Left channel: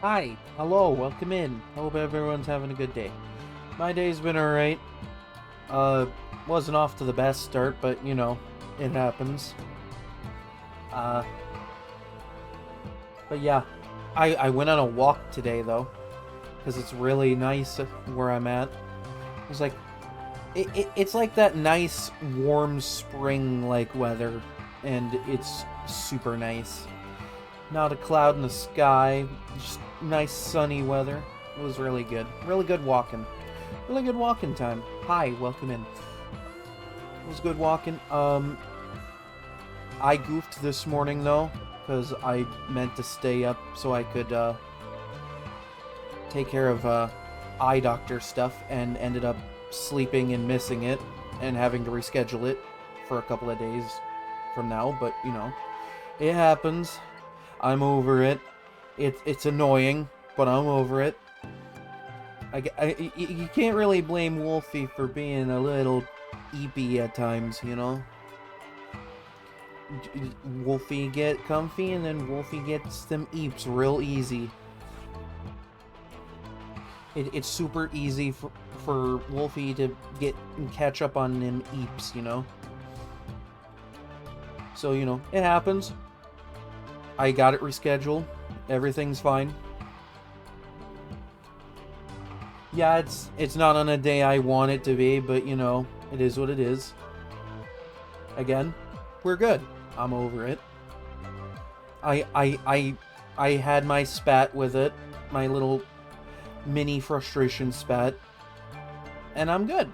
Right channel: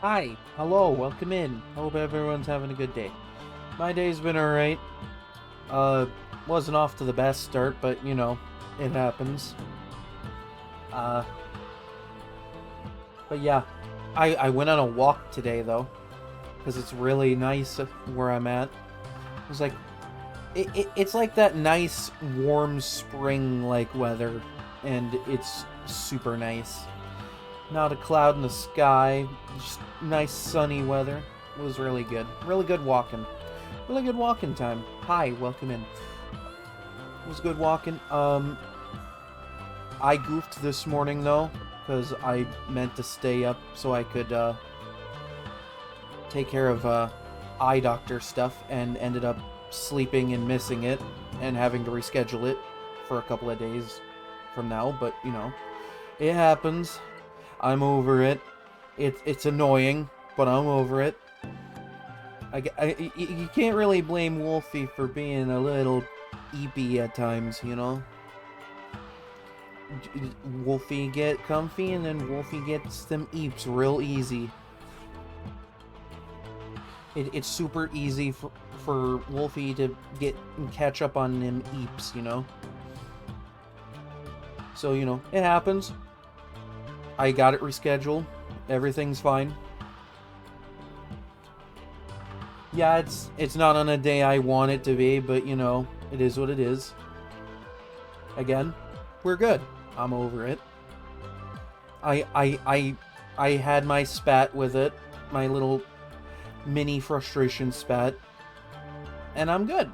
Hi, hello, welcome in. Hope everyone's having a good day. My day's been alright. Uh, wasn't off to the best start, but you know, it happens. Uh, but yeah, I went on a walk today though, because it's really nice where I'm at. It was like, it's like that nice warm spring like weather, and it's super nice. Not a cloud in the sky, just nice sunny weather. It was really good. Really good walking. Really good walking time. Hi, welcome in. It was good walking. I goofed this morning though, because I meant to stay up so I could take care of eye doctor stuff and ended up sleeping and missing it and having to reschedule it for a couple of days from now, but you know, it happens. I'm over it. It's annoying, but I'm over it. You can't really blame Wolfie for being a little eepy at times, you know? Wolfie get comfy and then Wolfie gets them eeps real easy. It's super easy for Wolfie to get and catch up on them eeps, you know? So, you know, it happens. I got it rescheduled. Everything's fine. Yeah, it's not on a day I want it to be, but you know, it is what it is. Again, we're good. I'm over it. I had my spat with it, my little mini frustration spat, and I'm good.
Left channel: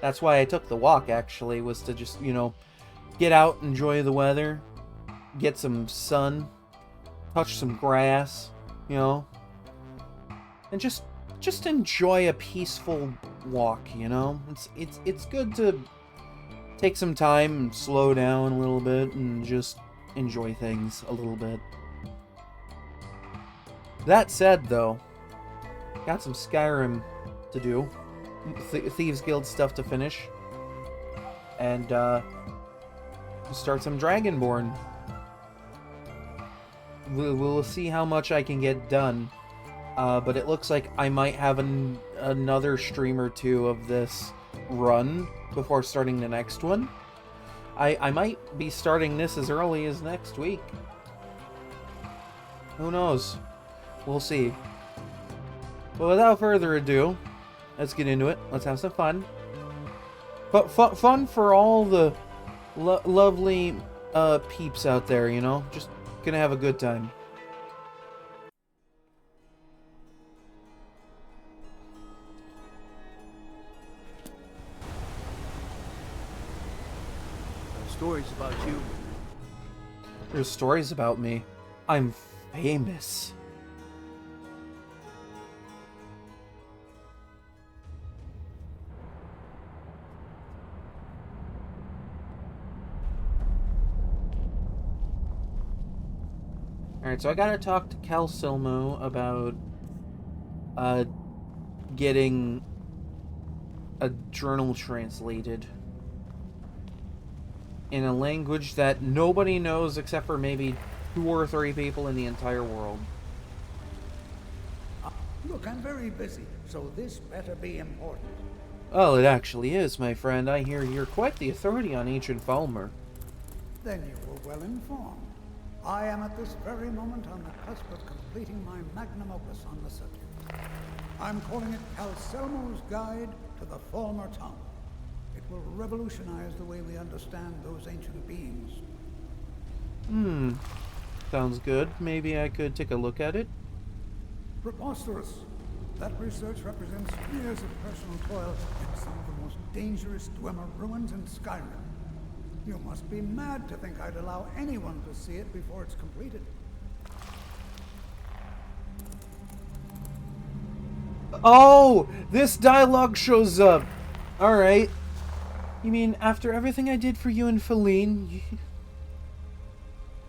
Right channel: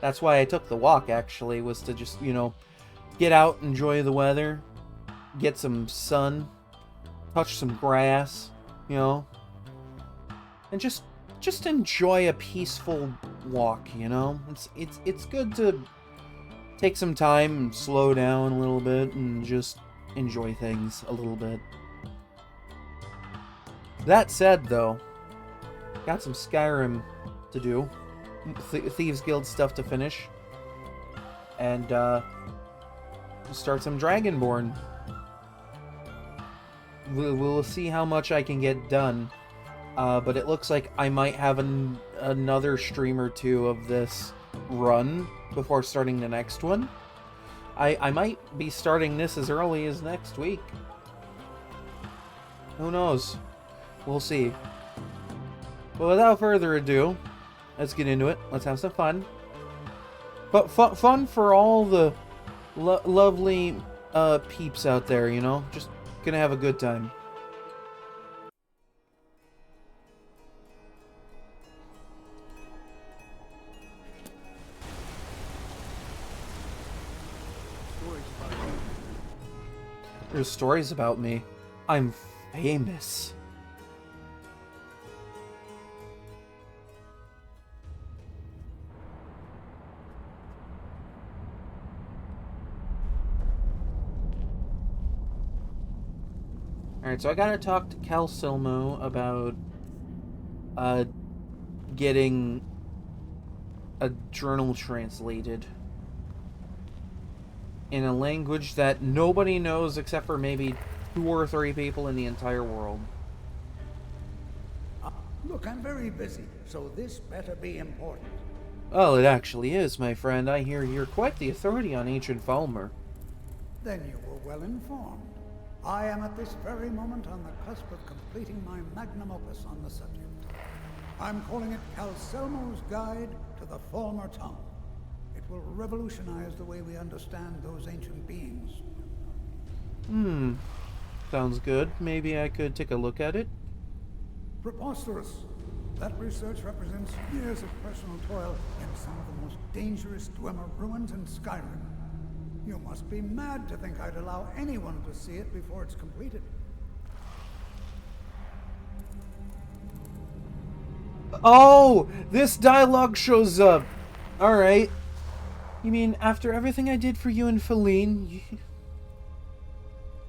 That's why I took the walk actually, was to just, you know, get out, enjoy the weather, get some sun, touch some grass, you know, and just enjoy a peaceful walk, you know? It's good to take some time and slow down a little bit and just enjoy things a little bit. That said, though, got some Skyrim to do. Thieves Guild stuff to finish. And, start some Dragonborn. We'll see how much I can get done. But it looks like I might have another stream or two of this run before starting the next one. I might be starting this as early as next week. Who knows? We'll see. But without further ado, let's get into it. Let's have some fun. But fun for all the lovely peeps out there, you know? Just gonna have a good time. Stories about you. There's stories about me. I'm famous. Alright, so I gotta talk to Cal Silmo about getting a journal translated in a language that nobody knows except for maybe 2 or 3 people in the entire world. Look, I'm very busy, so this better be important. Well, it actually is, my friend. I hear you're quite the authority on ancient Falmer. Then you were well informed. I am at this very moment on the cusp of completing my magnum opus on the subject. I'm calling it Calselmo's Guide to the Falmer Tongue. It will revolutionize the way we understand those ancient beings. Sounds good. Maybe I could take a look at it. Preposterous. That research represents years of personal toil in some of the most dangerous Dwemer ruins in Skyrim. You must be mad to think I'd allow anyone to see it before it's completed. Oh! This dialogue shows up! Alright. You mean after everything I did for you and Feline,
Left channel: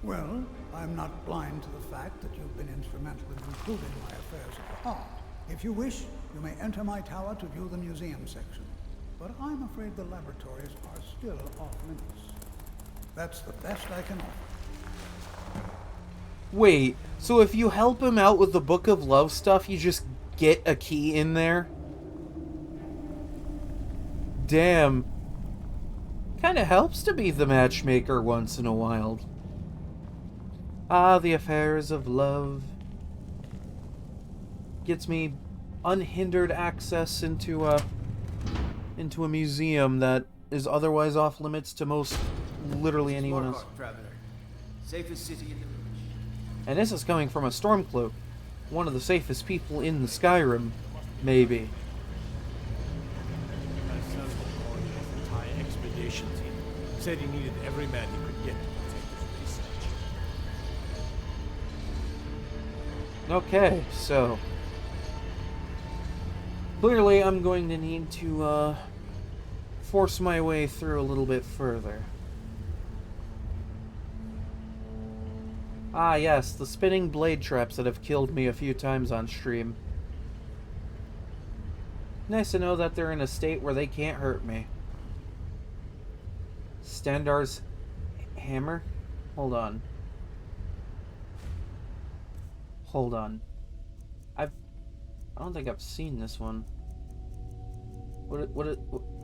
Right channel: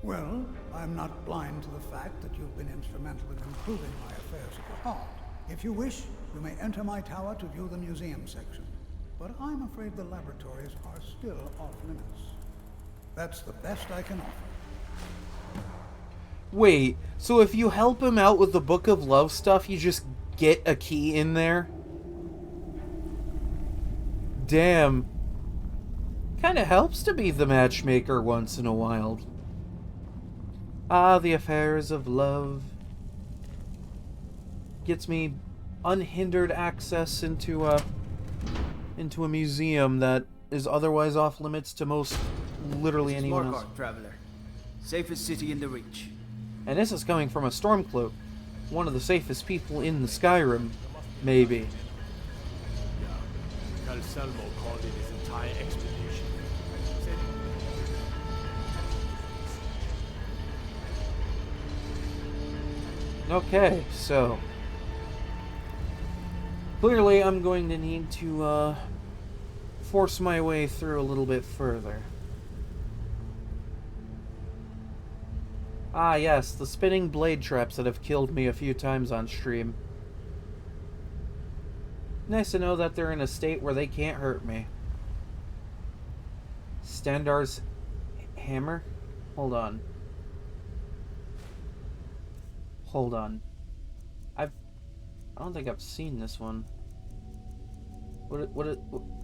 Well, I'm not blind to the fact that you've been instrumental in improving my affairs of the heart. If you wish, you may enter my tower to view the museum section. But I'm afraid the laboratories are still off limits. That's the best I can offer. Wait, so if you help him out with the Book of Love stuff, you just get a key in there? Damn. Kinda helps to be the matchmaker once in a while. Ah, the affairs of love. Gets me unhindered access into a museum that is otherwise off limits to most literally anyone else. Traveler. Safest city in the Reach. And this is coming from a Stormcloak, one of the safest people in the Skyrim, maybe. Calselmo called in his entire expedition team. Said he needed every man he could get to take his research. Okay, so clearly I'm going to need to force my way through a little bit further. Ah yes, the spinning blade traps that have killed me a few times on stream. Nice to know that they're in a state where they can't hurt me. Standar's hammer? Hold on. Hold on. I don't think I've seen this one.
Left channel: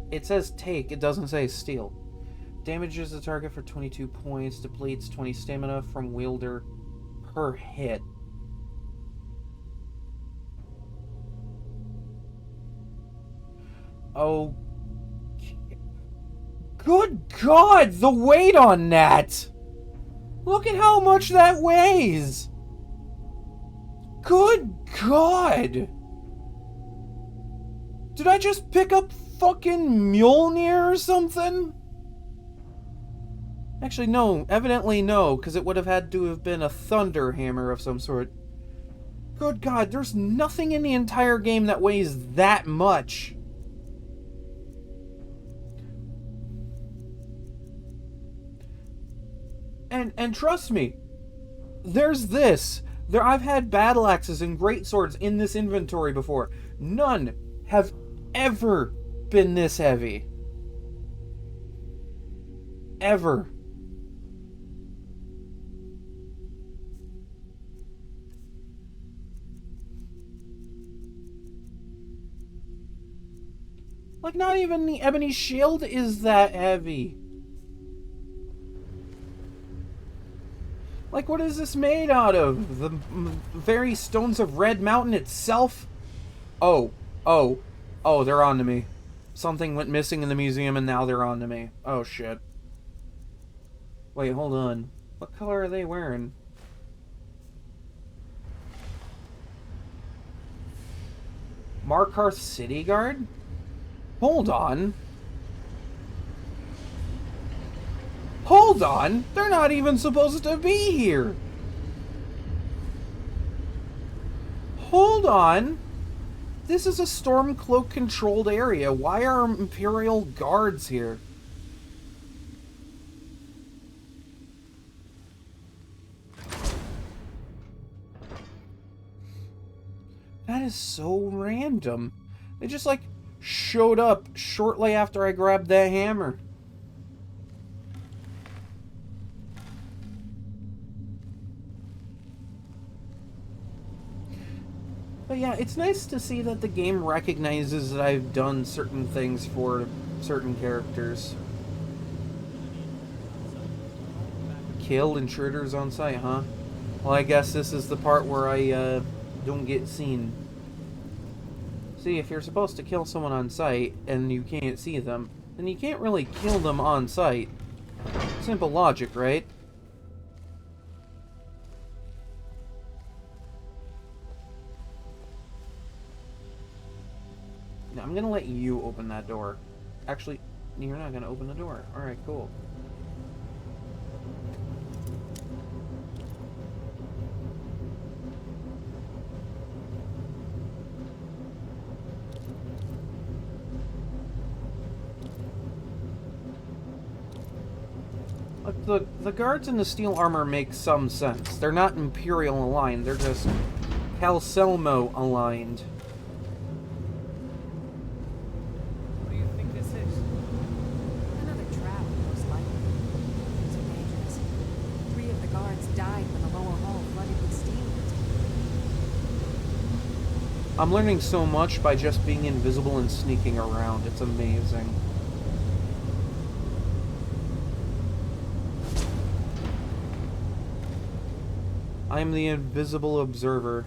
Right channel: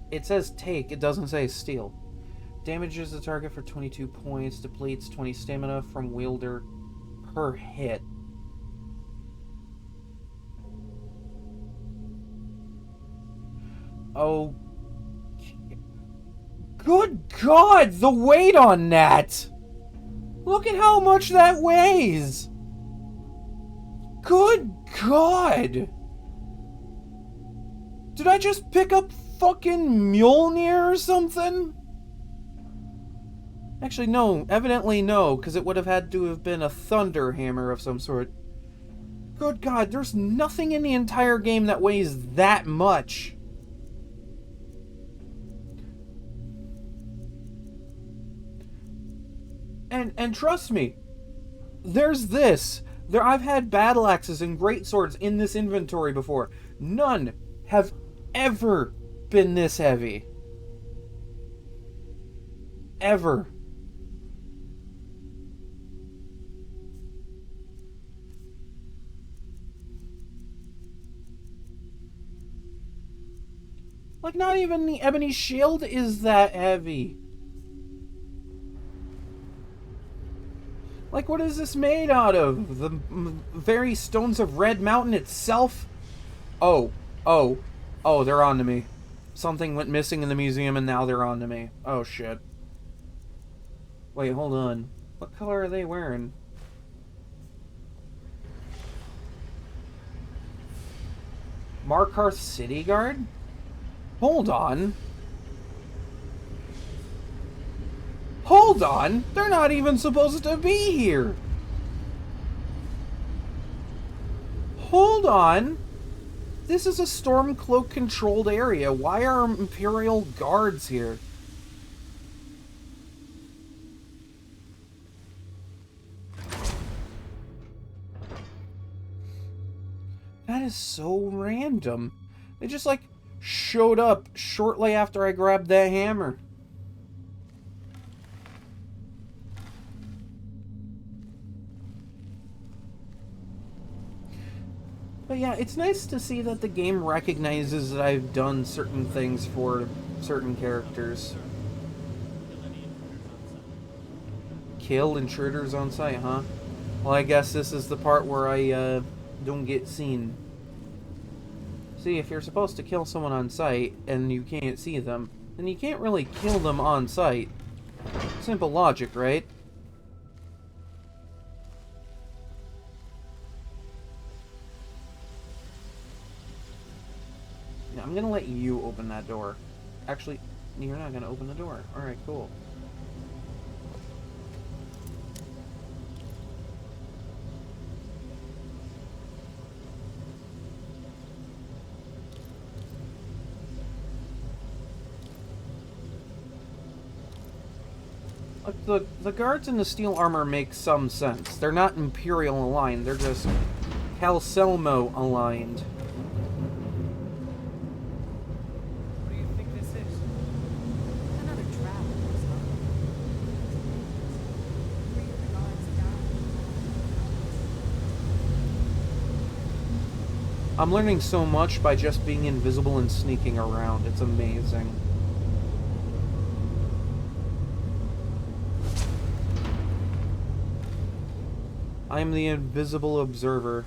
It says take, it doesn't say steal. Damages the target for 22 points, depletes 20 stamina from wielder per hit. Oh. Good God, the weight on that! Look at how much that weighs! Good God! Did I just pick up fucking Mjolnir or something? Actually, no. Evidently no, because it would have had to have been a thunder hammer of some sort. Good God, there's nothing in the entire game that weighs that much. And trust me, there's this. I've had battle axes and great swords in this inventory before. None have ever been this heavy. Ever. Like, not even the ebony shield is that heavy. Like, what is this made out of? The very stones of Red Mountain itself? Oh, they're on to me. Something went missing in the museum and now they're on to me. Oh, shit. Wait, hold on. What color are they wearing? Markarth City Guard? Hold on. Hold on! They're not even supposed to be here! Hold on! This is a Stormcloak controlled area. Why are Imperial guards here? That is so random. They just, like, showed up shortly after I grabbed that hammer. But yeah, it's nice to see that the game recognizes that I've done certain things for certain characters. Kill intruders on sight, huh? Well, I guess this is the part where I don't get seen. See, if you're supposed to kill someone on sight and you can't see them, then you can't really kill them on sight. Simple logic, right? Now, I'm gonna let you open that door. Actually, you're not gonna open the door. Alright, cool. Look, the guards in the steel armor make some sense. They're not Imperial aligned, they're just Calselmo aligned. What do you think this is? Another travel, most likely. It's dangerous. 3 of the guards died when the lower hall flooded. I'm learning so much by just being invisible and sneaking around. It's amazing. I am the invisible observer.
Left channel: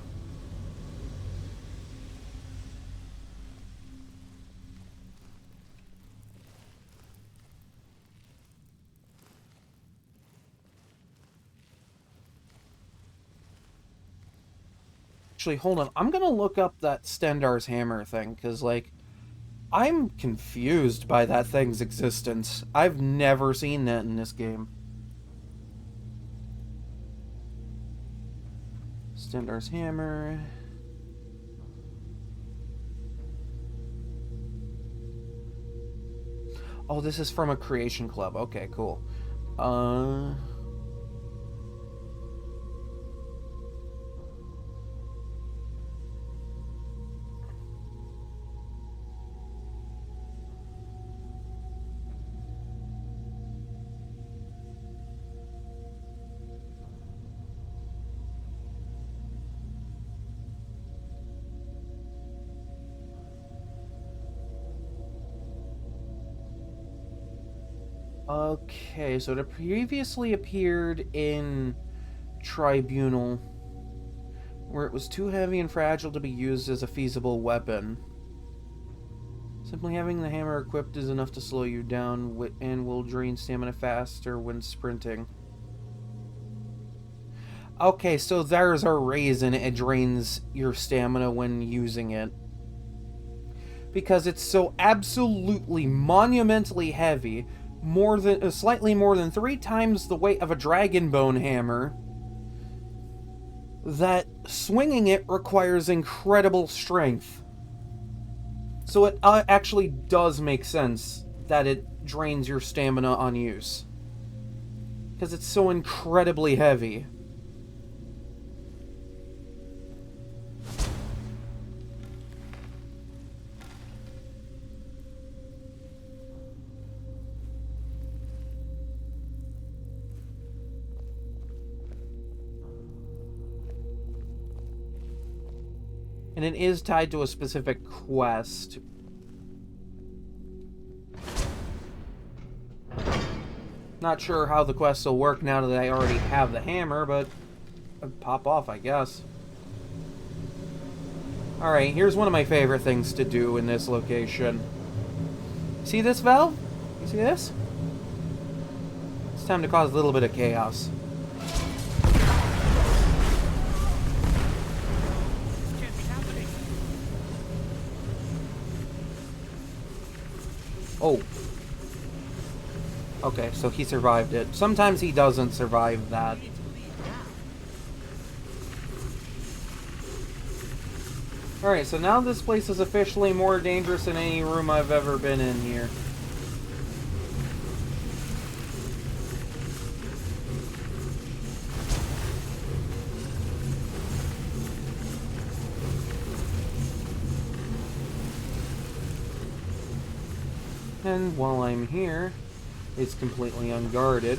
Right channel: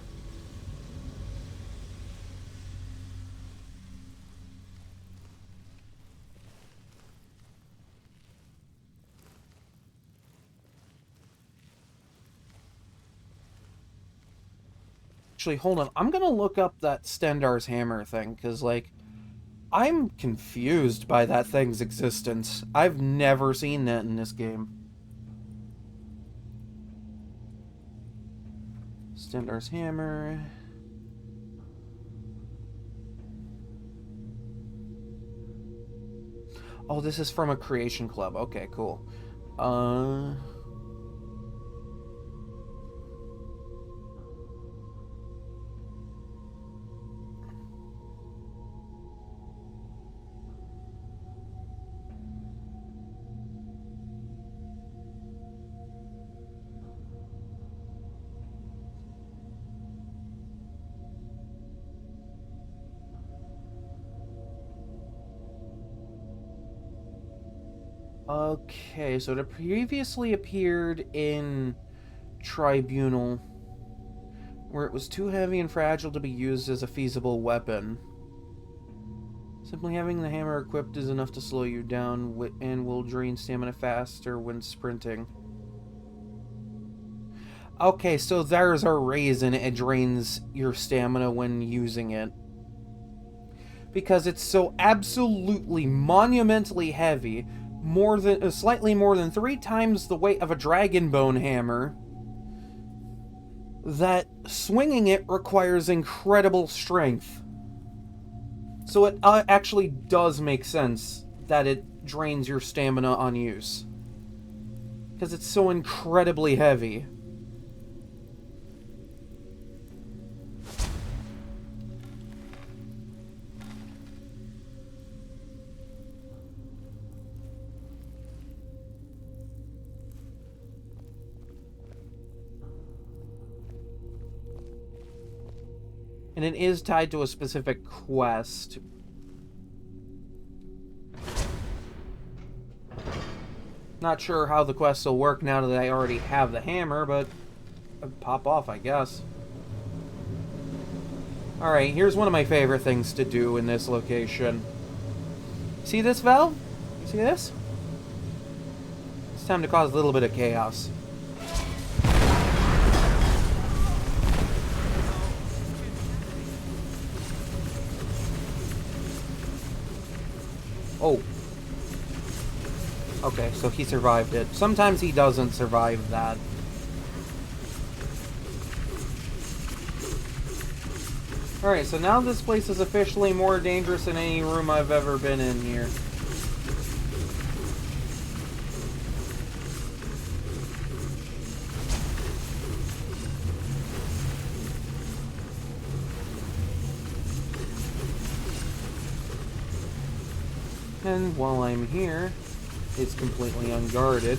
Actually, hold on. I'm gonna look up that Stendar's hammer thing, because, like, I'm confused by that thing's existence. I've never seen that in this game. Stendar's hammer. Oh, this is from a creation club. Okay, cool. Okay, so it previously appeared in Tribunal, where it was too heavy and fragile to be used as a feasible weapon. Simply having the hammer equipped is enough to slow you down and will drain stamina faster when sprinting. Okay, so there's a reason it drains your stamina when using it. Because it's so absolutely monumentally heavy, slightly more than 3 times the weight of a dragon bone hammer, that swinging it requires incredible strength. So it actually does make sense that it drains your stamina on use. Because it's so incredibly heavy. And it is tied to a specific quest. Not sure how the quests will work now that I already have the hammer, but I'd pop off, I guess. Alright, here's one of my favorite things to do in this location. See this valve? You see this? It's time to cause a little bit of chaos. Oh. Okay, so he survived it. Sometimes he doesn't survive that. Alright, so now this place is officially more dangerous than any room I've ever been in here. And while I'm here, it's completely unguarded.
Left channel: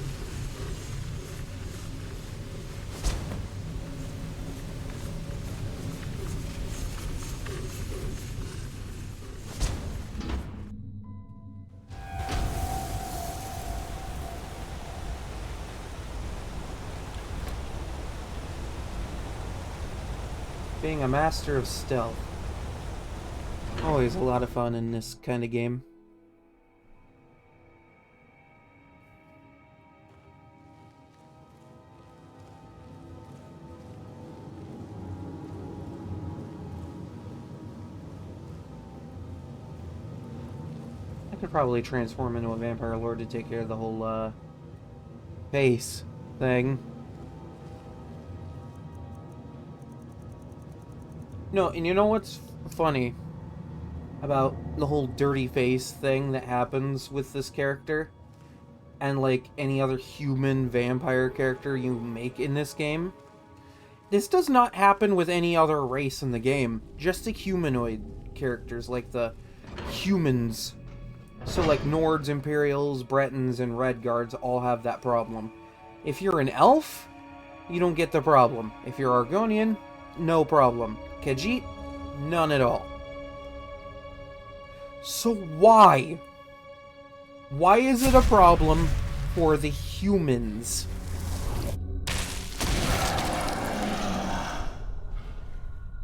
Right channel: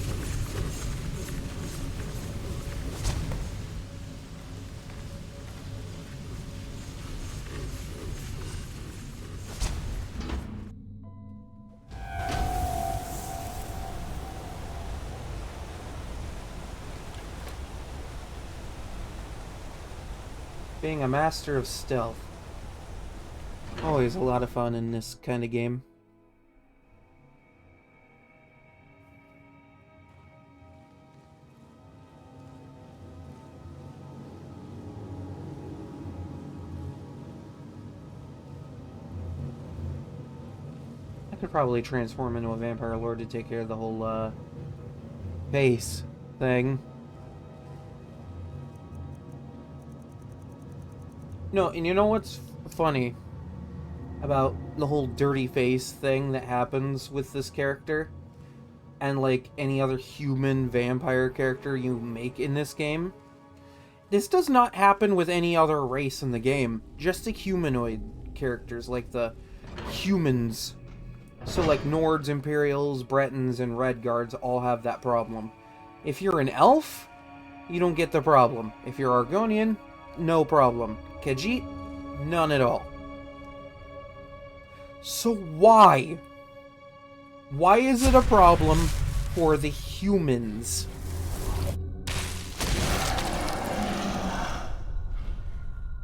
Being a master of stealth. Always a lot of fun in this kind of game. I could probably transform into a vampire lord to take care of the whole, face thing. No, and you know what's funny about the whole dirty face thing that happens with this character? And, like, any other human vampire character you make in this game? This does not happen with any other race in the game. Just the humanoid characters, like the humans. So, like, Nords, Imperials, Bretons, and Redguards all have that problem. If you're an elf, you don't get the problem. If you're Argonian, no problem. Khajiit, None at all. So why? Why is it a problem for the humans?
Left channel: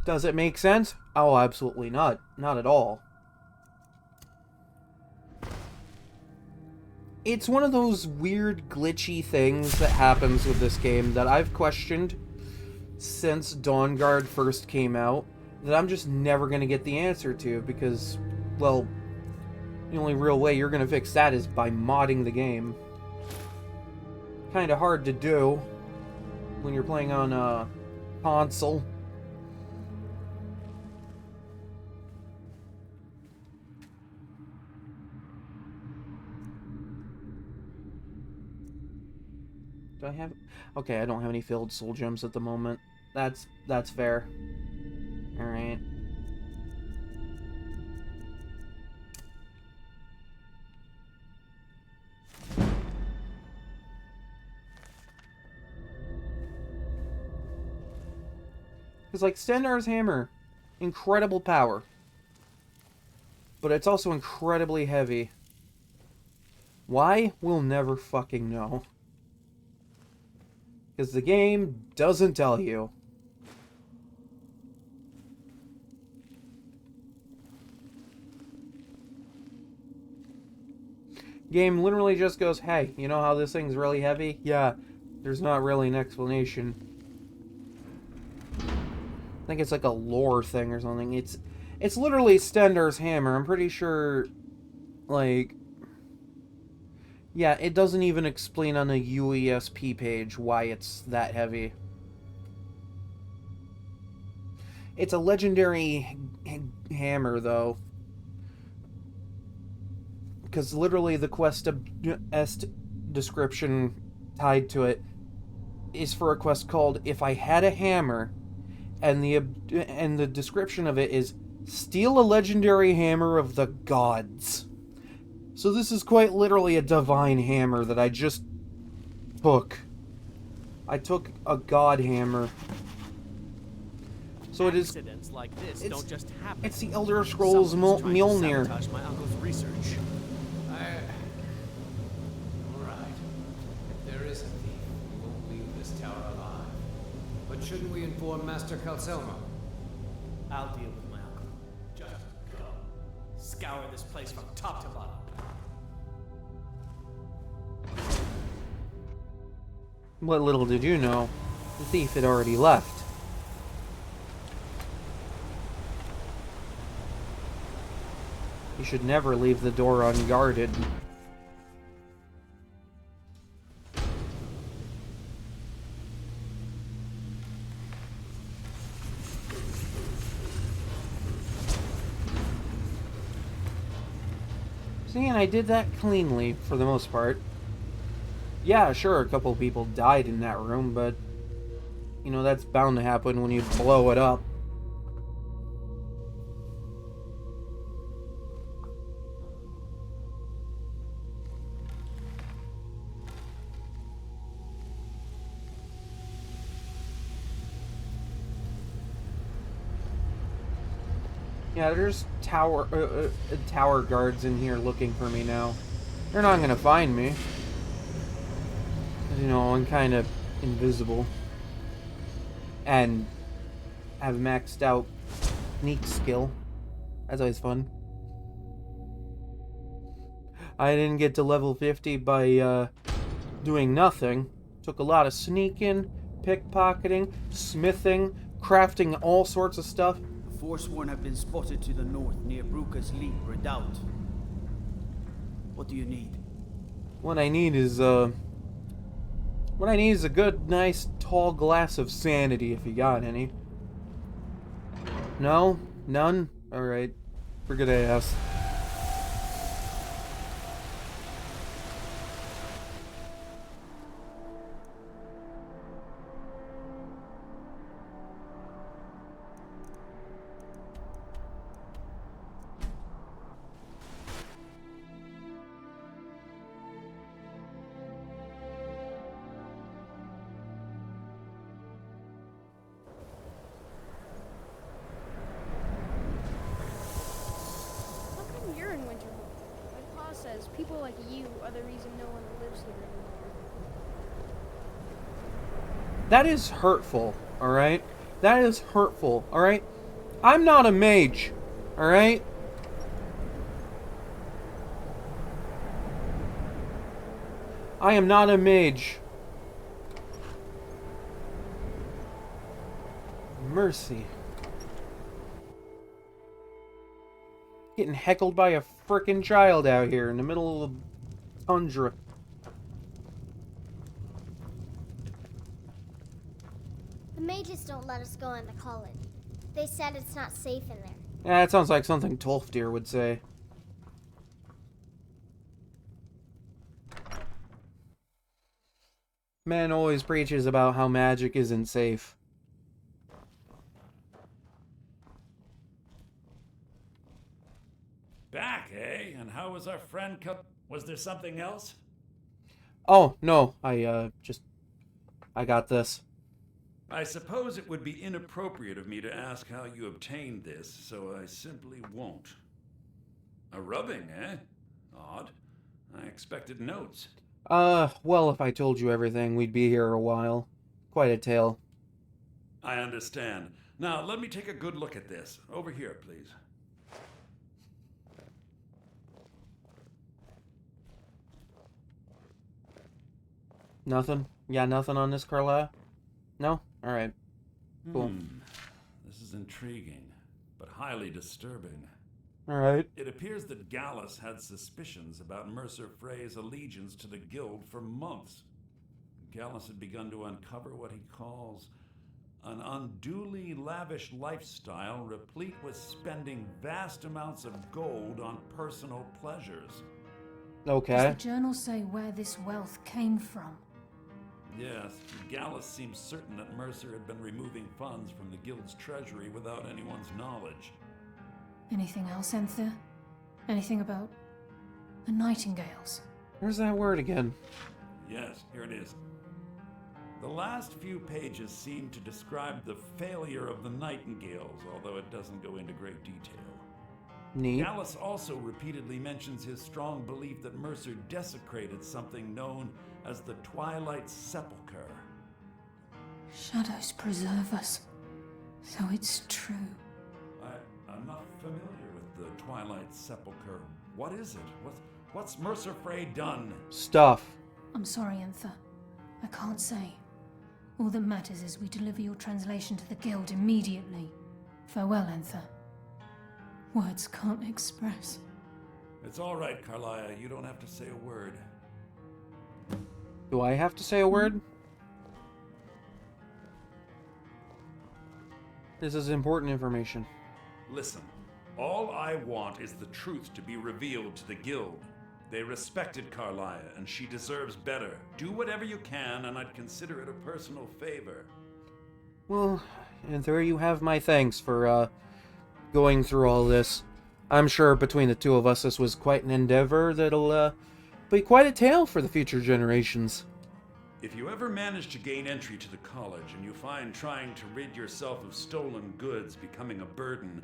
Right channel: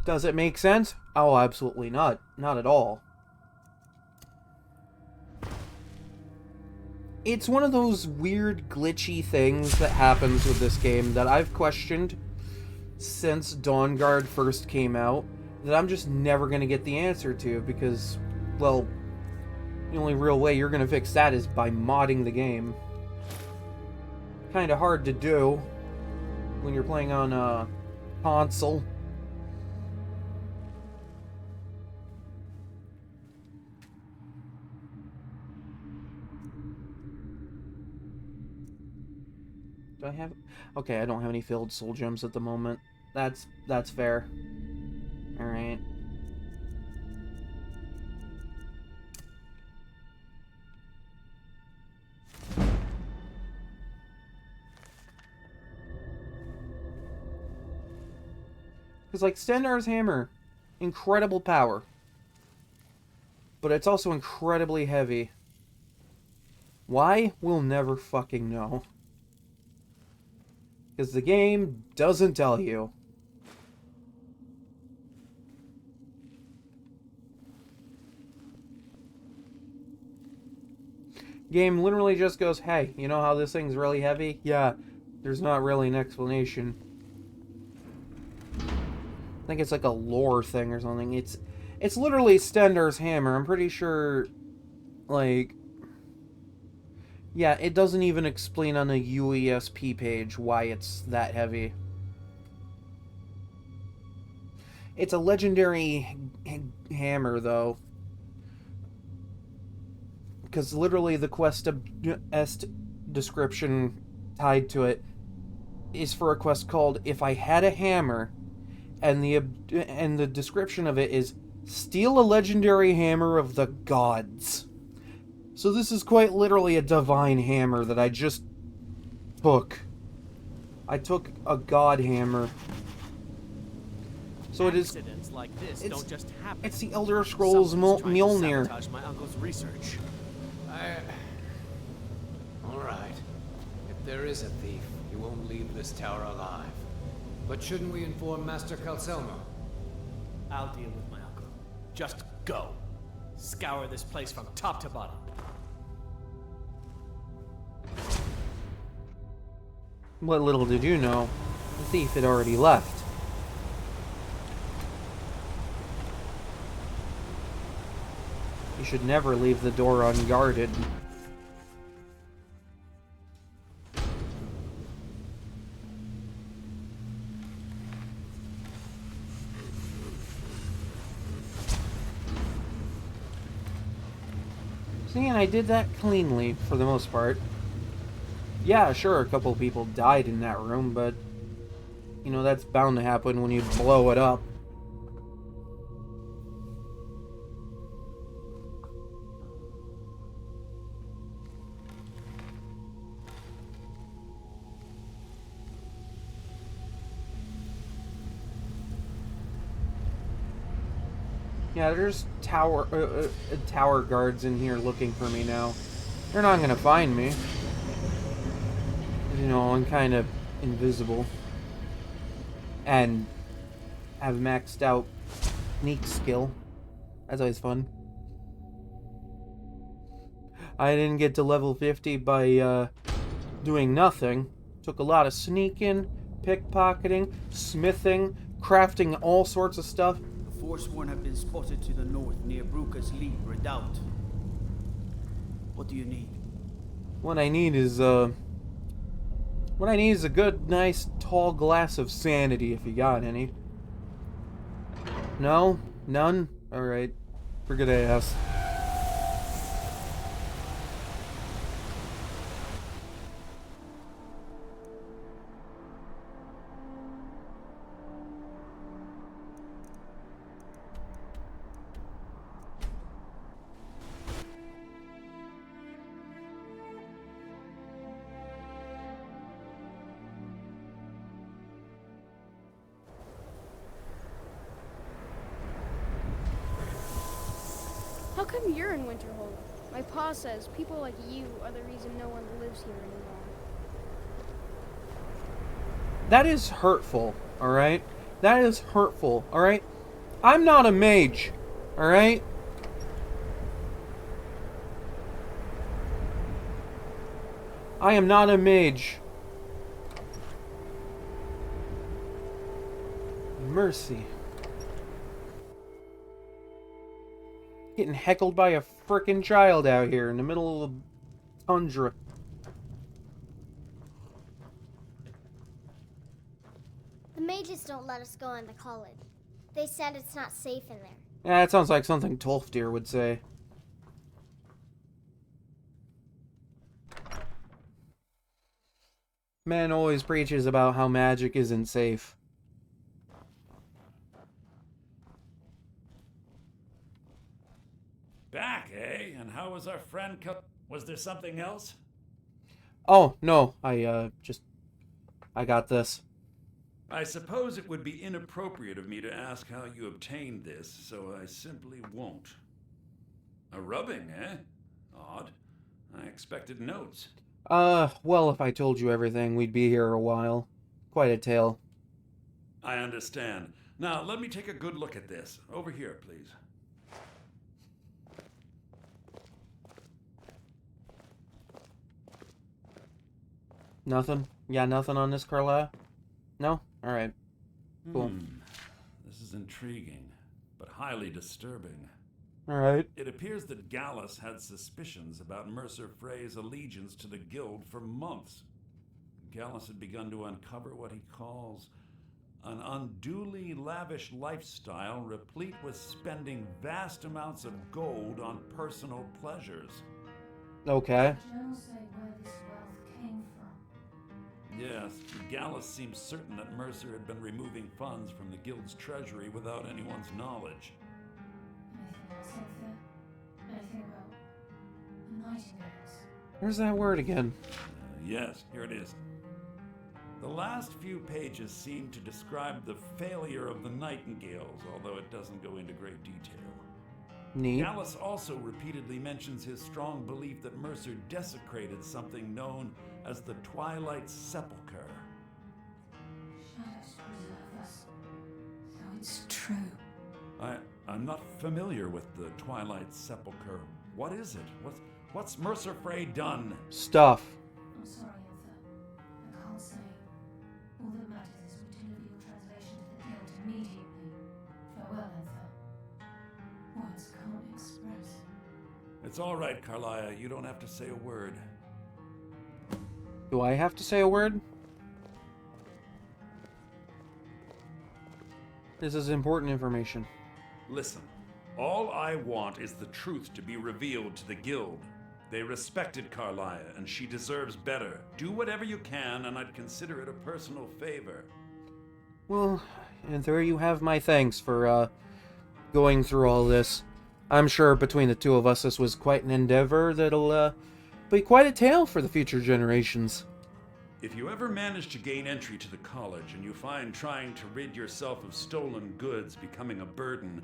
Does it make sense? Oh, absolutely not. Not at all. It's one of those weird, glitchy things that happens with this game that I've questioned since Dawn Guard first came out, that I'm just never going to get the answer to, because, well, the only real way you're going to fix that is by modding the game. Kind of hard to do when you're playing on a console. Do I have... Okay, I don't have any filled soul gems at the moment. That's fair. Alright. Because, like, Stendarr's hammer, incredible power. But it's also incredibly heavy. Why? We'll never fucking know. Because the game doesn't tell you. Game literally just goes, hey, you know how this thing's really heavy? Yeah, there's not really an explanation. I think it's like a lore thing or something. It's literally Stendarr's hammer. I'm pretty sure, like... Yeah, it doesn't even explain on a UESP page why it's that heavy. It's a legendary hammer, though. Because literally the quest description tied to it is for a quest called If I Had a Hammer, and the description of it is steal a legendary hammer of the gods. So this is quite literally a divine hammer that I just took. I took a god hammer. So it is. Accidents like this don't just happen. It's the Elder Scrolls Someone's trying to Mjolnir. sabotage my uncle's research. All right. If there is a thief, he won't leave this tower alive. But shouldn't we inform Master Calcelmo? I'll deal with my uncle. Just go. Scour this place from top to bottom. What little did you know, the thief had already left. You should never leave the door unguarded. See, and I did that cleanly, for the most part. Yeah, sure, a couple people died in that room, but... You know, that's bound to happen when you blow it up. Yeah, there's tower guards in here looking for me now. They're not gonna find me. You know, I'm kind of invisible. And have maxed out sneak skill. That's always fun. I didn't get to level 50 by doing nothing. Took a lot of sneaking, pickpocketing, smithing, crafting all sorts of stuff. The Forsworn have been spotted to the north near Bruca's Leap Redoubt. What do you need? What I need is a good, nice, tall glass of sanity, if you got any. No? None? Alright. Forget I asked. come you're in Winterhold? My pa says people like you are the reason no one lives here anymore. That is hurtful, alright? That is hurtful, alright? I'm not a mage, alright? I am not a mage. Mercy. Getting heckled by a frickin' child out here in the middle of the tundra. The mages don't let us go into college. They said it's not safe in there. Yeah, that sounds like something Tolfdir would say. Man always preaches about how magic isn't safe. Back, eh? And how was our friend Was there something else? Oh, no, I got this. I suppose it would be inappropriate of me to ask how you obtained this, so I simply won't. A rubbing, eh? Odd. I expected notes. Well, if I told you everything, we'd be here a while. Quite a tale. I understand. Now, let me take a good look at this. Over here, please. Nothing? Yeah, nothing on this, Carla? No? Alright. Cool. This is intriguing, but highly disturbing. Alright. It appears that Gallus had suspicions about Mercer Frey's allegiance to the Guild for months. Gallus had begun to uncover what he calls an unduly lavish lifestyle replete with spending vast amounts of gold on personal pleasures. Okay. Does the journal say where this wealth came from? Yes, Gallus seems certain that Mercer had been removing funds from the Guild's treasury without anyone's knowledge. Anything else, Enthir? Anything about the Nightingales? Where's that word again? Yes, here it is. The last few pages seem to describe the failure of the Nightingales, although it doesn't go into great detail. Neat. Gallus also repeatedly mentions his strong belief that Mercer desecrated something known as the Twilight Sepulchre. Shadows preserve us. So it's true. I'm not familiar with the Twilight Sepulchre. What is it? What's Mercer Frey done? Stuff. I'm sorry, Enthir. I can't say. All that matters is we deliver your translation to the Guild immediately. Farewell, Enthir. Words can't express. It's all right, Carlia. You don't have to say a word. Do I have to say a word? This is important information. Listen, all I want is the truth to be revealed to the Guild. They respected Carlia, and she deserves better. Do whatever you can, and I'd consider it a personal favor. Well, and there you have my thanks for, going through all this. I'm sure between the two of us this was quite an endeavor that'll, be quite a tale for the future generations. If you ever manage to gain entry to the college and you find trying to rid yourself of stolen goods becoming a burden,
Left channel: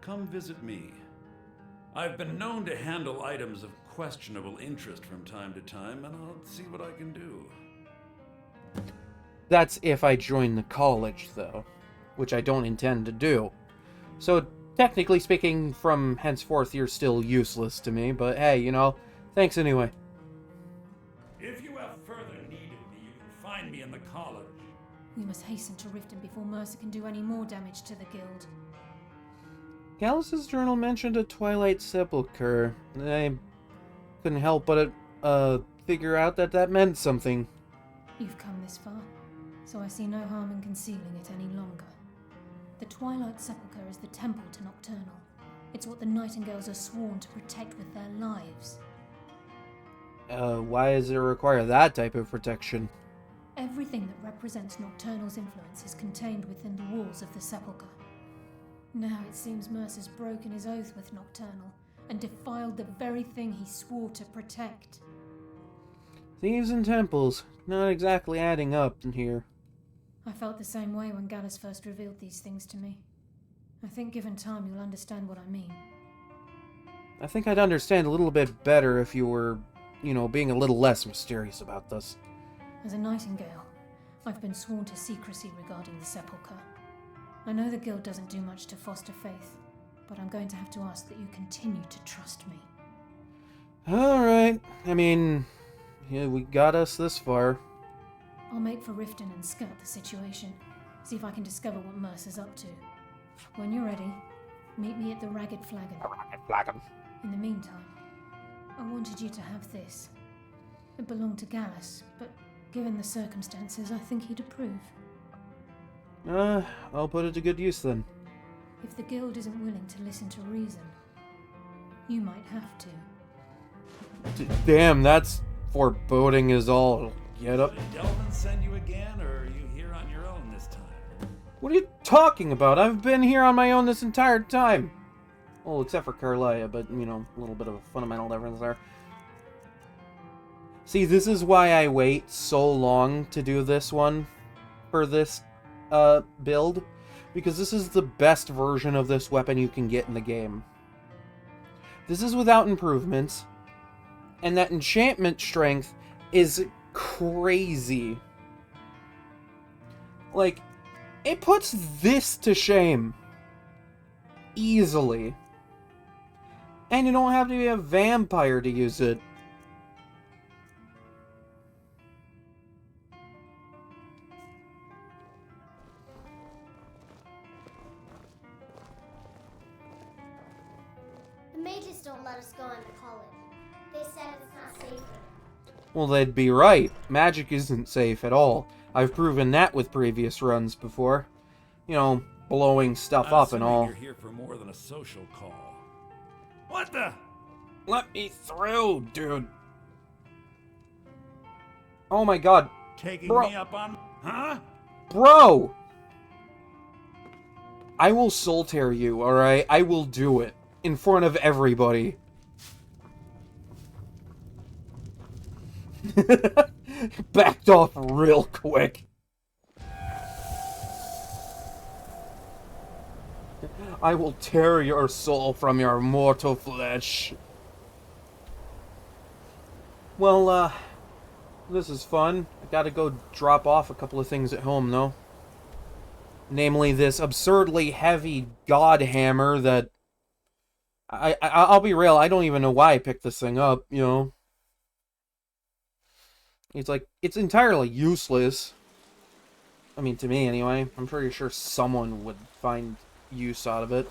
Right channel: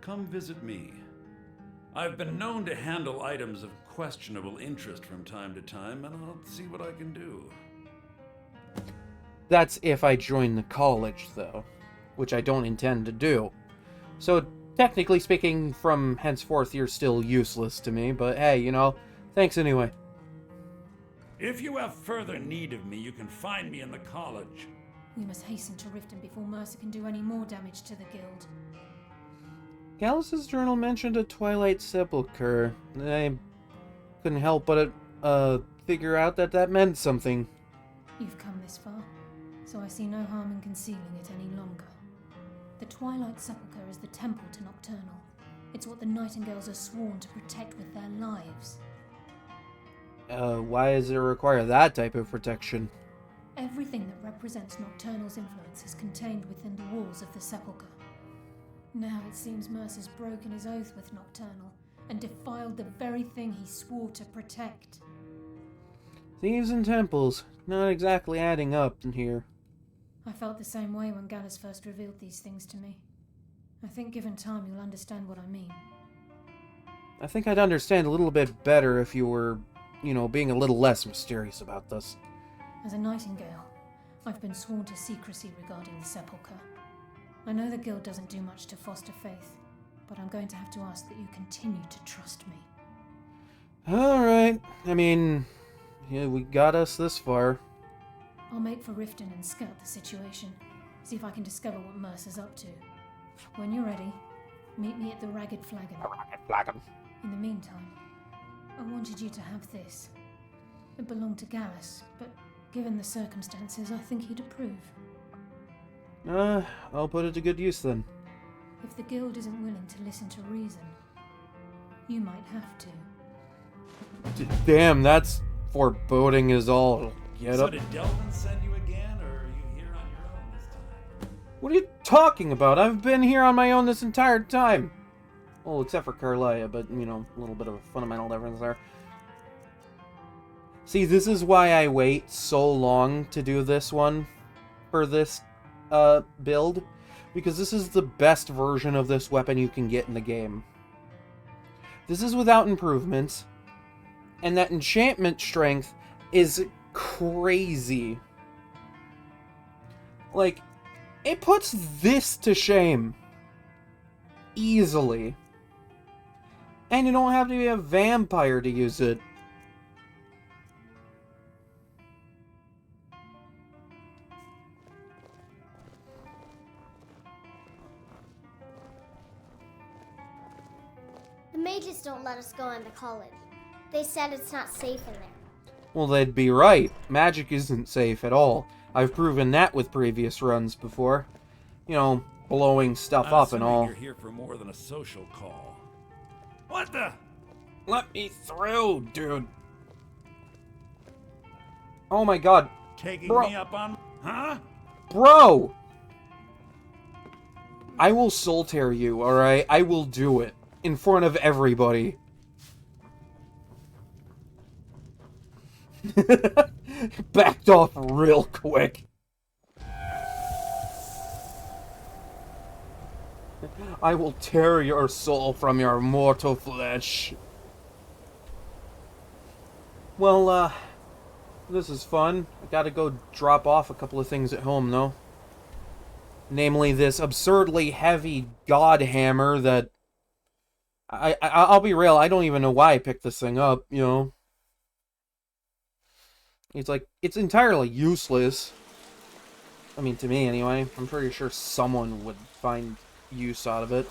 come visit me. I've been known to handle items of questionable interest from time to time, and I'll see what I can do. That's if I join the college, though, which I don't intend to do. So, technically speaking, from henceforth, you're still useless to me, but hey, you know, thanks anyway. If you have further need of me, you can find me in the college. We must hasten to Riften before Mercer can do any more damage to the Guild. Gallus's journal mentioned a Twilight Sepulchre. I couldn't help but figure out that meant something. You've come this far, so I see no harm in concealing it any longer. The Twilight Sepulchre is the temple to Nocturnal. It's what the Nightingales are sworn to protect with their lives. Why does it require that type of protection? Everything that represents Nocturnal's influence is contained within the walls of the Sepulchre. Now it seems Mercer's broken his oath with Nocturnal and defiled the very thing he swore to protect. Thieves and temples, not exactly adding up in here. I felt the same way when Gallus first revealed these things to me. I think given time you'll understand what I mean. I think I'd understand a little bit better if you were, you know, being a little less mysterious about this. As a nightingale, I've been sworn to secrecy regarding the sepulchre. I know the guild doesn't do much to foster faith, but I'm going to have to ask that you continue to trust me. Alright. I mean, yeah, we got us this far. I'll make for Riften and scout the situation. See if I can discover what Mercer's up to. When you're ready, meet me at the Ragged Flagon. In the meantime, I wanted you to have this. It belonged to Gallus, but given the circumstances, I think he'd approve. I'll put it to good use then. If the guild isn't willing to listen to reason, you might have to. Damn, that's foreboding as all get So up. did Delvin send you again, or are you here on your own this time? What are you talking about? I've been here on my own this entire time. Well, except for Carlia, but, you know, a little bit of a fundamental difference there. See, this is why I wait so long to do this one for this build, because this is the best version of this weapon you can get in the game. This is without improvements, and that enchantment strength is crazy. Like, it puts this to shame. Easily. And you don't have to be a vampire to use it. The mages don't let us go into college. They said it's not safe in there. Well, they'd be right. Magic isn't safe at all. I've proven that with previous runs before. You know, blowing stuff I'm up and assuming all. You're here for more than a social call. What the? Let me through, dude. Oh my god. Taking Bro. me up on... Huh? Bro! I will soul tear you, alright? I will do it. In front of everybody. Backed off real quick. I will tear your soul from your mortal flesh. Well, this is fun. I gotta go drop off a couple of things at home, though. Namely, this absurdly heavy god hammer that... I'll be real, I don't even know why I picked this thing up, you know? It's like, it's entirely useless. I mean, to me, anyway. I'm pretty sure someone would find use out of it.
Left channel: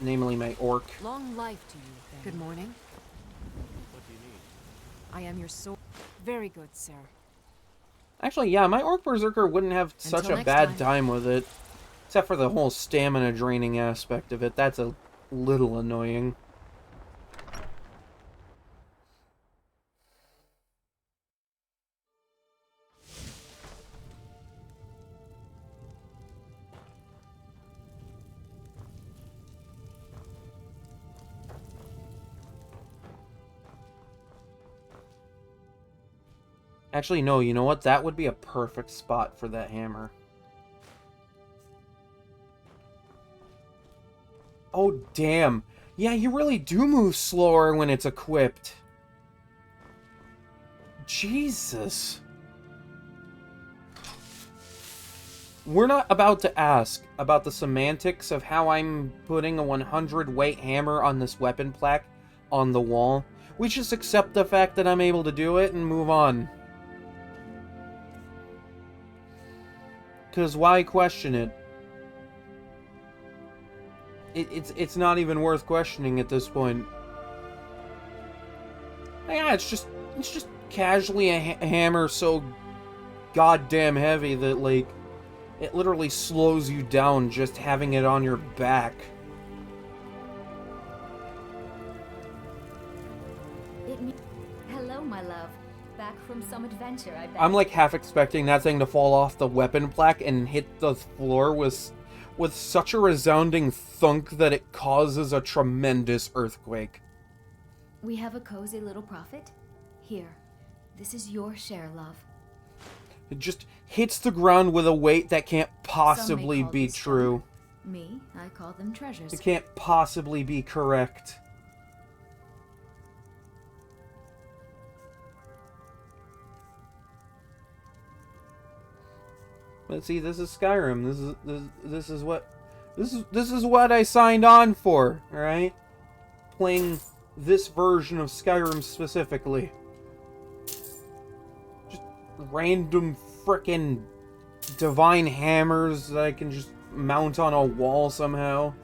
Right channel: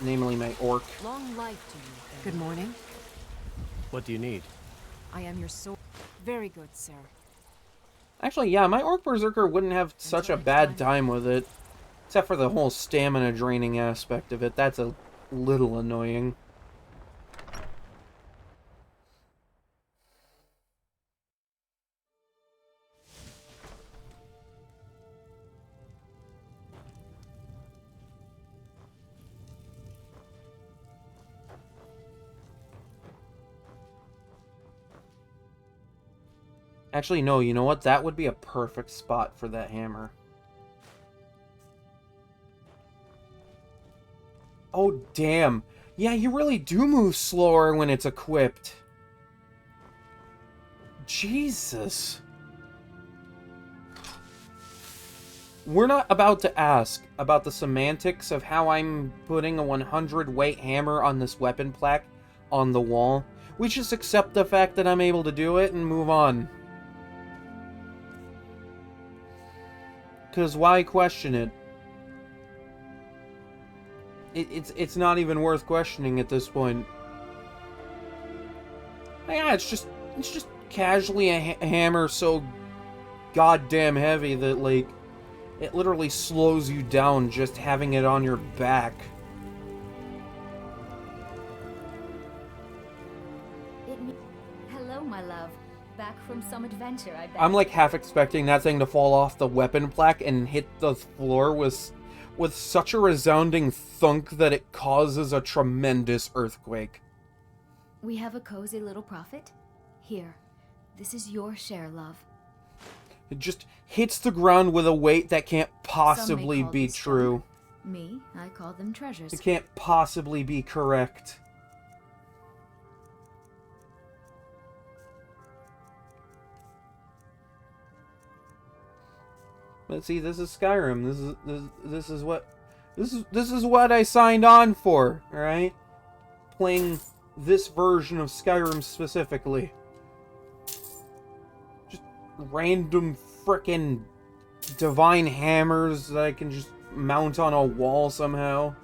Namely, my orc. Long life to you, then. Good morning. What do you need? I am your sword. Very good, sir. Actually, yeah, my orc berserker wouldn't have such a next bad time. time with it. Except for the whole stamina draining aspect of it. That's a little annoying. Actually, no, you know what? That would be a perfect spot for that hammer. Oh, damn. Yeah, you really do move slower when it's equipped. Jesus. We're not about to ask about the semantics of how I'm putting a 100 weight hammer on this weapon plaque on the wall. We just accept the fact that I'm able to do it and move on. Because why question it? It's not even worth questioning at this point. Yeah, it's just casually a hammer so goddamn heavy that, like, it literally slows you down just having it on your back. Hello, my love. Back from some adventure, I bet. I'm like half expecting that thing to fall off the weapon plaque and hit the floor with such a resounding thunk that it causes a tremendous earthquake. We have a cozy little profit. Here, this is your share, love. It just hits the ground with a weight that can't possibly call be this true. Me, I call them treasures. It can't possibly be correct. But see, this is Skyrim. This is what I signed on for, alright? Playing this version of Skyrim specifically. Just random frickin' divine hammers that I can just mount on a wall somehow.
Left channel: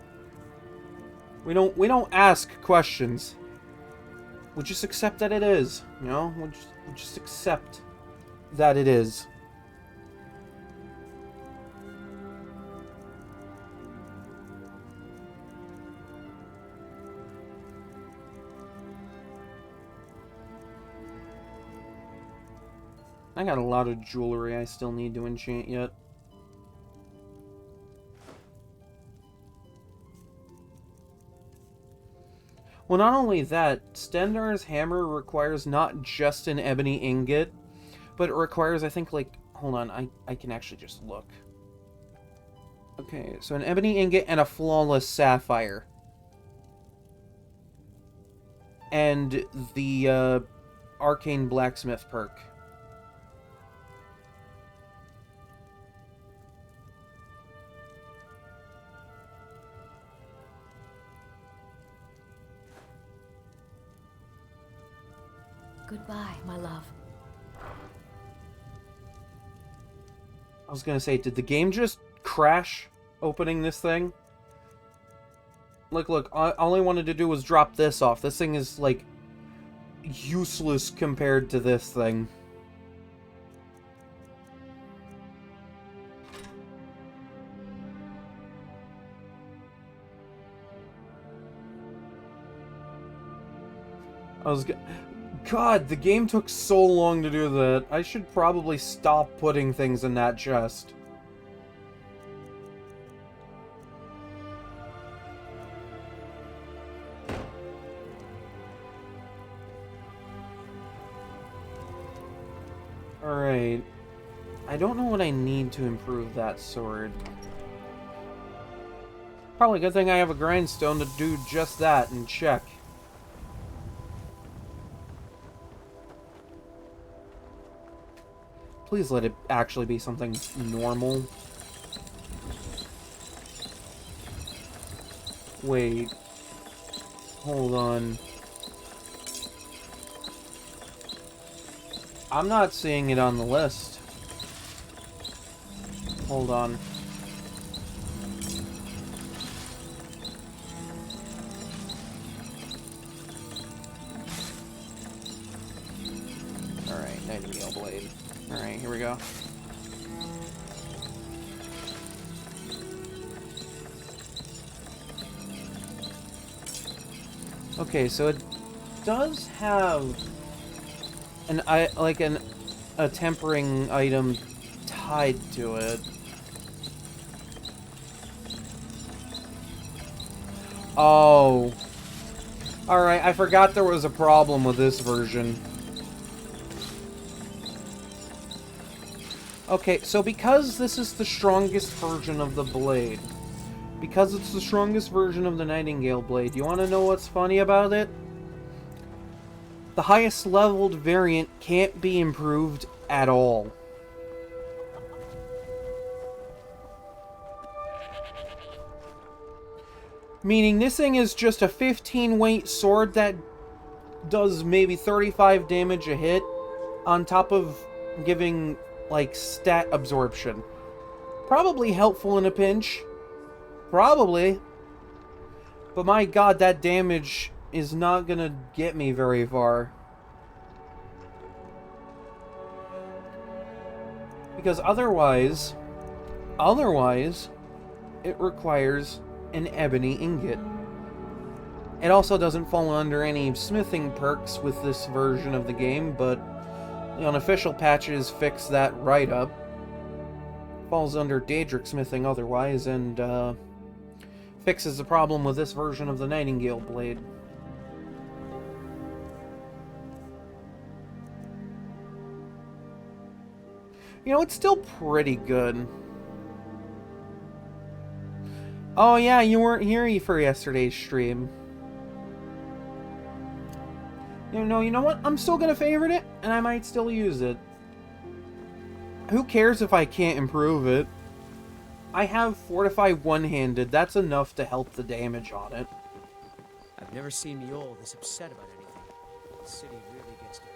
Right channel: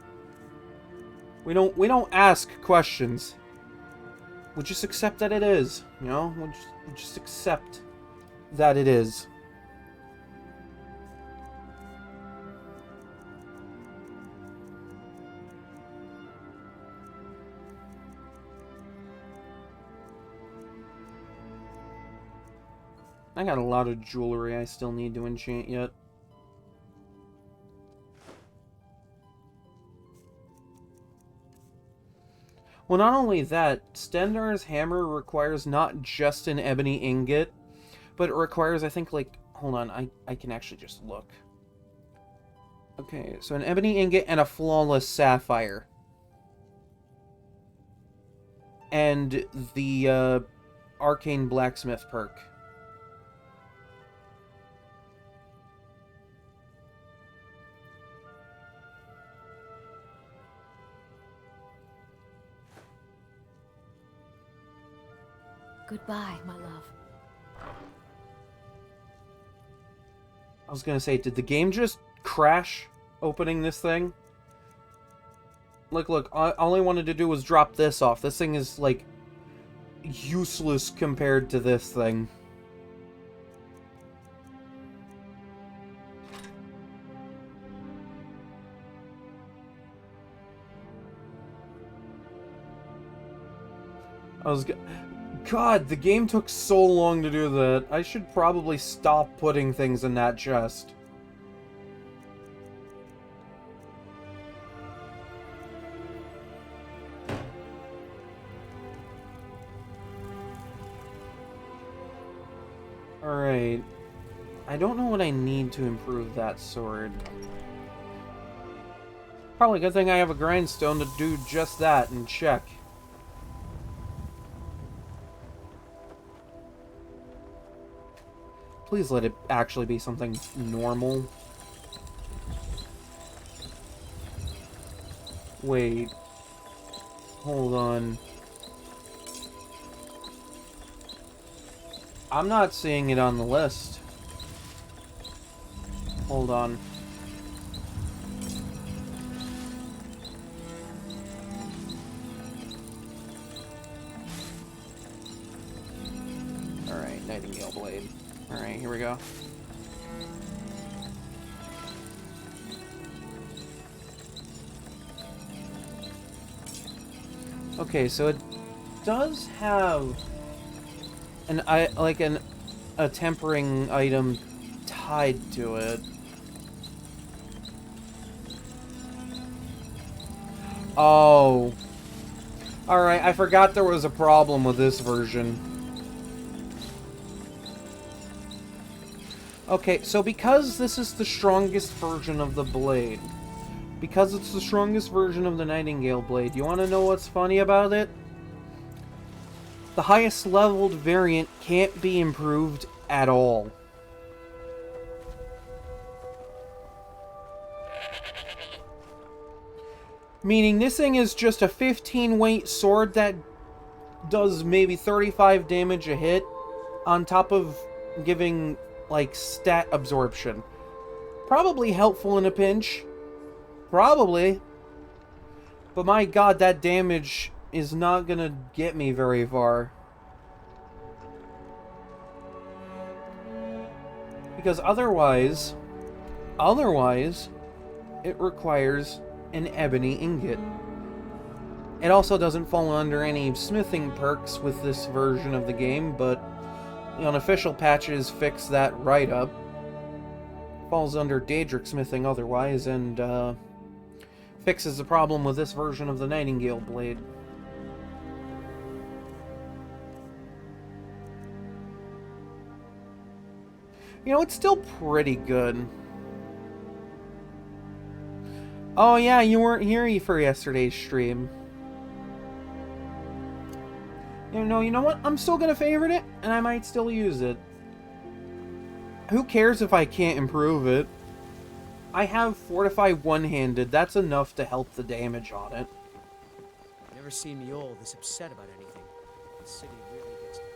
We don't ask questions. We just accept that it is, you know? We just accept that it is. I got a lot of jewelry I still need to enchant yet. Well, not only that, Stendarr's hammer requires not just an ebony ingot, but it requires, I think, like... Hold on, I can actually just look. Okay, so an ebony ingot and a flawless sapphire. And the arcane blacksmith perk. Goodbye, my love. I was gonna say, did the game just crash opening this thing? Look, all I wanted to do was drop this off. This thing is, like, useless compared to this thing. God, the game took so long to do that. I should probably stop putting things in that chest. Alright. I don't know what I need to improve that sword. Probably a good thing I have a grindstone to do just that and check. Please let it actually be something normal. Wait. Hold on. I'm not seeing it on the list. Hold on. Alright, Nightingale Blade. Alright, here we go. Okay, so it does have a tempering item tied to it. Oh. Alright, I forgot there was a problem with this version. Okay, so because this is the strongest version of the blade, because it's the strongest version of the Nightingale Blade, you want to know what's funny about it? The highest leveled variant can't be improved at all. Meaning this thing is just a 15 weight sword that does maybe 35 damage a hit on top of giving, like, stat absorption. Probably helpful in a pinch. Probably. But my god, that damage is not gonna get me very far. Because otherwise, it requires an ebony ingot. It also doesn't fall under any smithing perks with this version of the game, but the unofficial patches fix that right up. Falls under Daedric smithing otherwise, and fixes the problem with this version of the Nightingale Blade. You know, it's still pretty good. Oh yeah, you weren't here for yesterday's stream. You know what? I'm still gonna favorite it, and I might still use it. who cares if I can't improve it? I have Fortify one-handed. That's enough to help the damage on it. I've never seen me all this upset about anything. The city really gets to me.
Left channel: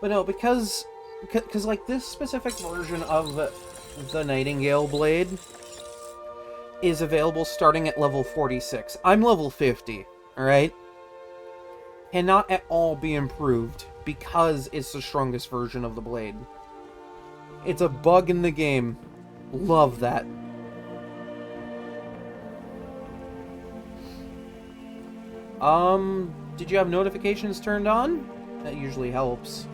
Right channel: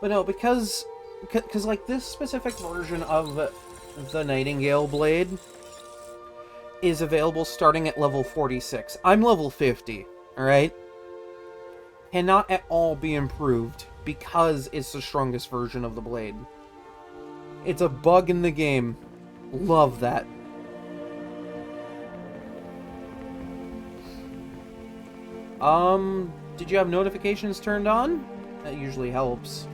But no, because like this specific version of the Nightingale Blade is available starting at level 46. I'm level 50, alright? Cannot at all be improved because it's the strongest version of the blade. It's a bug in the game. Love that. Did you have notifications turned on? That usually helps.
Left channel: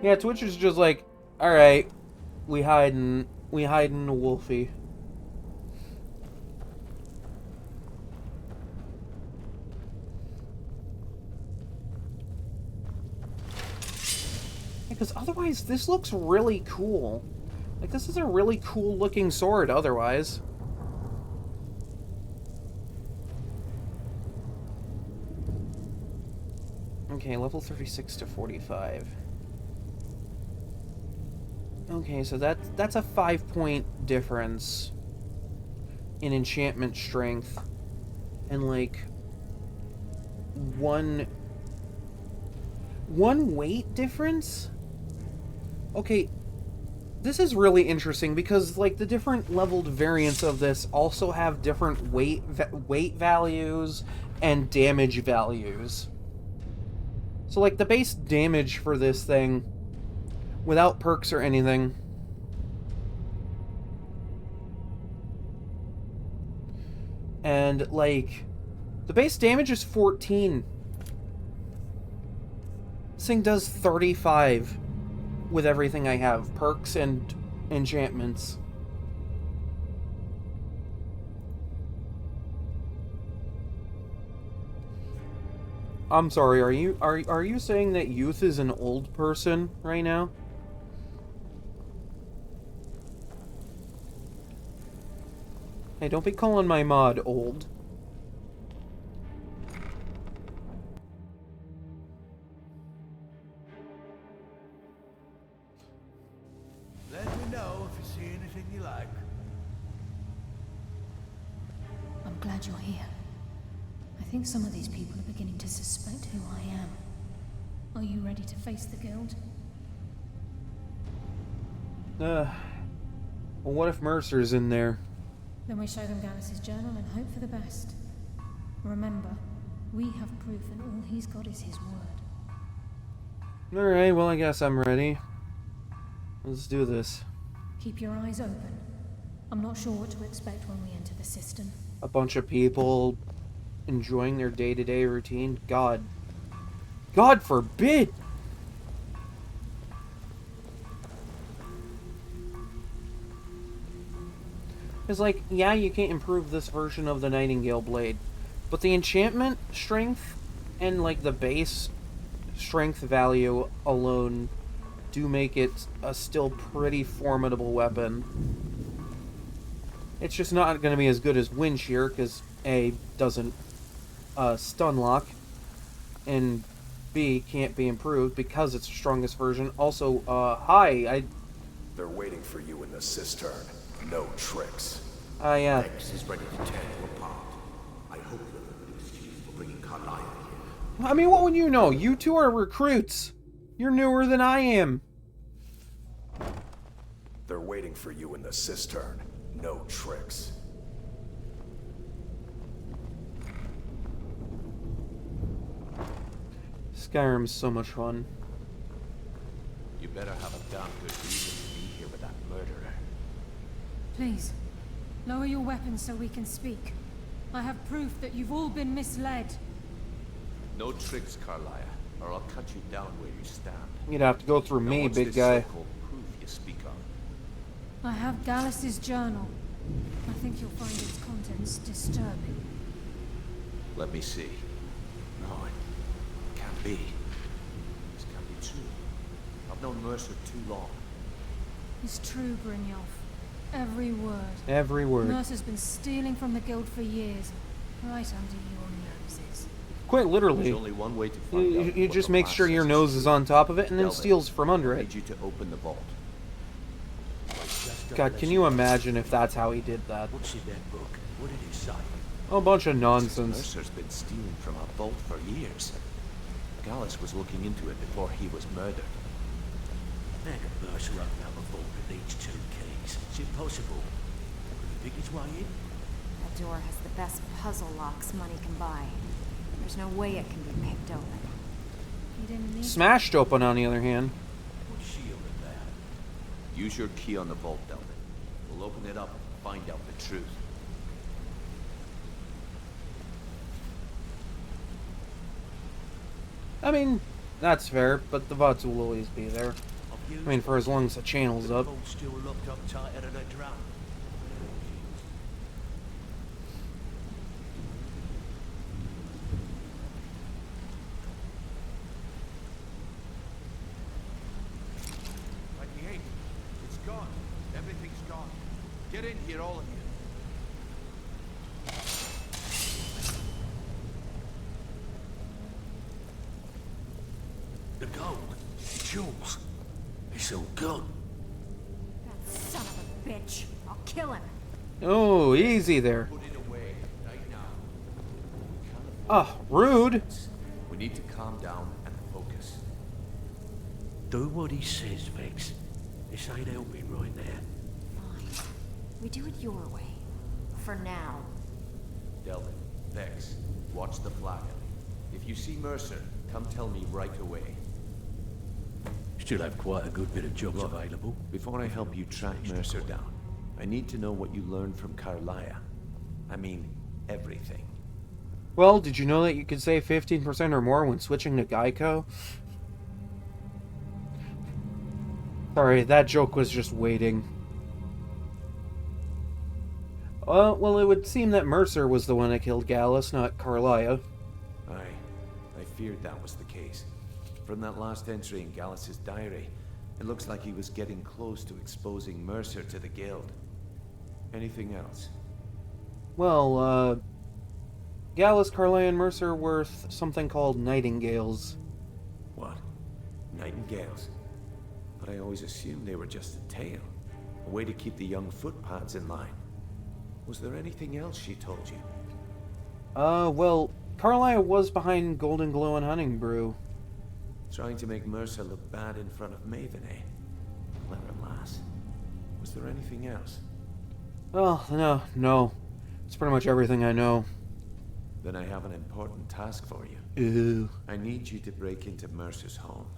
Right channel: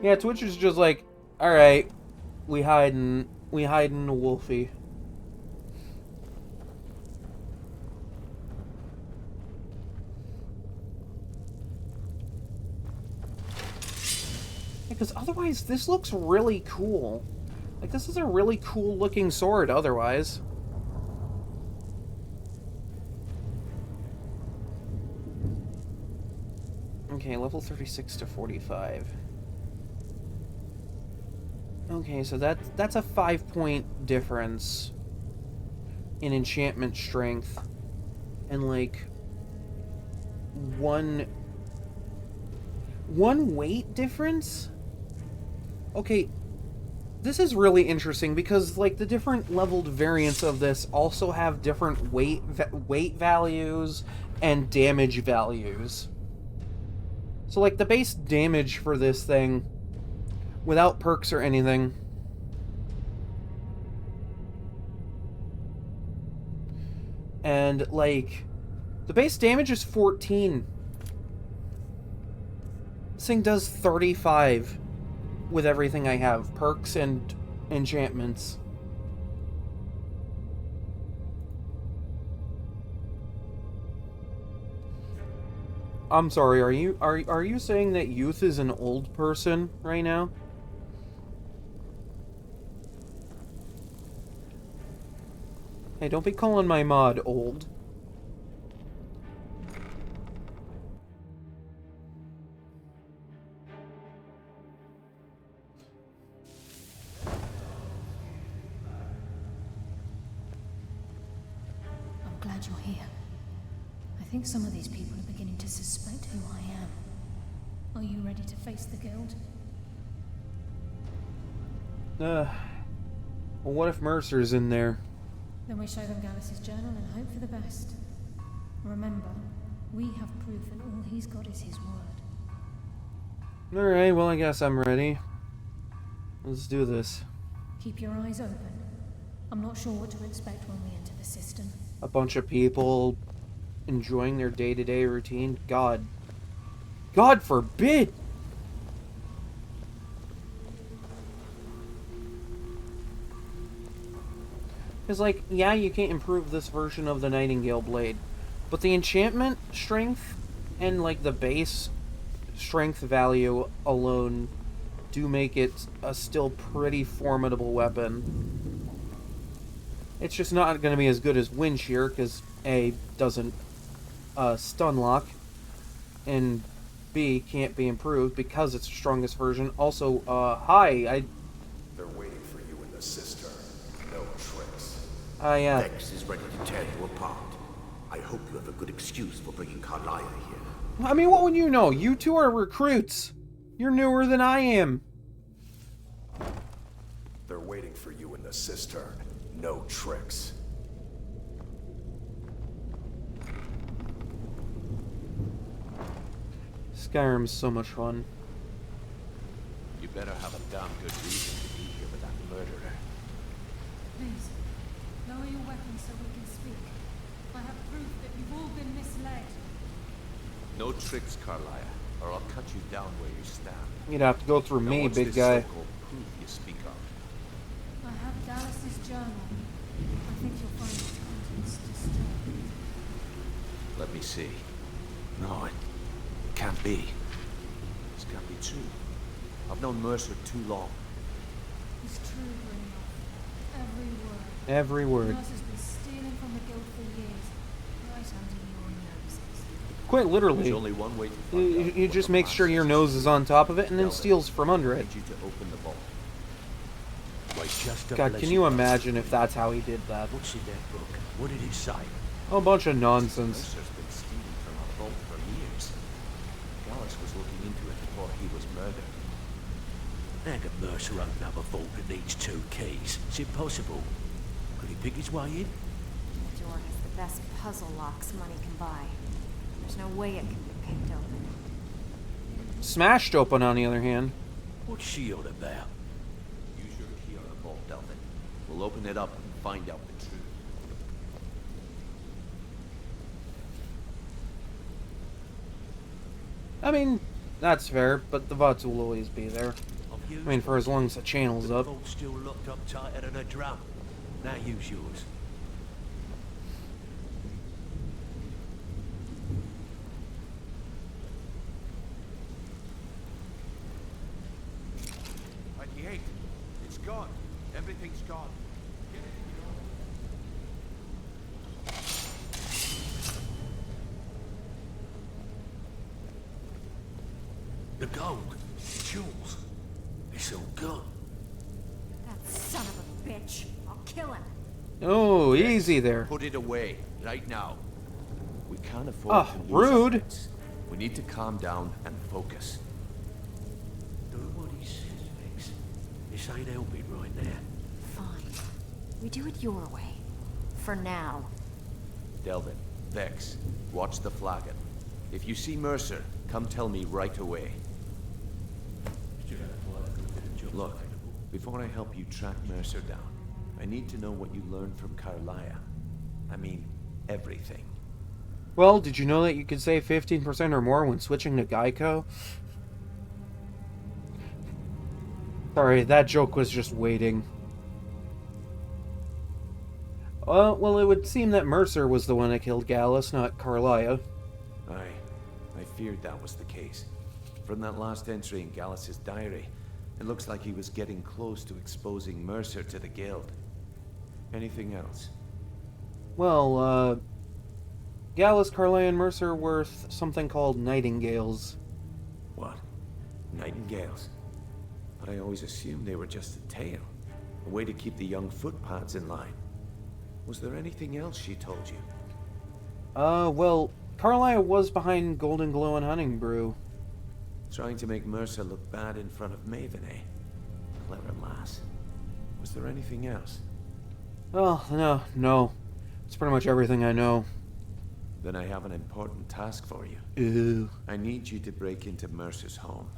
Yeah, Twitch is just like, alright, we hiding the Wolfie. Because otherwise, this looks really cool. Like, this is a really cool looking sword otherwise. Okay, level 36 to 45. Okay, so that's a 5-point difference in enchantment strength. And like one weight difference? Okay, this is really interesting because like the different leveled variants of this also have different weight values and damage values. So like the base damage for this thing without perks or anything and like the base damage is 14. This thing does 35 with everything I have, perks and enchantments. I'm sorry, are you saying that youth is an old person right now? Hey, don't be calling my mod old. Let me know if you see anything you like. I'm glad you're here. I think some of these people are beginning to suspect who I am. Are you ready to face the guild? Well, what if Mercer's in there? Then we show them Gallus's journal and hope for the best. Remember, we have proof and all he's got is his word. Alright, well I guess I'm ready. Let's do this. Keep your eyes open. I'm not sure what to expect when we enter the cistern. A bunch of people enjoying their day-to-day routine. God forbid! Because, like, yeah, you can't improve this version of the Nightingale Blade, but the enchantment strength and, like, the base strength value alone do make it a still pretty formidable weapon. It's just not going to be as good as Wind Shear, because A, doesn't stun lock, and B, can't be improved because it's the strongest version. Also, They're waiting for you in the cistern. No tricks. Yeah. Vex is ready to tear you apart. I hope you have a good excuse for bringing Carlia here. I mean, what would you know? You two are recruits. You're newer than I am. They're waiting for you in the cistern. No tricks. Skyrim's so much fun. You better have a damn good reason to be here with that murderer. Please, lower your weapons so we can speak. I have proof that you've all been misled. No tricks, Carlia, or I'll cut you down where you stand. You'd have to go through Now, me, what's big this guy. so-called proof you speak of? I have Gallus's journal. I think you'll find its contents disturbing. Let me see. No, it can't be. This can't be true. I've known Mercer too long. It's true, Brynjolf. Every word. Every word. Mercer's been stealing from the guild for years. Right under your noses. Quite literally. There's only one way to find out. You what just the make last sure your says nose is on top of it and then Delvin, steals from under I it. need you to open the vault. Why, just a God, can blessed you God. imagine if that's how he did that? What's in that book? What did it say? A bunch of nonsense. Mercer's been stealing from our vault for years. Gallus was looking into it before he was murdered. How can Mercer open up a vault that needs 2 keys? It's impossible. Could he pick his way in? That door has the best puzzle locks money can buy. There's no way it can be picked open. You didn't need Smashed open, on the other hand. What's she on about? Use your key on the vault, Delvin. We'll open it up and find out the truth. I mean, that's fair, but the VODs will always be there. I've used I mean, for as long as the channel's the up. vault's still locked up tighter than a drum. Now use yours. It's gone. Everything's gone. Get in here, all of you. The gold, the jewels, it's all gone. that son of a bitch. I'll kill him. Oh, easy there. Put it away, right now. We can't afford Ah, to lose rude. our wits. We need to calm down and focus. Do what he says, Vex. This ain't helping right now. Fine. We do it your way. For now. Delvin, Vex, watch the flagon. If you see Mercer, come tell me right away. Still have quite a good bit of jobs Look, available. before I help you track Mercer down, I need to know what you learned from Carlia. I mean, everything. Well, did you know that you could save 15% or more when switching to Geico? Sorry, that joke was just waiting. Well, it would seem that Mercer was the one that killed Gallus, not Carlia. I feared that was the case. From that last entry in Gallus's diary, it looks like he was getting close to exposing Mercer to the Guild. Anything else? Well, Gallus, Carlia, and Mercer were something called Nightingales. What? Nightingales? But I always assumed they were just a tale. A way to keep the young footpads in line. Was there anything else she told you? Well, Carlia was behind Golden Glow and Hunting Brew. Trying to make Mercer look bad in front of Maven, eh? Clever lass. Was there anything else? Well, no. It's pretty much everything I know. Then I have an important task for you. Ew. I need you to break into Mercer's home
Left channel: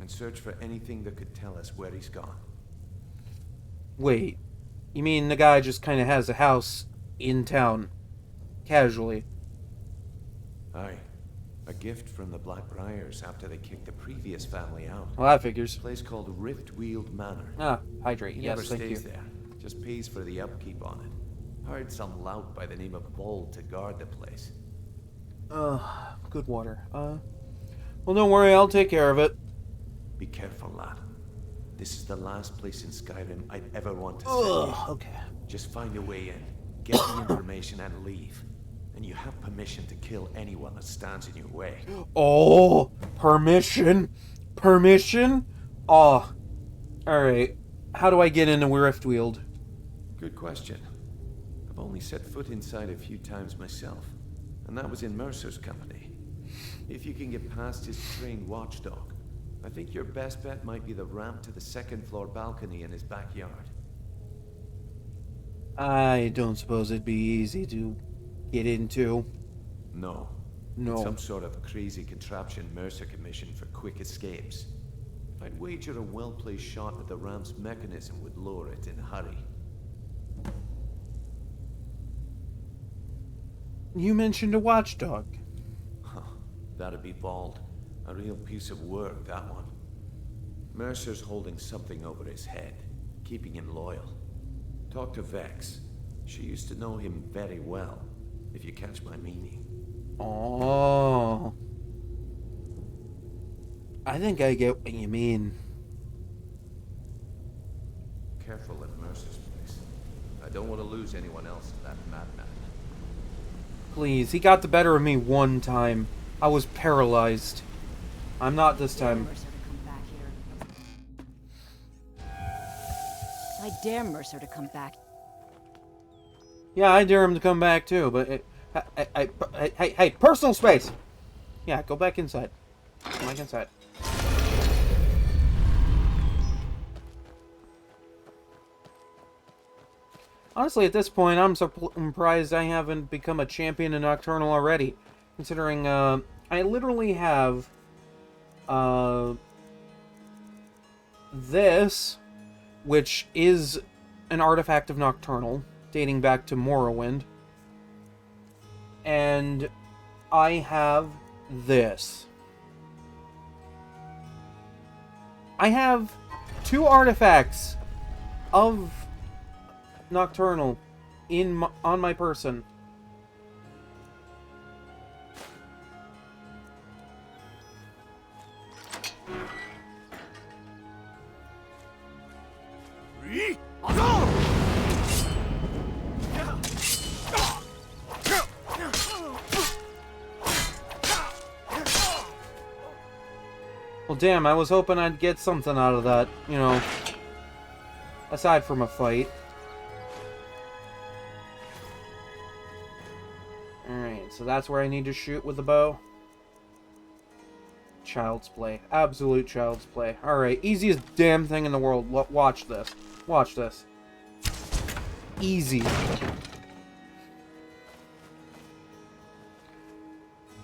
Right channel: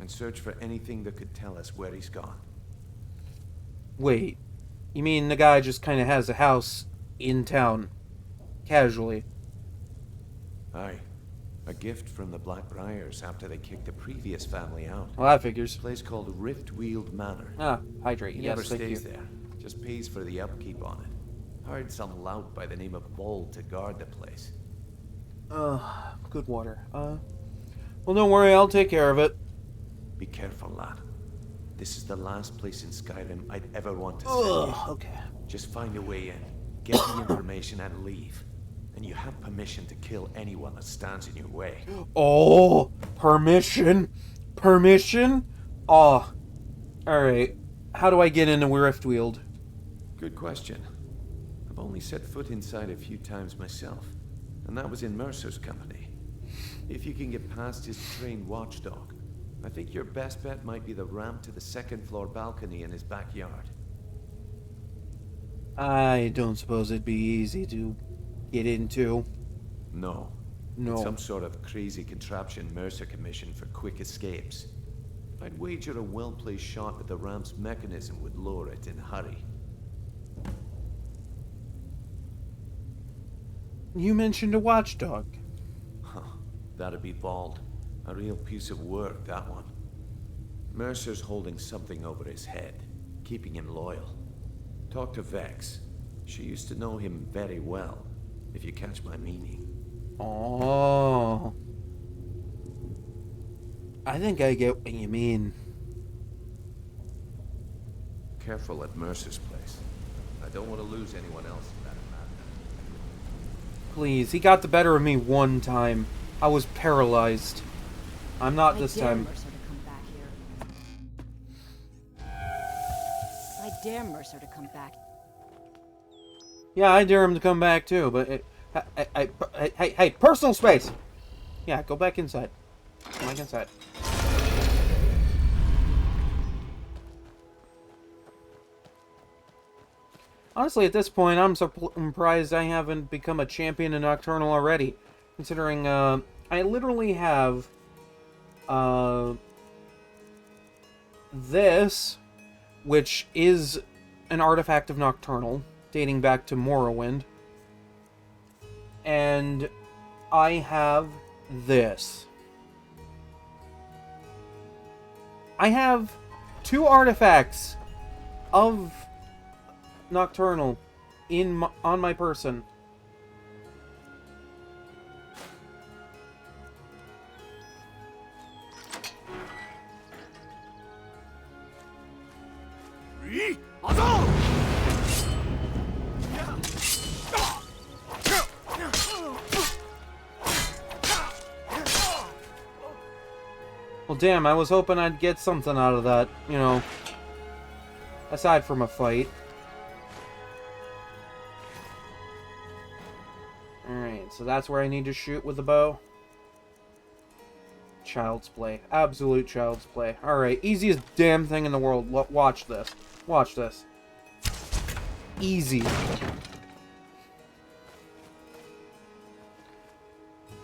and search for anything that could tell us where he's gone. Wait, you mean the guy just kind of has a house in town, casually? Aye. A gift from the Blackbriars after they kicked the previous family out. Well, that figures. A place called Riftweald Manor. Ah, hydrate. He Yes, never thank stays you. there. Just pays for the upkeep on it. Hired some lout by the name of Vold to guard the place. Good water. Well, don't worry, I'll take care of it. Be careful, lad. This is the last place in Skyrim I'd ever want to send you. Okay. Just find a way in, get the information, and leave. And you have permission to kill anyone that stands in your way. Oh, permission? Permission? Oh. Alright. How do I get into Riftweald? Good question. I've only set foot inside a few times myself, and that was in Mercer's company. If you can get past his trained watchdog, I think your best bet might be the ramp to the second-floor balcony in his backyard. I don't suppose it'd be easy to get into. No. No. It's some sort of crazy contraption Mercer commissioned for quick escapes. I'd wager a well-placed shot at the ramp's mechanism would lower it in a hurry. You mentioned a watchdog. Huh. That'd be bald. A real piece of work, that one. Mercer's holding something over his head, keeping him loyal. Talk to Vex. She used to know him very well, if you catch my meaning. Oh. I think I get what you mean. Careful at Mercer's place. I don't want to lose anyone else to that madman. Please, he got the better of me one time. I was paralyzed. I'm not this time. Mercer to come back here. I dare Mercer to come back. Yeah, I dare him to come back too, but hey, personal space. Yeah, go back inside. Go back inside. Honestly, at this point, I'm surprised I haven't become a champion in Nocturnal already, considering I literally have this, which is an artifact of Nocturnal, dating back to Morrowind, and I have this. I have 2 artifacts of Nocturnal on my person. Well, damn, I was hoping I'd get something out of that, you know, aside from a fight. Alright, so that's where I need to shoot with the bow. Child's play. Absolute child's play. Alright, easiest damn thing in the world. Watch this. Watch this. Easy.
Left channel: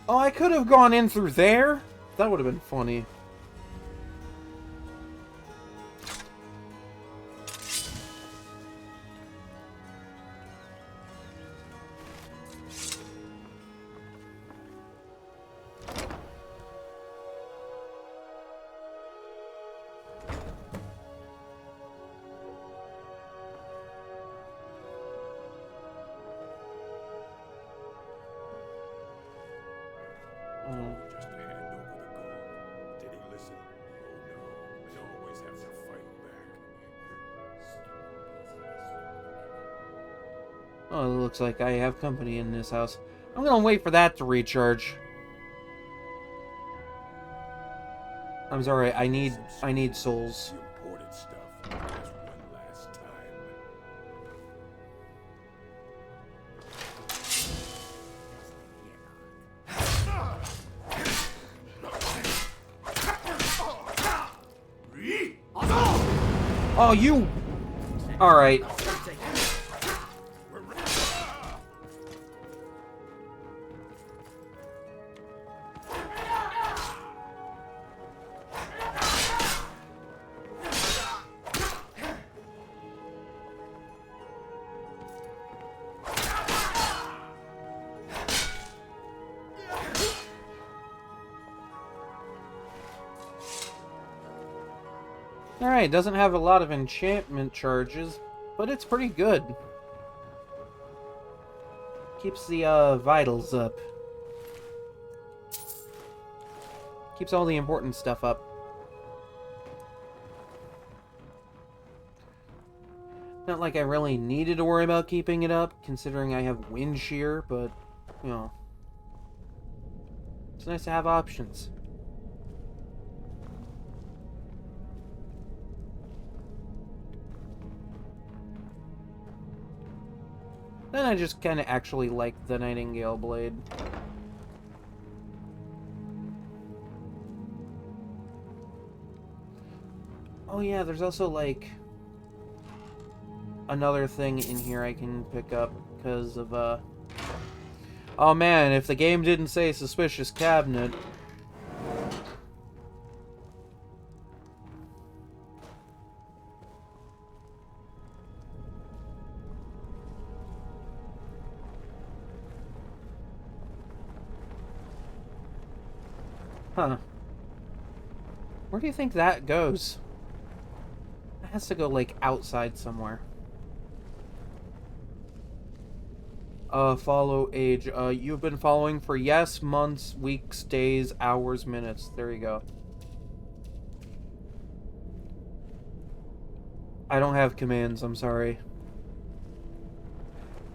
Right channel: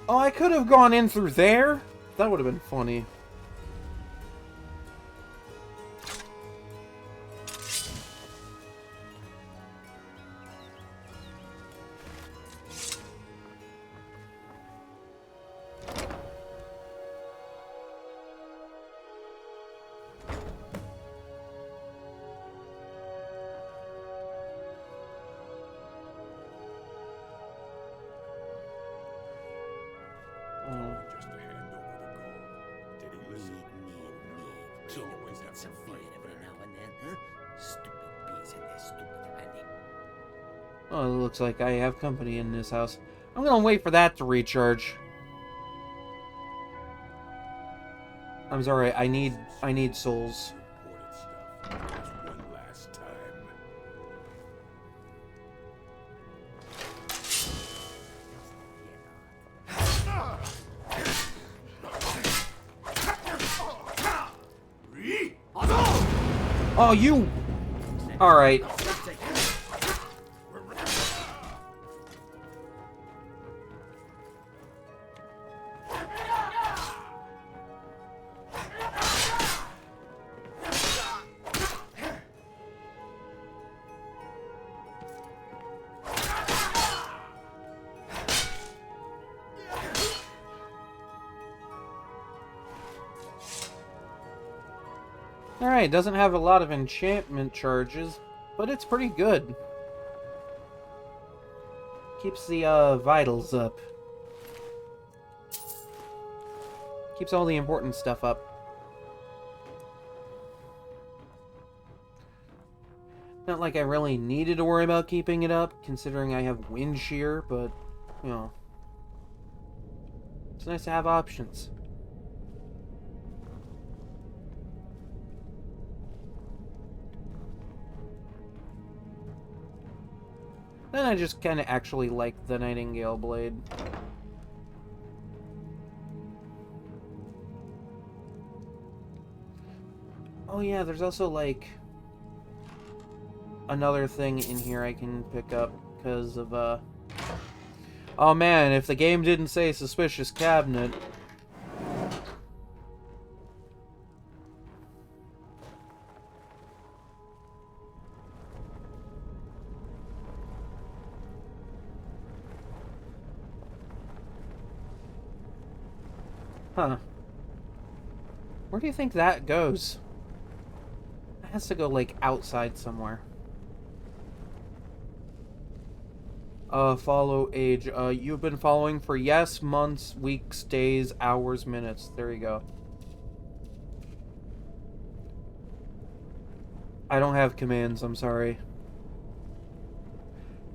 Oh, I could have gone in through there? That would have been funny. Just to hand over the gold. Did he listen? Oh no. They always have to fight back. Oh, it looks like I have company in this house. I'm gonna wait for that to recharge. I'm sorry, I need souls. Imported stuff. Just one last time. Oh, you... Alright. Alright, doesn't have a lot of enchantment charges, but it's pretty good. Keeps the vitals up. Keeps all the important stuff up. Not like I really needed to worry about keeping it up, considering I have wind shear, but, you know. It's nice to have options. Then I just kind of actually like the Nightingale Blade. Oh yeah, there's also like another thing in here I can pick up because of oh man, if the game didn't say suspicious cabinet. Huh. Where do you think that goes? It has to go, like, outside somewhere. Follow age. You've been following for yes, months, weeks, days, hours, minutes. There you go. I don't have commands, I'm sorry.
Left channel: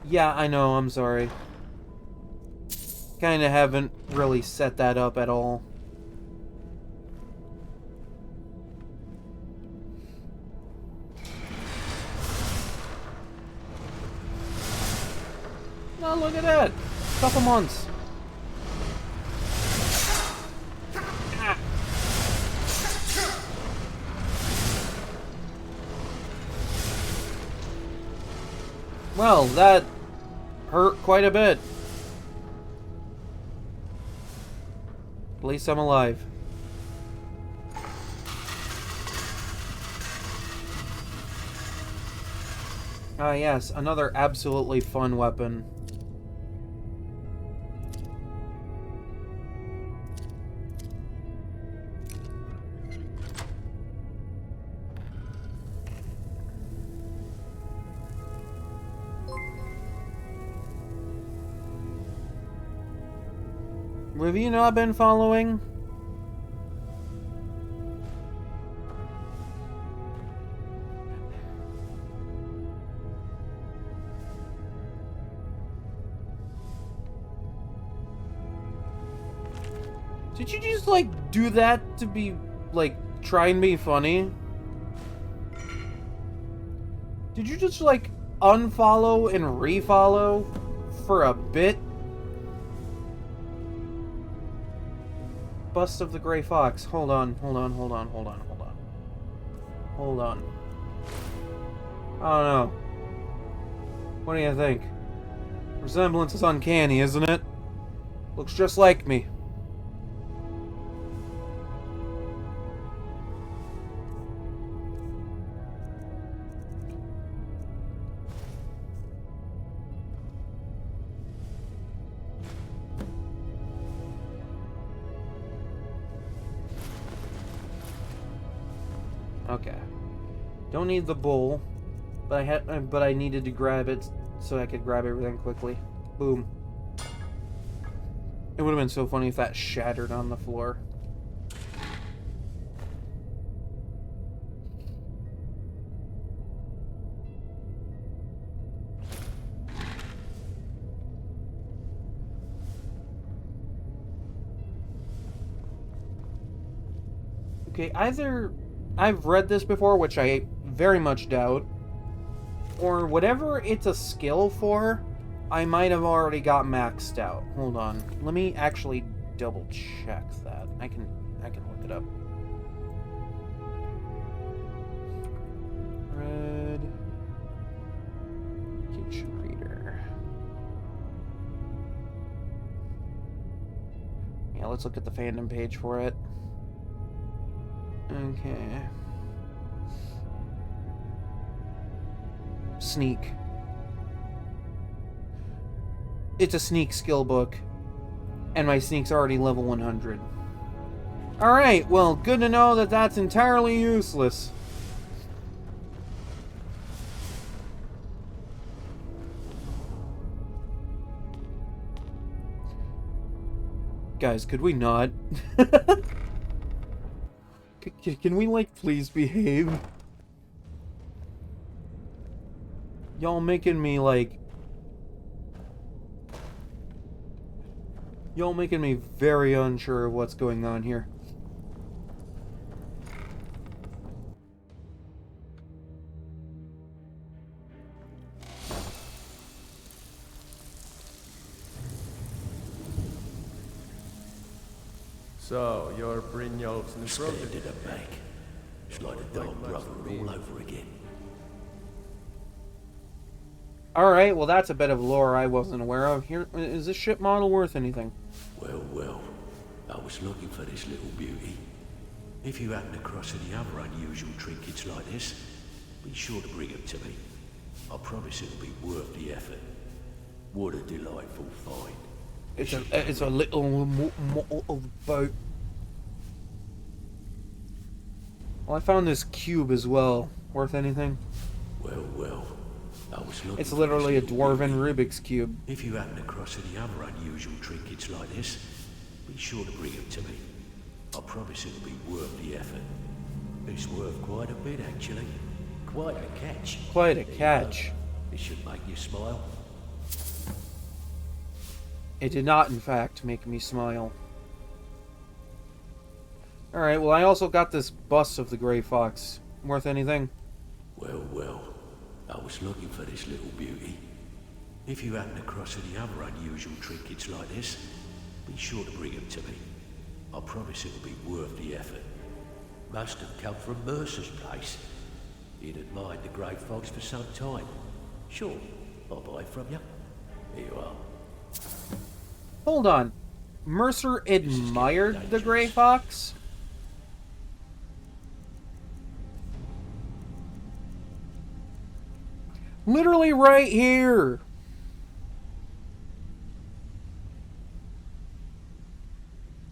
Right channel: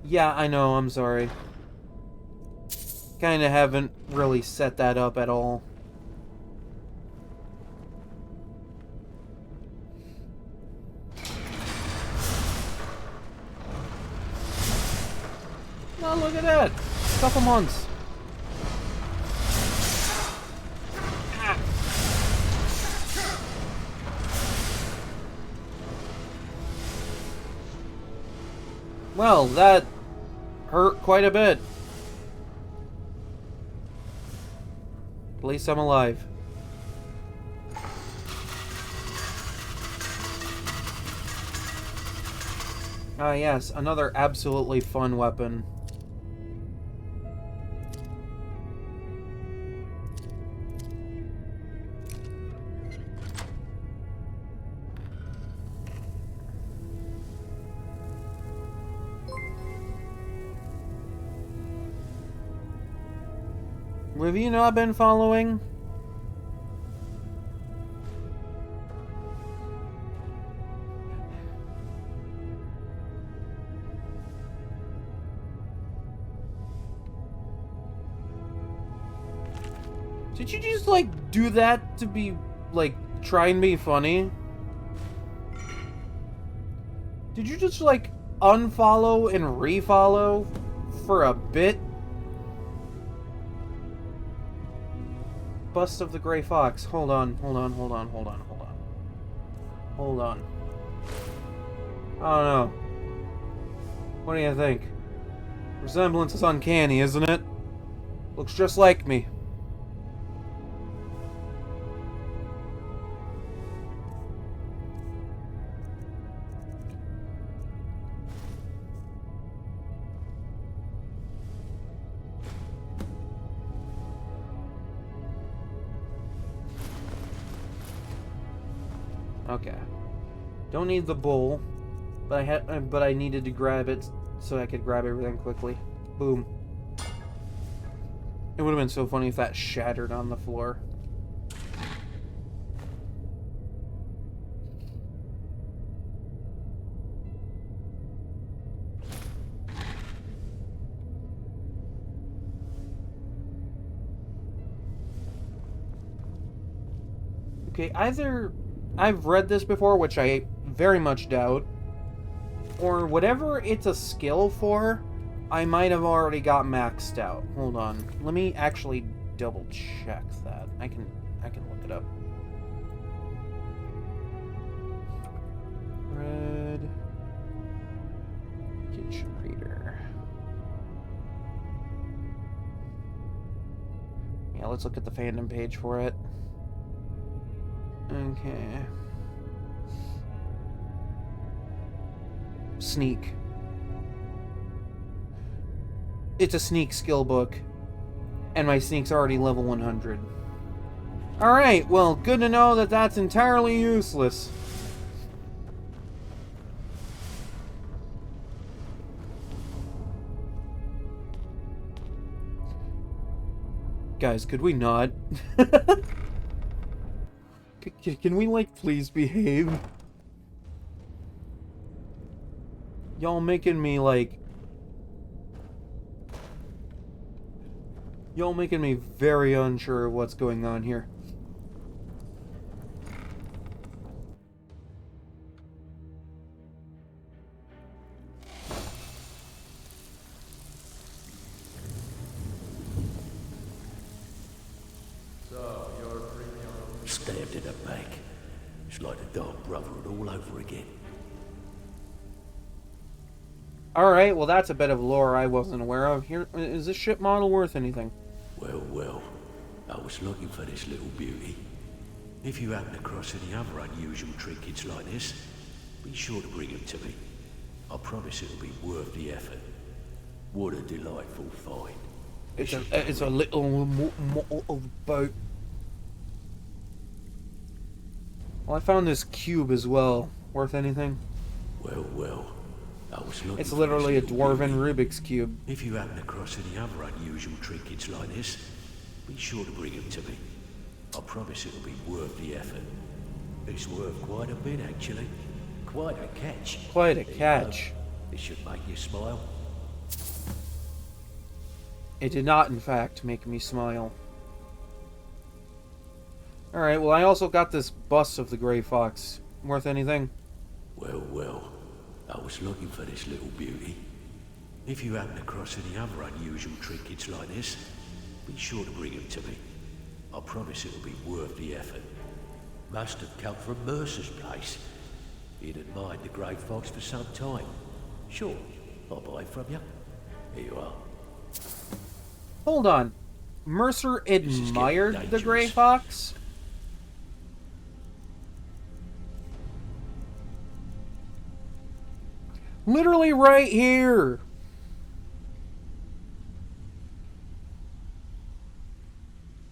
Yeah, I know, I'm sorry. kind of haven't really set that up at all. Oh, look at that! Couple months. Well, that hurt quite a bit. At least I'm alive. Ah, yes, another absolutely fun weapon. Have you not been following? Did you just, like, do that to be, like, try and be funny? Did you just, like, unfollow and refollow for a bit? Bust of the Gray Fox. Hold on. I don't know. What do you think? Resemblance is uncanny, isn't it? Looks just like me. Okay. Don't need the bowl, but I needed to grab it so I could grab everything quickly. Boom. It would have been so funny if that shattered on the floor. Okay, either I've read this before, which I very much doubt, or whatever it's a skill for, I might have already got maxed out. Hold on. Let me actually double check that. I can look it up. Red kitchen reader. Yeah, let's look at the fandom page for it. Okay. Sneak. It's a sneak skill book, and my sneak's already level 100. Alright, well, good to know that that's entirely useless. Guys, could we not? Can we, like, please behave? Y'all making me, like... Y'all making me very unsure of what's going on here. So, you're Brynjolf's new brother? Stabbed in the back. It's like the Dark Brotherhood all over again. Alright, well that's a bit of lore I wasn't aware of. Here, is this ship model worth anything? Well, I was looking for this little beauty. If you happen across any other unusual trinkets like this, be sure to bring them to me. I promise it'll be worth the effort. What a delightful find. It's a little boat. Well, I found this cube as well. Worth anything? Well, I was looking It's literally a dwarven beauty. Rubik's Cube. If you happen across any other unusual trinkets like this, be sure to bring them to me. I promise it'll be worth the effort. It's worth quite a bit, actually. Quite a catch. Quite a There you catch. go. It should make you smile. It did not, in fact, make me smile. Alright, well, I also got this bust of the Grey Fox. Worth anything? Well, well. I was looking for this little beauty. If you happen across any other unusual trinkets like this, be sure to bring them to me. I promise it'll be worth the effort. Must have come from Mercer's place. He'd admired the Grey Fox for some time. Sure, I'll buy it from you. Here you are. Hold on. Mercer admired the Grey Fox? Literally right here.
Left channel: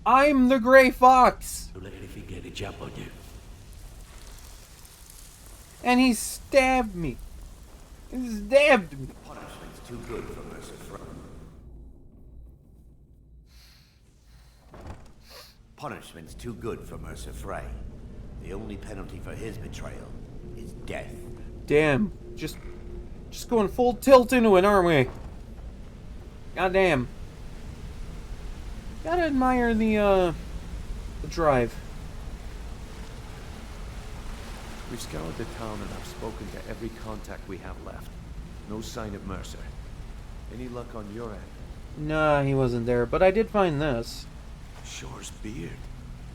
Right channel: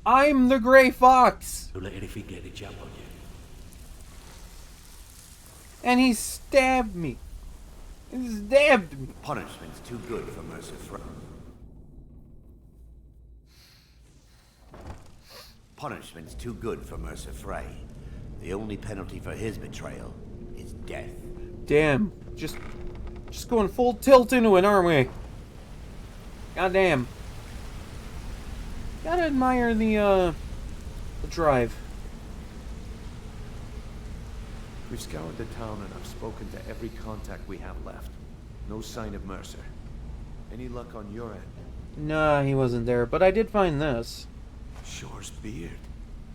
I'm the Grey Fox. Don't let anything get a jump on you. And he stabbed me. He stabbed me. Punishment's too good for Mercer Frey. Punishment's too good for Mercer Frey. The only penalty for his betrayal is death. Damn. Just going full tilt into it, aren't we? Goddamn. Gotta admire the drive. We've scoured the town and I've spoken to every contact we have left. No sign of Mercer. Any luck on your end? Nah, he wasn't there, but I did find this. Shore's beard.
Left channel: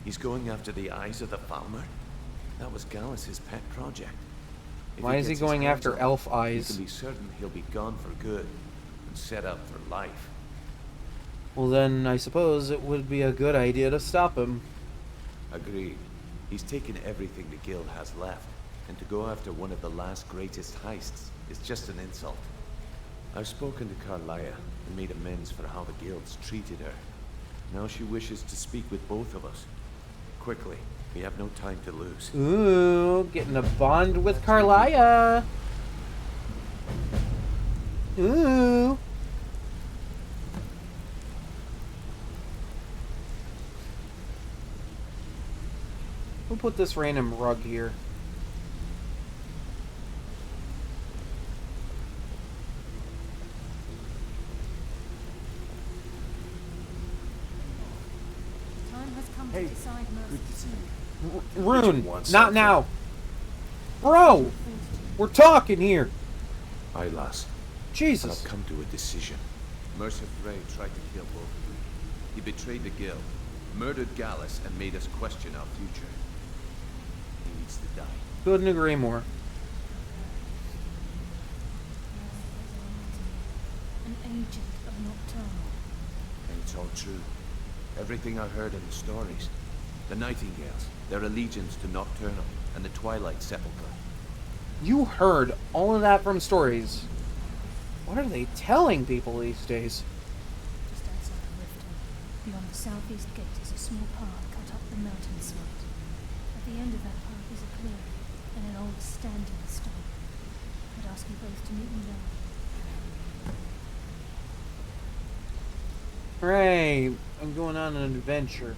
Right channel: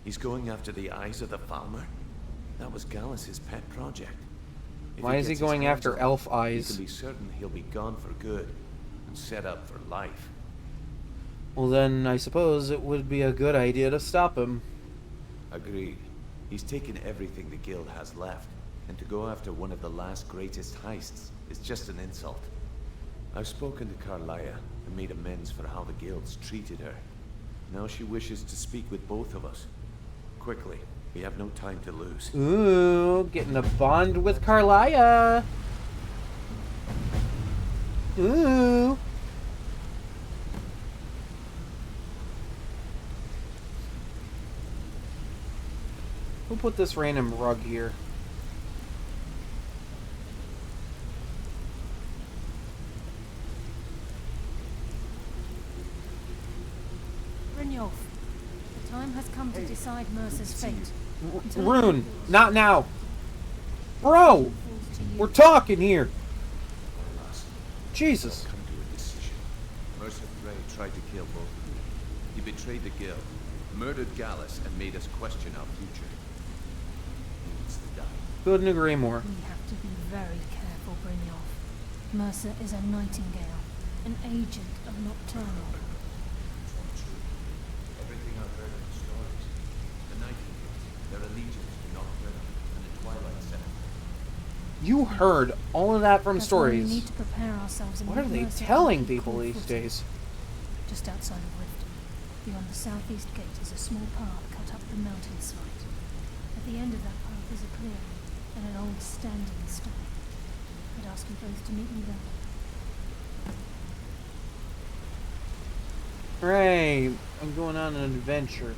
He's going after the eyes of the Falmer? That was Gallus's pet project. If Why is he gets his going hands after on it, elf eyes? He can be certain he'll be gone for good and set up for life. Well then, I suppose it would be a good idea to stop him. Agreed. He's taken everything the guild has left, and to go after one of the last greatest heists is just an insult. I've spoken to Carlia and made amends for how the guild's treated her. Now she wishes to speak with both of us. Quickly, we have no time to lose. Ooh, getting a bond with Carlia. Ooh. Who put this random rug here? Brynjolf, the time has come to decide Mercer's fate. Rune, not now. Bro, we're talking here. Aye, lass. Jesus. I've come to a decision. Mercer Frey tried to kill both of you. He betrayed the guild, murdered Gallus, and made us question our future. He needs to die. Couldn't agree more. We have to be very careful, Brynjolf. Mercer is a nightingale, an agent of Nocturnal. And it's all true. Everything I heard in the stories. The Nightingales, their allegiance to Nocturnal, and the Twilight Sepulchre. You heard all of that from That's why we stories. need to prepare ourselves in What are they advance of telling the people these conflict. days? Just outside of Riften, beyond the southeast gate, is a small path cut up the mountainside. At the end of that path is a clearing and an old standing stone. I'd ask you both to meet me there. Hooray, I'm going on an adventure.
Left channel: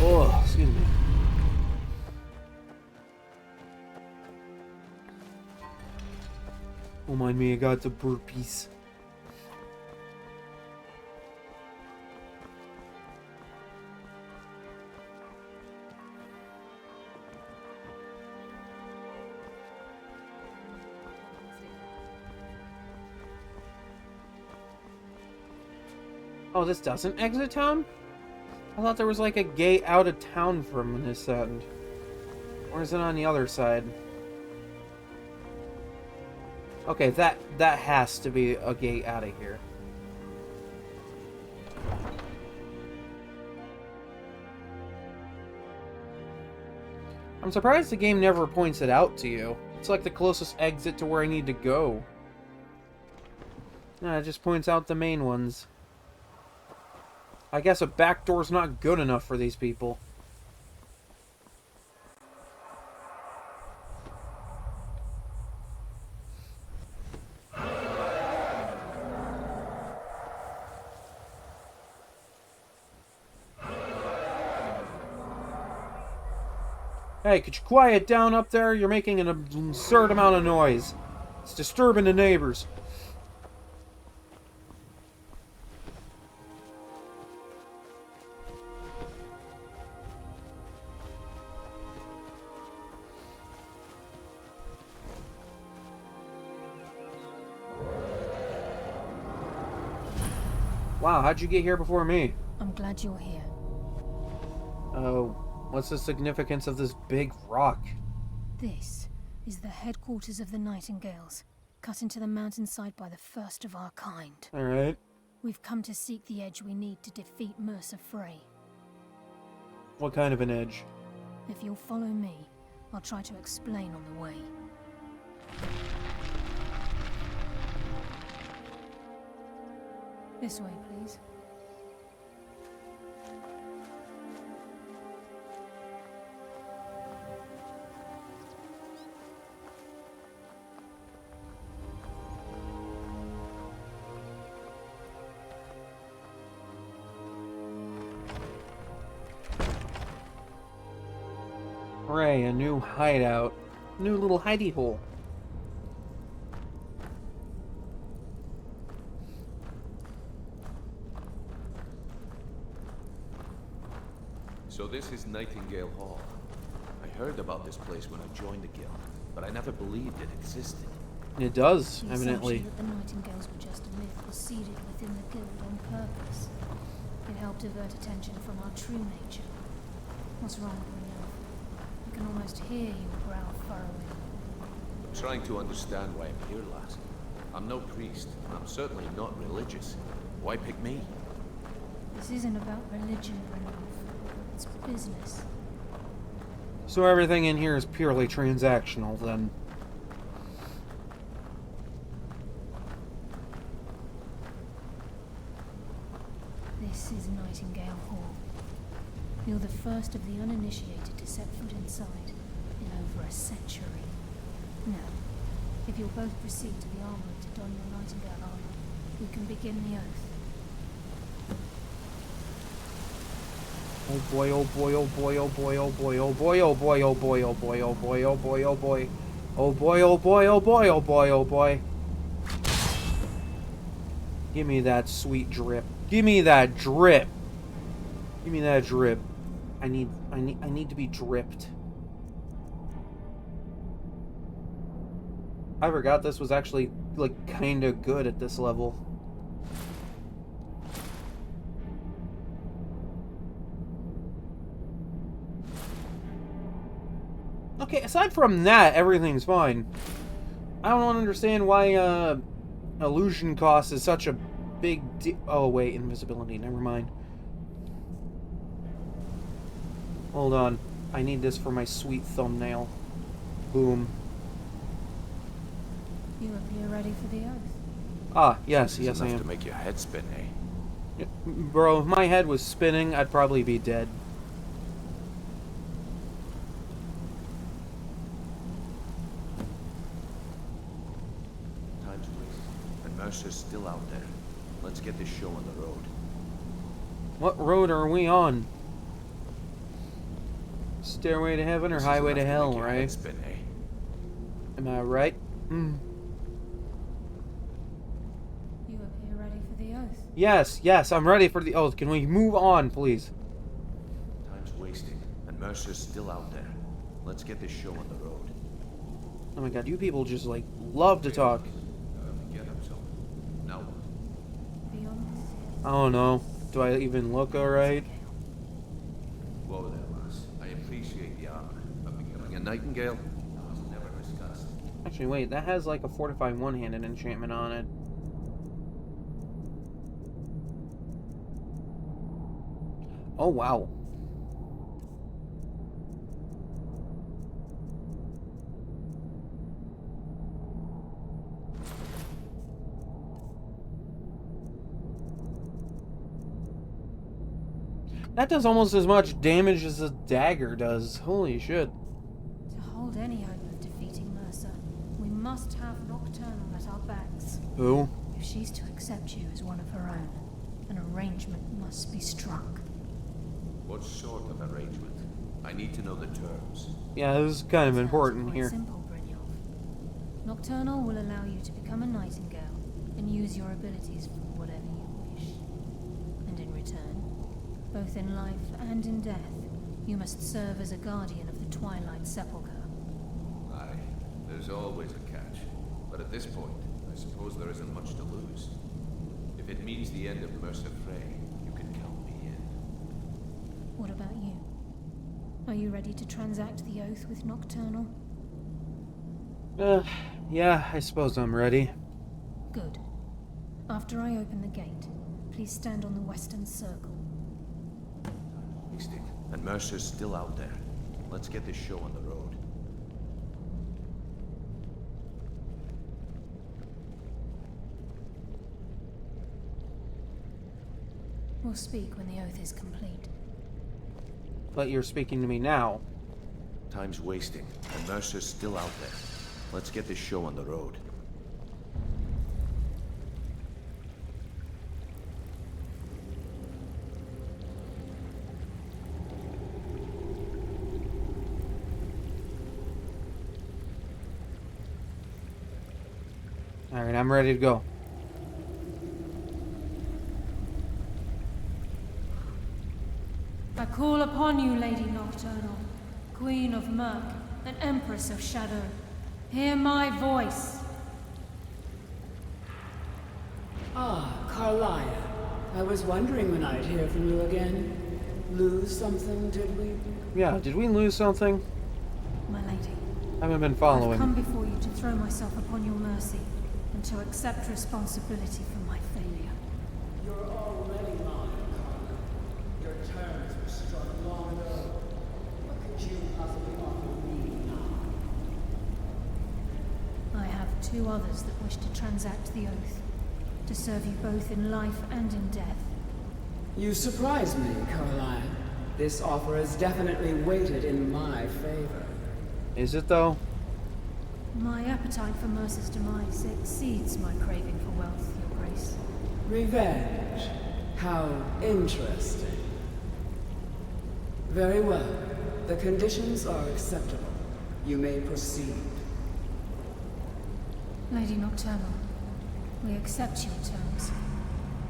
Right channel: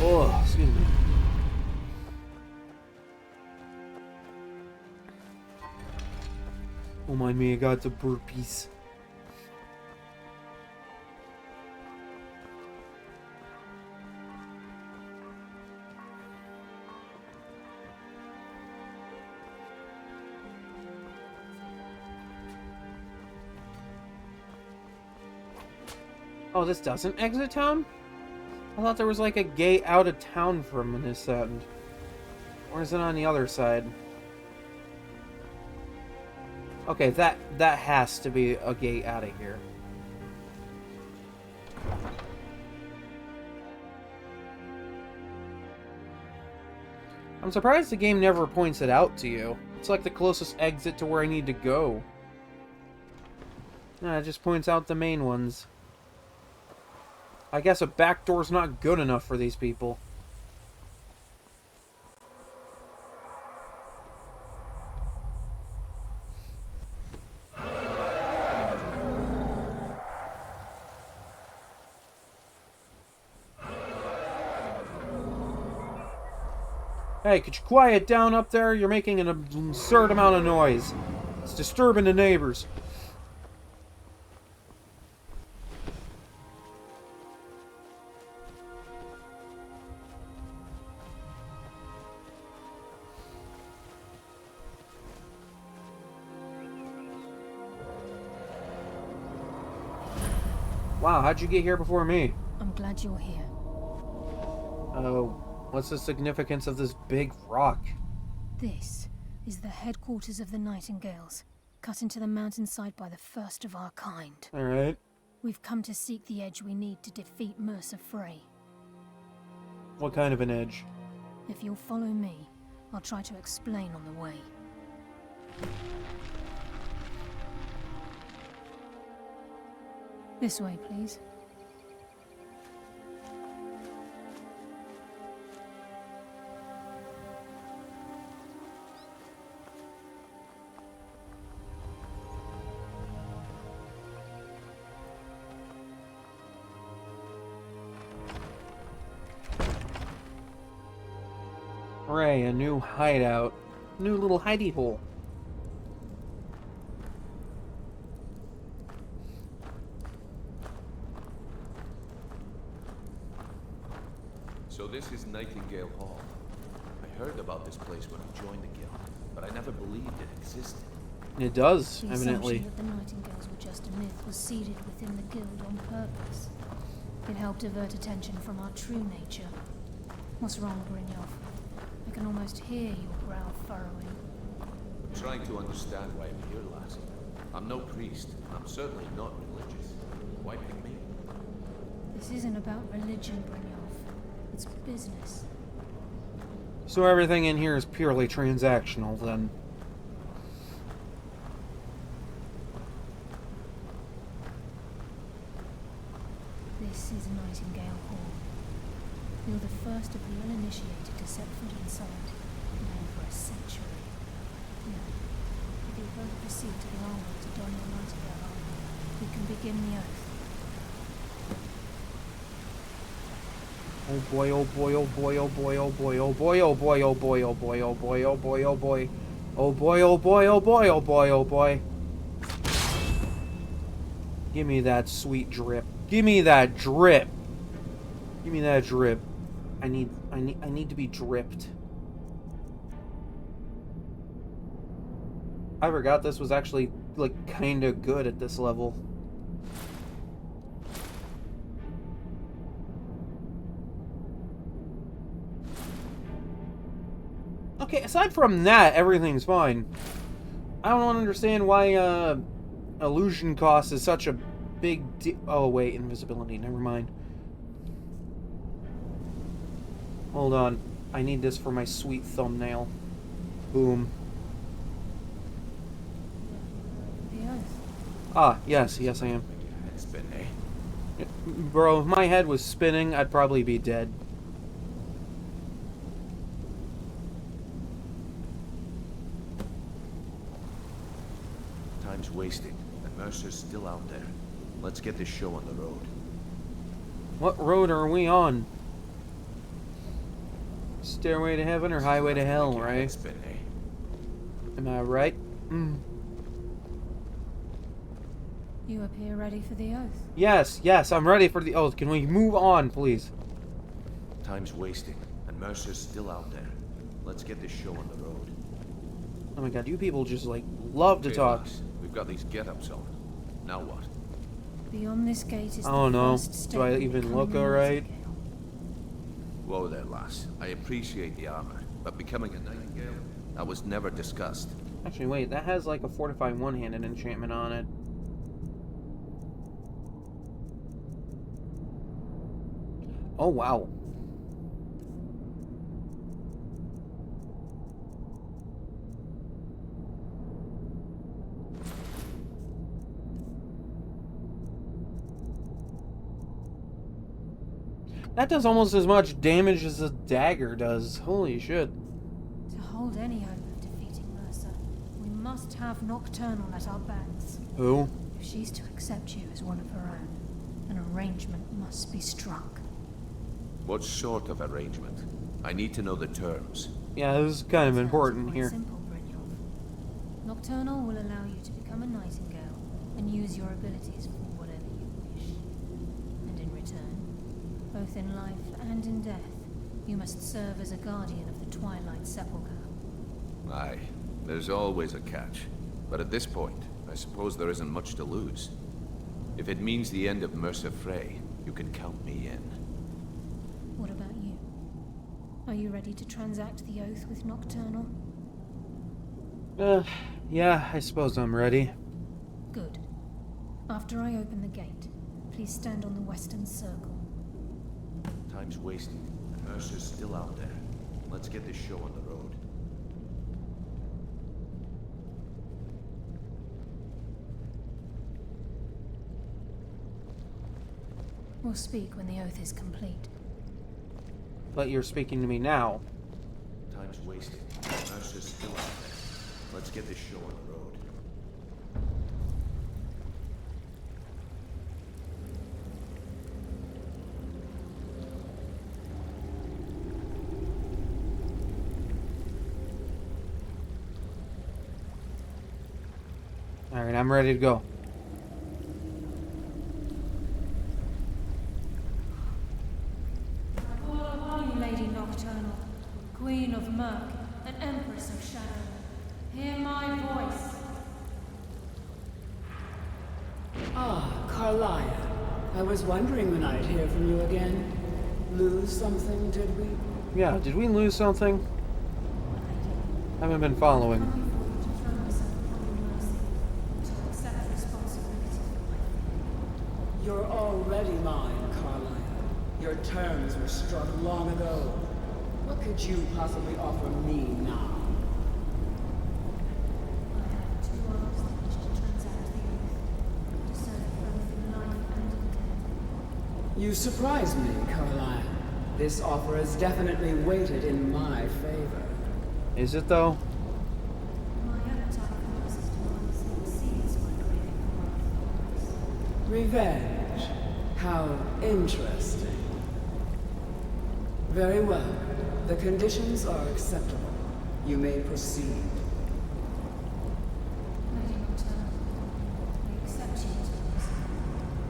Oh, excuse me. Oh, mind me, I got the burpees. Oh, this doesn't exit town? I thought there was like a gate out of town from this end. Or is it on the other side? Okay, that has to be a gate out of here. I'm surprised the game never points it out to you. It's like the closest exit to where I need to go. Nah, it just points out the main ones. I guess a back door's not good enough for these people. Hey, could you quiet down up there? You're making an absurd amount of noise. It's disturbing the neighbors. Wow, how'd you get here before me? I'm glad you're here. Oh, what's the significance of this big rock? This is the headquarters of the Nightingales, cut into the mountainside by the first of our kind. Alright. We've come to seek the edge we need to defeat Mercer Frey. What kind of an edge? If you'll follow me, I'll try to explain on the way. This way, please. Hooray, a new hideout. New little hidey hole. So this is Nightingale Hall. I heard about this place when I joined the guild, but I never believed it existed. It does, The evidently. assumption that the Nightingales were just a myth was seeded within the guild on purpose. It helped divert attention from our true nature. What's wrong, Brynjolf? I can almost hear your brow furrowing. I'm trying to understand why I'm here, lass. I'm no priest, and I'm certainly not religious. Why pick me? This isn't about religion, Brynjolf. It's business. So everything in here is purely transactional, then. This is Nightingale Hall. You're the first of the uninitiated to set foot inside in over a century. Now, if you'll both proceed to the armory to don your Nightingale armor, we can begin the oath. Oh boy, oh boy, oh boy, oh boy, oh boy, oh boy, oh boy, oh boy, oh boy, oh boy, oh boy, oh boy. Oh boy, oh boy, oh boy, oh boy, oh boy. Give me that sweet drip. Give me that drip. Give me that drip. I need to be dripped. I forgot this was actually like kind of good at this level. Okay, aside from that, everything's fine. I don't understand why illusion cost is such a big oh wait, invisibility, never mind. Hold on. I need this for my sweet thumbnail. Boom. You appear ready for the oath. Ah, yes, yes I am. To make your head spin, eh? Bro, if my head was spinning, I'd probably be dead. Time's wasting, and Mercer's still out there. Let's get this show on the road. What road are we on? Stairway to Heaven or Highway to Hell, right? Spin, eh? Am I right? You appear ready for the oath. Yes, yes, I'm ready for the oath. Can we move on, please? Time's wasting, and Mercer's still out there. Let's get this show on the road. Oh my god, you people just, like, love to talk. We've got these get-ups on. Now what? Beyond this gate is I don't know. the Do I even look alright? Whoa there, lass. I appreciate the armor, but becoming a Nightingale, that was never discussed. Actually, wait, that has like a fortify one-handed enchantment on it. Oh, wow. That does almost as much damage as a dagger does. Holy shit. To hold any hope of defeating Mercer, we must have Nocturnal at our backs. Who? If she's to accept you as one of her own, an arrangement must be struck. What sort of arrangement? I need to know the terms. Yeah, this is kind of Sounds important quite here. Simple, Brynjolf. Nocturnal will allow you to become a nightingale and use your abilities for whatever you wish. And in return, both in life and in death, you must serve as a guardian of the Twilight Sepulchre. Aye, there's always a catch. But at this point, I suppose there isn't much to lose. If it means the end of Mercer Frey, you can count me in. What about you? Are you ready to transact the oath with Nocturnal? Yeah, I suppose I'm ready. Good. After I open the gate, please stand on the western circle. Time's wasting, and Mercer's still out there. Let's get this show on the road. We'll speak when the oath is complete. But you're speaking to me now. Time's wasting, and Mercer's still out there. Let's get this show on the road. Alright, I'm ready to go. I call upon you, Lady Nocturnal, Queen of Murk and Empress of Shadow. Hear my voice. Ah, Carlia. I was wondering when I'd hear from you again. Lose something, did we? Yeah, did we lose something? My lady, I haven't been I've following. come before you to throw myself upon your mercy and to accept responsibility for my failure. You're already mine, Carlia. Your terms were struck long ago. What could you possibly offer me now? I have two others that wish to transact the oath, to serve you both in life and in death. You surprise me, Carlia. This offer is definitely weighted in my favor. Is it though? My appetite for Mercer's demise exceeds my craving for wealth, Your Grace. Revenge. How interesting. Very well. The conditions are acceptable. You may proceed. Lady Nocturnal, we accept your terms.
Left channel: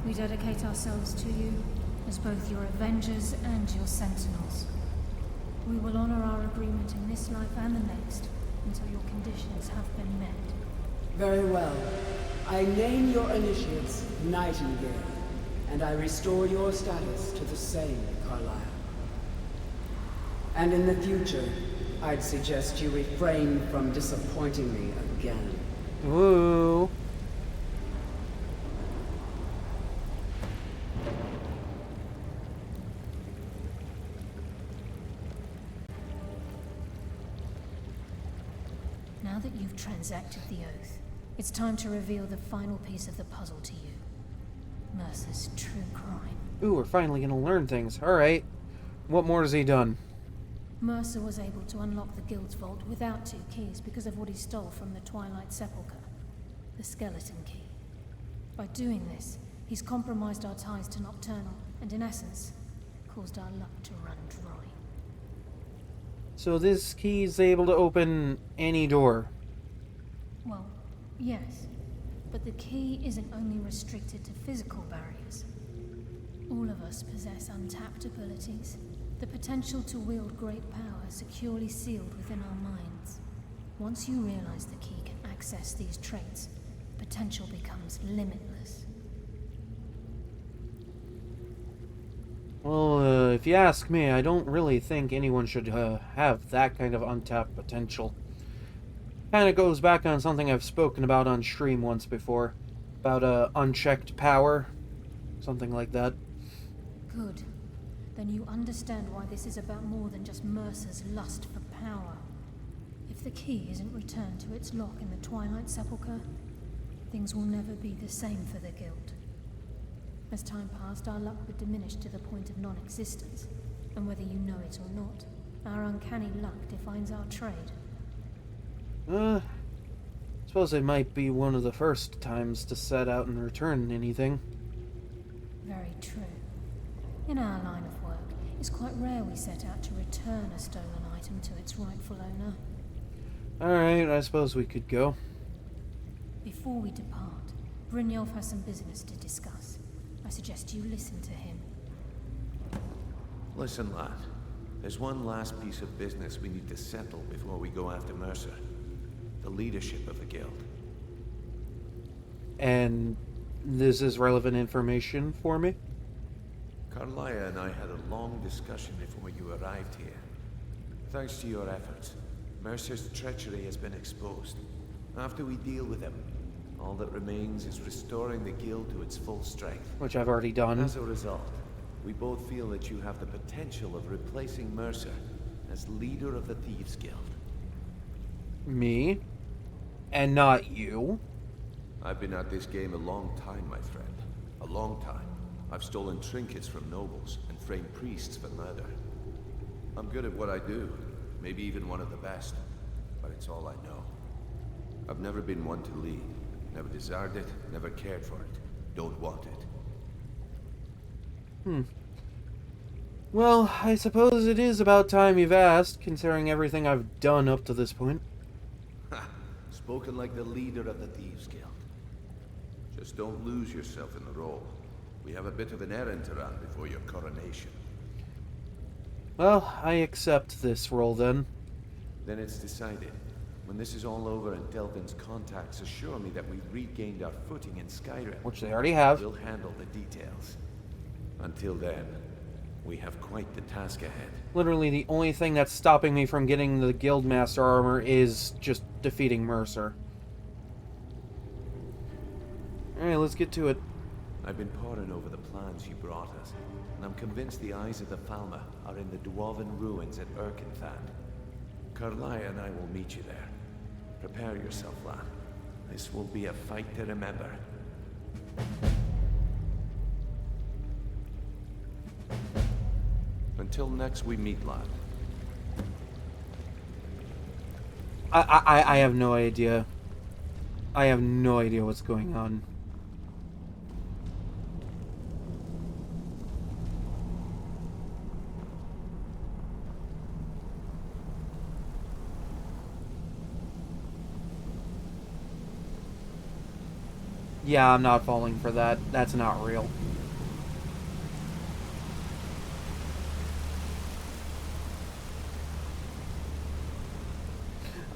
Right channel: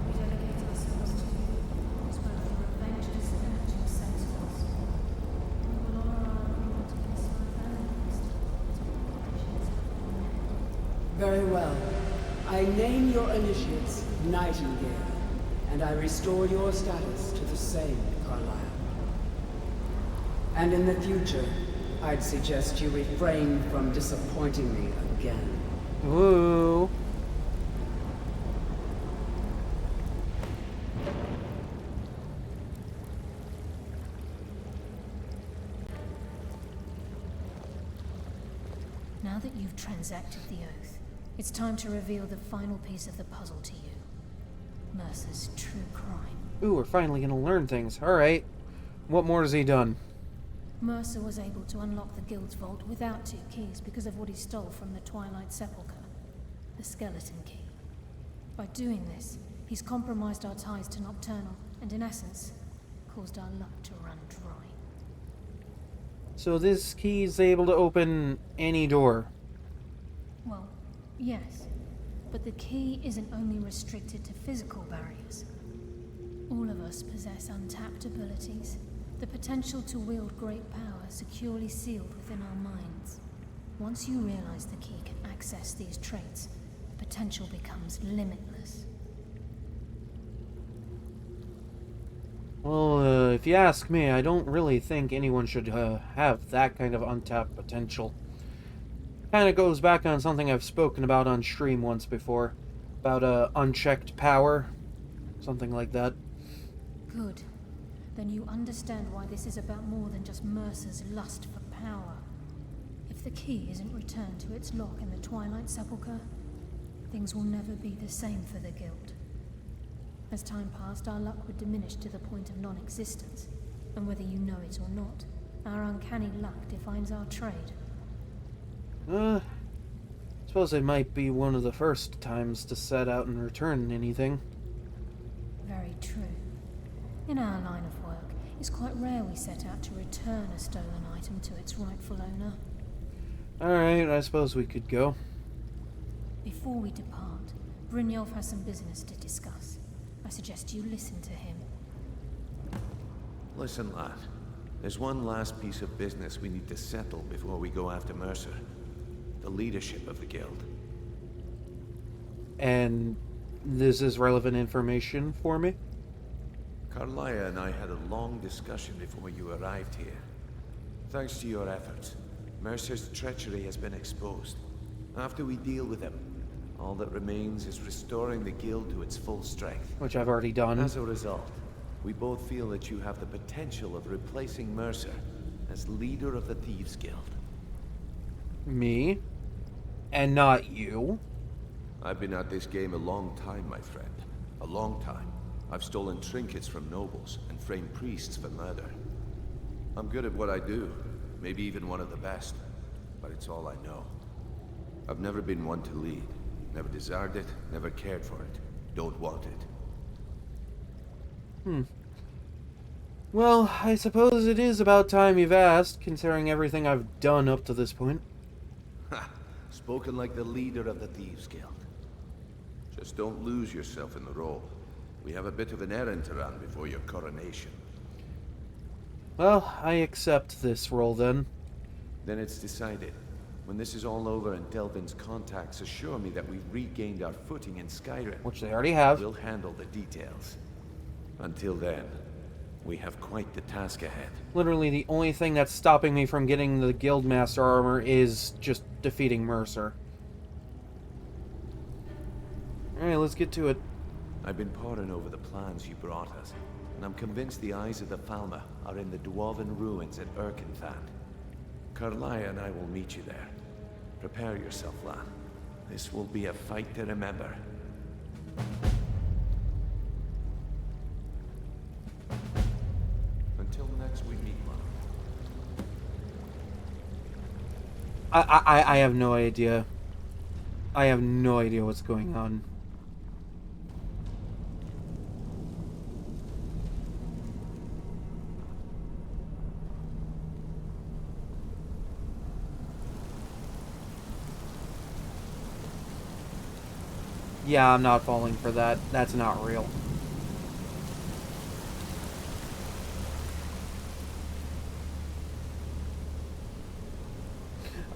We dedicate ourselves to you as both your avengers and your sentinels. We will honor our agreement in this life and the next until your conditions have been met. Very well. I name your initiates Nightingale, and I restore your status to the same, Carlisle. And in the future, I'd suggest you refrain from disappointing me again. Ooh. Now that you've transacted the oath, it's time to reveal the final piece of the puzzle to you. Mercer's true crime. Ooh, we're finally gonna learn things. Alright. What more has he done? Mercer was able to unlock the guild's vault without two keys because of what he stole from the Twilight Sepulchre, the skeleton key. By doing this, he's compromised our ties to Nocturnal and, in essence, caused our luck to run dry. So this key is able to open any door. Well, yes, but the key isn't only restricted to physical barriers. All of us possess untapped abilities, the potential to wield great power securely sealed within our minds. Once you realize the key can access these traits, the potential becomes limitless. Well, if you ask me, I don't really think anyone should have that kind of untapped potential. Kinda goes back on something I've spoken about on stream once before. About unchecked power. Something like that. Good. Then you understand why this is about more than just Mercer's lust for power. If the key isn't returned to its lock in the Twilight Sepulchre, things will never be the same for the Guild. As time passed, our luck would diminish to the point of non-existence, and whether you know it or not, our uncanny luck defines our trade. Suppose it might be one of the first times to set out and return anything. Very true. In our line of work, It's quite rare we set out to return a stolen item to its rightful owner. Alright, I suppose we could go. Before we depart, Brynjolf has some business to discuss. I suggest you listen to him. Listen, lad. There's one last piece of business we need to settle before we go after Mercer. The leadership of the guild. And this is relevant information for me? Carlia and I had a long discussion before you arrived here. Thanks to your efforts, Mercer's treachery has been exposed. After we deal with him, all that remains is restoring the guild to its full strength. Which I've already done. As a result, we both feel that you have the potential of replacing Mercer as leader of the Thieves Guild. Me? And not you? I've been at this game a long time, my friend. A long time. I've stolen trinkets from nobles and framed priests for murder. I'm good at what I do, maybe even one of the best, but it's all I know. I've never been one to lead. Never desired it, never cared for it. Don't want it. Well, I suppose it is about time you've asked, considering everything I've done up to this point. Ha! Spoken like the leader of the Thieves Guild. Just don't lose yourself in the role. We have a bit of an errand to run before your coronation. Well, I accept this role then. Then it's decided. When this is all over and Delvin's contacts assure me that we've regained our footing in Skyrim, which they already have, we'll handle the details. Until then, we have quite the task ahead. Literally the only thing that's stopping me from getting the Guildmaster armor is just defeating Mercer. Alright, let's get to it. I've been poring over the plans you brought us, and I'm convinced the eyes of the Falmer are in the Dwarven ruins at Erkenthand. Carlia and I will meet you there. Prepare yourself, lad. This will be a fight to remember. Until next we meet, lad. I have no idea. I have no idea what's going on. Yeah, I'm not falling for that. That's not real.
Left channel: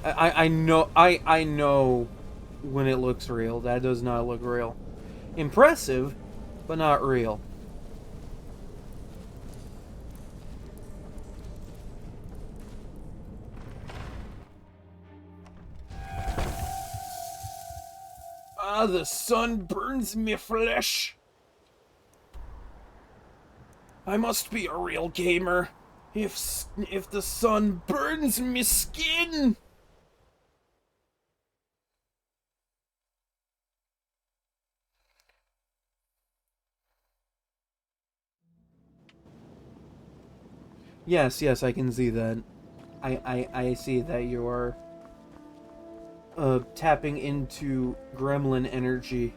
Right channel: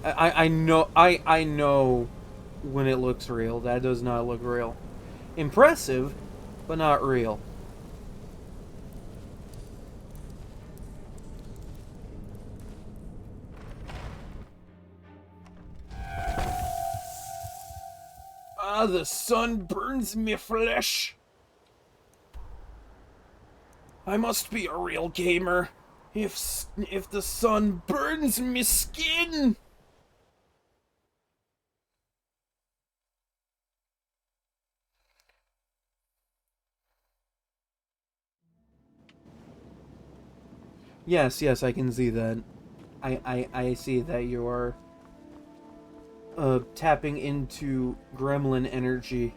I know when it looks real. That does not look real. Impressive, but not real. Ah, the sun burns me flesh. I must be a real gamer. If the sun burns me skin. Yes, I can see that. I see that you're tapping into gremlin energy.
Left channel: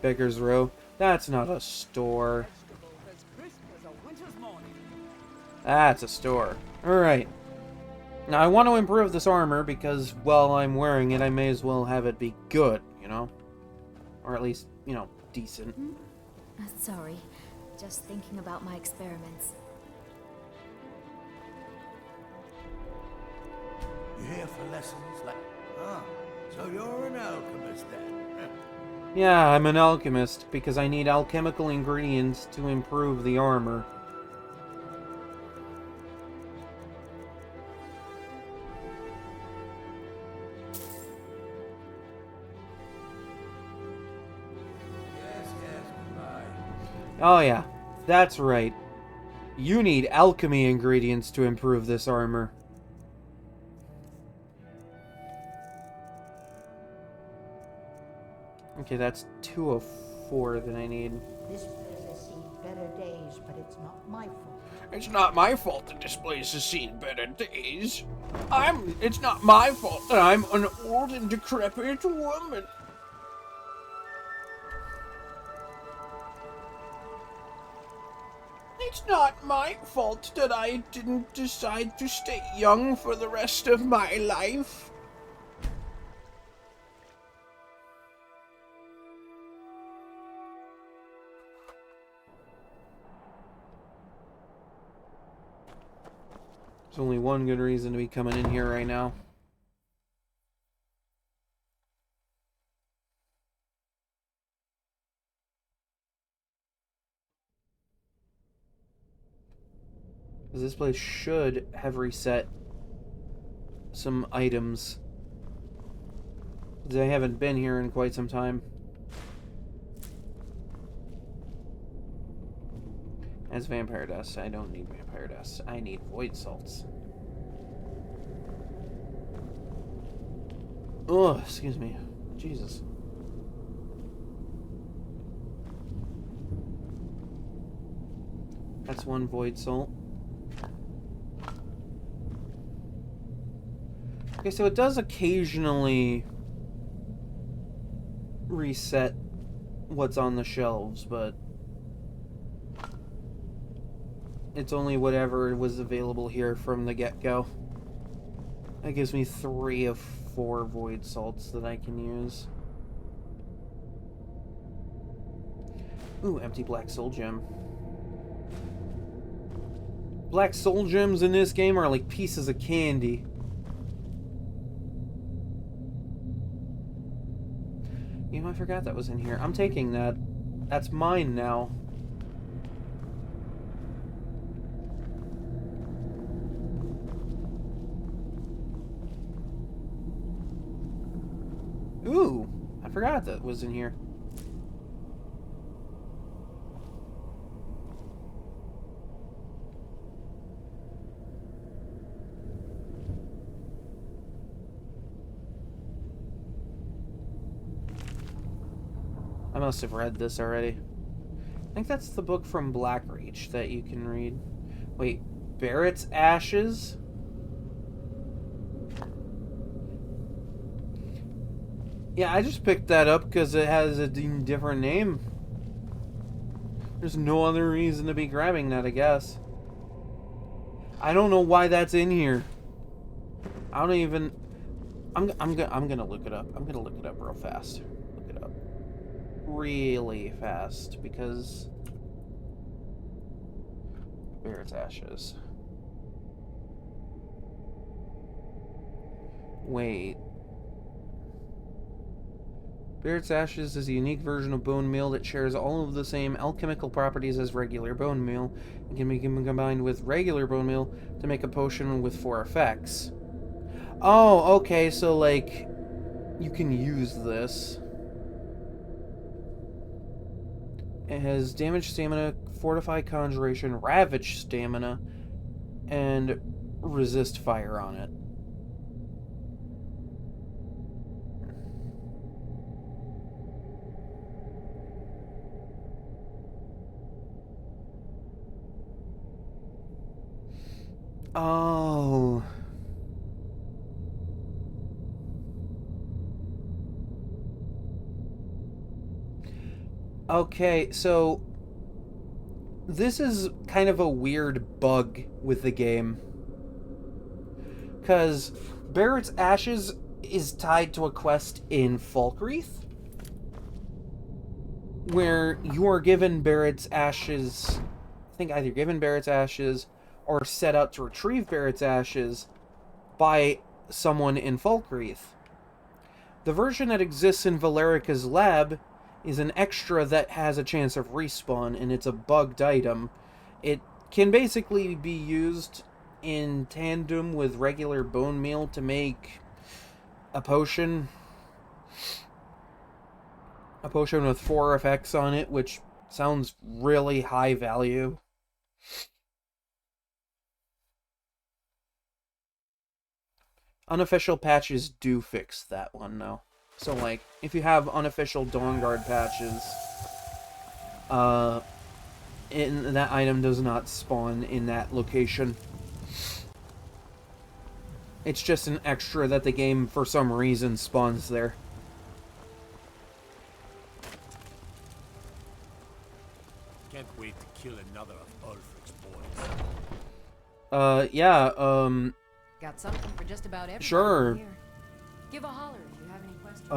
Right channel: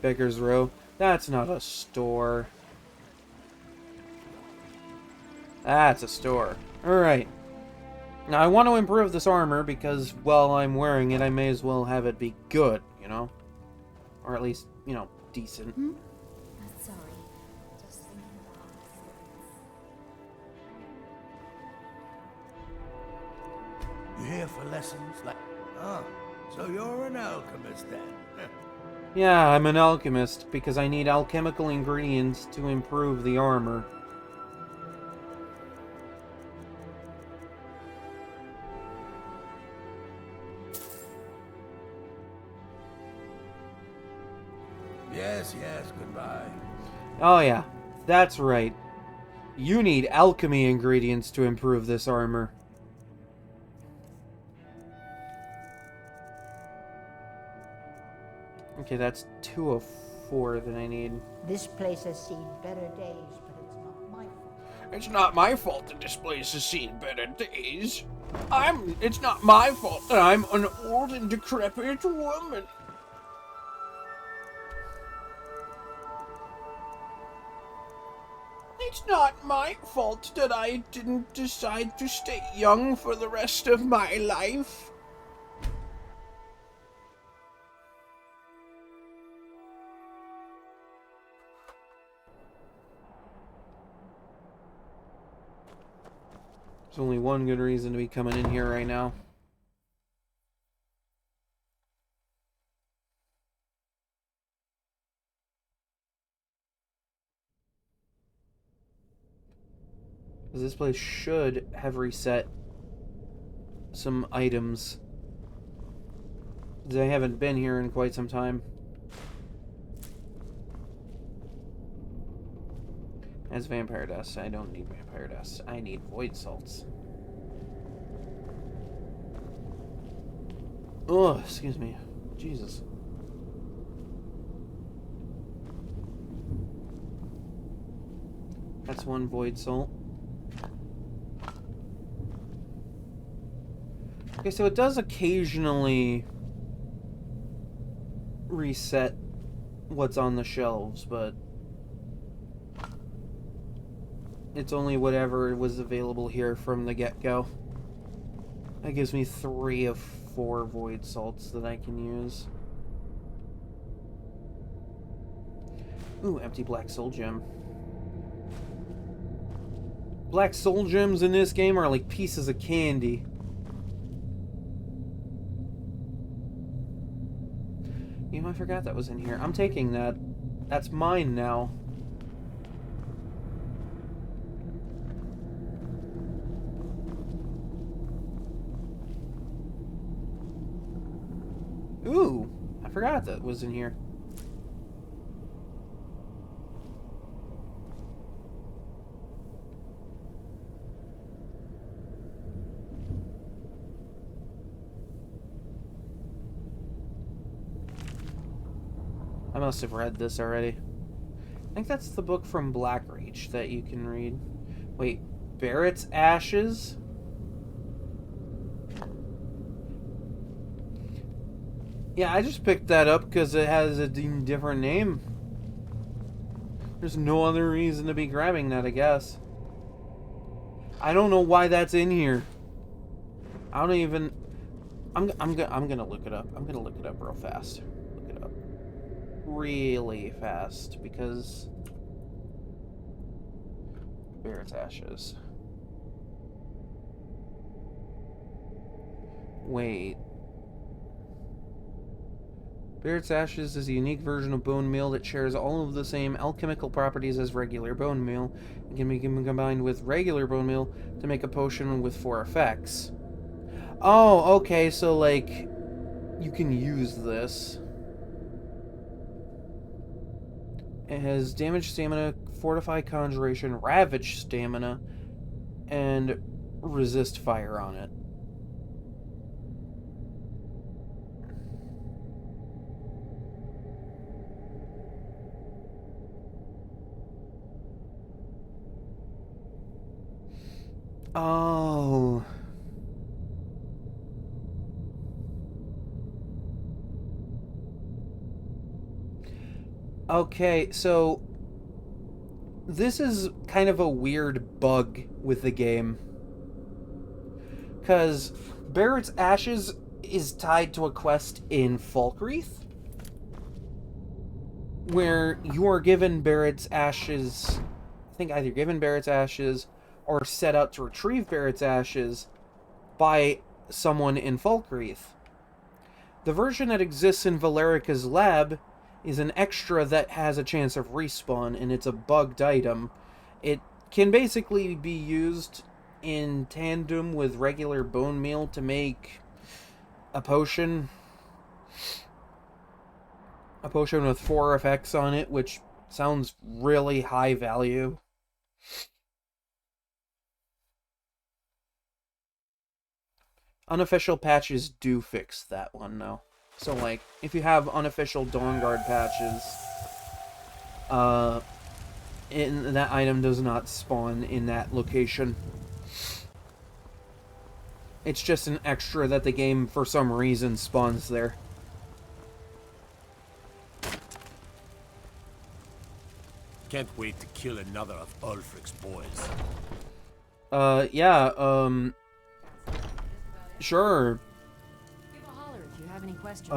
Beggar's Row. That's not a store. That's a store. Alright. Now I want to improve this armor because while I'm wearing it, I may as well have it be good, you know? Or at least, you know, decent. Sorry. Just thinking about my experiments. You here for lessons? Ah, so you're an alchemist then? Yeah, I'm an alchemist because I need alchemical ingredients to improve the armor. Yes, goodbye. Oh yeah, that's right. You need alchemy ingredients to improve this armor. Okay, that's 2 of 4 that I need. This place has seen better days, but it's not my fault. It's not my fault that this place has seen better days. It's not my fault that I'm an old and decrepit woman. It's not my fault that I didn't decide to stay young for the rest of my life. There's only one good reason to be coming in here right now. Because this place should have reset some items. Because I haven't been here in quite some time. As vampire dust. I don't need vampire dust. I need void salts. Oh, excuse me. Jesus. That's one void salt. Okay, so it does occasionally reset what's on the shelves, but it's only whatever was available here from the get-go. That gives me 3 of 4 void salts that I can use. Ooh, empty black soul gem. Black soul gems in this game are like pieces of candy. You know, I forgot that was in here. I'm taking that. That's mine now. Ooh, I forgot that was in here. I must have read this already. I think that's the book from Blackreach that you can read. Wait, Barrett's Ashes? Yeah, I just picked that up because it has a different name. There's no other reason to be grabbing that, I guess. I don't know why that's in here. I don't even... I'm gonna look it up. I'm gonna look it up real fast. Look it up really fast because Barrett's Ashes. Wait. Barrett's Ashes is a unique version of bone meal that shares all of the same alchemical properties as regular bone meal and can be combined with regular bone meal to make a potion with 4 effects. Oh, okay, so like you can use this. It has damage stamina, fortify conjuration, ravage stamina, and resist fire on it. Oh. Okay, so this is kind of a weird bug with the game. Because Barrett's Ashes is tied to a quest in Falkreath, where you are given Barrett's Ashes, I think either given Barrett's Ashes or set out to retrieve Barrett's Ashes by someone in Falkreath. The version that exists in Valerica's lab is an extra that has a chance of respawn, and it's a bugged item. It can basically be used in tandem with regular bone meal to make a potion. A potion with 4 effects on it, which sounds really high value. Unofficial patches do fix that one, though. So, like, if you have unofficial Dawnguard patches, that item does not spawn in that location. It's just an extra that the game, for some reason, spawns there. Can't wait to kill another of Ulfric's boys. Yeah, Got something for just about everyone sure. here. Give a holler if you have any questions.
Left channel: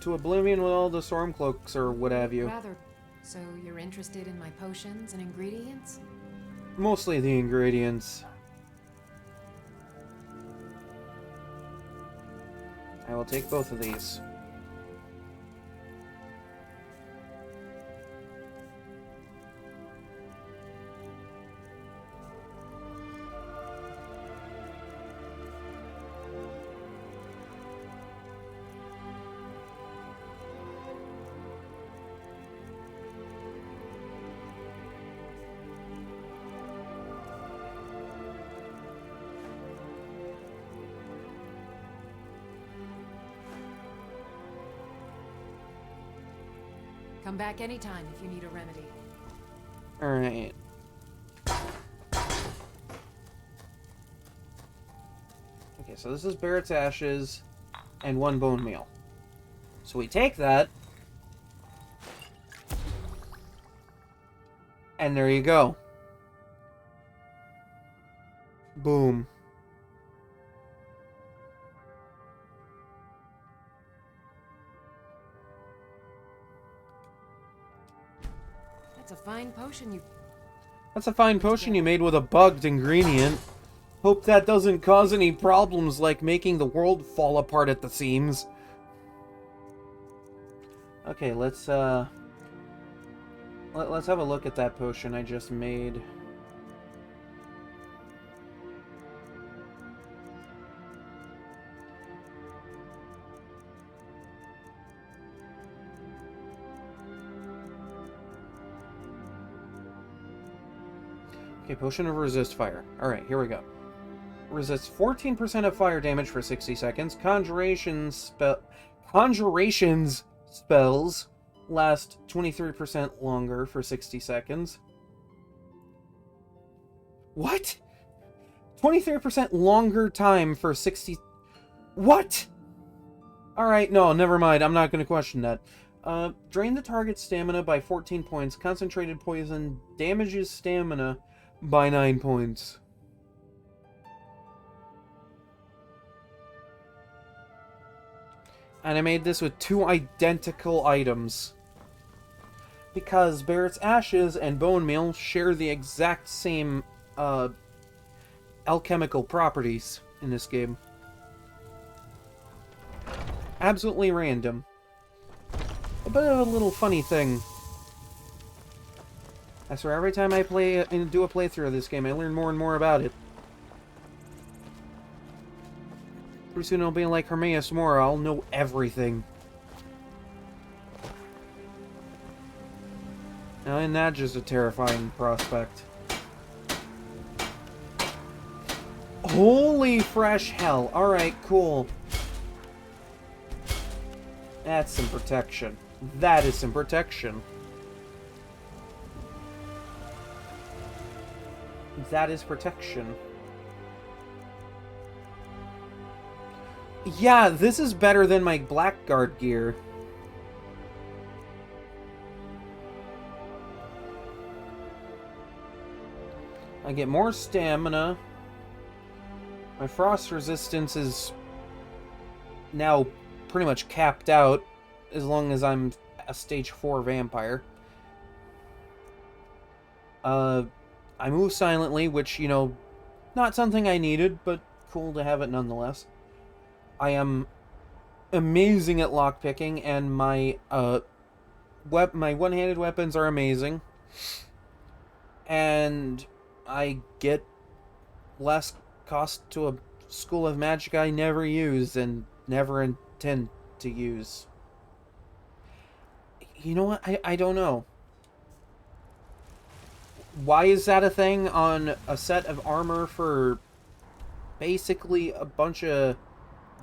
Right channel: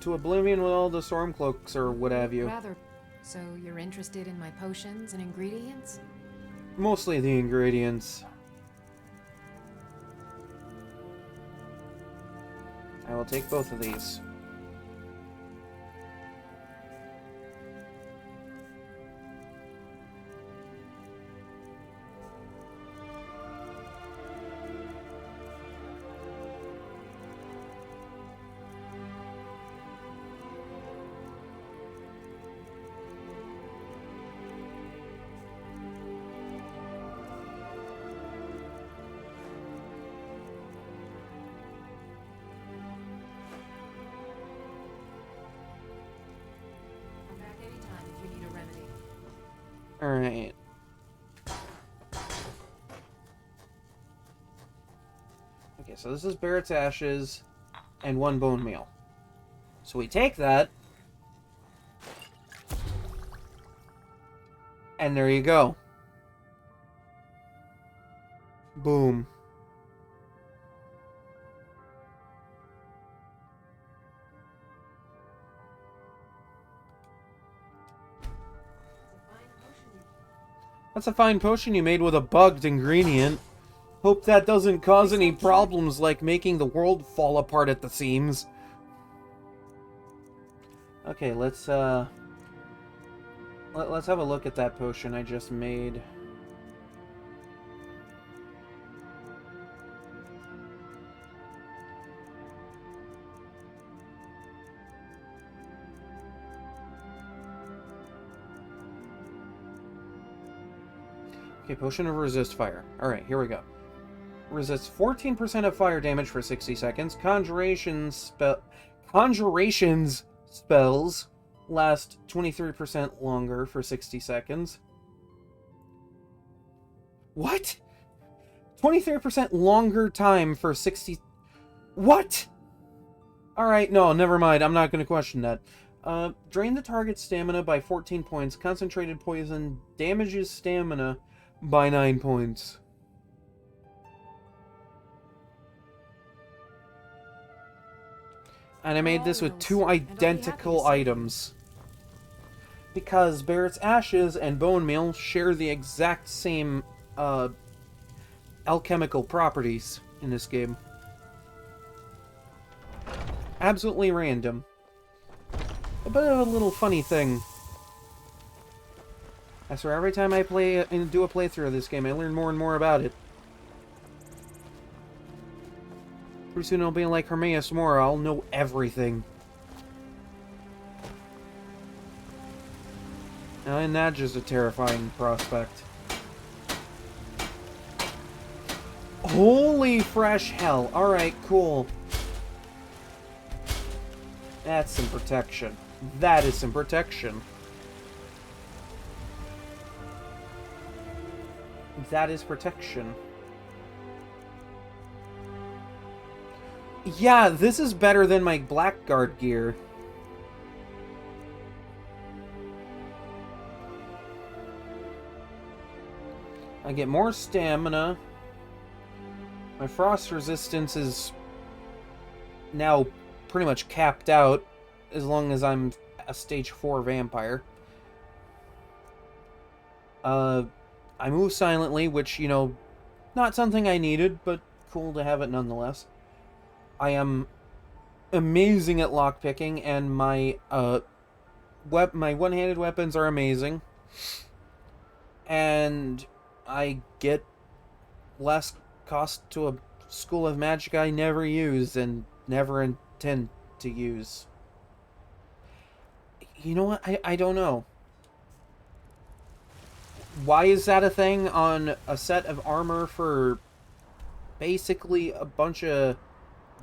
To oblivion with all the Stormcloaks or what have you. Rather. So you're interested in my potions and ingredients? Mostly the ingredients. I will take both of these. Come back anytime if you need a remedy. Alright. Okay, so this is Barrett's Ashes and 1 bone meal. So we take that. And there you go. Boom. That's a fine potion you... That's a fine potion you made with a bugged ingredient. Hope that doesn't cause any problems like making the world fall apart at the seams. Okay, let's have a look at that potion I just made. Okay, potion of resist fire. Alright, here we go. Resists 14% of fire damage for 60 seconds. Conjurations spells last 23% longer for 60 seconds. What? 23% longer time for 60... What? Alright, no, never mind. I'm not going to question that. Drain the target's stamina by 14 points. Concentrated poison damages stamina by 9 points. And I made this with 2 identical items. Because Barrett's Ashes and Bone Meal share the exact same alchemical properties in this game. Absolutely random. A bit of a little funny thing. I swear, every time I play and do a playthrough of this game, I learn more and more about it. Pretty soon I'll be like Hermaeus Mora, I'll know everything. Now, and that's just a terrifying prospect. Holy fresh hell. Alright, cool. That's some protection. That is some protection. That is protection. Yeah, this is better than my Blackguard gear. I get more stamina. My frost resistance is now pretty much capped out as long as I'm a stage 4 vampire. I move silently, which, you know, not something I needed, but cool to have it nonetheless. I am amazing at lockpicking, and my my one-handed weapons are amazing. And I get less cost to a school of magic I never use and never intend to use. You know what? I don't know. Why is that a thing on a set of armor for basically a bunch of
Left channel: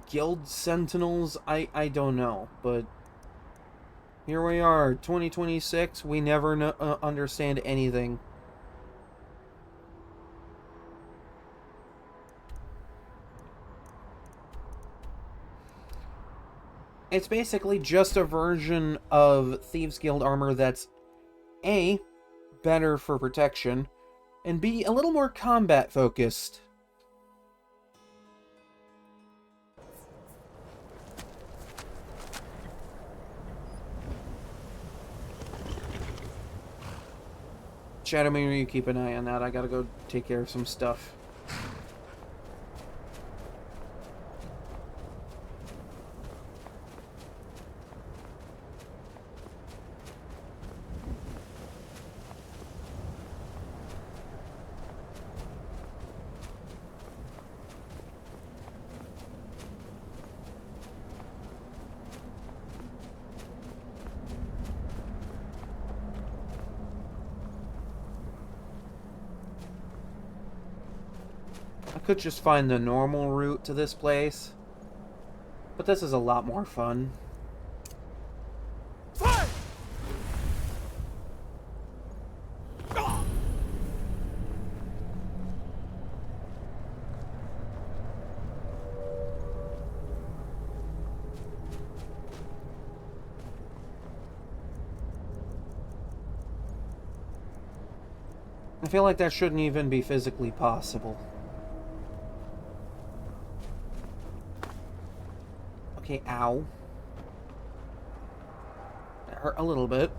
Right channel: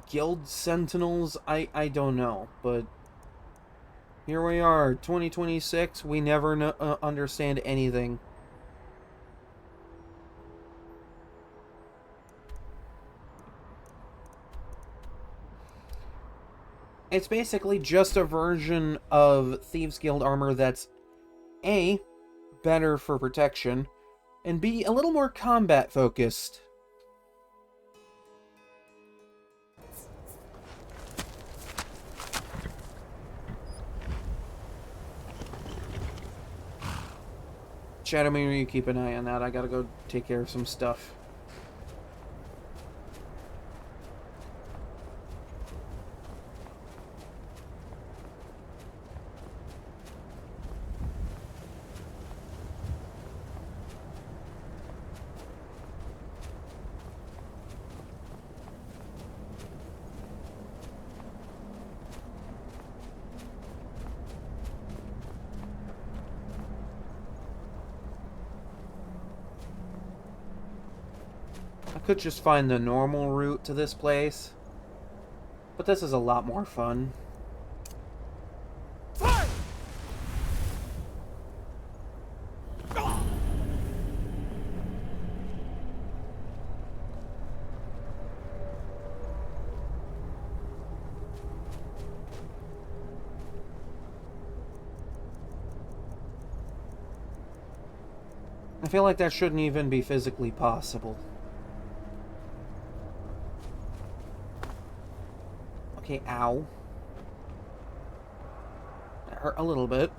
guild sentinels? I don't know, but here we are, 2026. We never understand anything. It's basically just a version of Thieves Guild armor that's A, better for protection, and be a little more combat focused. Shadowmere, you keep an eye on that. I gotta go take care of some stuff. I could just find the normal route to this place, but this is a lot more fun. I feel like that shouldn't even be physically possible. Okay, ow. That hurt a little bit.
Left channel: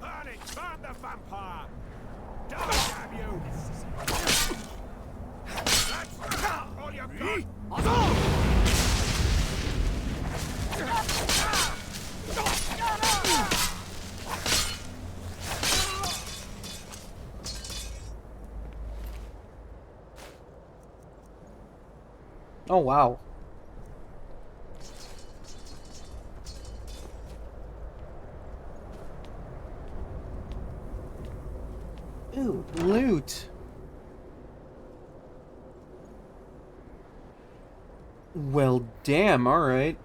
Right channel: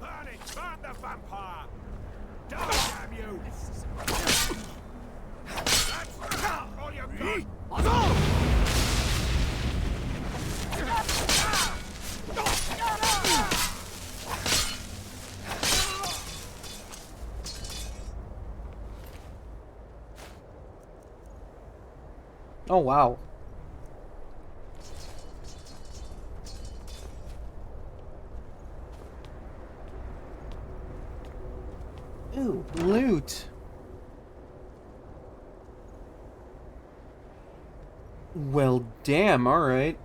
Burn it! Burn the vampire! Damn you! That's all you've got! Oh, wow. Ooh, loot. Well, damn, alright.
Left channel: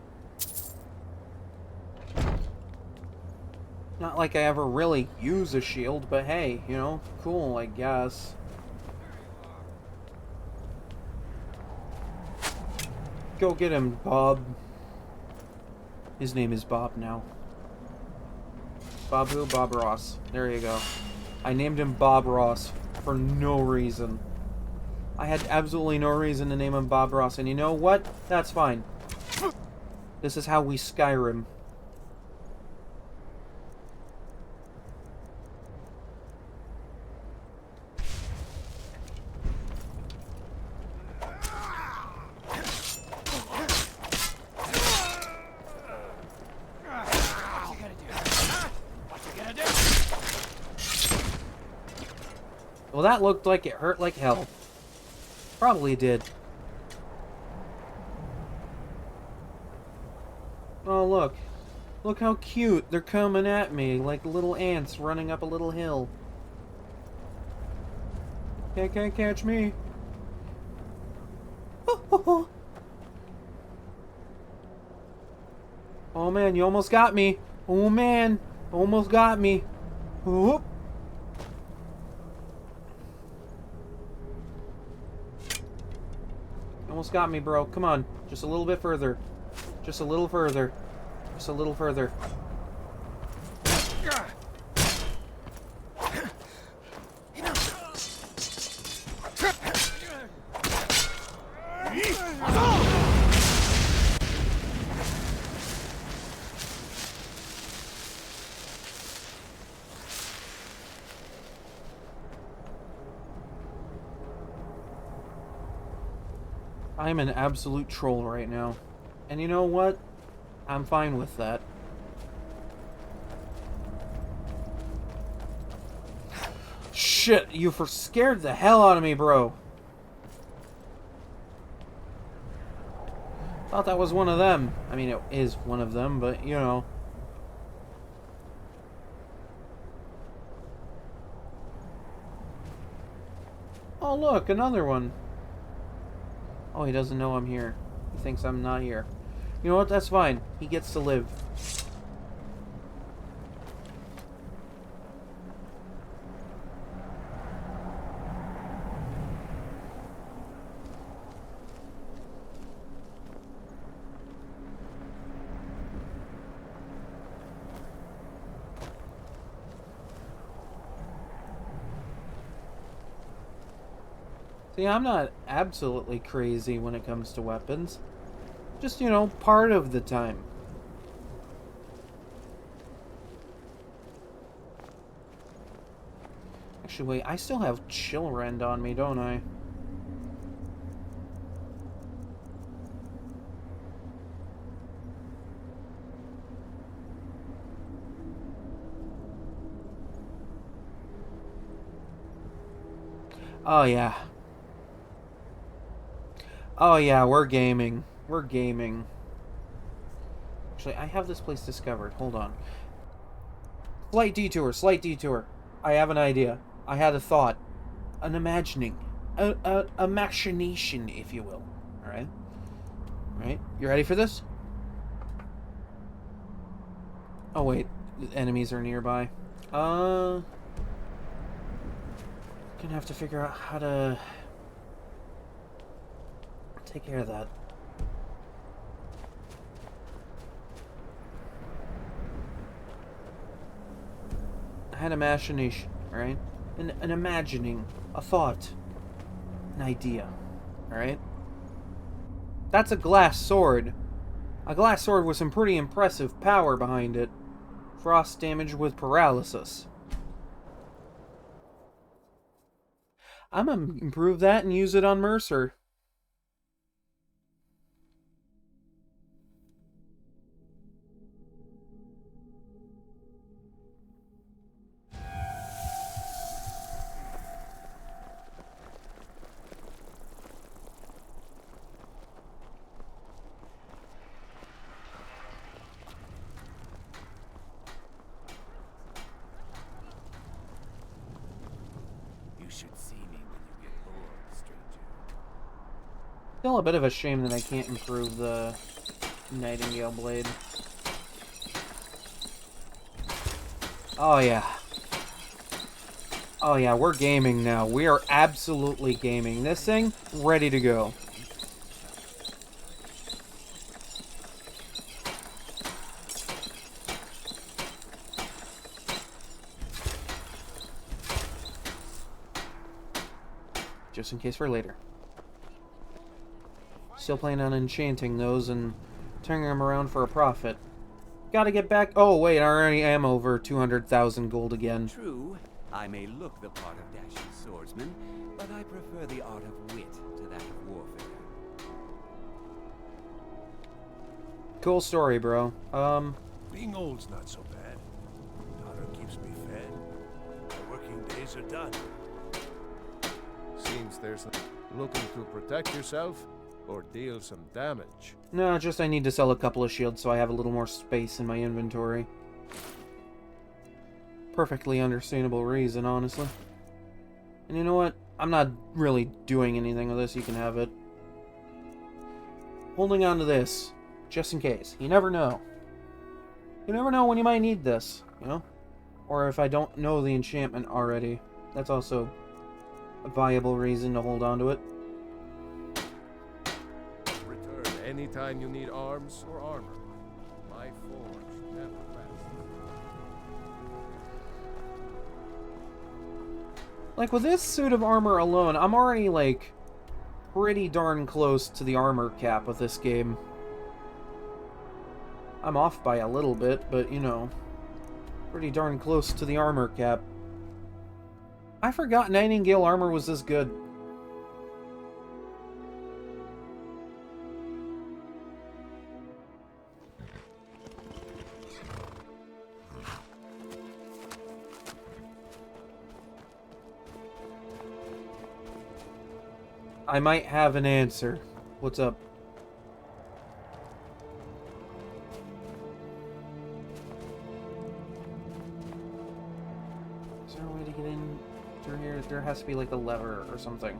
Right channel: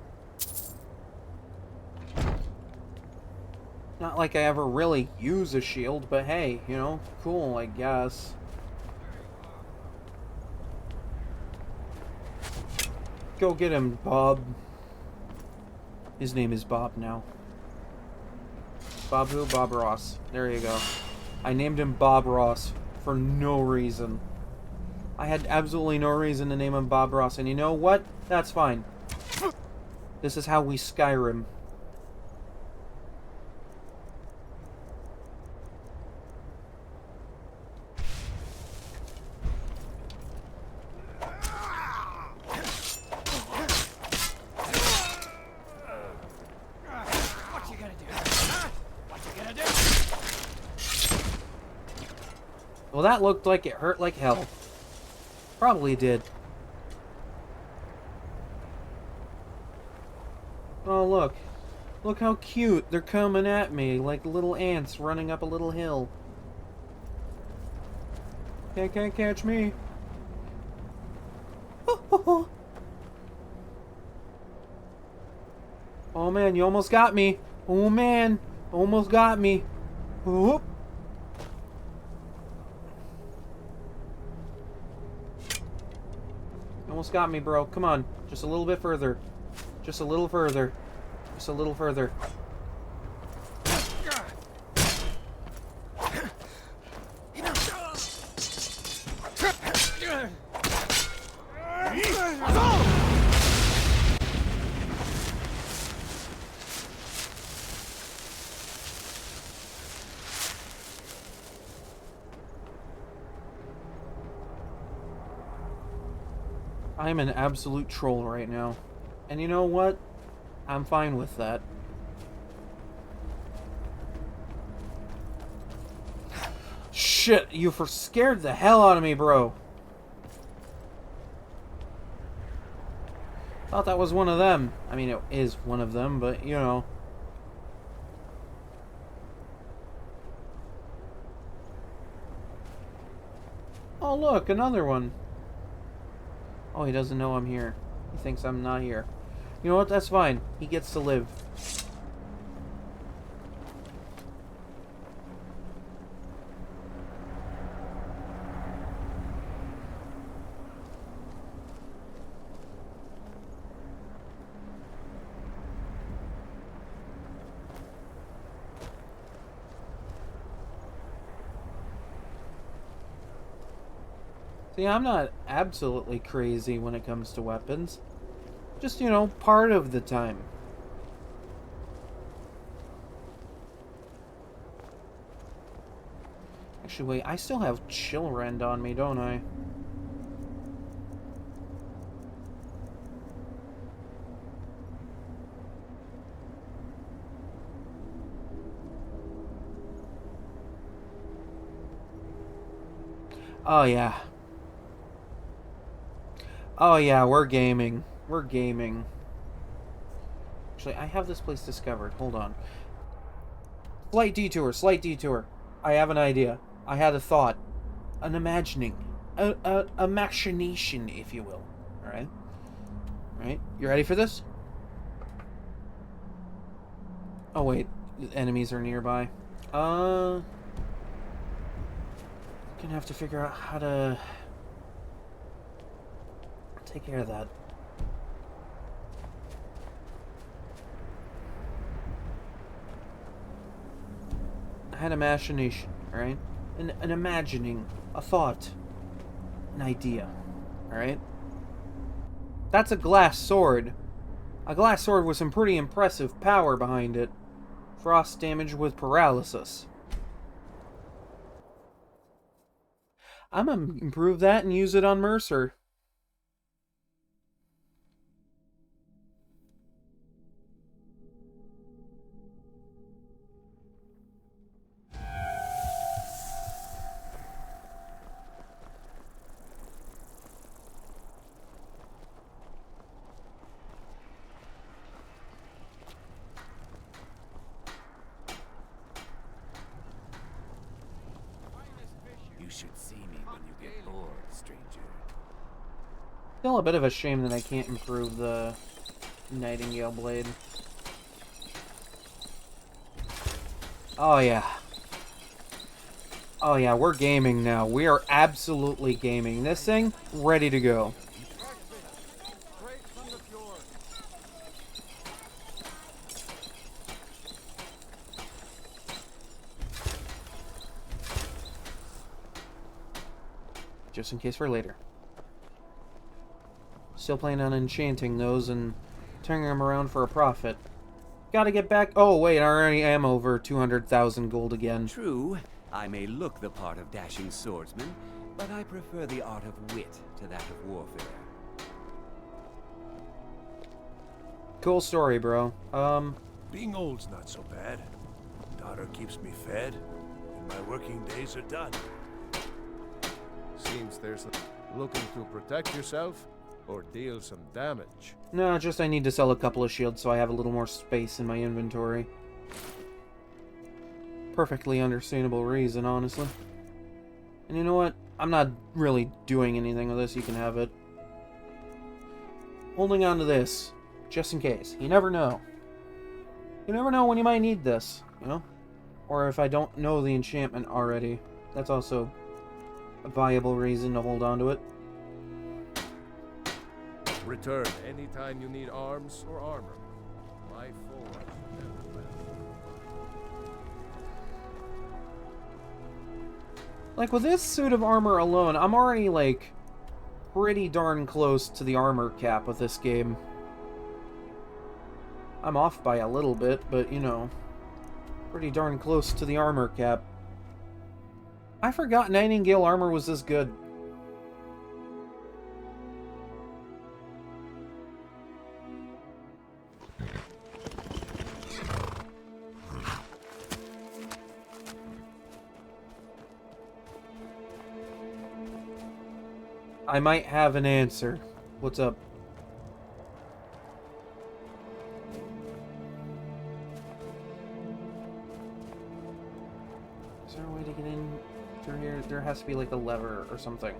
Not like I ever really use a shield, but hey, you know, cool, I guess. Go get him, Bob. His name is Bob now. Bob who? Bob Ross. There you go. I named him Bob Ross for no reason. I had absolutely no reason to name him Bob Ross, and you know what? That's fine. This is how we Skyrim. Well, that looked like it hurt like hell. Probably did. Oh, look. Look how cute. They're coming at me like little ants running up a little hill. Can't catch me. Oh man, you almost got me. Oh man, almost got me. Whoop. Almost got me, bro. Come on. Just a little bit further. Just a little further. Just a little further. I'm an absolute troll right now. And you know what? I'm fine with that. Shit, you scared the hell out of me, bro. Thought that was one of them. I mean, it is one of them, but you know. Oh, look, another one. Oh, he doesn't know I'm here. He thinks I'm not here. You know what? That's fine. He gets to live. See, I'm not absolutely crazy when it comes to weapons. Just, you know, part of the time. Actually, wait, I still have chill rend on me, don't I? Oh, yeah. Oh, yeah, we're gaming. We're gaming. Actually, I have this place discovered. Hold on. Slight detour, slight detour. I have an idea. I had a thought. An imagining. A machination, if you will. Alright? Alright? You ready for this? Oh, wait. The enemies are nearby. Gonna have to figure out how to take care of that. I had a machination, alright? An imagining, a thought, an idea, alright? That's a glass sword. A glass sword with some pretty impressive power behind it. Frost damage with paralysis. I'm gonna improve that and use it on Mercer. You should see me when you get bored, stranger. Still a bit of a shame that I can't improve the Nightingale blade. Oh yeah. Oh yeah, we're gaming now. We are absolutely gaming. This thing, ready to go. Just in case for later. Still planning on enchanting those and turning them around for a profit. Gotta get back. Oh, wait, I already am over 200,000 gold again. True, I may look the part of dashing swordsman, but I prefer the art of wit to that of warfare. Cool story, bro. Being old's not so bad. Daughter keeps me fed. My working days are done. Seems there's looking to protect yourself or deal some damage. No, just I need to sell a couple of shields so I have a little more space in my inventory. Perfectly understandable reason, honestly. And you know what? I'm not really doing anything with this. You can have it. Holding on to this, just in case. You never know. You never know when you might need this, you know? Or if I don't know the enchantment already. That's also a viable reason to hold on to it. Return anytime you need arms or armor. My forge never fails. Like, with this suit of armor alone, I'm already, like, pretty darn close to the armor cap with this game. I'm off by a little bit, but, you know, pretty darn close to the armor cap. I forgot Nightingale armor was this good. I might have an answer. What's up? Is there a way to get in through here? There has to be like a lever or something.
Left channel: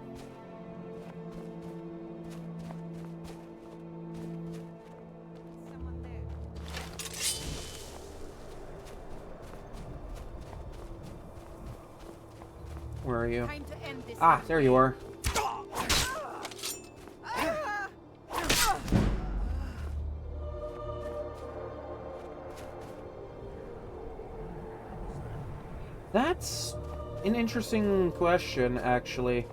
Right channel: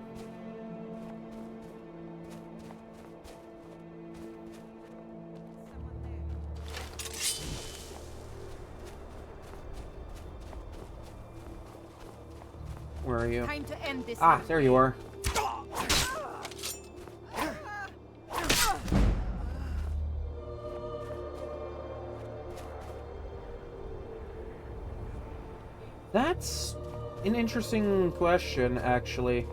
Where are you? Time to end this. Ah, there you are. That's an interesting question, actually.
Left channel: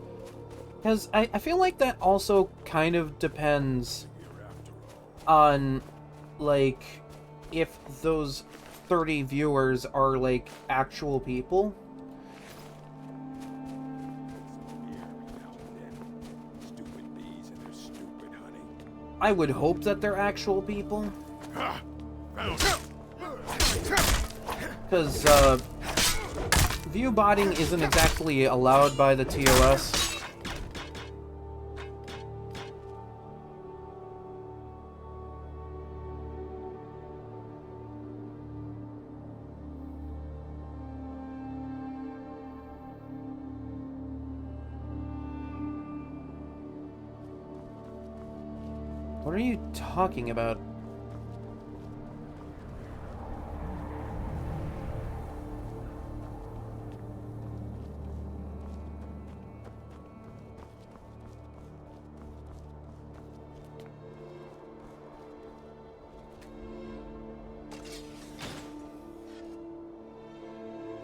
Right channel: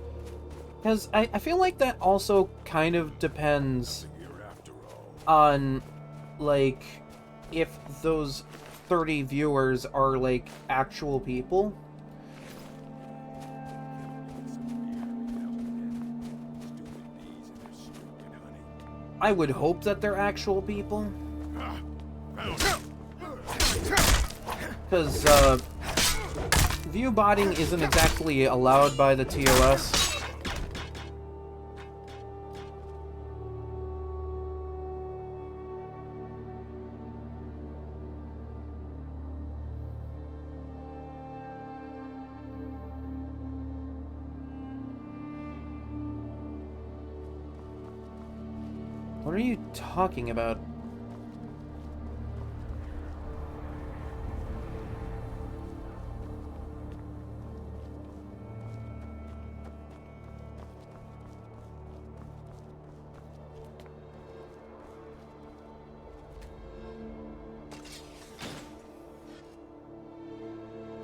Because I feel like that also kind of depends on, like, if those 30 viewers are, like, actual people. I would hope that they're actual people. Because, view botting isn't exactly allowed by the TOS. What are you talking about?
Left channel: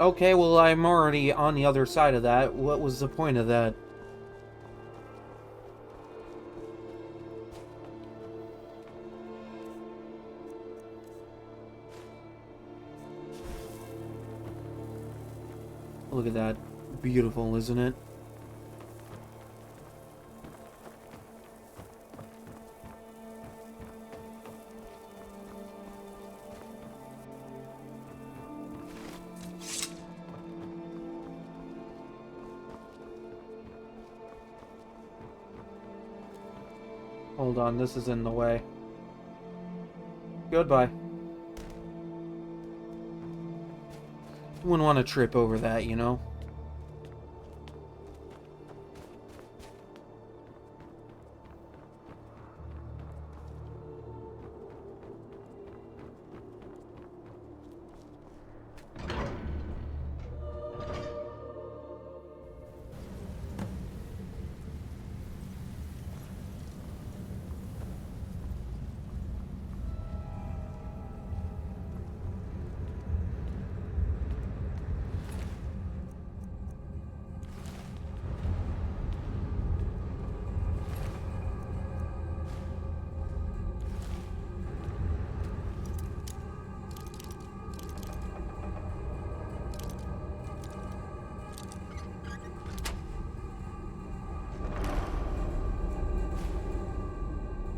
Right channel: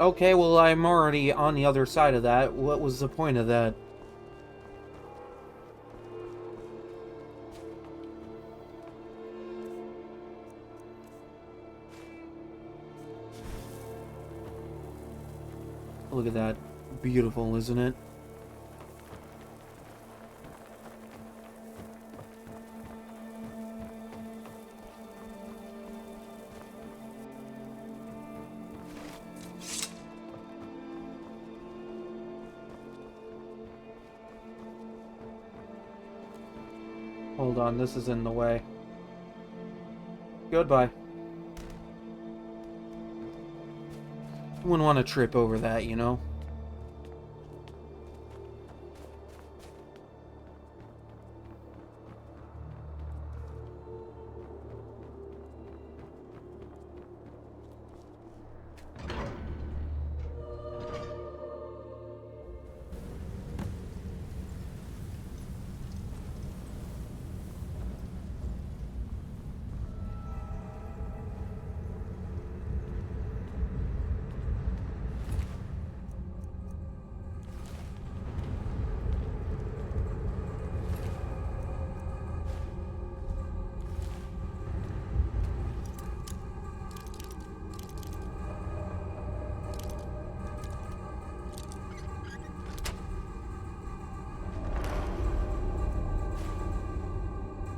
Okay, well, I'm already on the other side of that. What was the point of that? Look at that. Beautiful, isn't it? Hold on, this is in the way. Goodbye. Wouldn't want to trip over that, you know?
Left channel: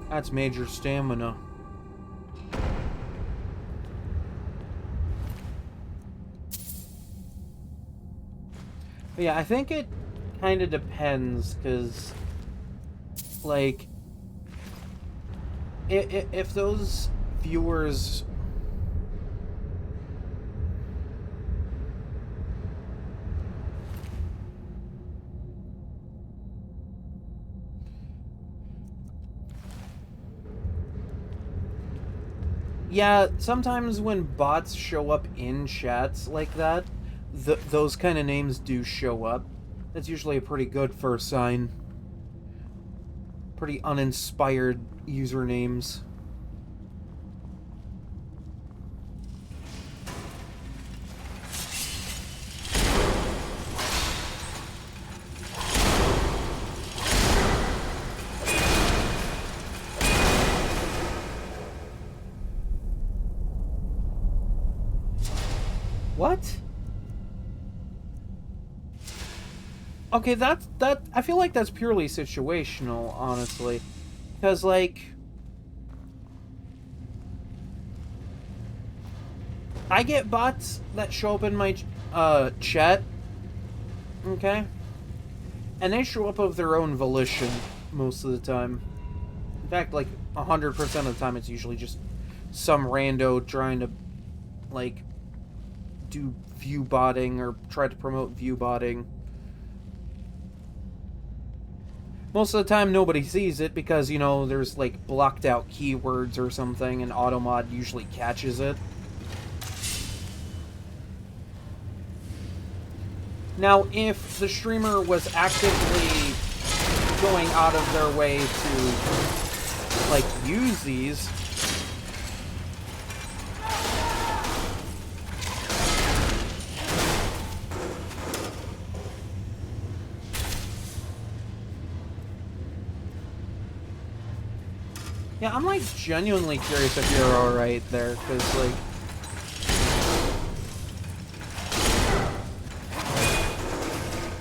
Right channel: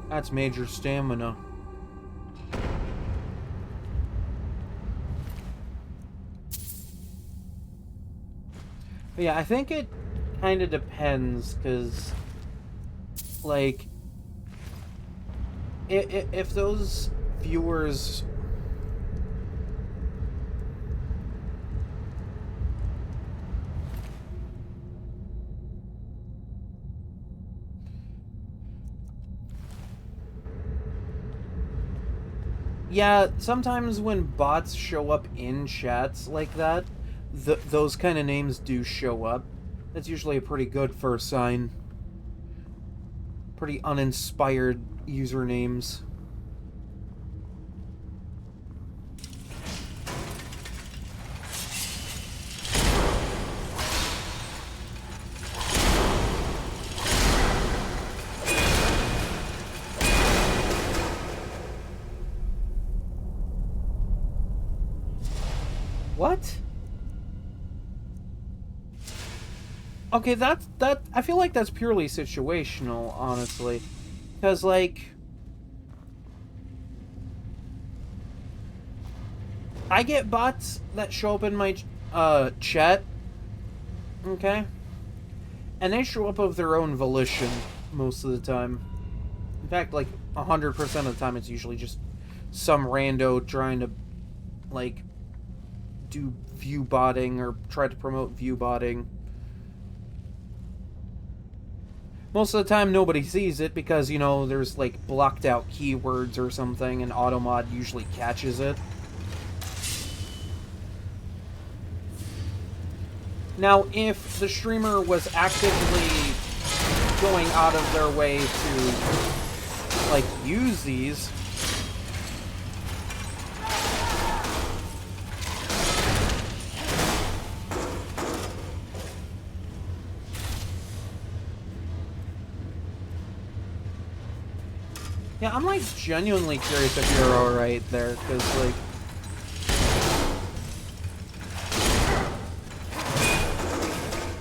That's major stamina. But yeah, I think it kind of depends, because, like, if those viewers... Yeah, sometimes when bots show up in chats like that, those kind of names do show up. That's usually a pretty good first sign. Pretty uninspired usernames. What? Okay, that I feel like that's purely situational, honestly. Because, like, I get bots that show up in my chat, okay? And they show up of their own volition most of the time. In fact, like, 100% of the time it's usually just some rando trying to, like, do view botting or try to promote view botting. Most of the time nobody sees it because, you know, there's like blocked out keywords or something and Automod usually catches it. Now, if the streamer was actively going out of their way to, like, use these, Yeah, I'm like genuinely curious if you're alright there, because like...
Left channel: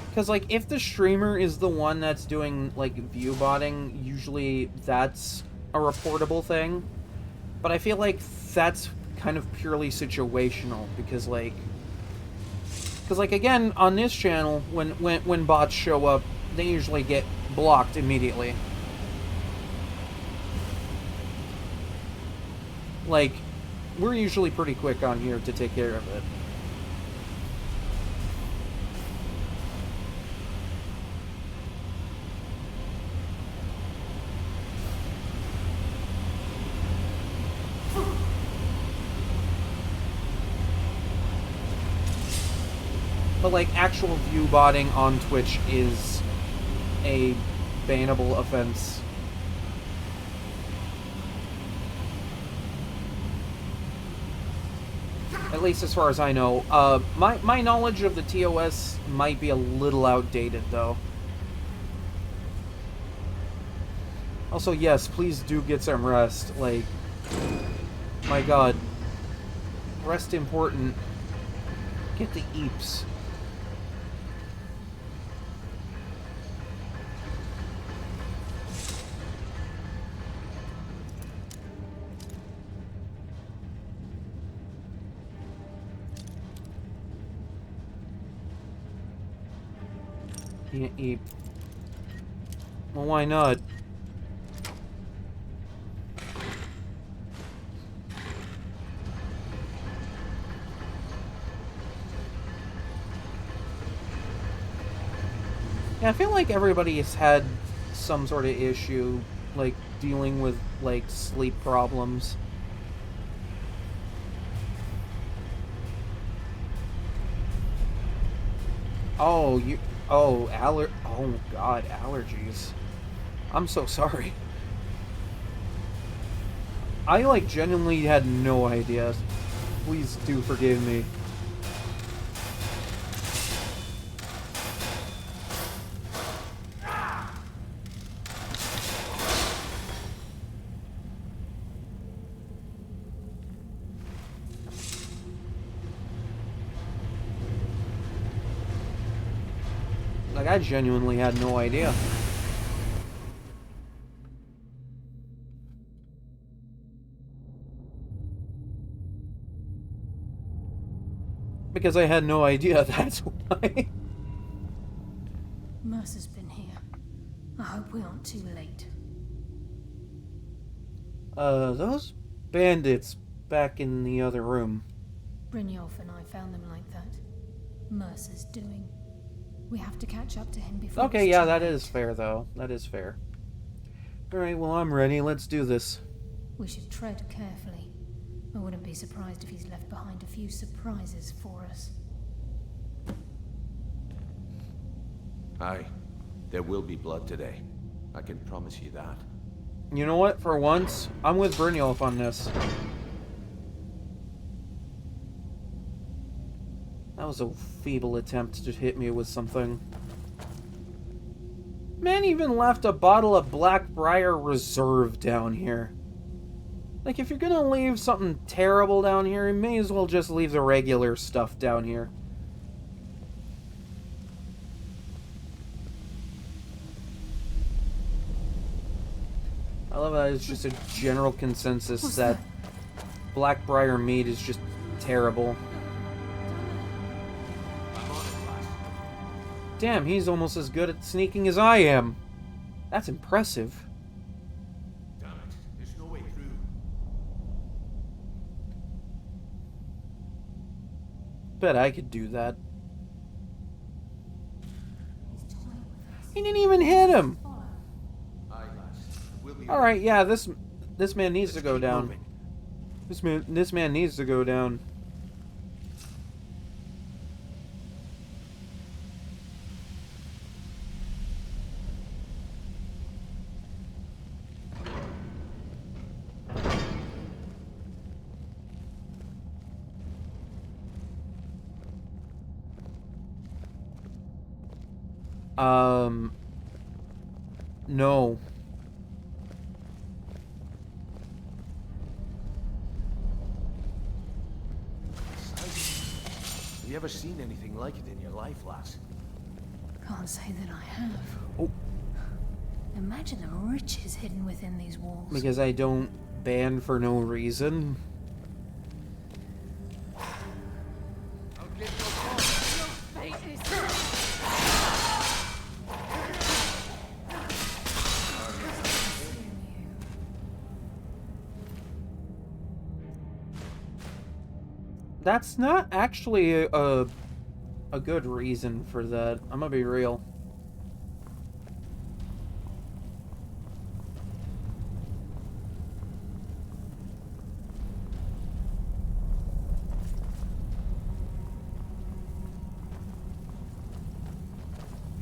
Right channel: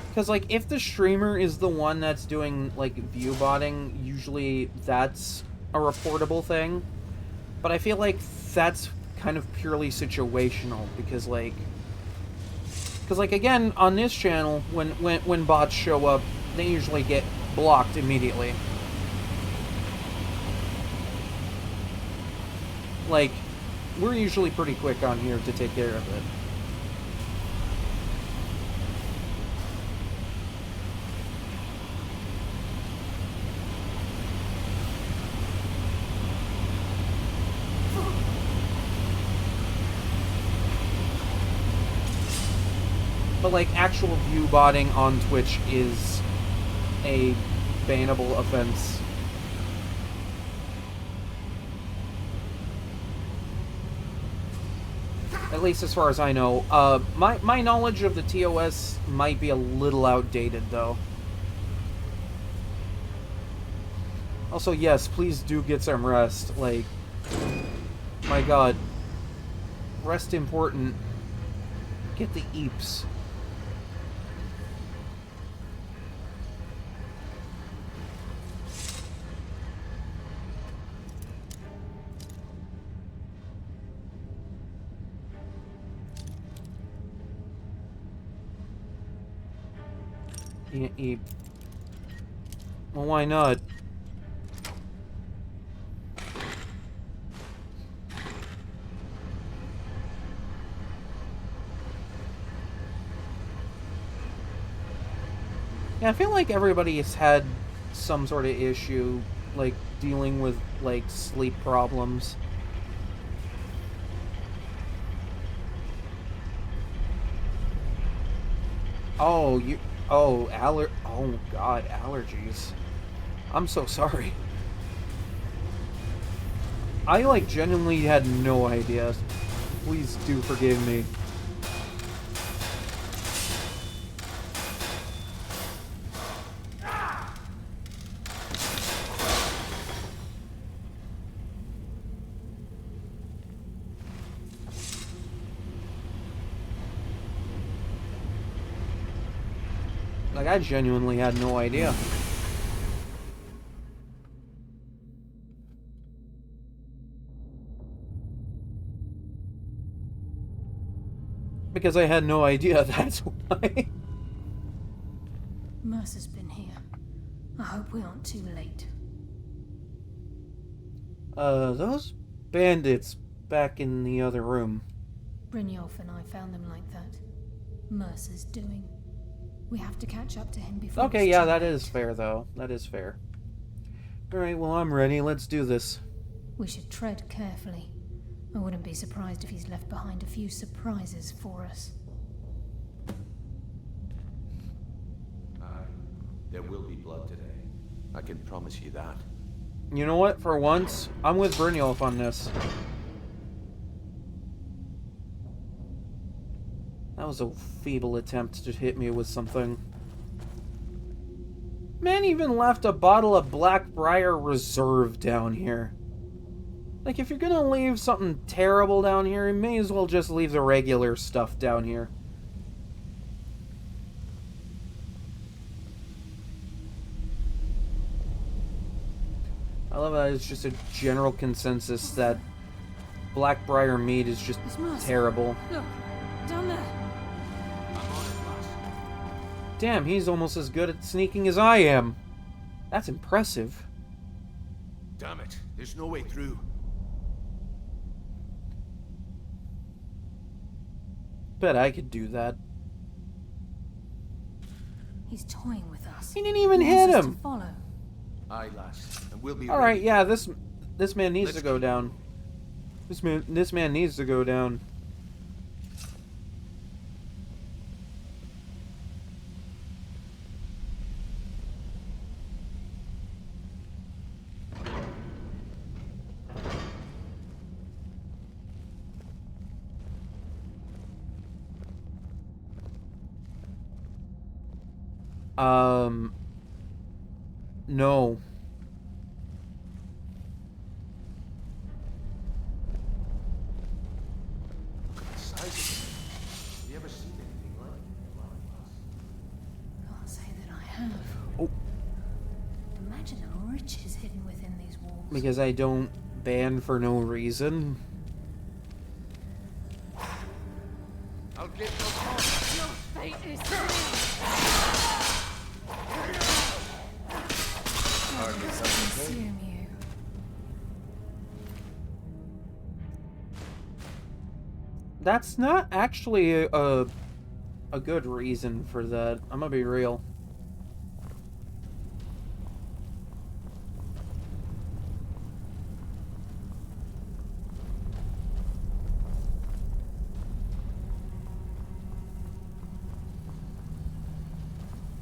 Because like, if the streamer is the one that's doing like view botting, usually that's a reportable thing. But I feel like that's kind of purely situational, because like... Because like, again, on this channel, when bots show up, they usually get blocked immediately. Like, we're usually pretty quick on here to take care of it. But like, actual view botting on Twitch is a bannable offense. At least as far as I know. My knowledge of the TOS might be a little outdated, though. Also, yes, please do get some rest. Like, my god. Rest important. Get the eeps. Can't eat. Well, why not? Yeah, I feel like everybody has had some sort of issue, like, dealing with, like, sleep problems. Oh, you... Oh, oh, God, allergies. I'm so sorry. I, like, genuinely had no idea. Please do forgive me. Like, I genuinely had no idea. Because I had no idea, that's why. Mercer's been here. I hope we aren't too late. Those bandits back in the other room. Brynjolf and I found them like that. Mercer's doing. We have to catch up to him before. Okay, yeah, that is fair, though. That is fair. Alright, well, I'm ready. Let's do this. We should tread carefully. I wouldn't be surprised if he's left behind a few surprises for us. Aye. There will be blood today. I can promise you that. You know what? For once, I'm with Brynjolf on this. That was a feeble attempt to hit me with something. Man even left a bottle of Blackbriar Reserve down here. Like, if you're gonna leave something terrible down here, you may as well just leave the regular stuff down here. I love that it's just a general consensus that Blackbriar mead is just terrible. Look, down there. I'm on it, lass. Damn, he's almost as good at sneaking as I am. That's impressive. Damn it, there's no way through. Bet I could do that. He's toying with us. He didn't even hit him. Aye, lass. And we'll be All right, ready. yeah, this man needs to go down. This man needs to go down. No. you ever seen anything like it in your life, lass? Can't say that I have. Oh. Imagine the riches hidden within these walls. Because I don't ban for no reason. I'll get no call. Your fate is sealed. Consume you. That's not actually a good reason for that. I'm gonna be real.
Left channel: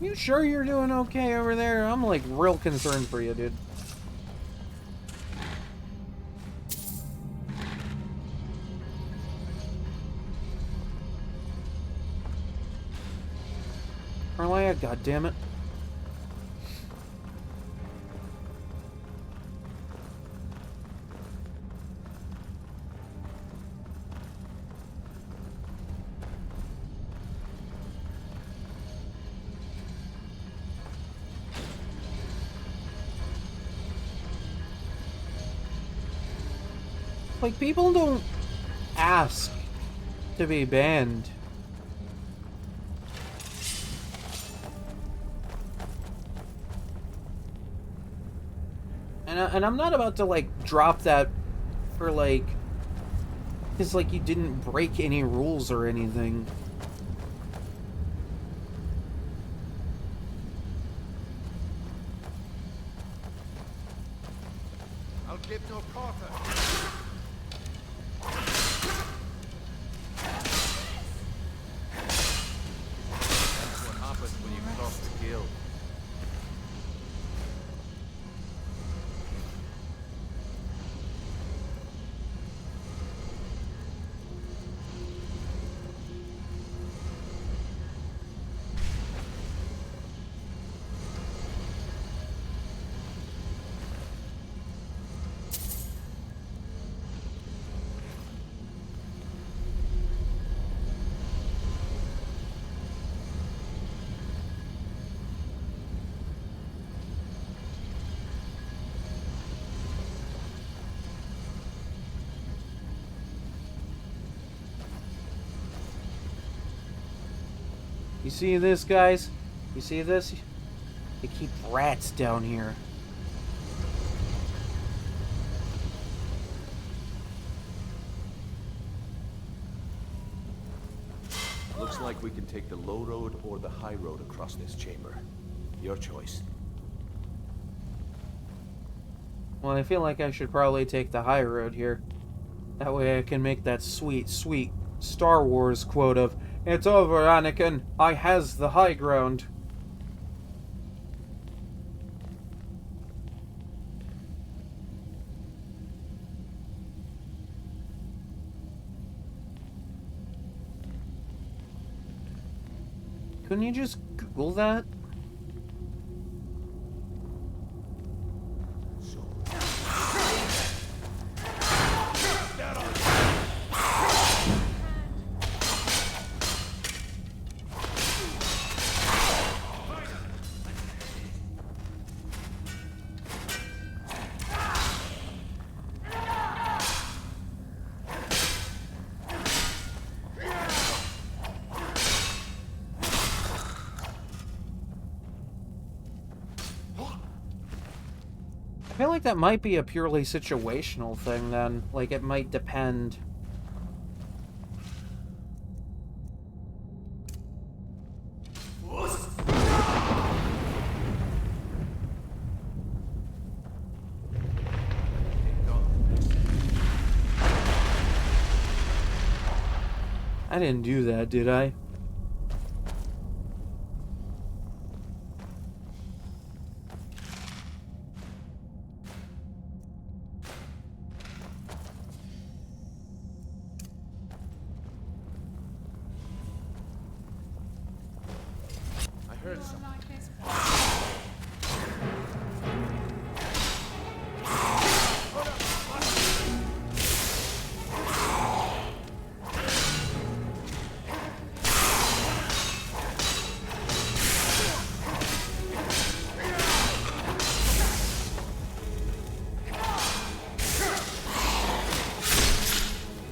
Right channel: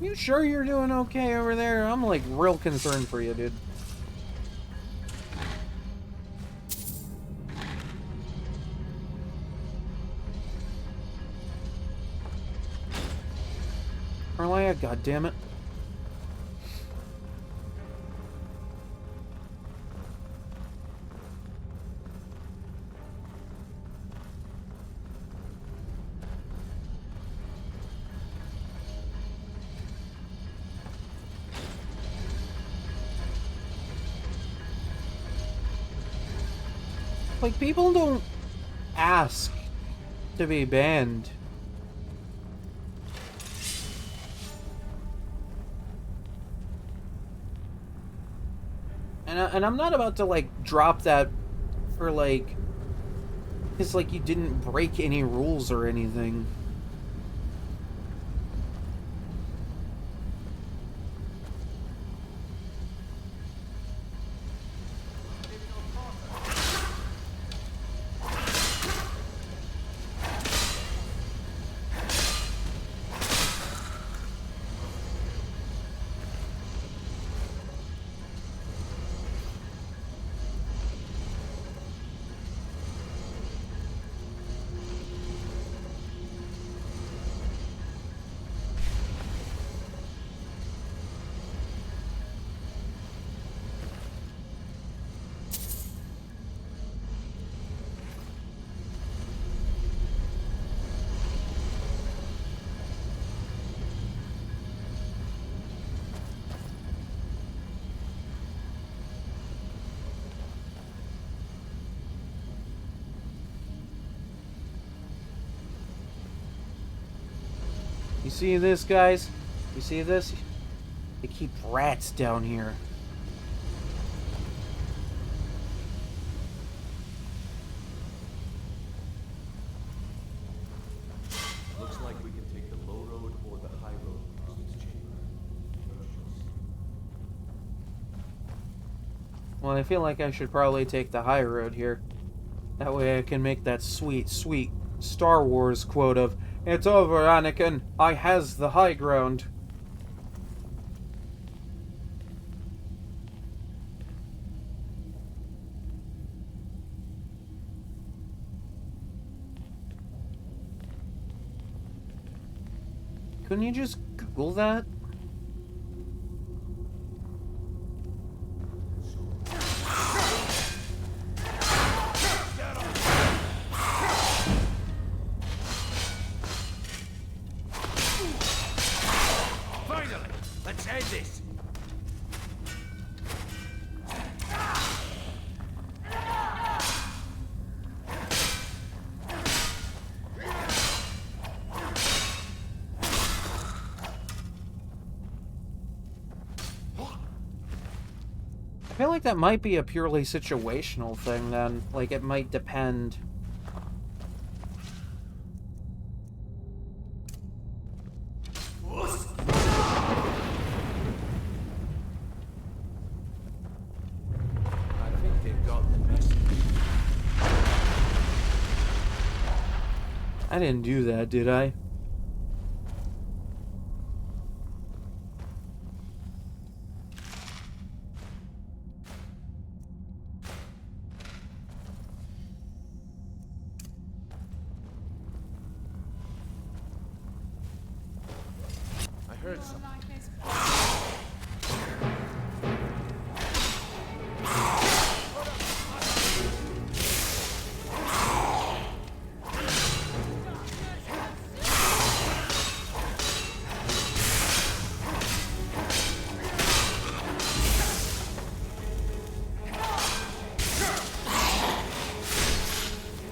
You sure you're doing okay over there? I'm like real concerned for you, dude. Carlia, goddammit. Like, people don't ask to be banned. And I'm not about to, like, drop that for, like... Because, like, you didn't break any rules or anything. I'll give no quarter. What happens when you cross the guild? You see this, guys? You see this? They keep rats down here. Looks like we can take the low road or the high road across this chamber. Your choice. Well, I feel like I should probably take the high road here. That way I can make that sweet, sweet Star Wars quote of, "It's over, Anakin. I has the high ground." Couldn't you just Google that? I feel like that might be a purely situational thing then. Like, it might depend. I think they've got the message. I didn't do that, did I? I heard something.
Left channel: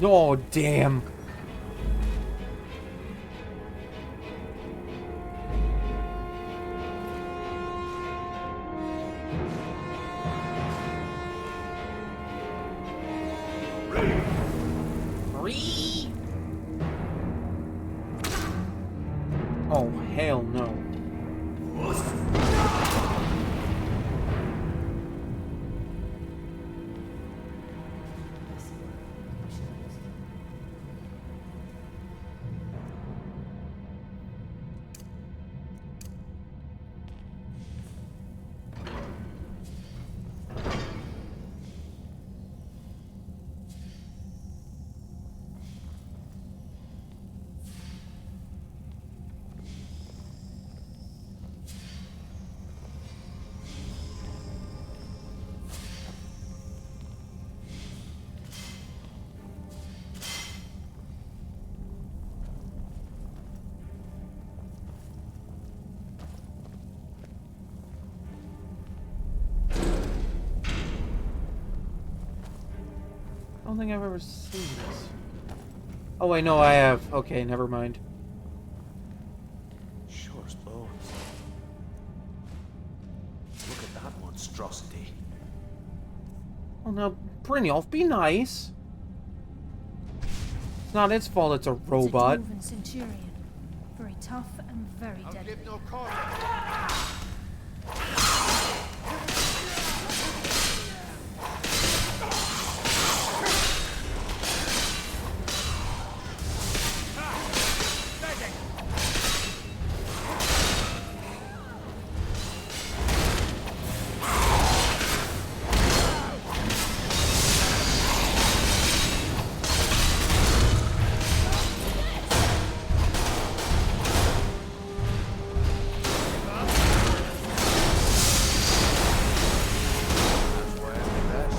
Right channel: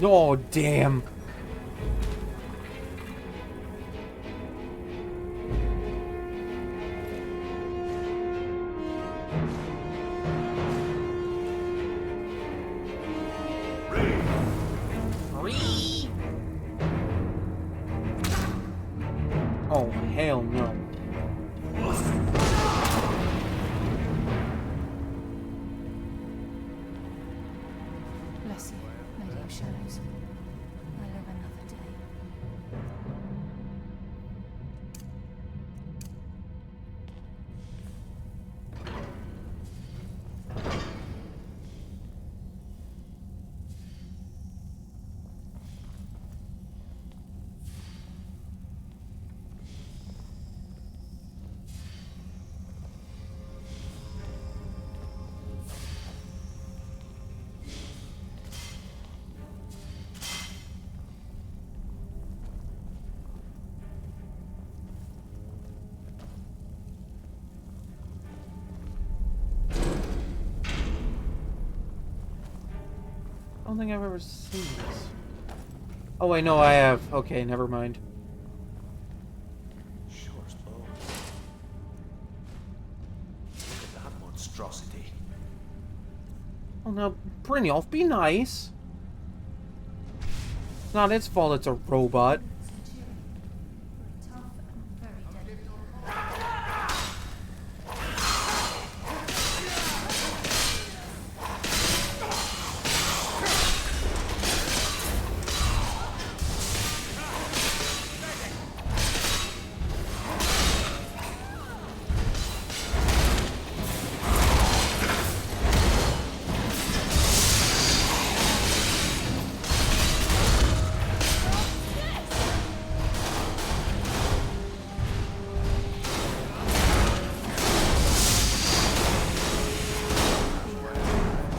Oh, damn. Oh, hell no. Bless you, Lady of Shadows. I live another day. I don't think I've ever seen this. Oh, wait, no, I have. Okay, never mind. Sure as bones. Look at that monstrosity. Oh, now, Brynjolf, be nice. It's not its fault it's a robot. It's a dwarven centurion. Very tough and very deadly.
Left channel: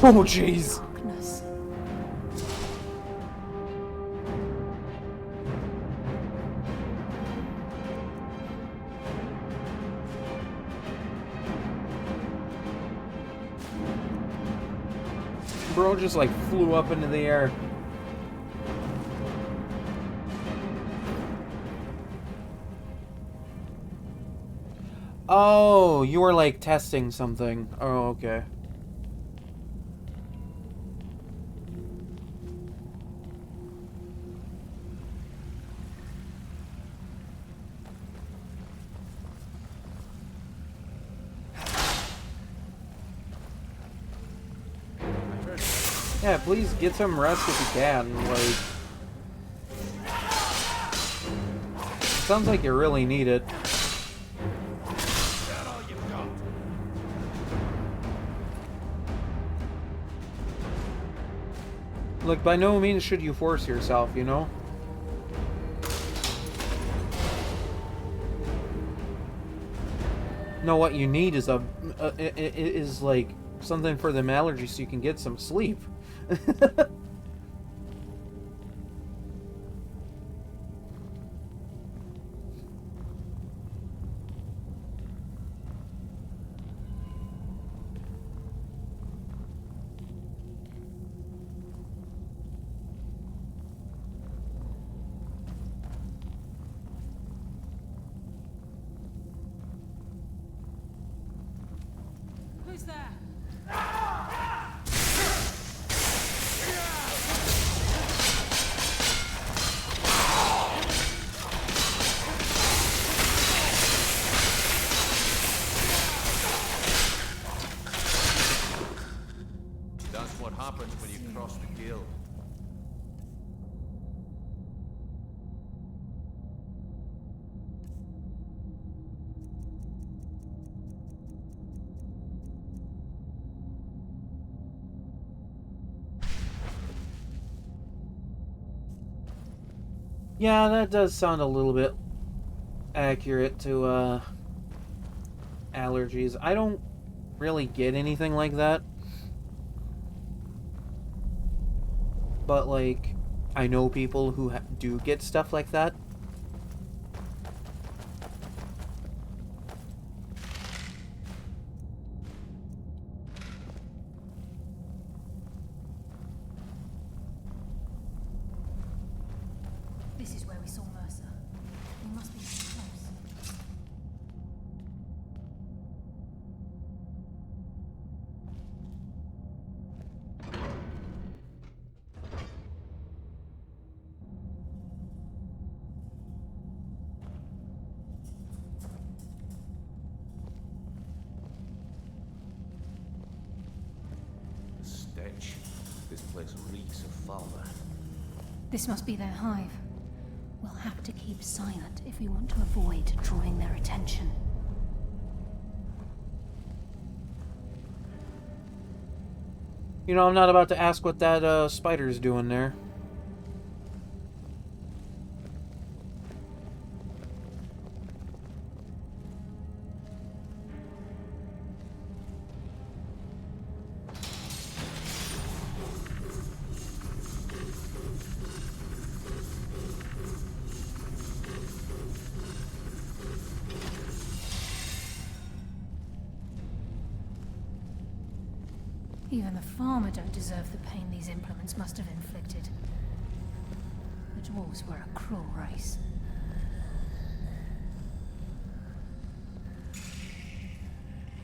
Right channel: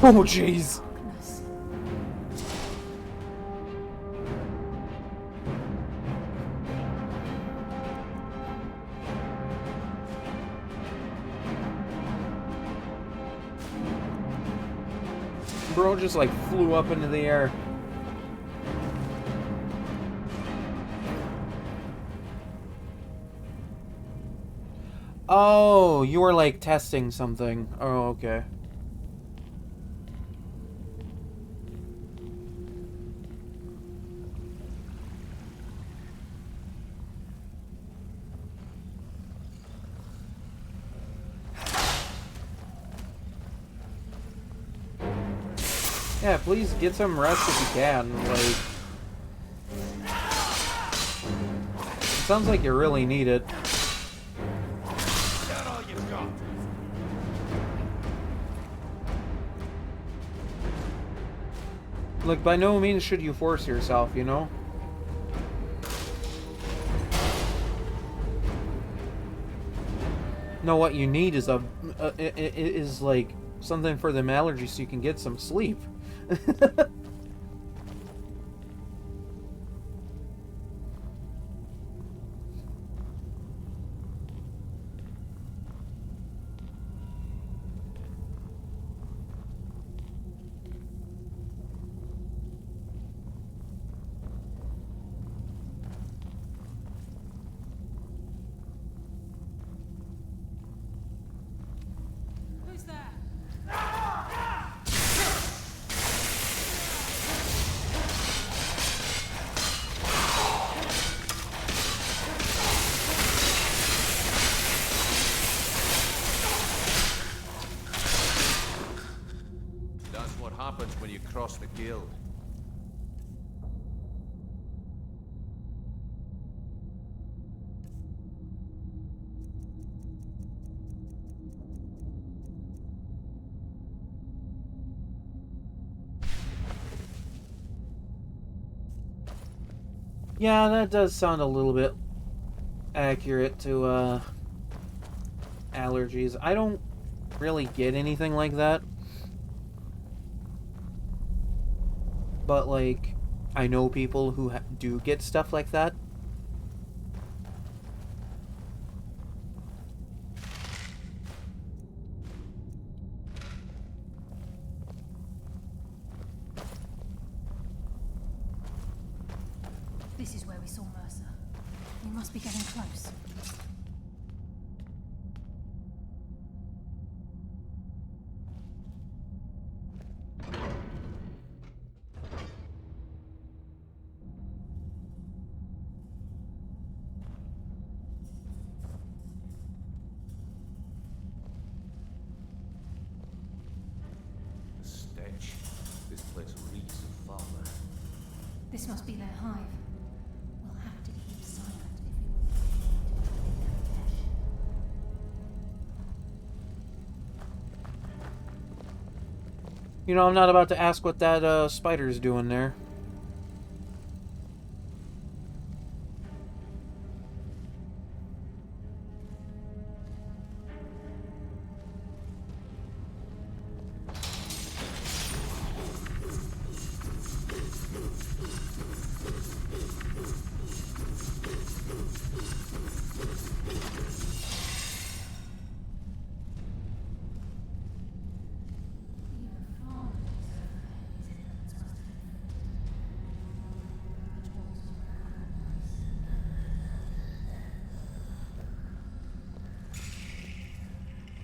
Oh, jeez. Darkness. Bro just like flew up into the air. Oh, you were like testing something. Oh, okay. Yeah, please get some rest if you can. Like, it sounds like you really need it. Is that all you've got? Look, by no means should you force yourself, you know? No, what you need is is like something for them allergies so you can get some sleep. Who's there? That's what happens when you cross the guild. Yeah, that does sound a little bit accurate to allergies. I don't really get anything like that. But like, I know people who do get stuff like that. This is where we saw Mercer. We must be getting close. The stench. This place reeks of Falmer. This must be their hive. We'll have to keep silent if we want to avoid drawing their attention. You know, I'm not about to ask what that spider's doing there. Even the farmer don't deserve the pain these implements must have inflicted. The dwarves were a cruel race.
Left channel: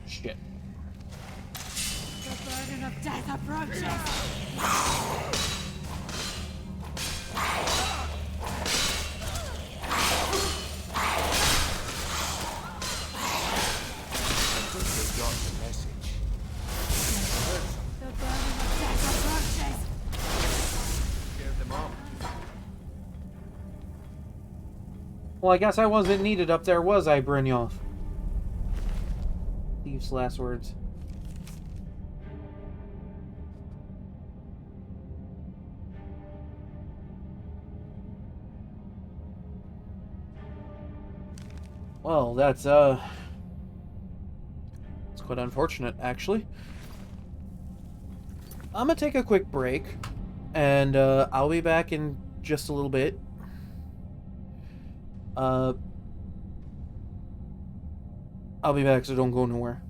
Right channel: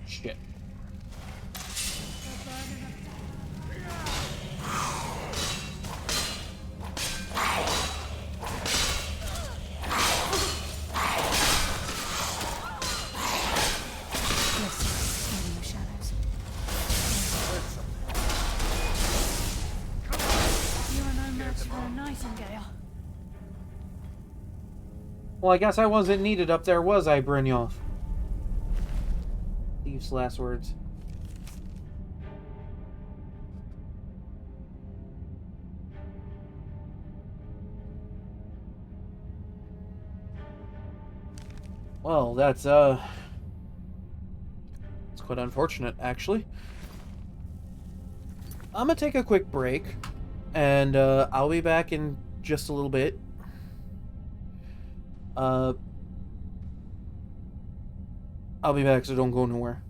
Shit. The burden of death approaches! Well, I guess I wasn't needed up there, was I, Brynjolf? Thieves' last words. Well, it's quite unfortunate, actually. I'm gonna take a quick break, and I'll be back in just a little bit. I'll be back, so don't go nowhere.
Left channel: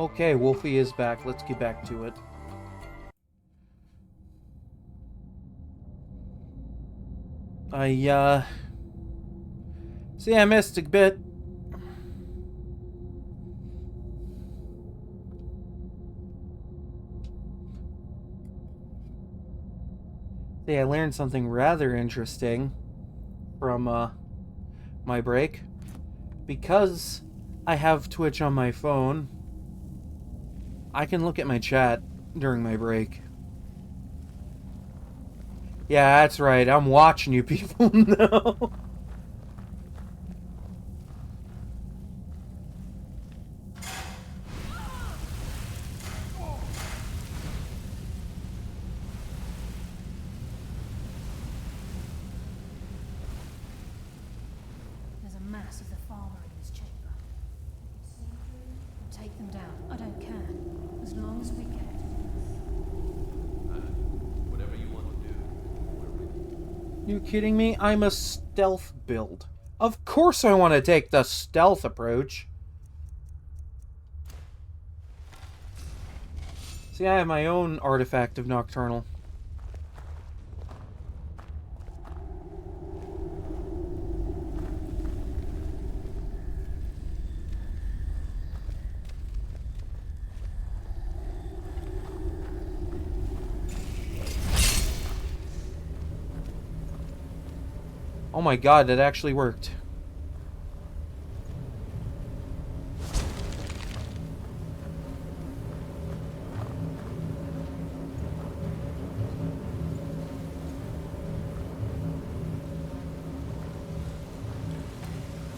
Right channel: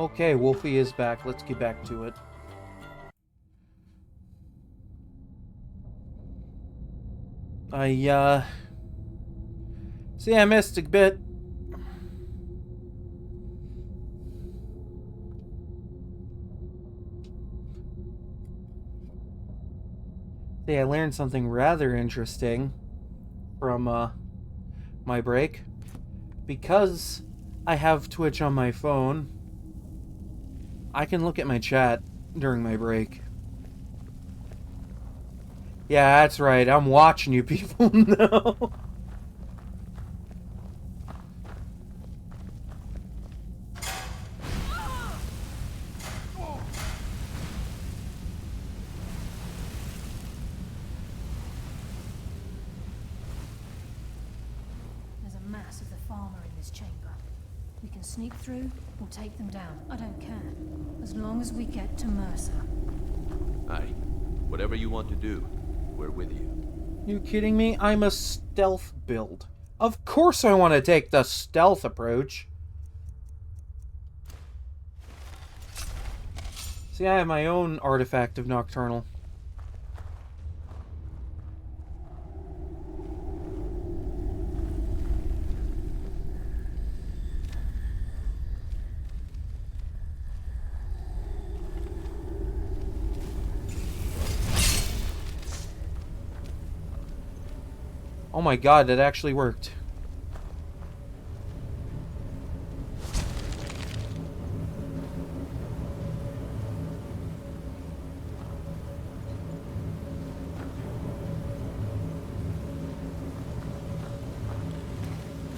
Okay, Wolfie is back. Let's get back to it. See, I missed a bit. See, I learned something rather interesting from, my break. Because I have Twitch on my phone, I can look at my chat during my break. Yeah, that's right. I'm watching you people now. There's a mass of the farmer in this chamber. We can sneak through or take them down. I don't care. As long as we get to Mercer. Aye. Whatever you want to do, we're with you. You kidding me? I'm a stealth build. Of course I want to take the stealth approach. See, I have my own artifact of Nocturnal. Oh my god, that actually worked.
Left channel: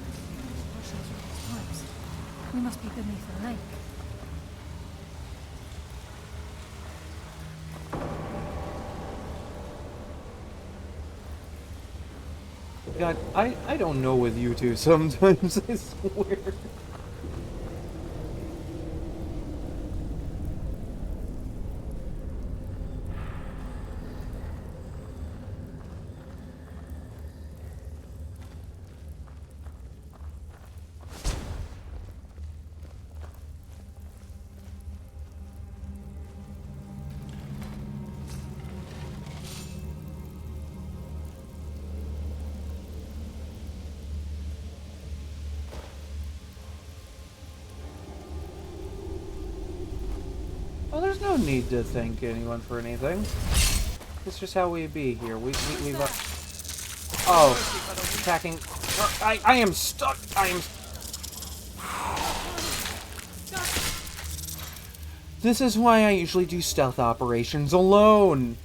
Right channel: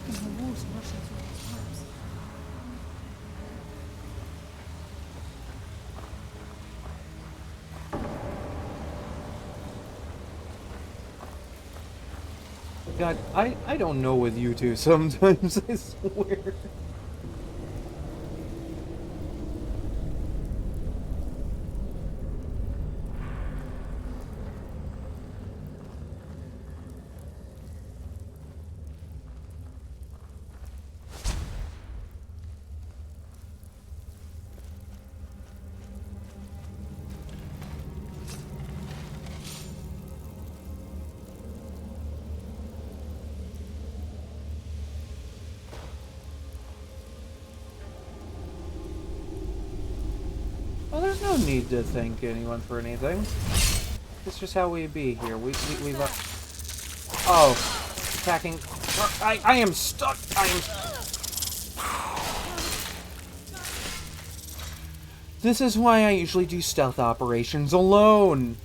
There's the water rushing through these pipes. We must be beneath the lake. God, I don't know with you two sometimes, I swear. Well, there's no need to thank anyone for anything. It's just how we be here. We've oh, attacking. I am stuck. I am. This is why I usually do stealth operations alone.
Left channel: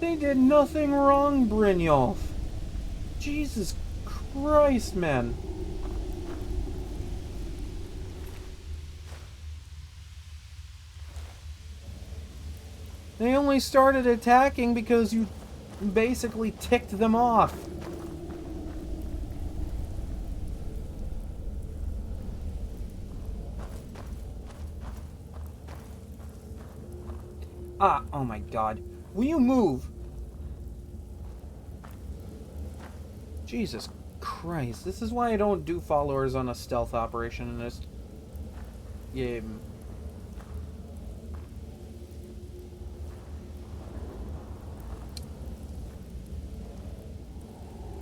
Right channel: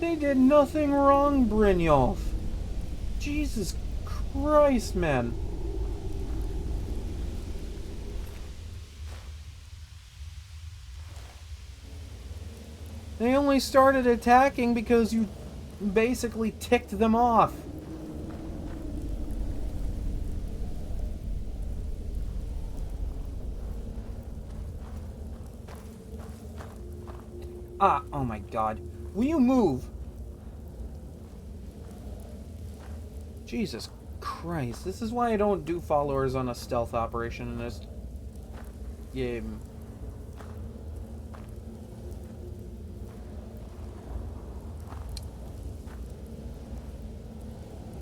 They did nothing wrong, Brynjolf. Jesus Christ, man. They only started attacking because you basically ticked them off. Ah, oh my god. Will you move? Jesus Christ. This is why I don't do followers on a stealth operation in this game.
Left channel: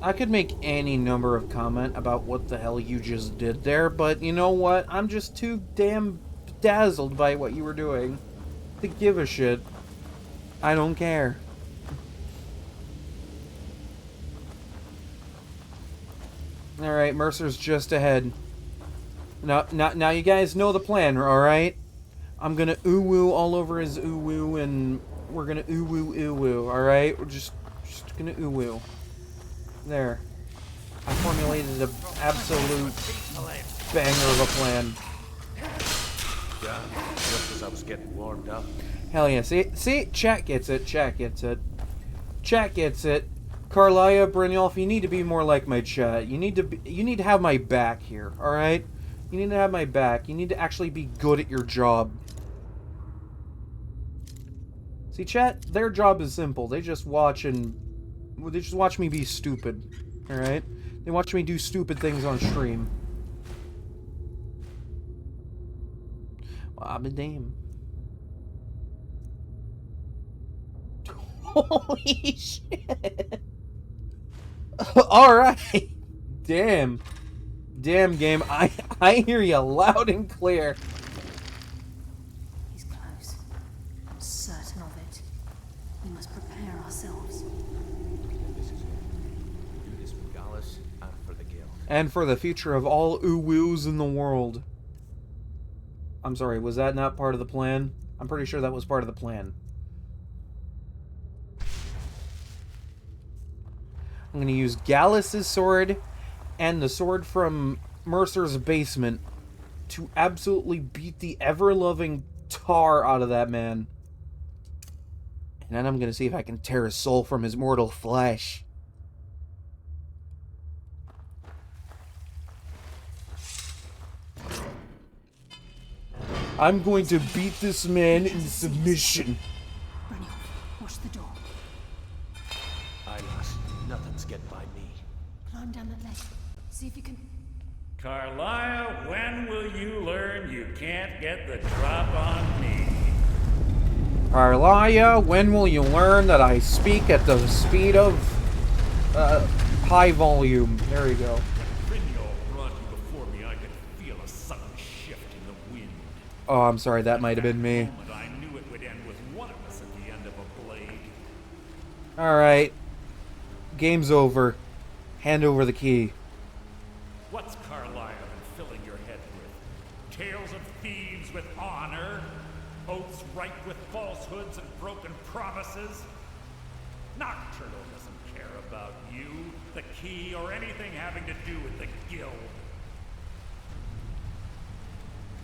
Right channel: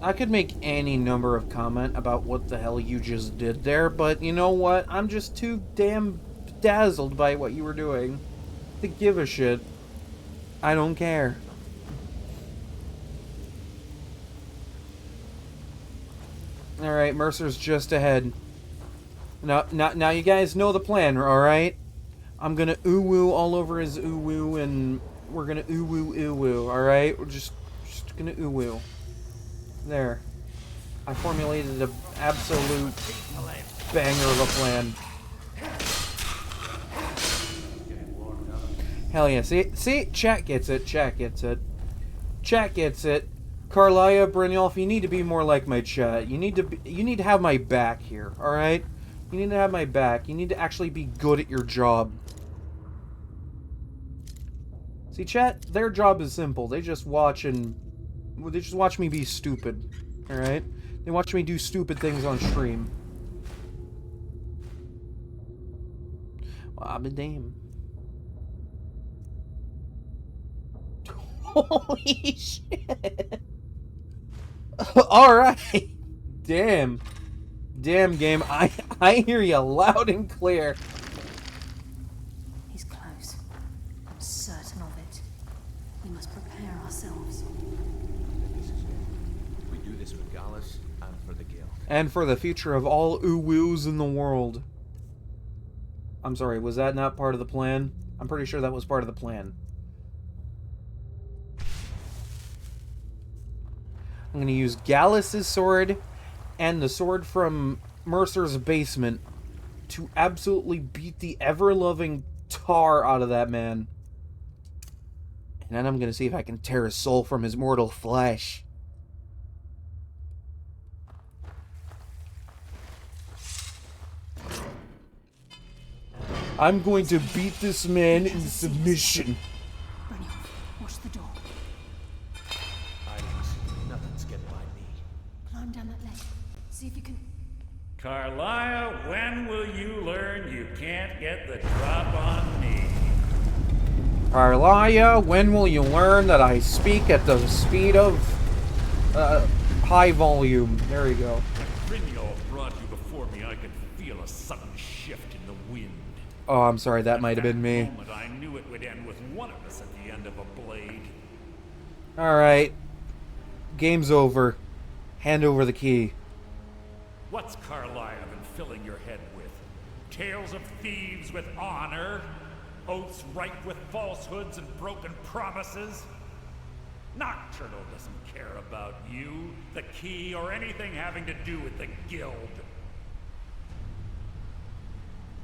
I could make any number of comment about what the hell you just did there, but you know what? I'm just too damn dazzled by what you were doing to give a shit. I don't care. Alright, Mercer's just ahead. Now you guys know the plan, alright? I'm gonna ooh-woo all over his ooh-woo, and we're gonna ooh-woo, alright? We're just gonna ooh-woo. There. I formulated an absolute banger of a plan. Just as I was getting warmed up. Hell yeah. See? Chat gets it. Chat gets it. Chat gets it. Carlia, Brynjolf, you need to be more like my chat. You need to have my back here, alright? You need to have my back. You need to actually be good at your job. See, chat, their job is simple. They just watch me be stupid. Alright? They watch me do stupid things on stream. Well, I'm a damn. Holy shit! Alright! Damn. Damn, game. I hear you loud and clear. He's close. I'm certain of it. We must prepare ourselves. This is it. We do this for Gallus and for the Guild. And for the future of all Uwus in the world. I'm sorry, was that not part of the plan? I'm pretty sure that was part of the plan. I'm going to use Gallus's sword and the sword from Mercer's basement to absolutely beat the ever-loving tar out of that man. And then I'm going to see if I can tear his soul from his mortal flesh. I'm going to beat this man in submission. Brynjolf, watch the door. Eyeless, nothing's getting by me. Climb down that ledge. See if you can... Carlia, when will you learn you can't get the drop on me? Carlia, when will you learn that I speak at the speed of high volume? There you go. When Brynjolf brought you before me, I could feel a sudden shift in the wind. Oh, I'm sorry, that might have been me. Moment, I knew it would end with one of us at the end of a blade. Alright. Game's over. Hand over the key. What's Carlia been filling your head with? Tales of thieves with honor? Oaths ripe with falsehoods and broken promises? Nocturnal doesn't care about you, the key, or anything having to do with the guild.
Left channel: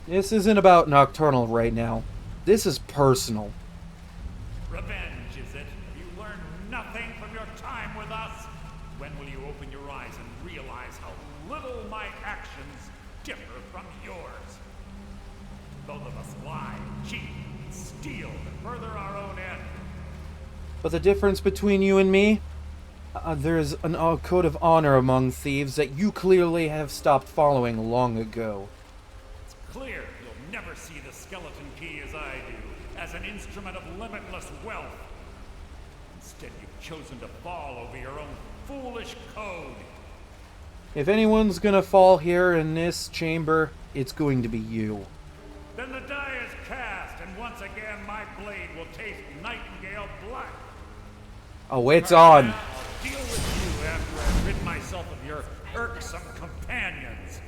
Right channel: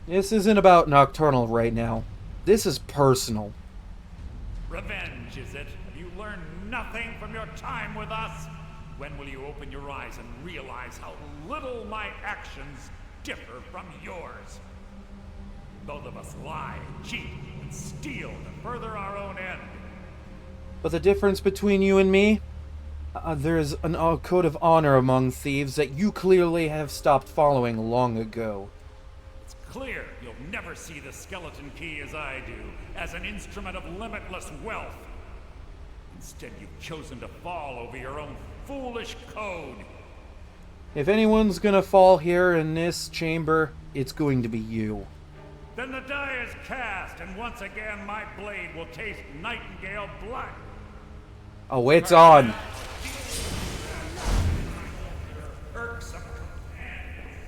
This isn't about Nocturnal right now. This is personal. Revenge, is it? Have you learned nothing from your time with us? When will you open your eyes and realize how little my actions differ from yours? Both of us lie, cheat, and steal to further our own end. But the difference between you and me? There's a code of honor among thieves that you clearly have stopped following long ago. It's clear you'll never see the skeleton key as I do, as an instrument of limitless wealth. Instead, you've chosen to fall over your own foolish code. If anyone's gonna fall here in this chamber, it's going to be you. Then the die is cast, and once again my blade will taste nightingale blood. Oh, it's on. I'll deal with you after I rid myself of your irksome companions.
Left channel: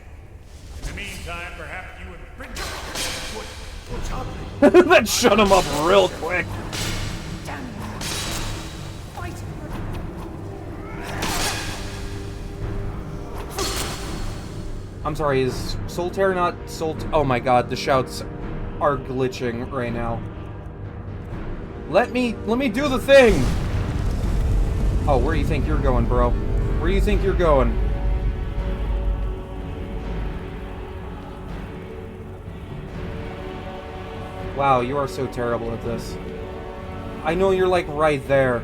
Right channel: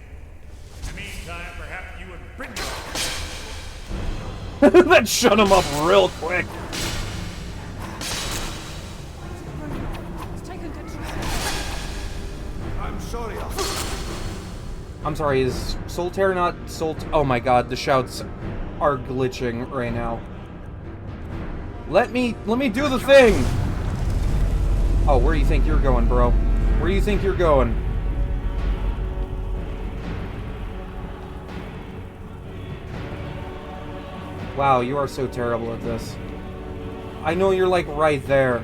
In the meantime, perhaps you and Brynjolf would... That shut him up real quick. I'm sorry, is Solitaire not Oh my god, the shouts are glitching right now. Let me do the thing! Oh, where do you think you're going, bro? Where do you think you're going? Wow, you are so terrible at this. I know you're like right there.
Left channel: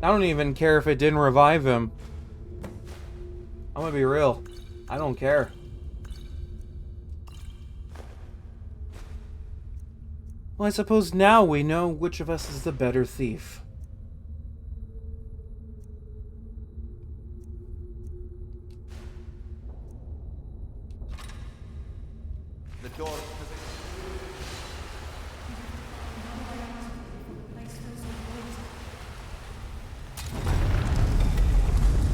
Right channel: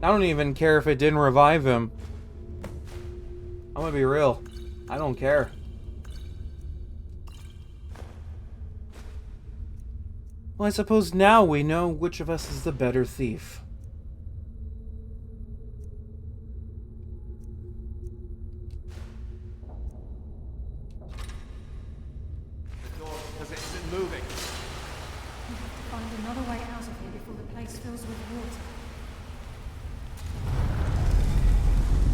I don't even care if it didn't revive him. I'm gonna be real. I don't care. Well, I suppose now we know which of us is the better thief. The door, because it's moving. We have to find another way out of here before the place fills with water.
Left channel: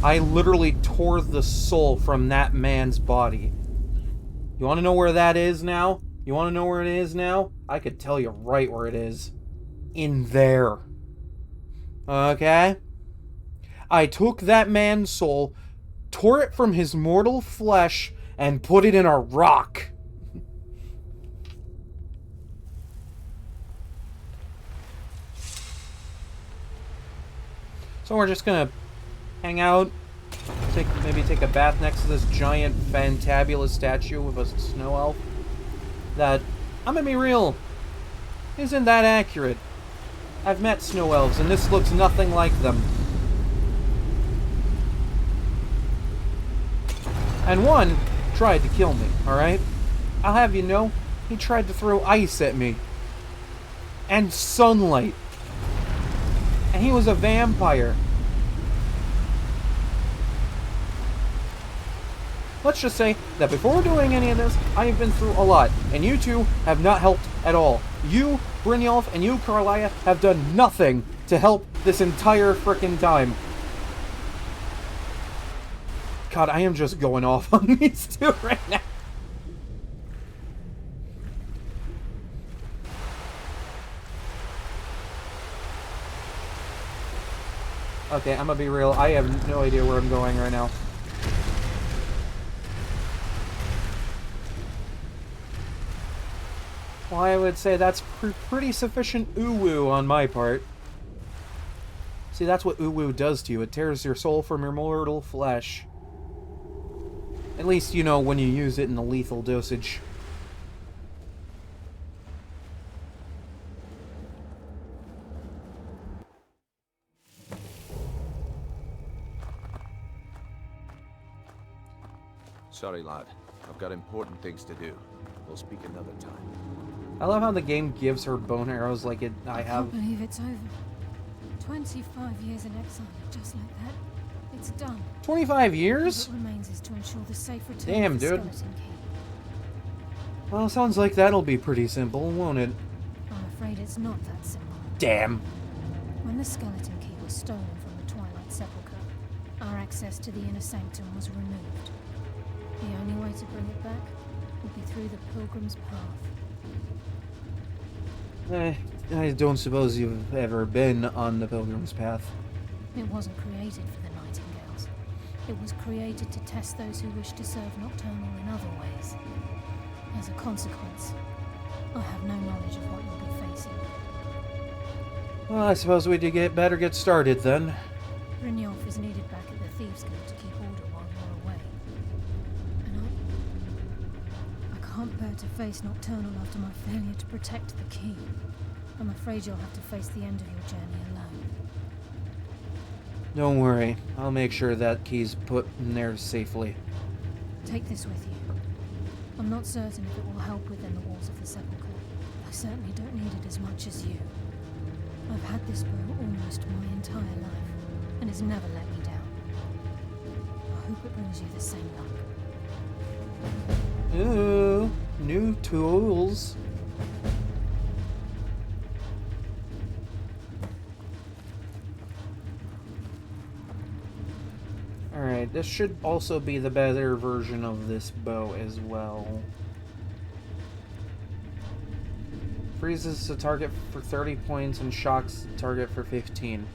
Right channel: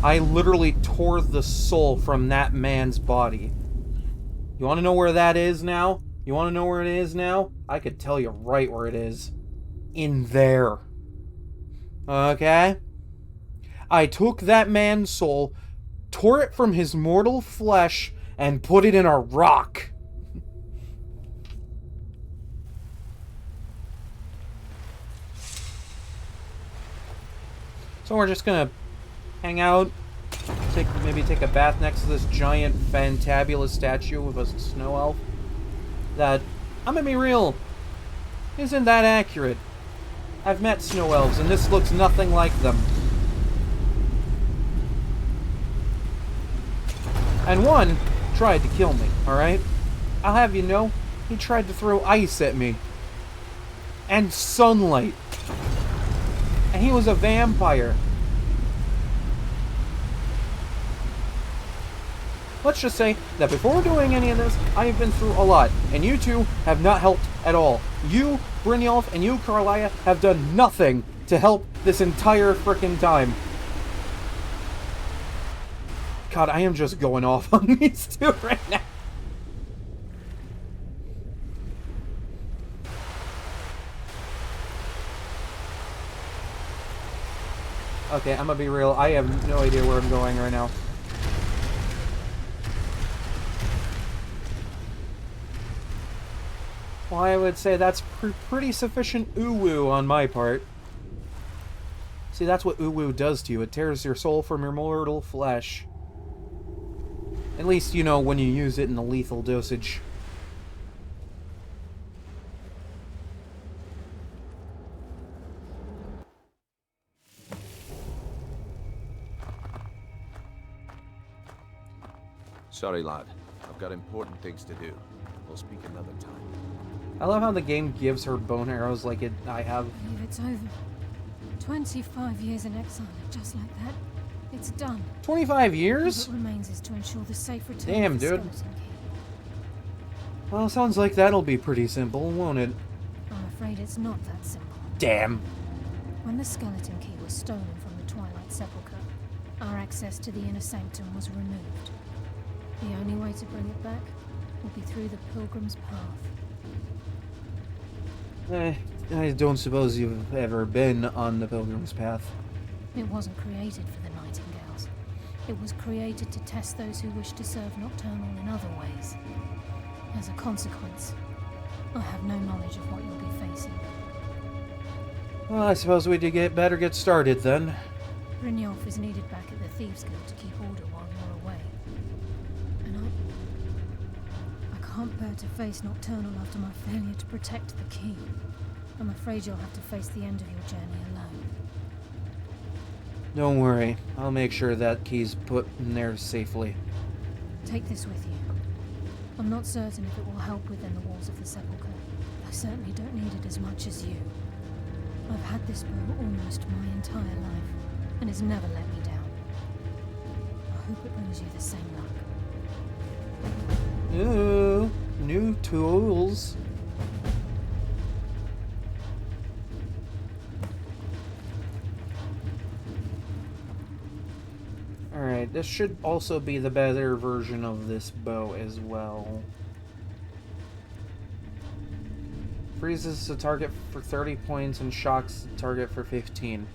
I literally tore the soul from that man's body. You want to know where that is now? You want to know where it is now? I could tell you right where it is. in there. Okay? I took that man's soul, tore it from his mortal flesh, and put it in a rock. So we're just gonna hang out, maybe take a bath next to this giant, fantabulous statue of a snow elf. That, I'm gonna be real, isn't that accurate. I've met snow elves, and this looks nothing like them. And one tried to kill me, alright? I'll have you know, he tried to throw ice at me. And sunlight. And he was a vampire. Let's just say that before doing any of this, I have been through a lot, and you two have not helped at all. You, Brynjolf, and you, Carlia, have done nothing to help this entire frickin' time. God, I am just going off on these two right now. Okay, I'm gonna be real. I have no idea where I'm going right now. Well, I would say that's pretty sufficient uwu on my part. See, that's what uwu does to you. It tears your soul from your mortal flesh. At least, you know, when you use it in a lethal dosage. Sorry, lad. I've got important things to do. We'll speak another time. I love how the game gives her bone arrows like I have. I can't believe it's over. 25 years in exile, just like that. It's done. 25 years? What remains is to ensure the safe return Damn, of the dude. skeleton key. Well, sounds like that'll be pretty simple, won't it? I'm afraid it's not that simple. Damn. When the skeleton key was stolen from the Twilight Sepulchre, our access to the inner sanctum was removed. The only way to bring it back would be through the Pilgrim's Path. I don't suppose you've ever been on the Pilgrim's Path. It wasn't created for the Nightingales. It was created to test those who wish to serve Nocturnal in other ways. As a consequence, I have no knowledge of what you'll be facing. Well, I suppose we better get started then. Brynjolf is needed back at the Thieves Guild to keep order while you're away. And I can't bear to face Nocturnal after my failure to protect the key. I'm afraid you'll have to face the end of your journey alone. Don't worry, I'll make sure that key's put in there safely. Take this with you. I'm not certain if it will help within the walls of the Sepulchre. I certainly don't need it as much as you. I've had this bow almost my entire life, and it's never let me down. I hope it brings you the same luck. Ooh, new tools. Alright, this should also be the better version of this bow as well. Freezes the target for 30 points and shocks the target for 15.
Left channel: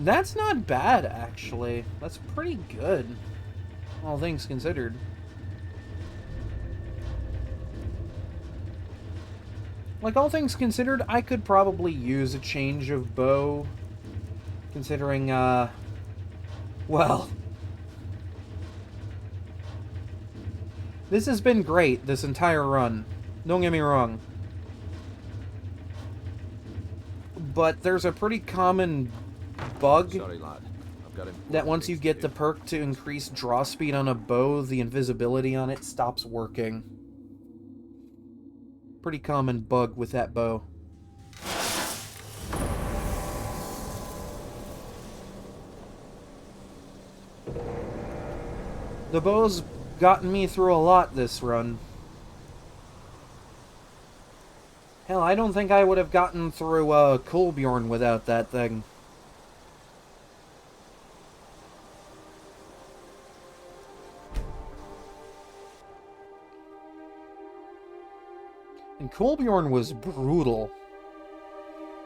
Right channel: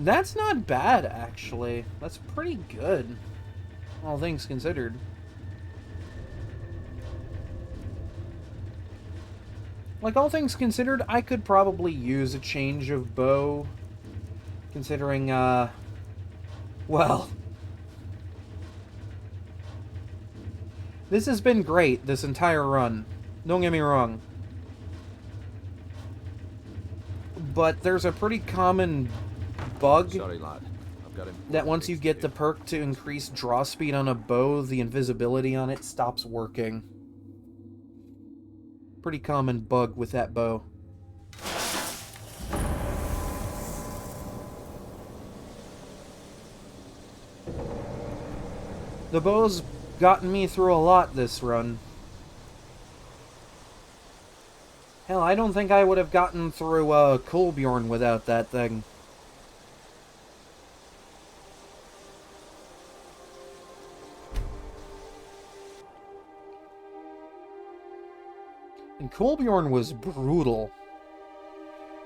That's not bad, actually. That's pretty good, all things considered. Like, all things considered, I could probably use a change of bow. Considering, well... This has been great, this entire run. Don't get me wrong. But there's a pretty common bug. Sorry, lad. I've got that once you get the perk to increase draw speed on a bow, the invisibility on it stops working. Pretty common bug with that bow. The bow's gotten me through a lot this run. Hell, I don't think I would have gotten through Kolbjorn without that thing. And Kolbjorn was brutal.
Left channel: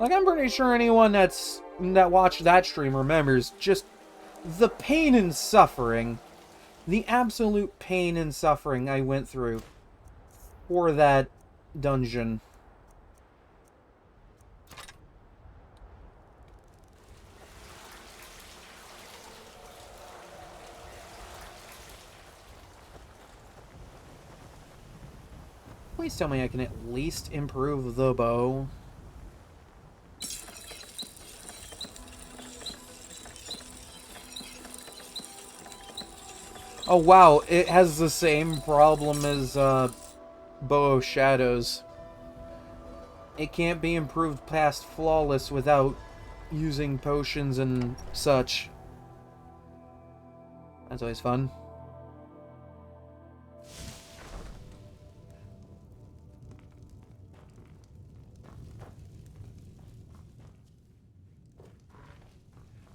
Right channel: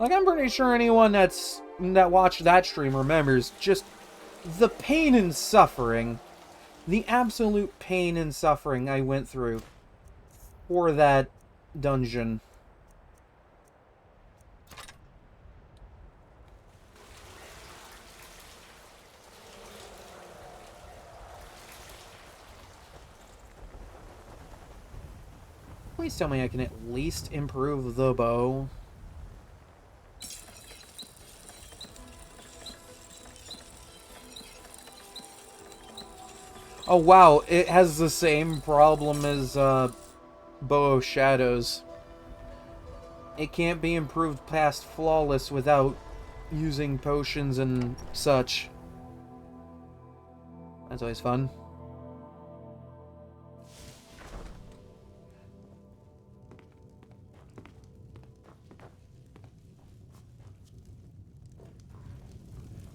Like, I'm pretty sure anyone that watched that stream remembers just the pain and suffering, the absolute pain and suffering I went through for that dungeon. Please tell me I can at least improve the bow. Oh wow, it has the same problem as Bow of Shadows. It can't be improved past flawless without using potions and such. That's always fun.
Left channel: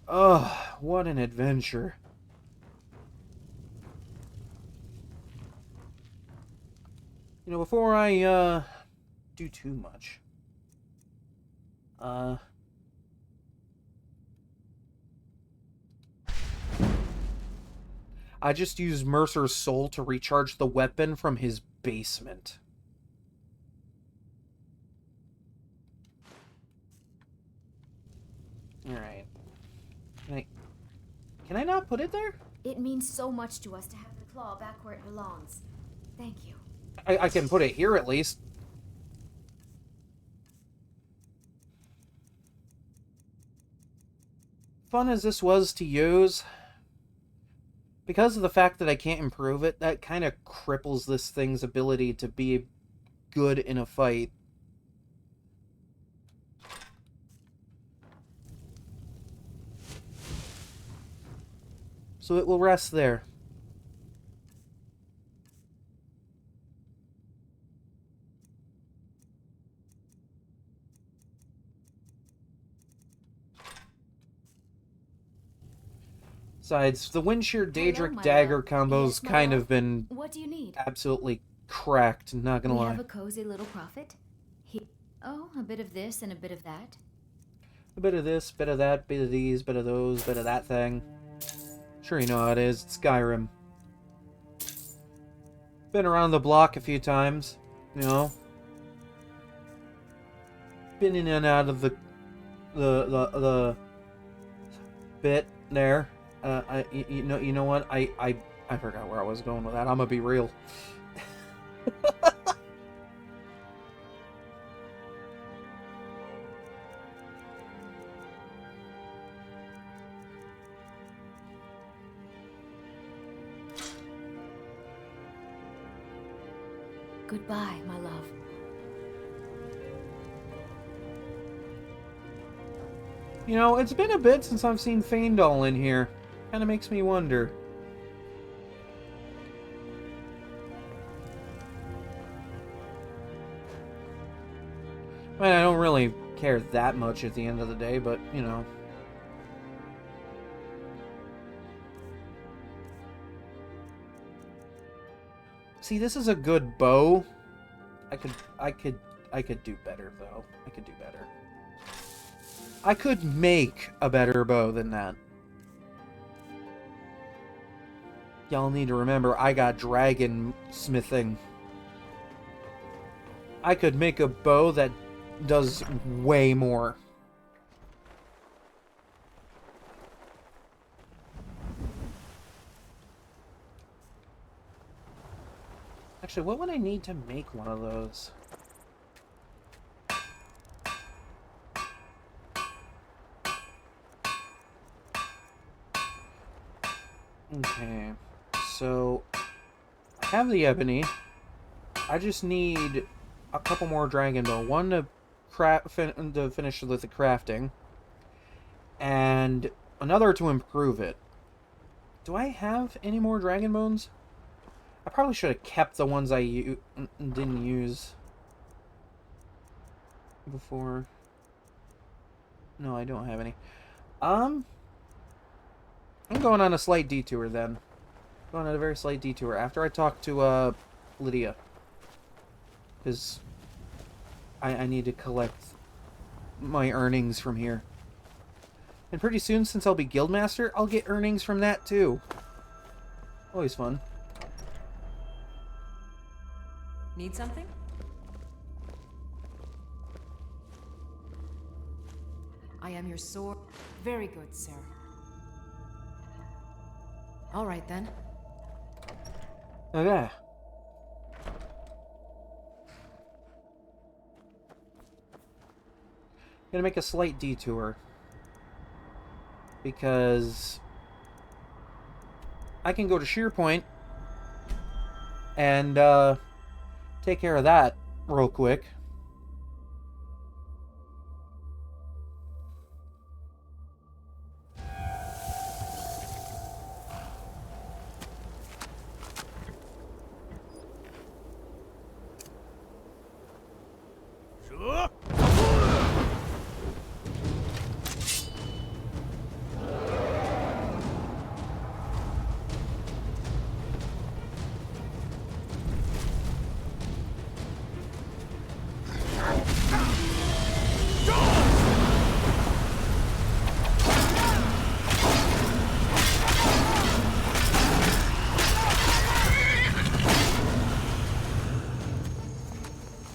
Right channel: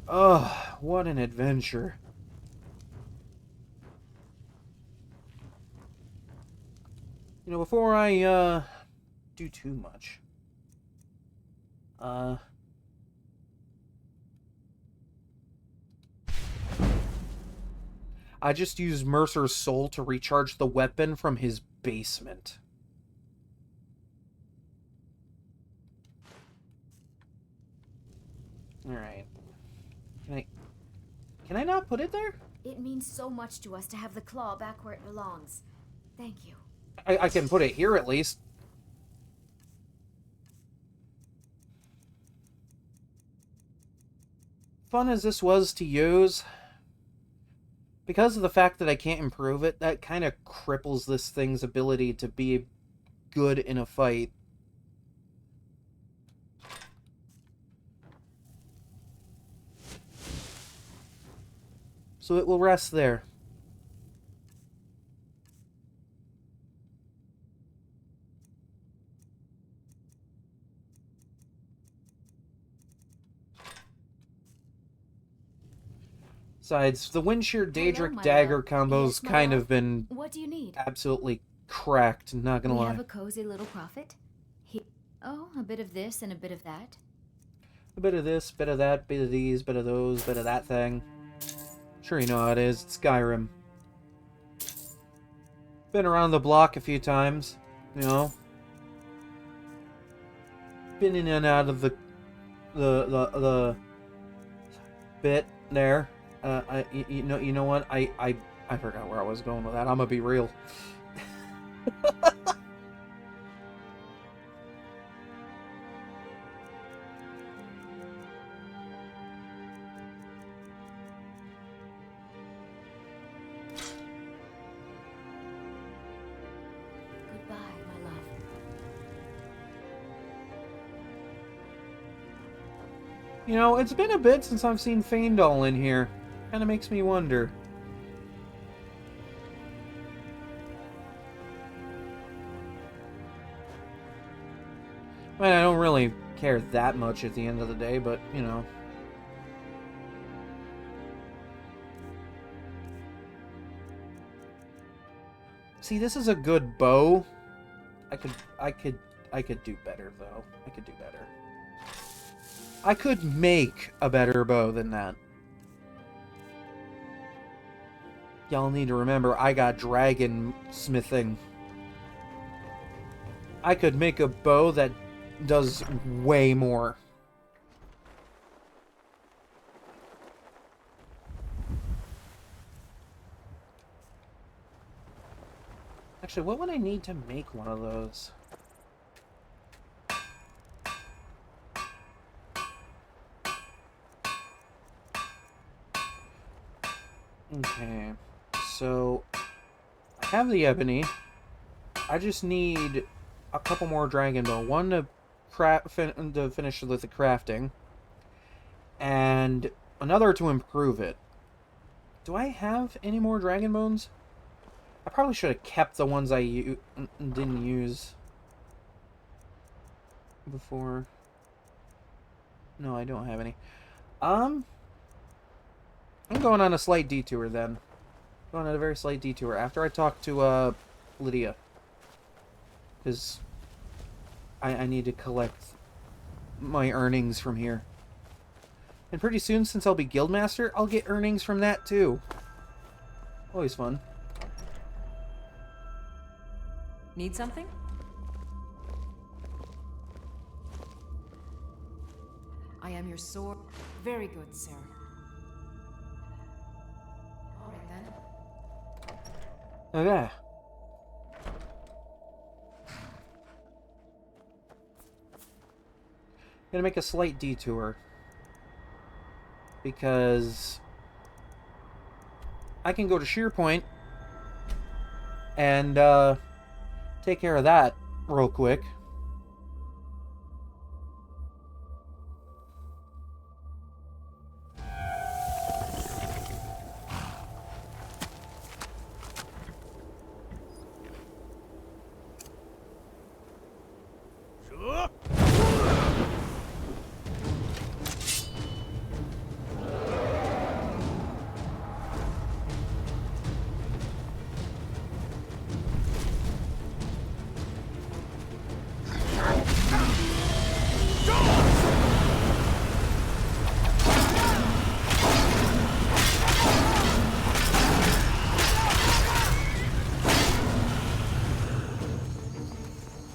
Ugh, what an adventure. You know, before I, do too much, I just used Mercer's soul to recharge the weapon from his basement. Alright. Can I not put it there? It means so much to us to have the claw back where it belongs. Thank you. I can put it here at least. Fun as this was to use, because of the fact that I can't improve it, that kind of cripples this thing's ability to be good in a fight. So it will rest there. Besides, the Windshear Daedric Dagger combo's kind of been What do you need? absolutely cracked, not gonna We lie. have a cozy little prophet. Oh, a bit of this and a bit of that. A bit of this, bit of that, bit of these, bit of those, bit of that thing. Sure you know how it is, it's Skyrim. Been around the block a few times, you know. Been in and out of the bit there. You know what? I forgot where I was going with that. I'm gonna be real. Goodbye, my love. You know, it's been a bit since I've seen Faendal in here. Kinda makes me wonder. I mean, I don't really care that much at the end of the day, but, you know. See, this is a good bow. I could do better, though. I could do better. I could make a better bow than that. Y'all need to remember, I got dragon smithing. I could make a bow that does way more. Actually, what would I need to make one of those? Okay, so I have the ebony. I just need a couple more dragon bow. One to finish with the crafting, and another to improve it. Do I have any more dragon bones? I probably should have kept the ones I didn't use before. No, I don't have any. I'm going on a slight detour then. Going on a very slight detour after I talk to Lydia, because I need to collect my earnings from here. And pretty soon, since I'll be Guildmaster, I'll get earnings from that too. Always fun. Need something? I am your sword. Very good, sir. All right, then. Okay. Gonna make a slight detour. Because I can go to Shearpoint and take care of that real quick.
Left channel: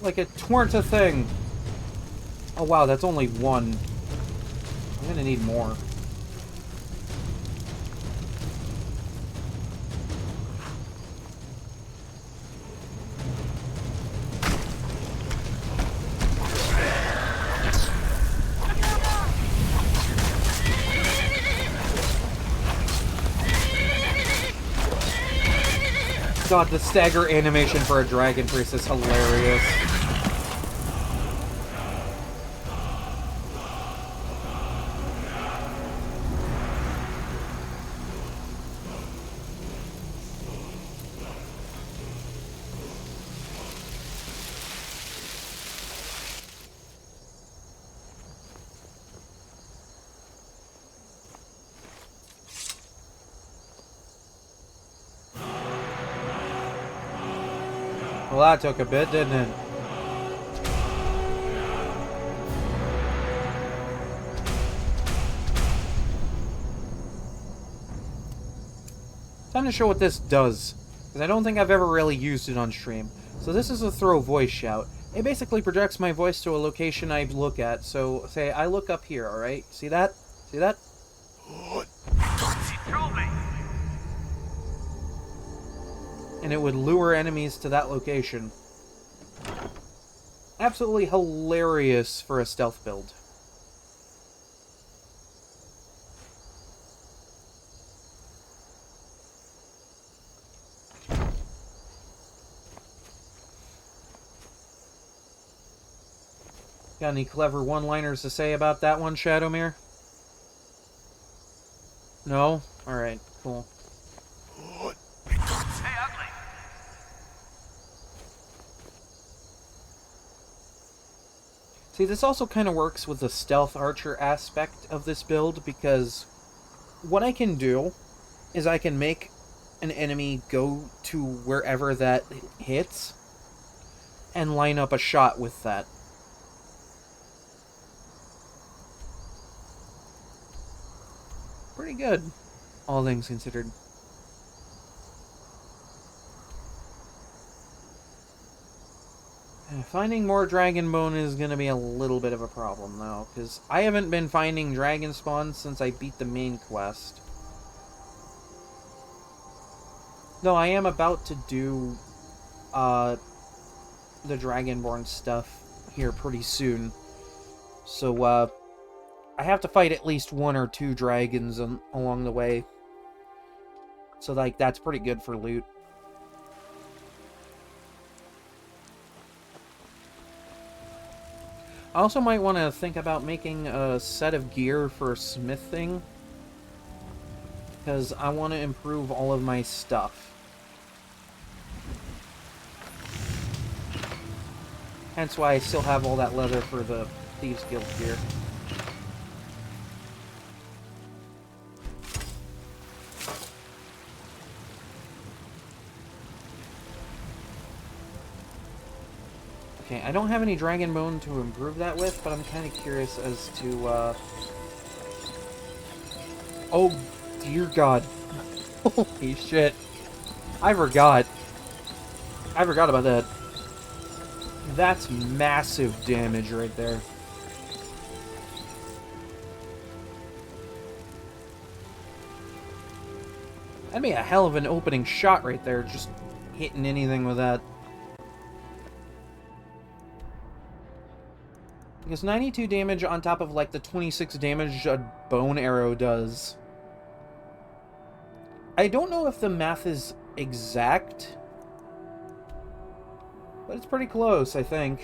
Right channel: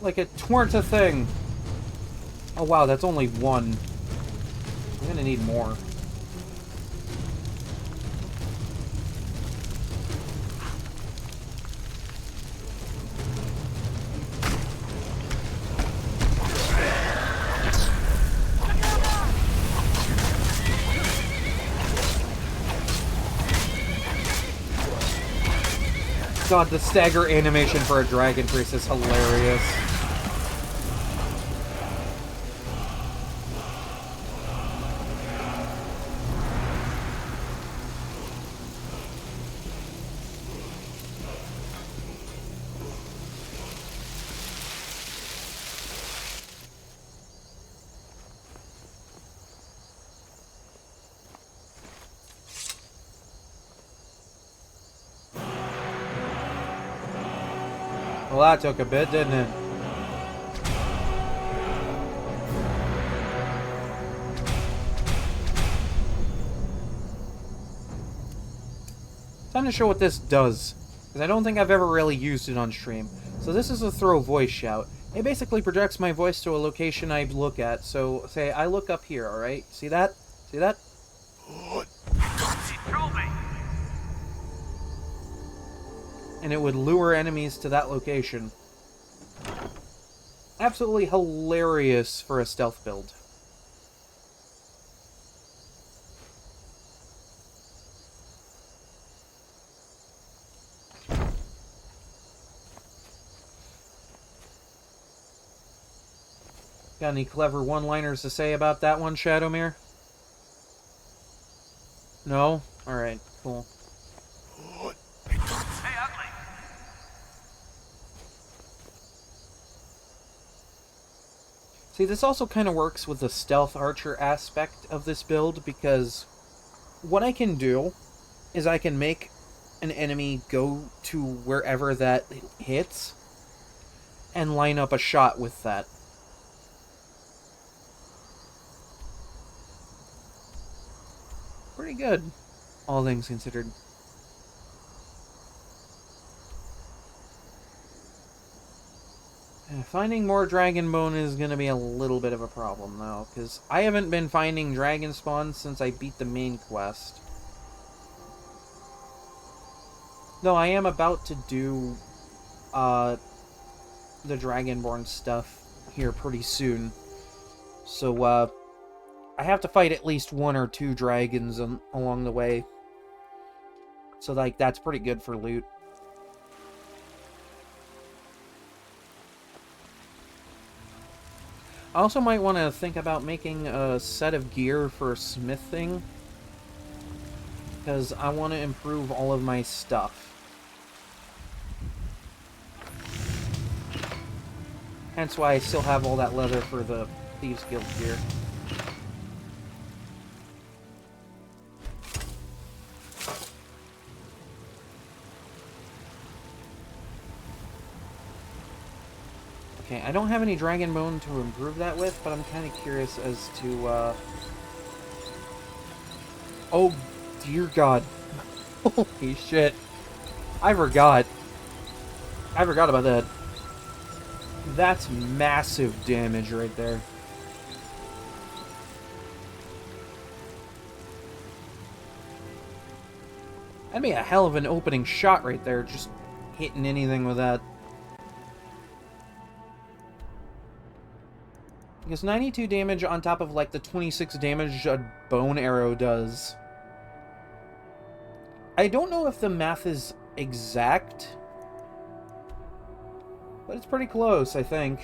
Like it weren't a thing. Oh wow, that's only one. I'm gonna need more. God, the stagger animation for a dragon priest is hilarious. Well, that took a bit, didn't it? Time to show what this does, because I don't think I've ever really used it on stream. So this is a throw voice shout. It basically projects my voice to a location I look at. So, say, I look up here, alright? See that? See that? And it would lure enemies to that location. Absolutely hilarious for a stealth build. Got any clever one-liners to say about that one, Shadowmere? No? Alright, cool. See, this also kind of works with the stealth archer aspect of this build, because what I can do is I can make an enemy go to wherever that hits and line up a shot with that. Pretty good, all things considered. Finding more dragon bone is going to be a little bit of a problem, though, because I haven't been finding dragon spawns since I beat the main quest. Though I am about to do the Dragonborn stuff here pretty soon. So, I have to fight at least 1 or 2 dragons along the way. So, like, that's pretty good for loot. I also might want to think about making a set of gear for smithing, because I want to improve all of my stuff. Hence why I still have all that leather for the Thieves Guild gear. Okay, I don't have any dragon bone to improve that with, but I'm kind of curious as to, Oh, dear God. Holy shit. I forgot. I forgot about that. That's massive damage right there. That'd be a hell of an opening shot right there, just hitting anything with that. Because 92 damage on top of, like, the 26 damage a bone arrow does. I don't know if the math is exact, but it's pretty close, I think.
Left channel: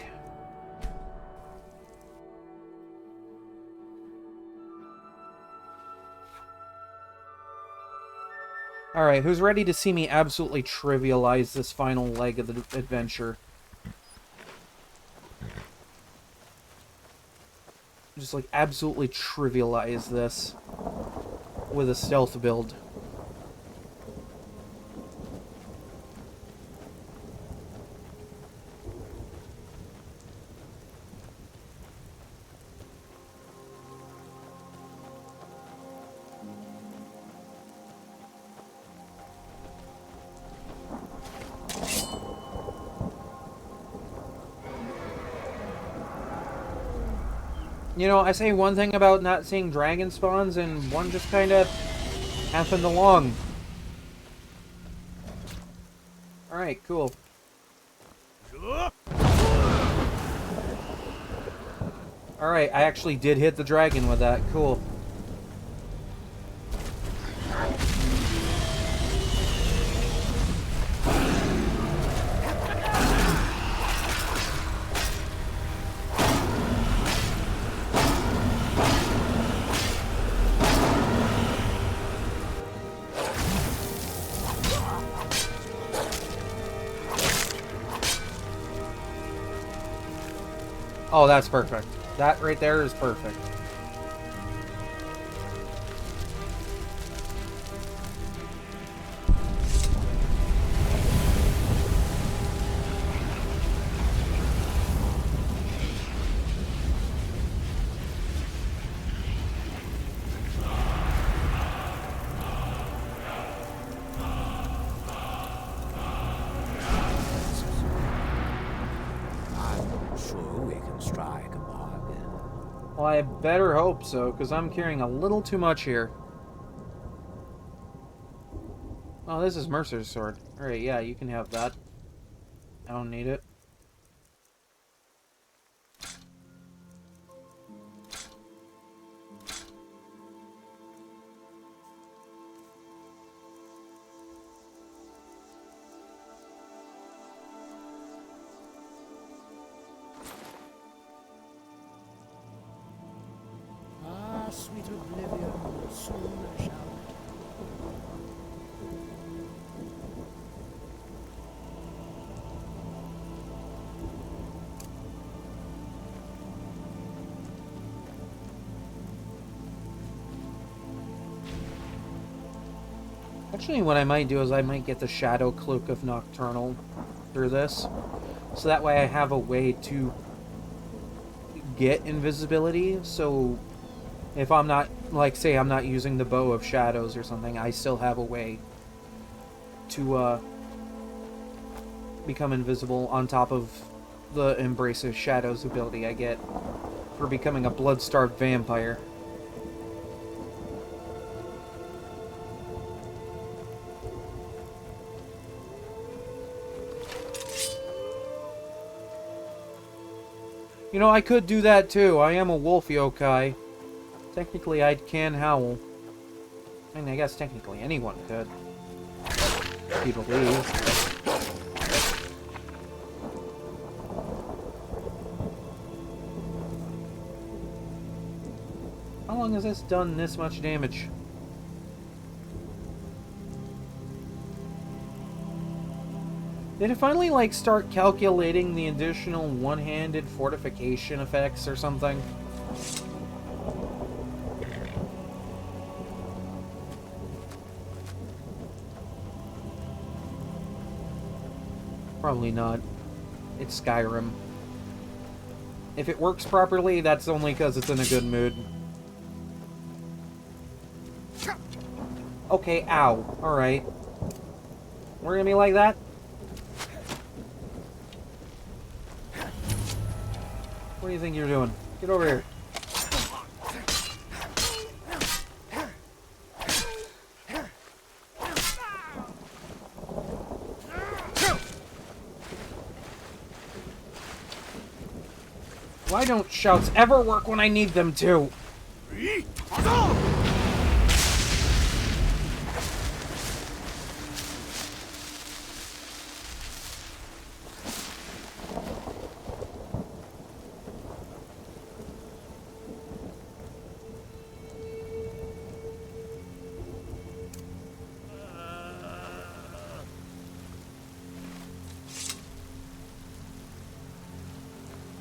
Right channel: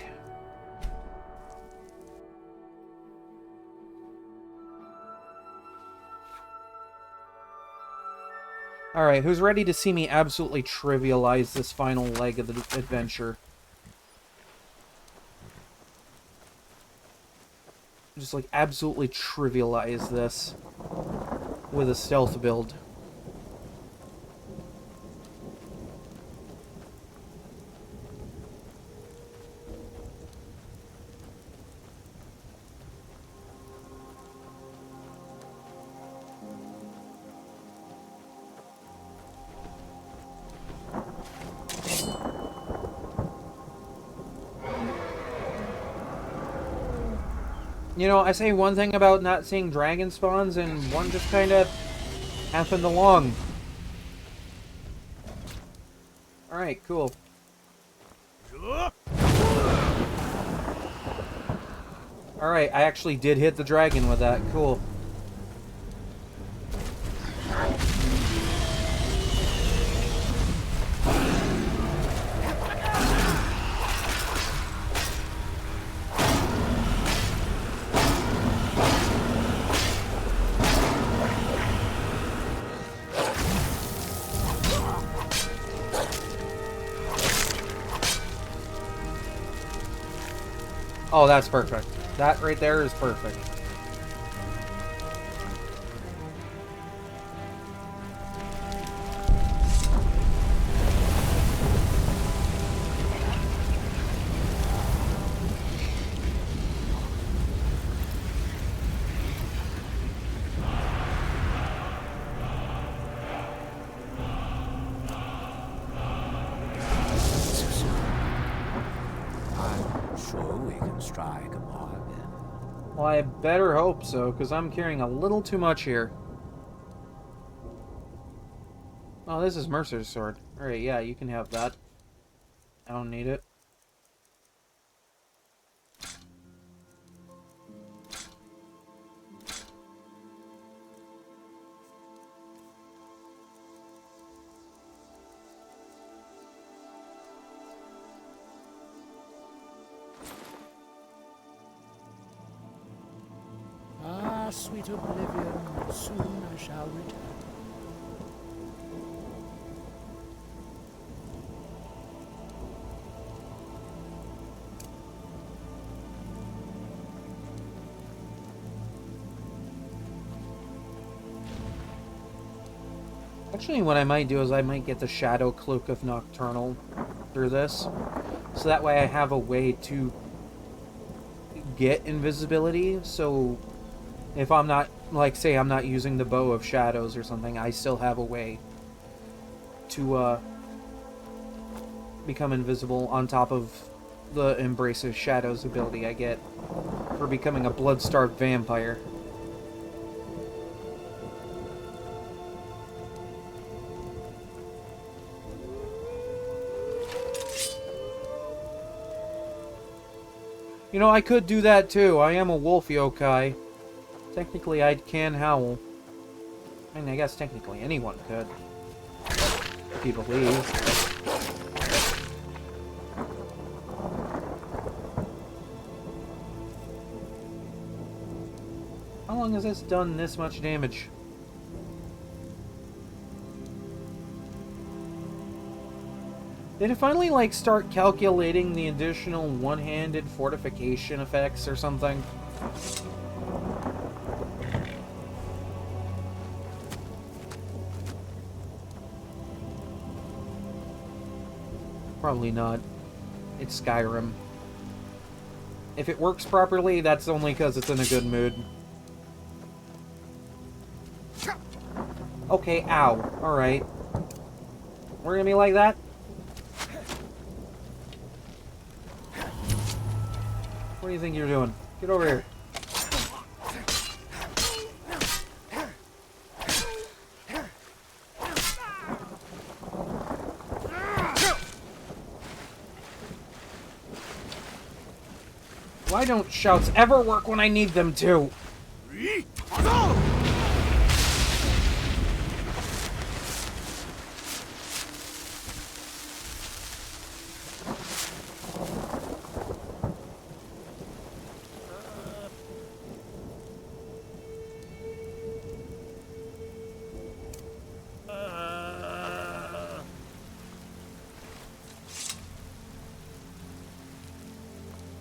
Alright, who's ready to see me absolutely trivialize this final leg of the adventure? Just, like, absolutely trivialize this with a stealth build. You know, I say one thing about not seeing dragon spawns, and one just kind of happened along. Alright, cool. Alright, I actually did hit the dragon with that. Cool. Oh, that's perfect. That right there is perfect. Strike a bargain. Well, I better hope so, because I'm carrying a little too much here. Oh, this is Mercer's sword. Alright, yeah, you can have that. I don't need it. Ah, sweet oblivion, soon I shall return. Actually, what I might do is I might get the Shadow Cloak of Nocturnal through this. So that way I have a way to get invisibility, so if I'm not, like, say I'm not using the Bow of Shadows or something, I still have a way to, become invisible on top of the Embrace of Shadows ability I get for becoming a blood-starved vampire. You know, I could do that too. I am a wolf yokai. Technically, I can howl. I mean, I guess technically anyone could. If you believe. How long has this done this much damage? Did it finally, like, start calculating the additional one-handed fortification effects or something? Probably not. It's Skyrim. If it works properly, that's only because it's in a good mood. Okay, ow. Alright. We're gonna be like that? What do you think you're doing? Get over here. Why don't shouts ever work when I need them to?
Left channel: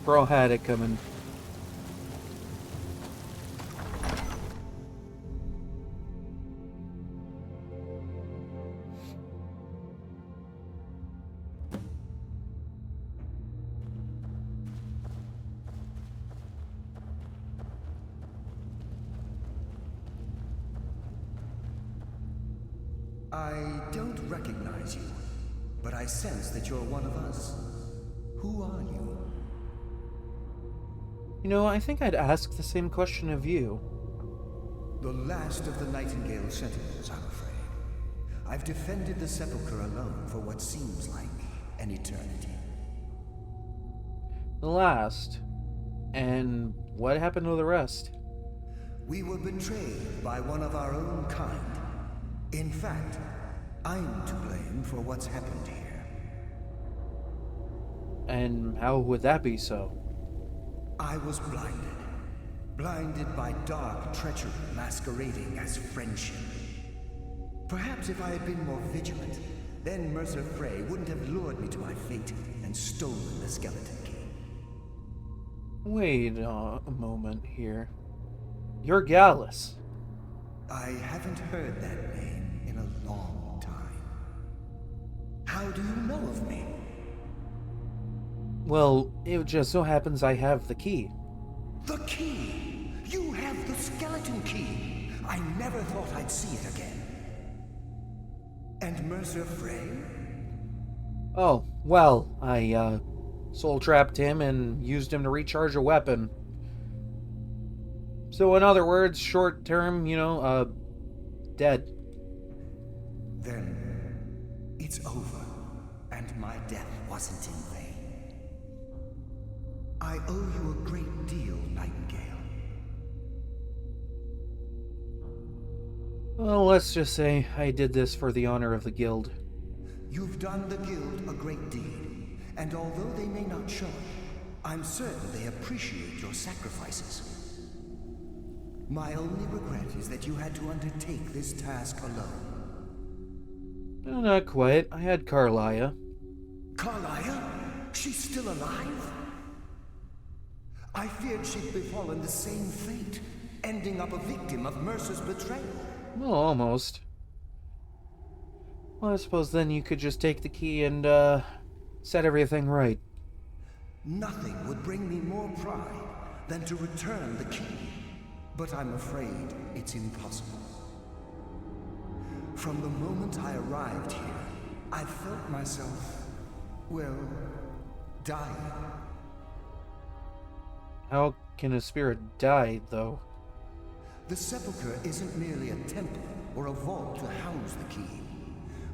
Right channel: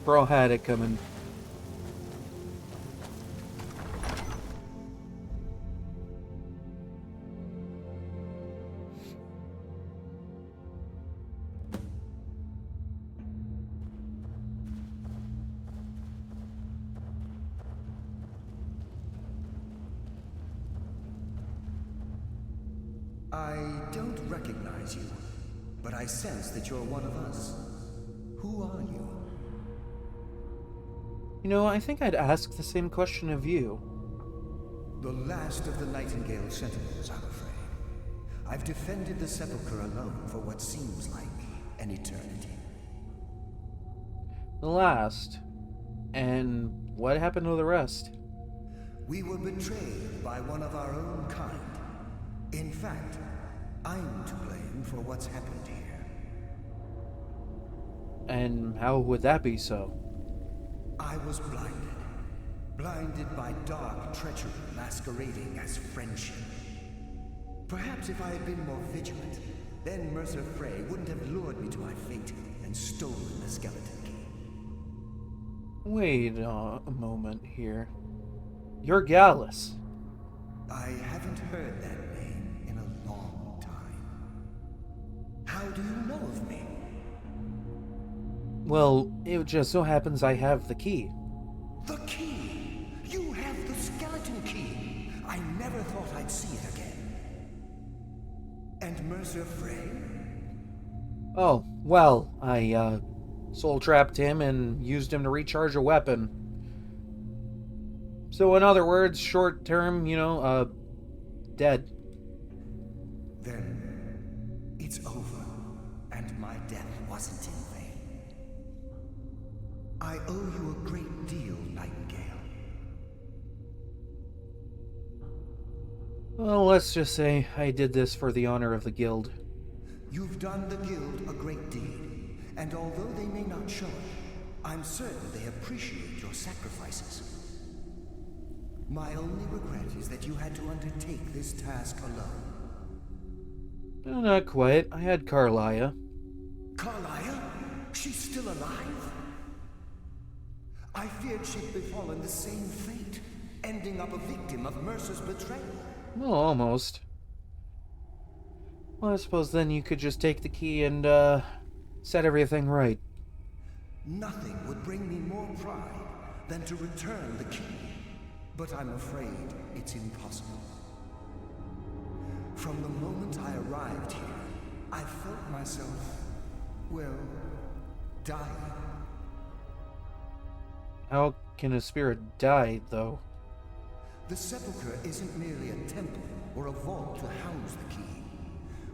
Bro had it coming. I don't recognize you, but I sense that you're one of us. Who are you? You know, I think I'd ask the same question of you. The last of the Nightingale Sentinels, I'm afraid. I've defended the Sepulchre alone for what seems like an eternity. The last? And what happened to the rest? We were betrayed by one of our own kind. In fact, I'm to blame for what's happened here. And how would that be so? I was blinded. Blinded by dark treachery masquerading as friendship. Perhaps if I had been more vigilant, then Mercer Frey wouldn't have lured me to my fate and stolen the skeleton key. Wait a moment here. You're Gallus. I haven't heard that name in a long time. How do you know of me? Well, it just so happens I have the key. The key! You have the skeleton key! I never thought I'd see it again. And Mercer Frey? Oh, well, I, soul-trapped him and used him to recharge a weapon. So in other words, short term, dead. Then, it's over, and my death wasn't in vain. I owe you a great deal, Nightingale. Well, let's just say I did this for the honor of the guild. You've done the guild a great deed, and although they may not show it, I'm certain they appreciate your sacrifices. My only regret is that you had to undertake this task alone. No, not quite. I had Carlia. Carlia? She's still alive? I feared she'd befallen the same fate, ending up a victim of Mercer's betrayal. Well, almost. Well, I suppose then you could just take the key and, set everything right. Nothing would bring me more pride than to return the key. But I'm afraid it's impossible. From the moment I arrived here, I felt myself, well, dying. How can a spirit die, though? The Sepulchre isn't merely a temple or a vault to house the key.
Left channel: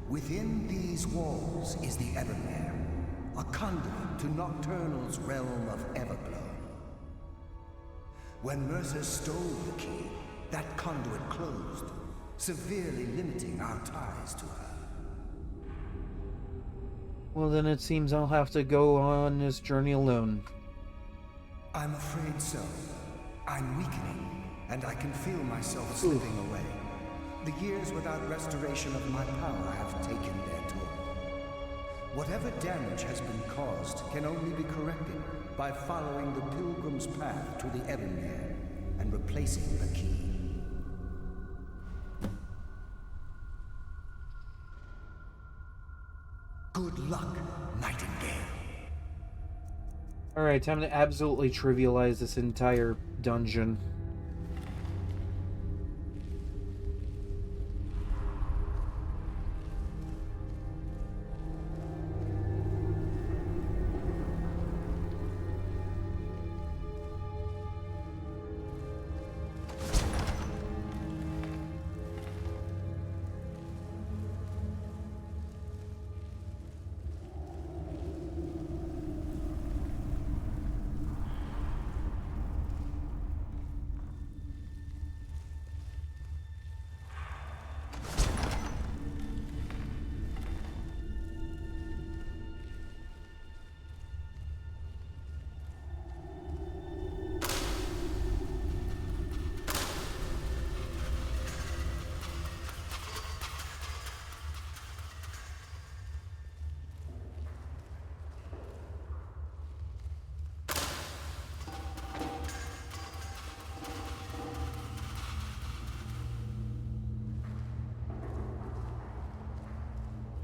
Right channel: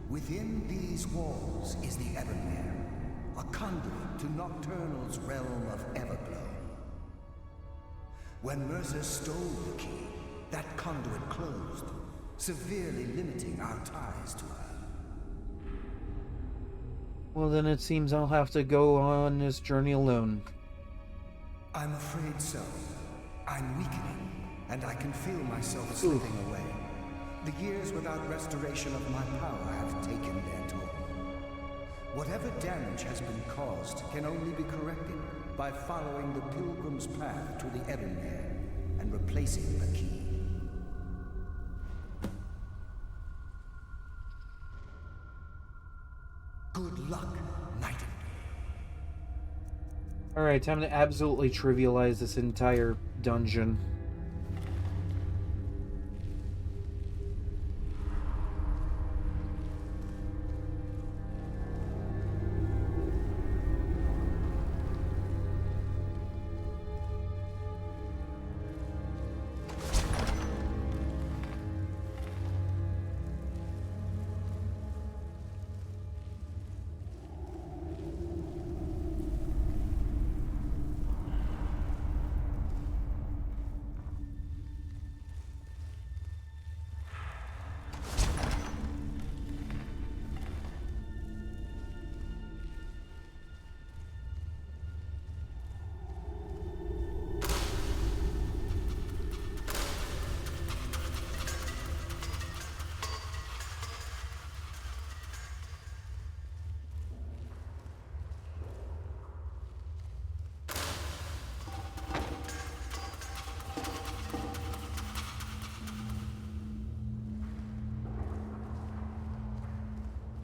Within these walls is the Ebonmere, a conduit to Nocturnal's realm of Everglow. When Mercer stole the key, that conduit closed, severely limiting our ties to her. Well, then it seems I'll have to go on this journey alone. I'm afraid so. I'm weakening, and I can feel myself slipping away. The years without restoration of my power have taken their toll. Whatever damage has been caused can only be corrected by following the pilgrim's path to the Ebonmere and replacing the key. Good luck, Nightingale. Alright, time to absolutely trivialize this entire dungeon.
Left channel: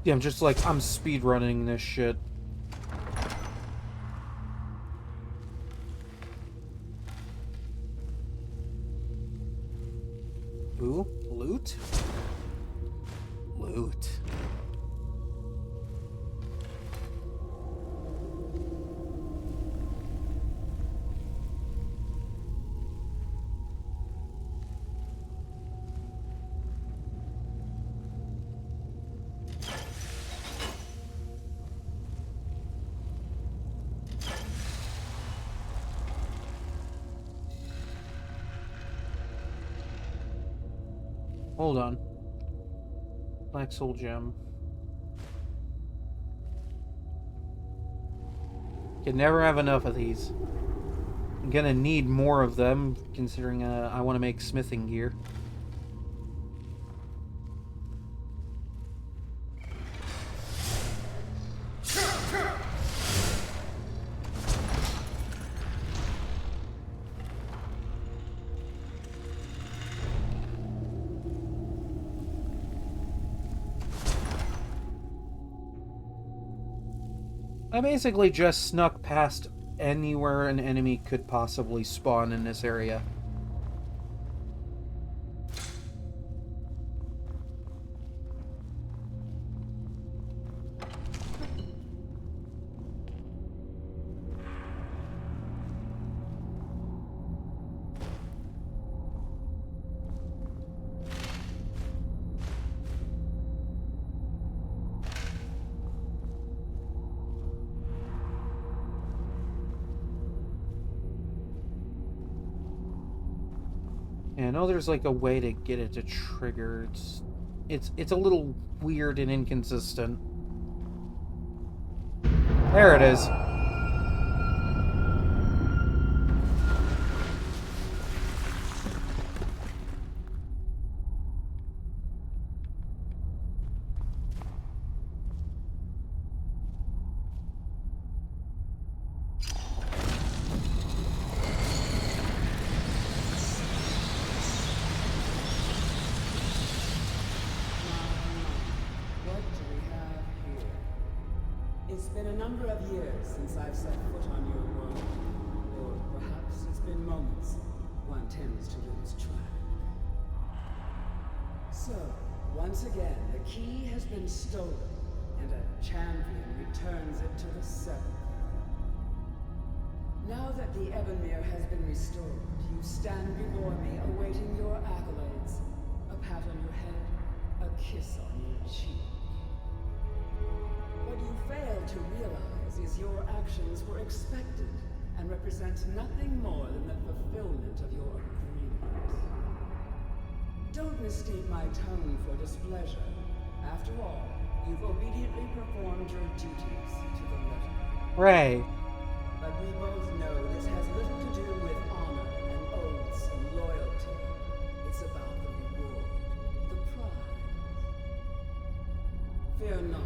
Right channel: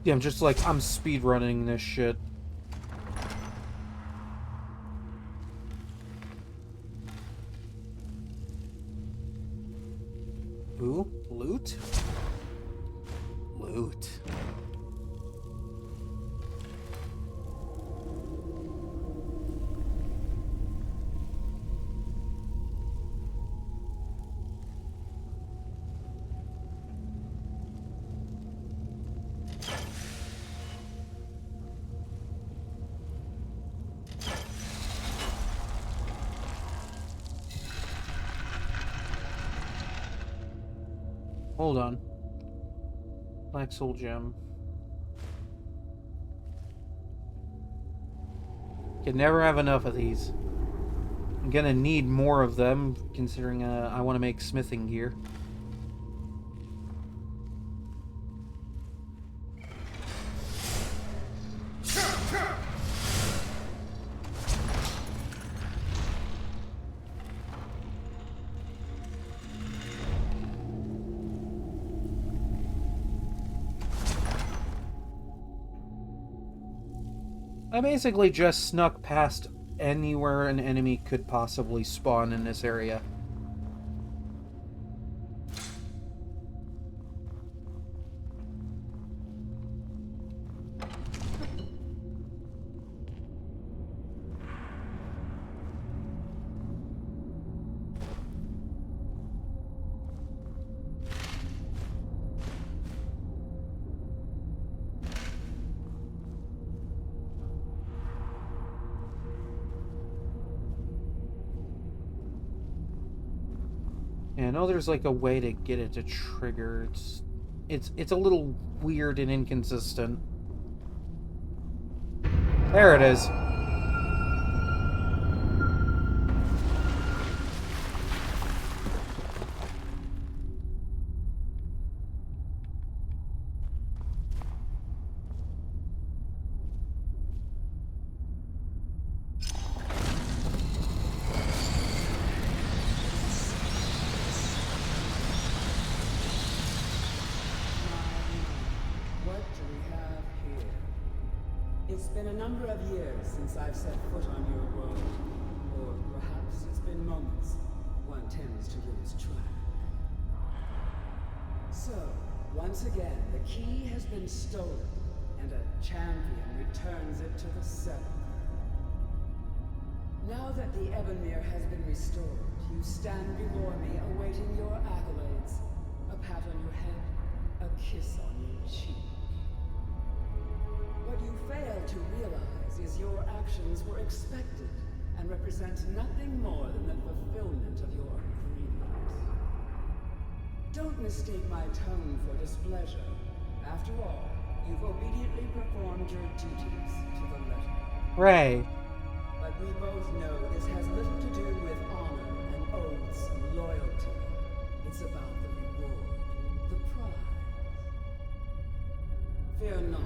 Yeah, I'm just like, I'm speedrunning this shit. Ooh, loot? Loot. Hold on. Black Soul Gem. Can never have enough of these. I'm gonna need more of them, considering I want to make smithing gear. I basically just snuck past anywhere an enemy could possibly spawn in this area. Yeah, I know there's like a way to get it to trigger. It's a little weird and inconsistent. There it is. What do we have here? It's been a number of years since I've set foot on your world. Or perhaps it's been moments. One tends to lose track. So, once again, the key has been stolen, and a champion returns it to the Sepulchre. Now that the Ebenmere has been restored, you stand before me awaiting your accolades. A pat on your head, a kiss on your cheek. What you fail to realize is your actions were expected and represent nothing more than the fulfillment of your agreement. Don't mistake my tone for displeasure. After all, you've obediently performed your duties to the letter. Right. But we both know this has little to do with honor and oaths and loyalty. It's about the reward, the prize. Fear not.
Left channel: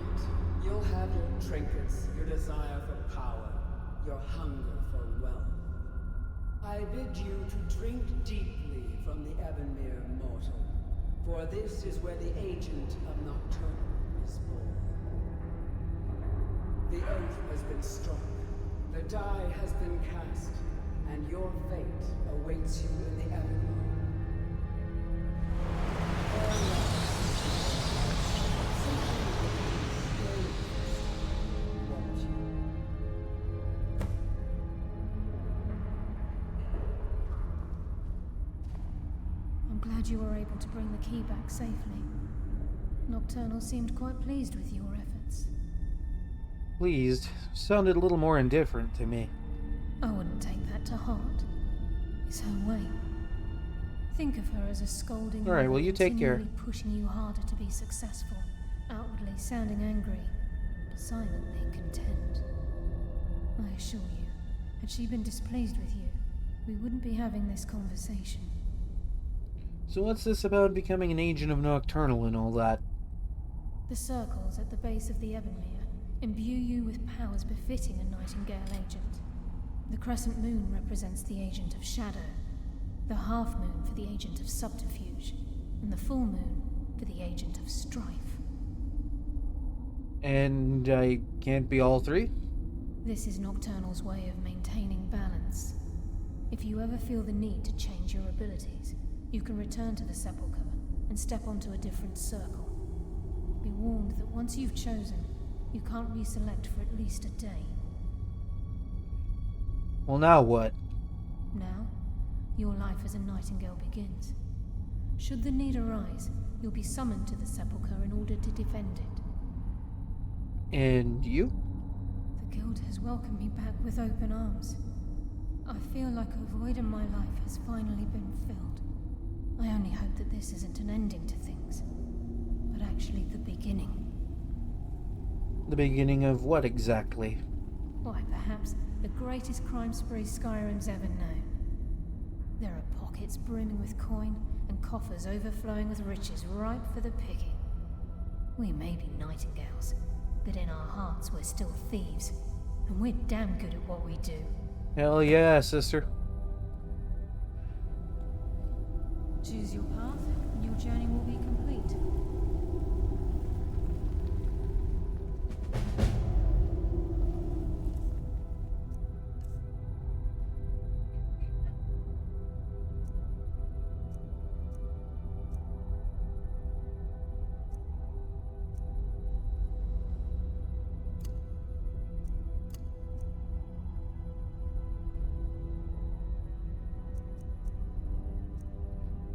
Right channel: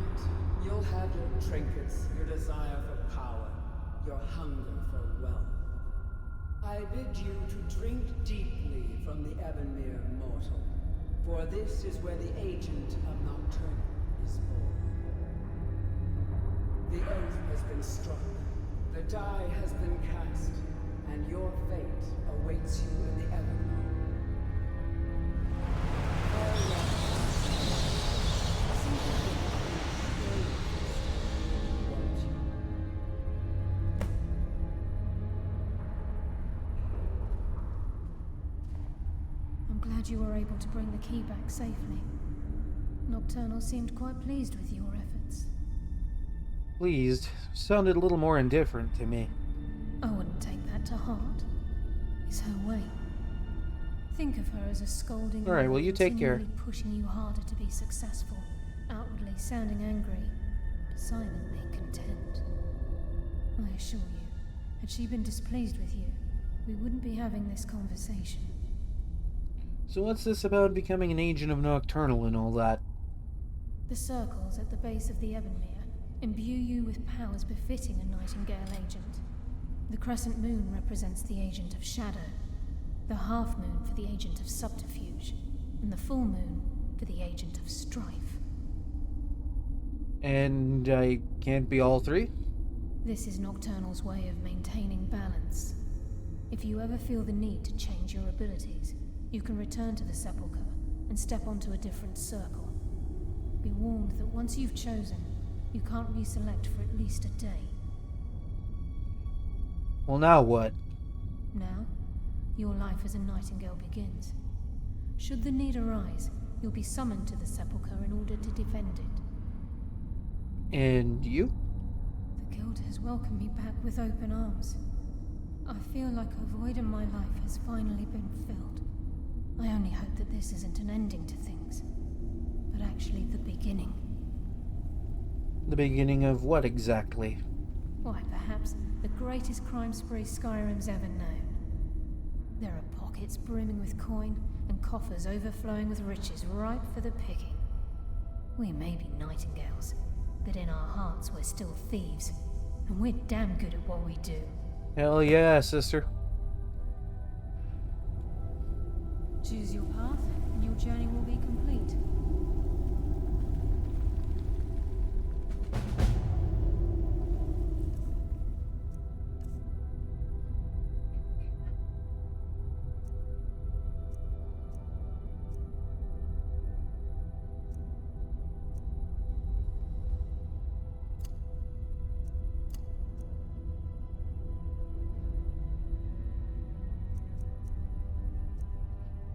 You'll have your trinkets, your desire for power, your hunger for wealth. I bid you to drink deeply from the Ebenmere mortal, for this is where the agent of Nocturnal is born. The oath has been struck. The die has been cast, and your fate awaits you in the Everglow. Farewell. See to it that you stay this time, won't you? I'm glad you were able to bring the key back safely. Nocturnal seemed quite pleased with your efforts. Pleased sounded a little more indifferent to me. I wouldn't take that to heart. It's her way. Think of her as a scolding All right, mother well, you take care. continually pushing you harder to be successful, outwardly sounding angry, but silently content. I assure you, had she been displeased with you, we wouldn't be having this conversation. So what's this about becoming an agent of Nocturnal and all that? The circles at the base of the Ebonmere imbue you with powers befitting a Nightingale agent. The crescent moon represents the agent of shadow, the half moon for the agent of subterfuge, and the full moon for the agent of strife. And I can't be all three? This is Nocturnal's way of maintaining balance. If you ever feel the need to change your abilities, you can return to the Sepulchre and step onto a different circle. Be warned that once you've chosen, you can't reselect for at least a day. Well, now what? Now, your life as a Nightingale begins. Should the need arise, you'll be summoned to the Sepulchre in order to defend it. And you? The Guild has welcomed me back with open arms. I feel like a void in my life has finally been filled. I only hope that this isn't an ending to things, but actually the beginning. The beginning of what exactly? Why, perhaps the greatest crime spree Skyrim's ever known. There are pockets brimming with coin and coffers overflowing with riches ripe for the picking. We may be Nightingales, but in our hearts we're still thieves, and we're damn good at what we do. Hell yeah, sister. Choose your path, and your journey will be complete.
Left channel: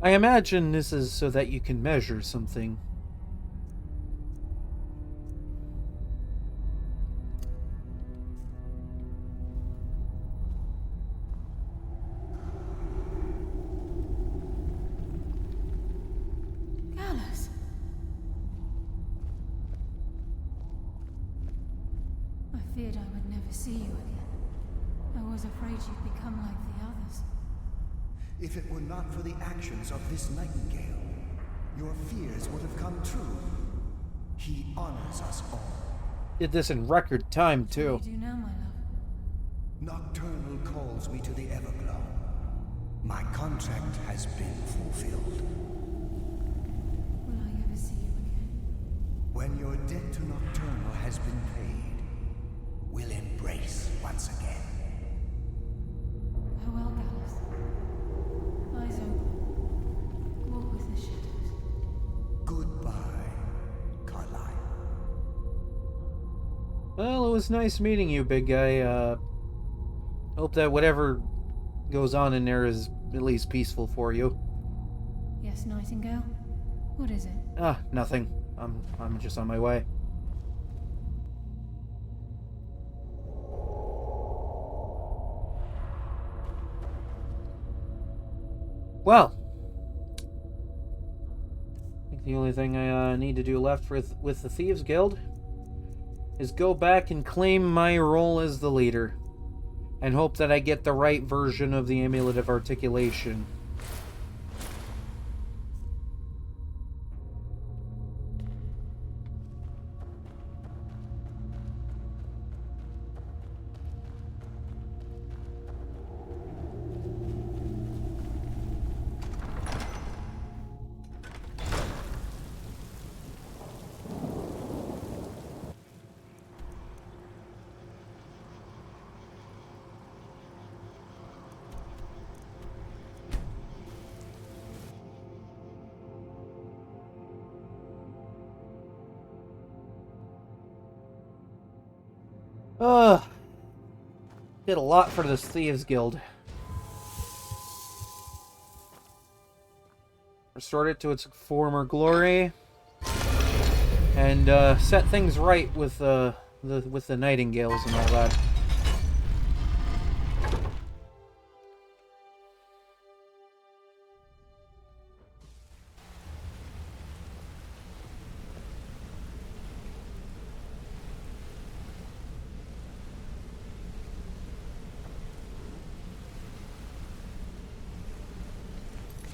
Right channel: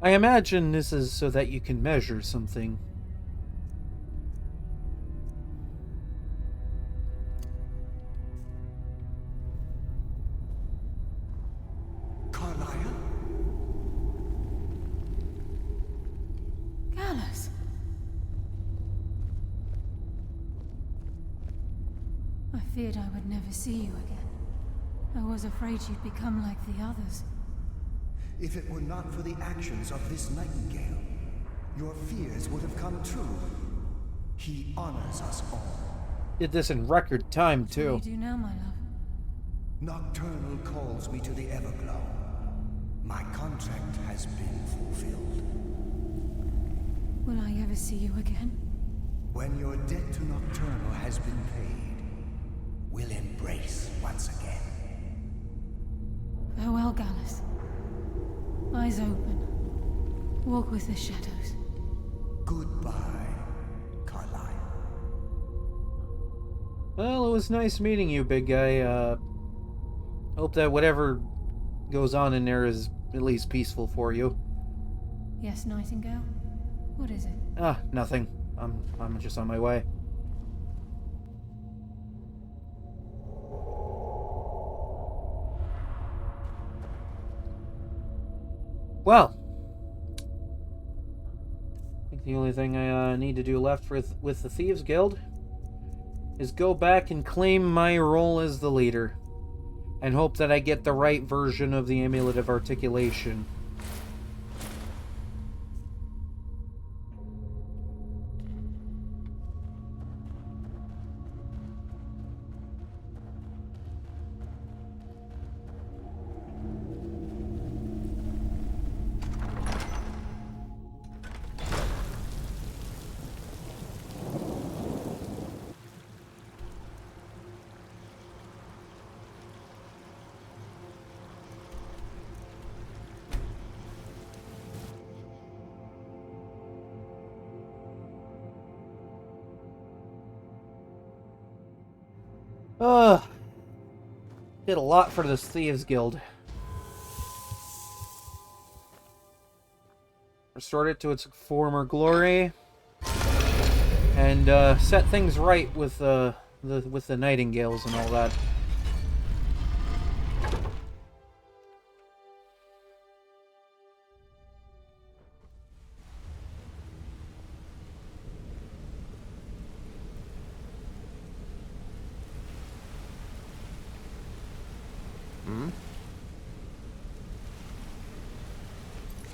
I imagine this is so that you can measure something. Gallus! I feared I would never see you again. I was afraid you'd become like the others. If it were not for the actions of this Nightingale, your fears would have come true. He honors us all. Did this in record time, What too. do you do now, my love? Nocturnal calls me to the Everglow. My contract has been fulfilled. Will I ever see you again? When your debt to Nocturnal has been paid, we'll embrace once again. Farewell, Gallus. Eyes open. Walk with the shadows. Goodbye, Carlyle. Well, it was nice meeting you, big guy. Hope that whatever goes on in there is at least peaceful for you. Yes, Nightingale? What is it? Ah, nothing. I'm just on my way. Well, I think the only thing I need to do left with the Thieves Guild is go back and claim my role as the leader, and hope that I get the right version of the Amulet of Articulation. Ugh. Did a lot for this Thieves Guild. Restored it to its former glory. And set things right with the Nightingales and all that.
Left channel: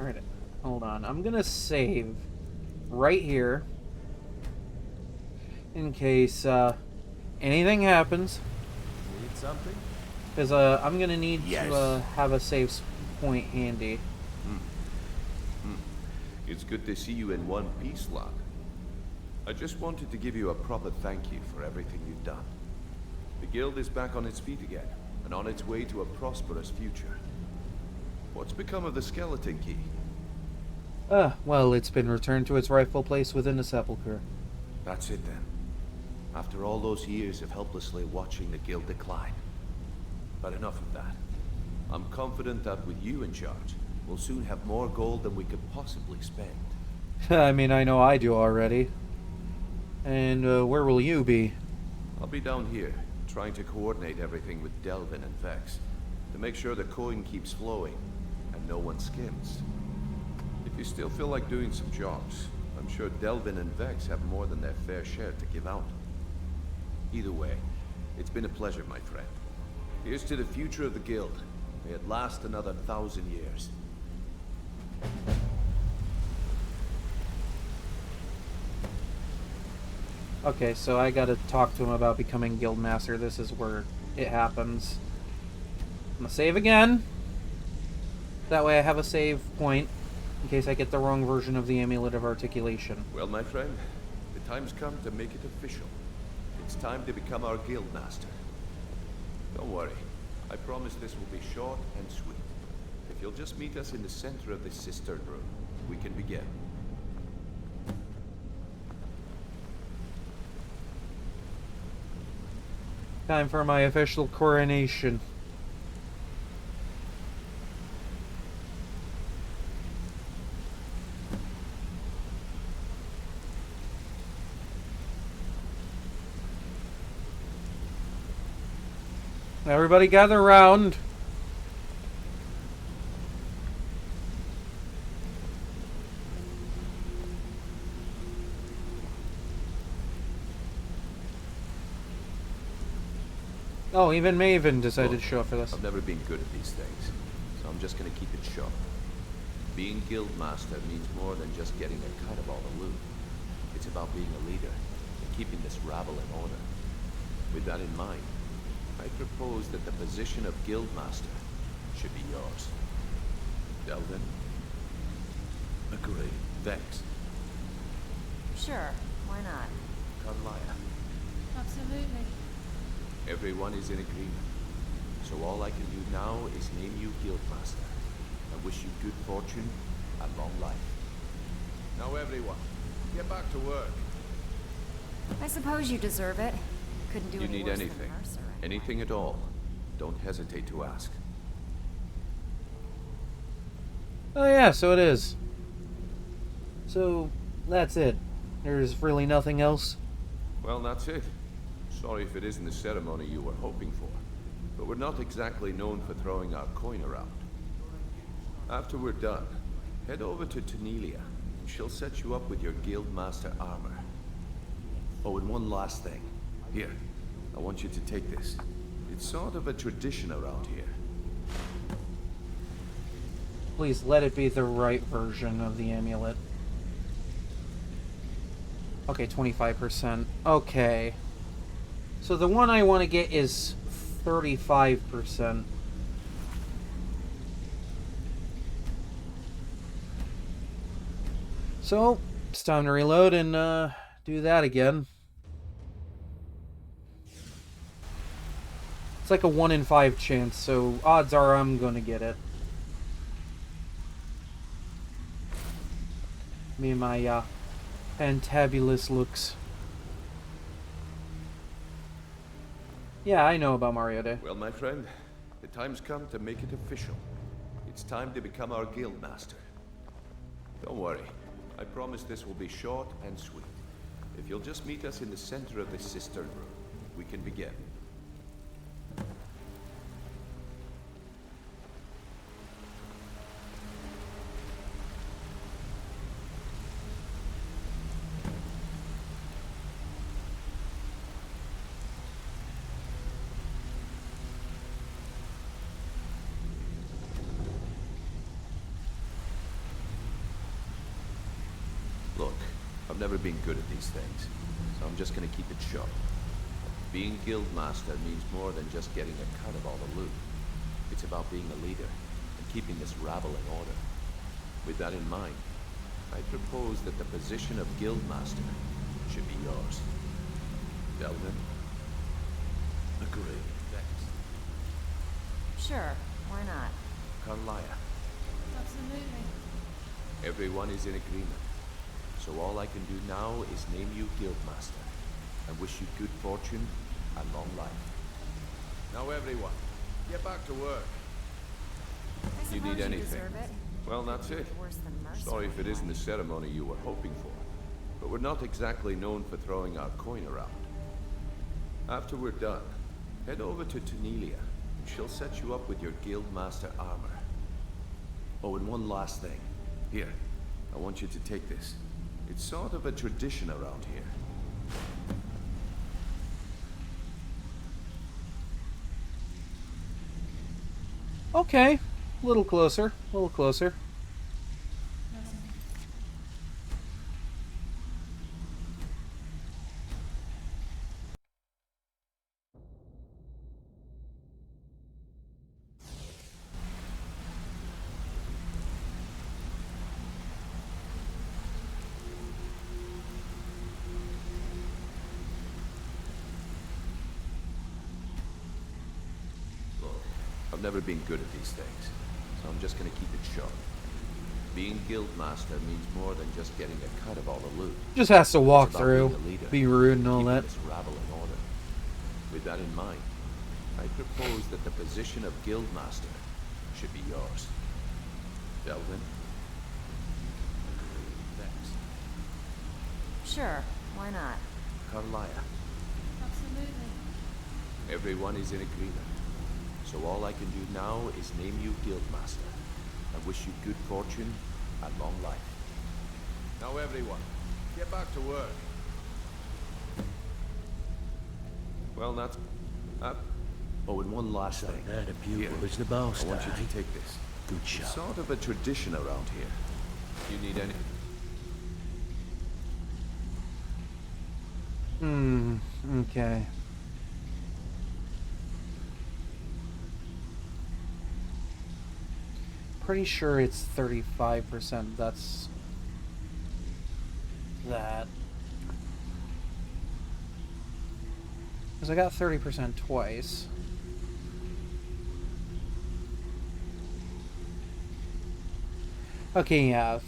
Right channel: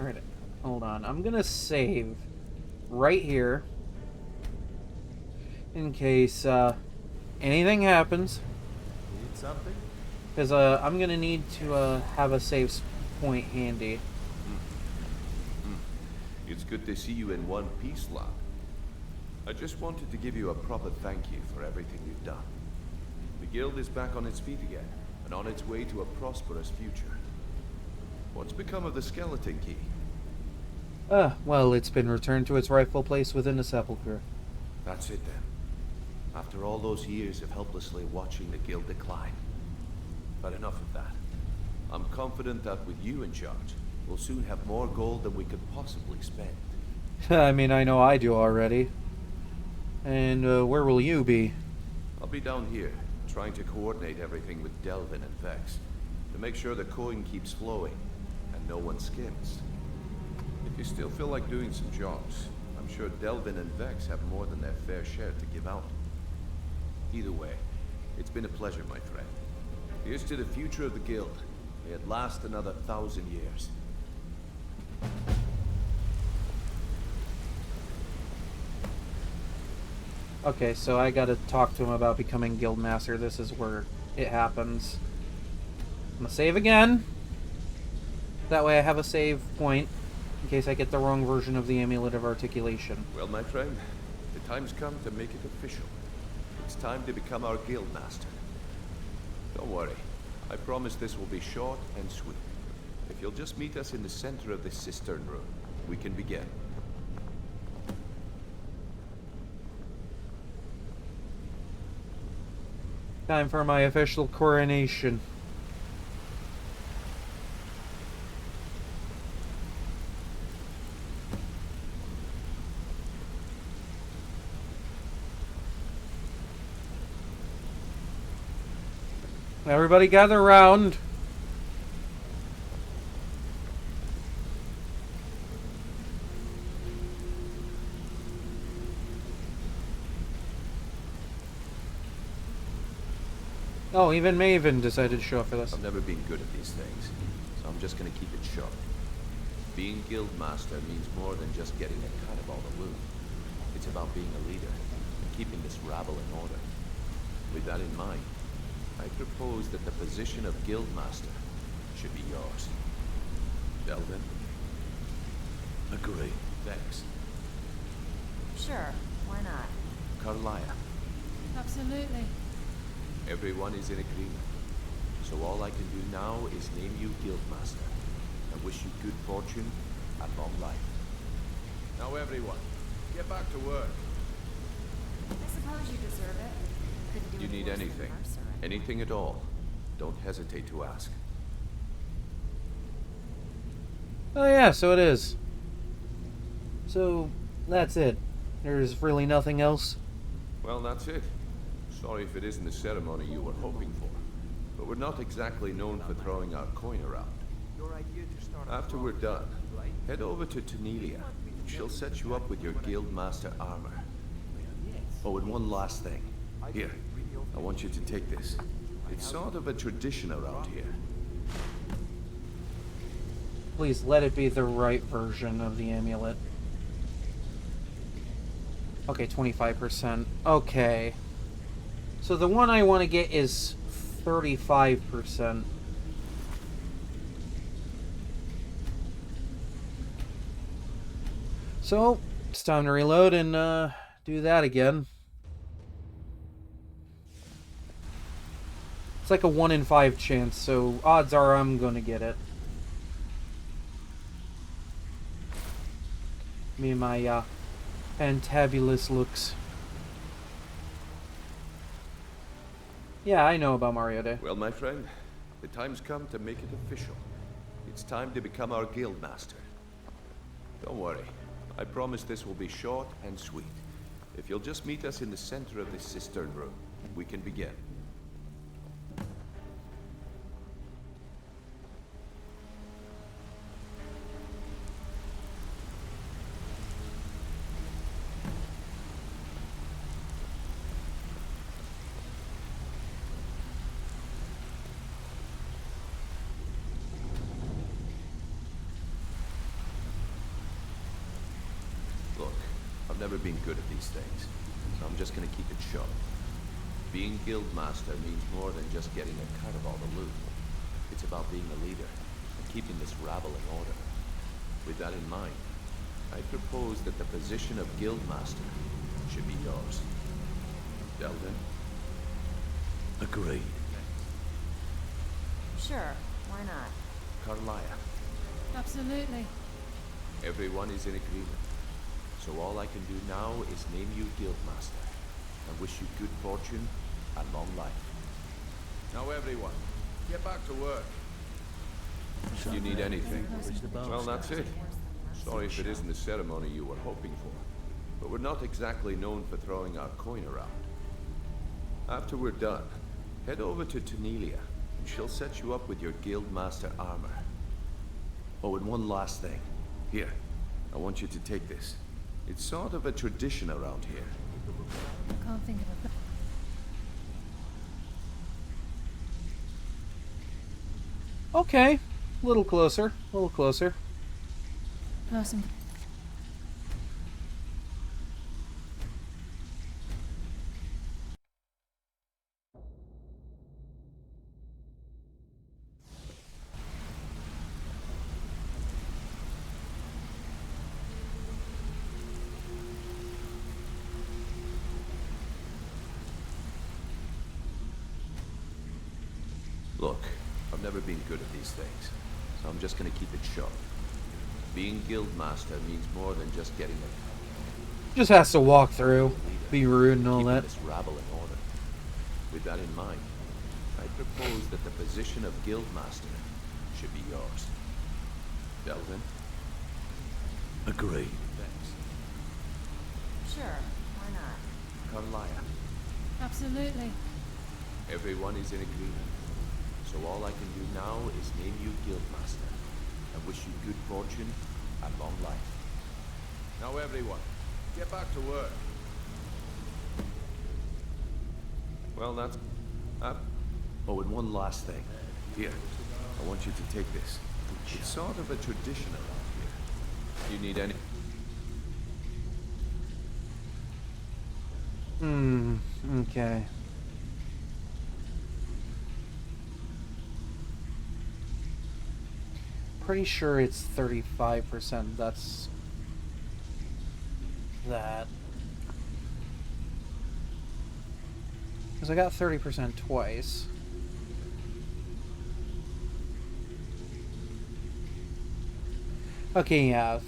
Alright, hold on. I'm gonna save right here in case anything happens. Need something? Because I'm gonna need to have a save point handy. It's good to see you in one piece, lad. I just wanted to give you a proper thank you for everything you've done. The guild is back on its feet again, and on its way to a prosperous future. What's become of the skeleton key? Well, it's been returned to its rightful place within the sepulchre. That's it then. After all those years of helplessly watching the guild decline. But enough of that. I'm confident that with you in charge, we'll soon have more gold than we could possibly spend. I mean, I know I do already. And where will you be? I'll be down here, trying to coordinate everything with Delvin and Vex, to make sure the coin keeps flowing, and no one skims. If you still feel like doing some jobs, I'm sure Delvin and Vex have more than their fair share to give out. Either way, it's been a pleasure, my friend. Here's to the future of the guild. May it last another 1,000 years. Okay, so I gotta talk to him about becoming Guildmaster. This is where it happens. I'm gonna save again. That way I have a save point in case I get the wrong version of the Amulet of Articulation. Well, my friend, the time's come to make it official. It's time to become our Guildmaster. Don't worry. I promise this will be short and sweet. If you'll just meet us in the center of this cistern room, we can begin. Time for my official coronation. Everybody gather around. Oh, even Maven decided to show up for this. I've never been good at these things, so I'm just gonna keep it short. Being Guildmaster means more than just getting a cut of all the loot. It's about being a leader and keeping this rabble in order. With that in mind, I propose that the position of Guildmaster should be yours. Delvin? Agree. Vex? Sure, why not? Carlia? Absolutely. Everyone is in agreement. So all I can do now is name you Guildmaster and wish you good fortune and long life. Now everyone, get back to work. I suppose you deserve it. Couldn't do You any need worse than anything. Mercer, anyway. Anything at all. Don't hesitate to ask. Oh yeah, so it is. So, that's it. There's really nothing else? Well, that's it. Sorry if it isn't the ceremony you were hoping for, but we're not exactly known for throwing our coin around. After we're done, head over to Tanelia, and she'll set you up with your Guildmaster armor. Oh, and one last thing. Here, I want you to take this. It's sort of a tradition around here. Please let it be the right version of the amulet. Okay, 25%. Okay. So the one I want to get is 35%. So, it's time to reload and do that again. It's like a 1 in 5 chance, so odds are I'm gonna get it. Me and my fantabulous looks. Yeah, I know about Mario Day. Well, my friend, the time's come to make it official. It's time to become our guild master. Don't worry. I promise this will be short and sweet. If you'll just meet us in the center of this cistern room, we can begin. Look, I've never been good at these things, so I'm just gonna keep it short. Being guild master means more than just getting a cut of all the loot. It's about being a leader and keeping this rabble in order. With that in mind, I propose that the position of guild master should be yours. Delvin? Agreed. Sure, why not? Carlia? Absolutely. Everyone is in agreement. So all I can do now is name you Guildmaster, and wish you good fortune and long life. Now everyone, get back to work. If you need anything, well, that's it. Sorry if it isn't the ceremony you were hoping for, but we're not exactly known for throwing our coin around. After we're done, head over to Tanelia, and she'll set you up with your Guildmaster armor. Oh, and one last thing. Here, I want you to take this. It's sort of a tradition around here. Can't think of it. Okay, a little closer, a little closer. Person. Look, I've never been good at these things, so I'm just gonna keep it short. Being Guildmaster means more than just getting a cut of all the loot. Just has to walk It's about through, being a leader, be rude and all keeping that. this rabble in order. With that in mind, I propose that the position of Guildmaster should be yours. Delvin? Agreed. Thanks. Sure, why not? Carlia? Absolutely. Everyone is in agreement. So all I can do now is name you Guildmaster, and wish you good fortune and long life. Now everyone, get back to work. Well, that's... Oh, and one last thing. Here, I want you to take this. It's sort of a tradition around here. You need any... Okay. Pretty sure it's 35%. That's that. Because I got 30% twice. Okay, yeah.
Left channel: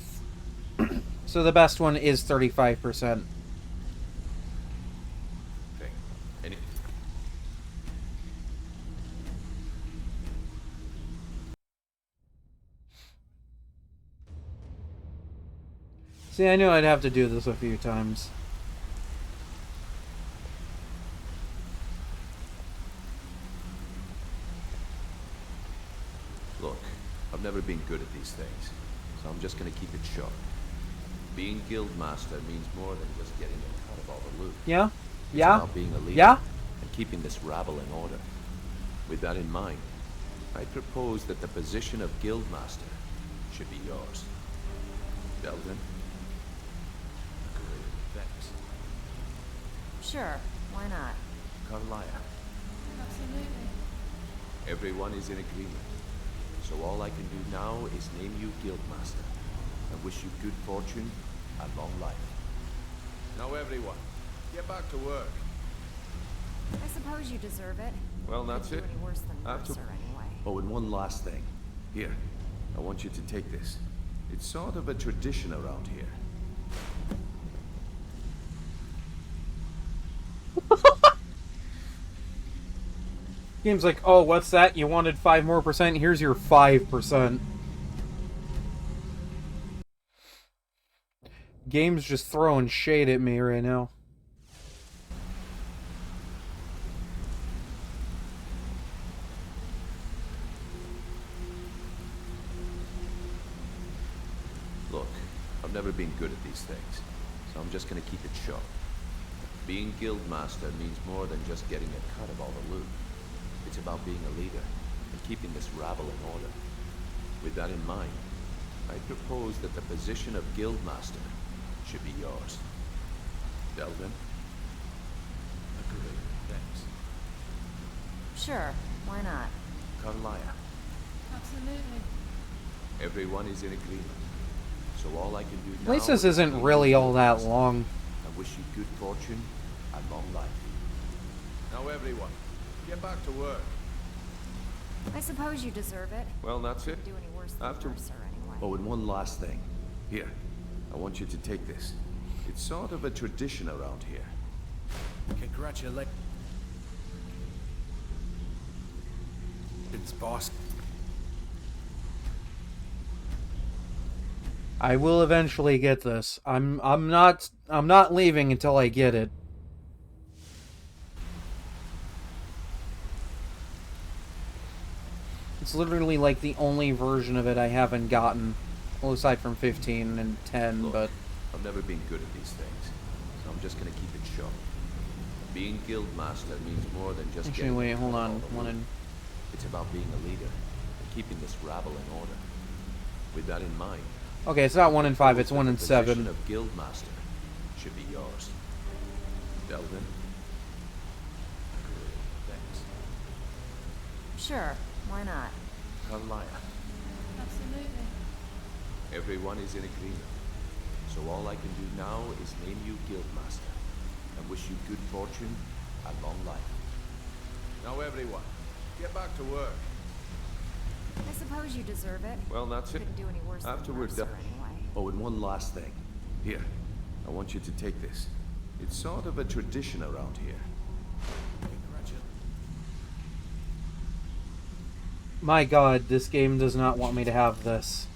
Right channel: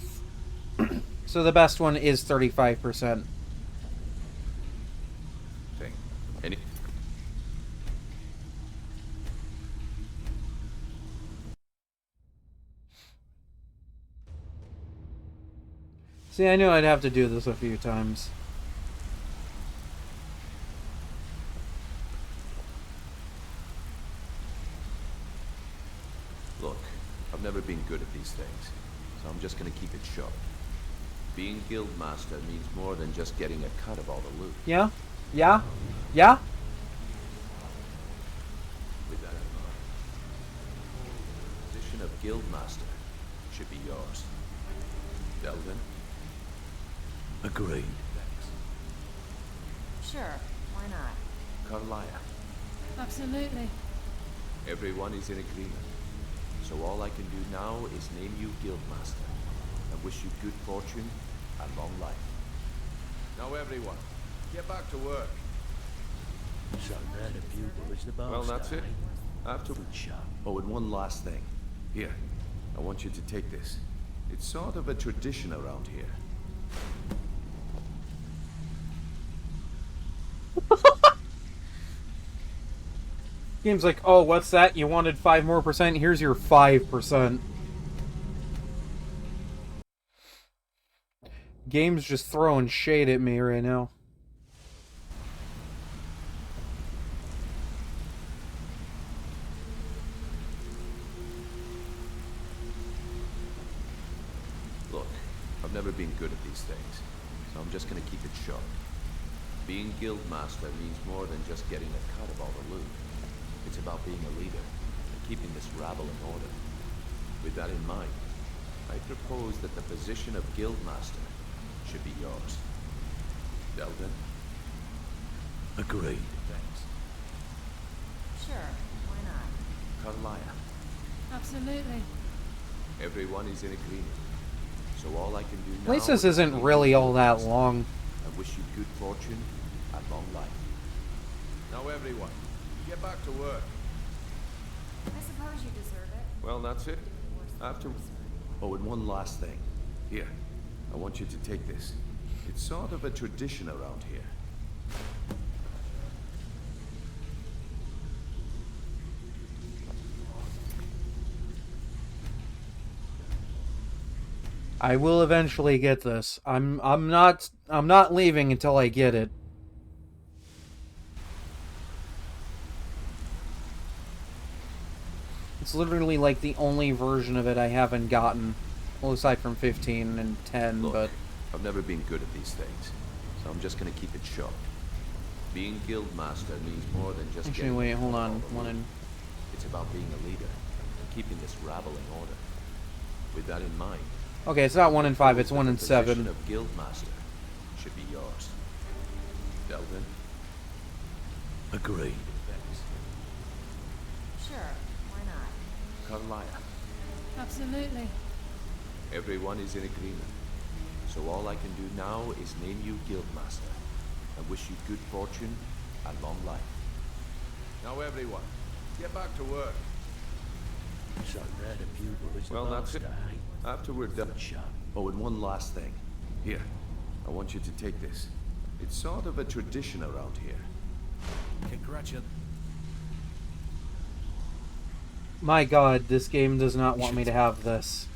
So the best one is 35%. thing. Any... See, I knew I'd have to do this a few times. Look, I've never been good at these things, so I'm just gonna keep it short. Being Guildmaster means more than just getting a cut of all the loot. Yeah? It's Yeah? about being a leader Yeah? and keeping this rabble in order. With that in mind, I propose that the position of Guildmaster should be yours. Delvin? Agreed. Thanks. Sure, why not? Carlia? Absolutely. Everyone is in agreement. So all I can do now is name you Guildmaster, and wish you good fortune and long life. Now everyone, get back to work. I suppose you deserve it. Well, that's it. Any worse than After... Mercer, anyway. Oh, and one last thing. Here, I want you to take this. It's sort of a tradition around here. Game's like, oh, what's that? You wanted 5% more? Here's your 5%. Game's just throwing shade at me right now. Look, I've never been good at these things, so I'm just gonna keep it short. Being Guildmaster means more than just getting a cut of all the loot. It's about being a leader and keeping this rabble in order. With that in mind, I propose that the position of Guildmaster should be yours. Delvin? Agreed. Thanks. Sure, why not? Carlia? Absolutely. Everyone is in agreement. So all I can do At now least this is isn't name really you all that Guildmaster long. and wish you good fortune and long life. Now everyone, get back to work. I suppose you deserve it. Well, that's it. Do any worse than After... Mercer, anyway. Oh, and one last thing. Here, I want you to take this. It's sort of a tradition around here. Congratulations, boss. I will eventually get this. I'm not leaving until I get it. It's literally like the only version of it I haven't gotten. Well, aside from 15 and 10, Look, but... I've never been good at these things, so I'm just gonna keep it short. Being Guildmaster means more than just Actually, getting wait, a hold cut of on. all the One loot. in... It's about being a leader and keeping this rabble in order. With that in mind... Okay, it's not 1 in 5, it's 1 in the 7. position of Guildmaster should be yours. Delvin? Agreed. Thanks. Sure, why not? Carlia? Absolutely. Everyone is in agreement. So all I can do now is name you Guildmaster and wish you good fortune and long life. Now everyone, get back to work. I suppose you deserve it. Well, that's it. Couldn't do any worse than After we're Mercer, done... anyway. Oh, and one last thing. Here, I want you to take this. It's sort of a tradition around here. Congratulations. My god, this game does not want me to have this.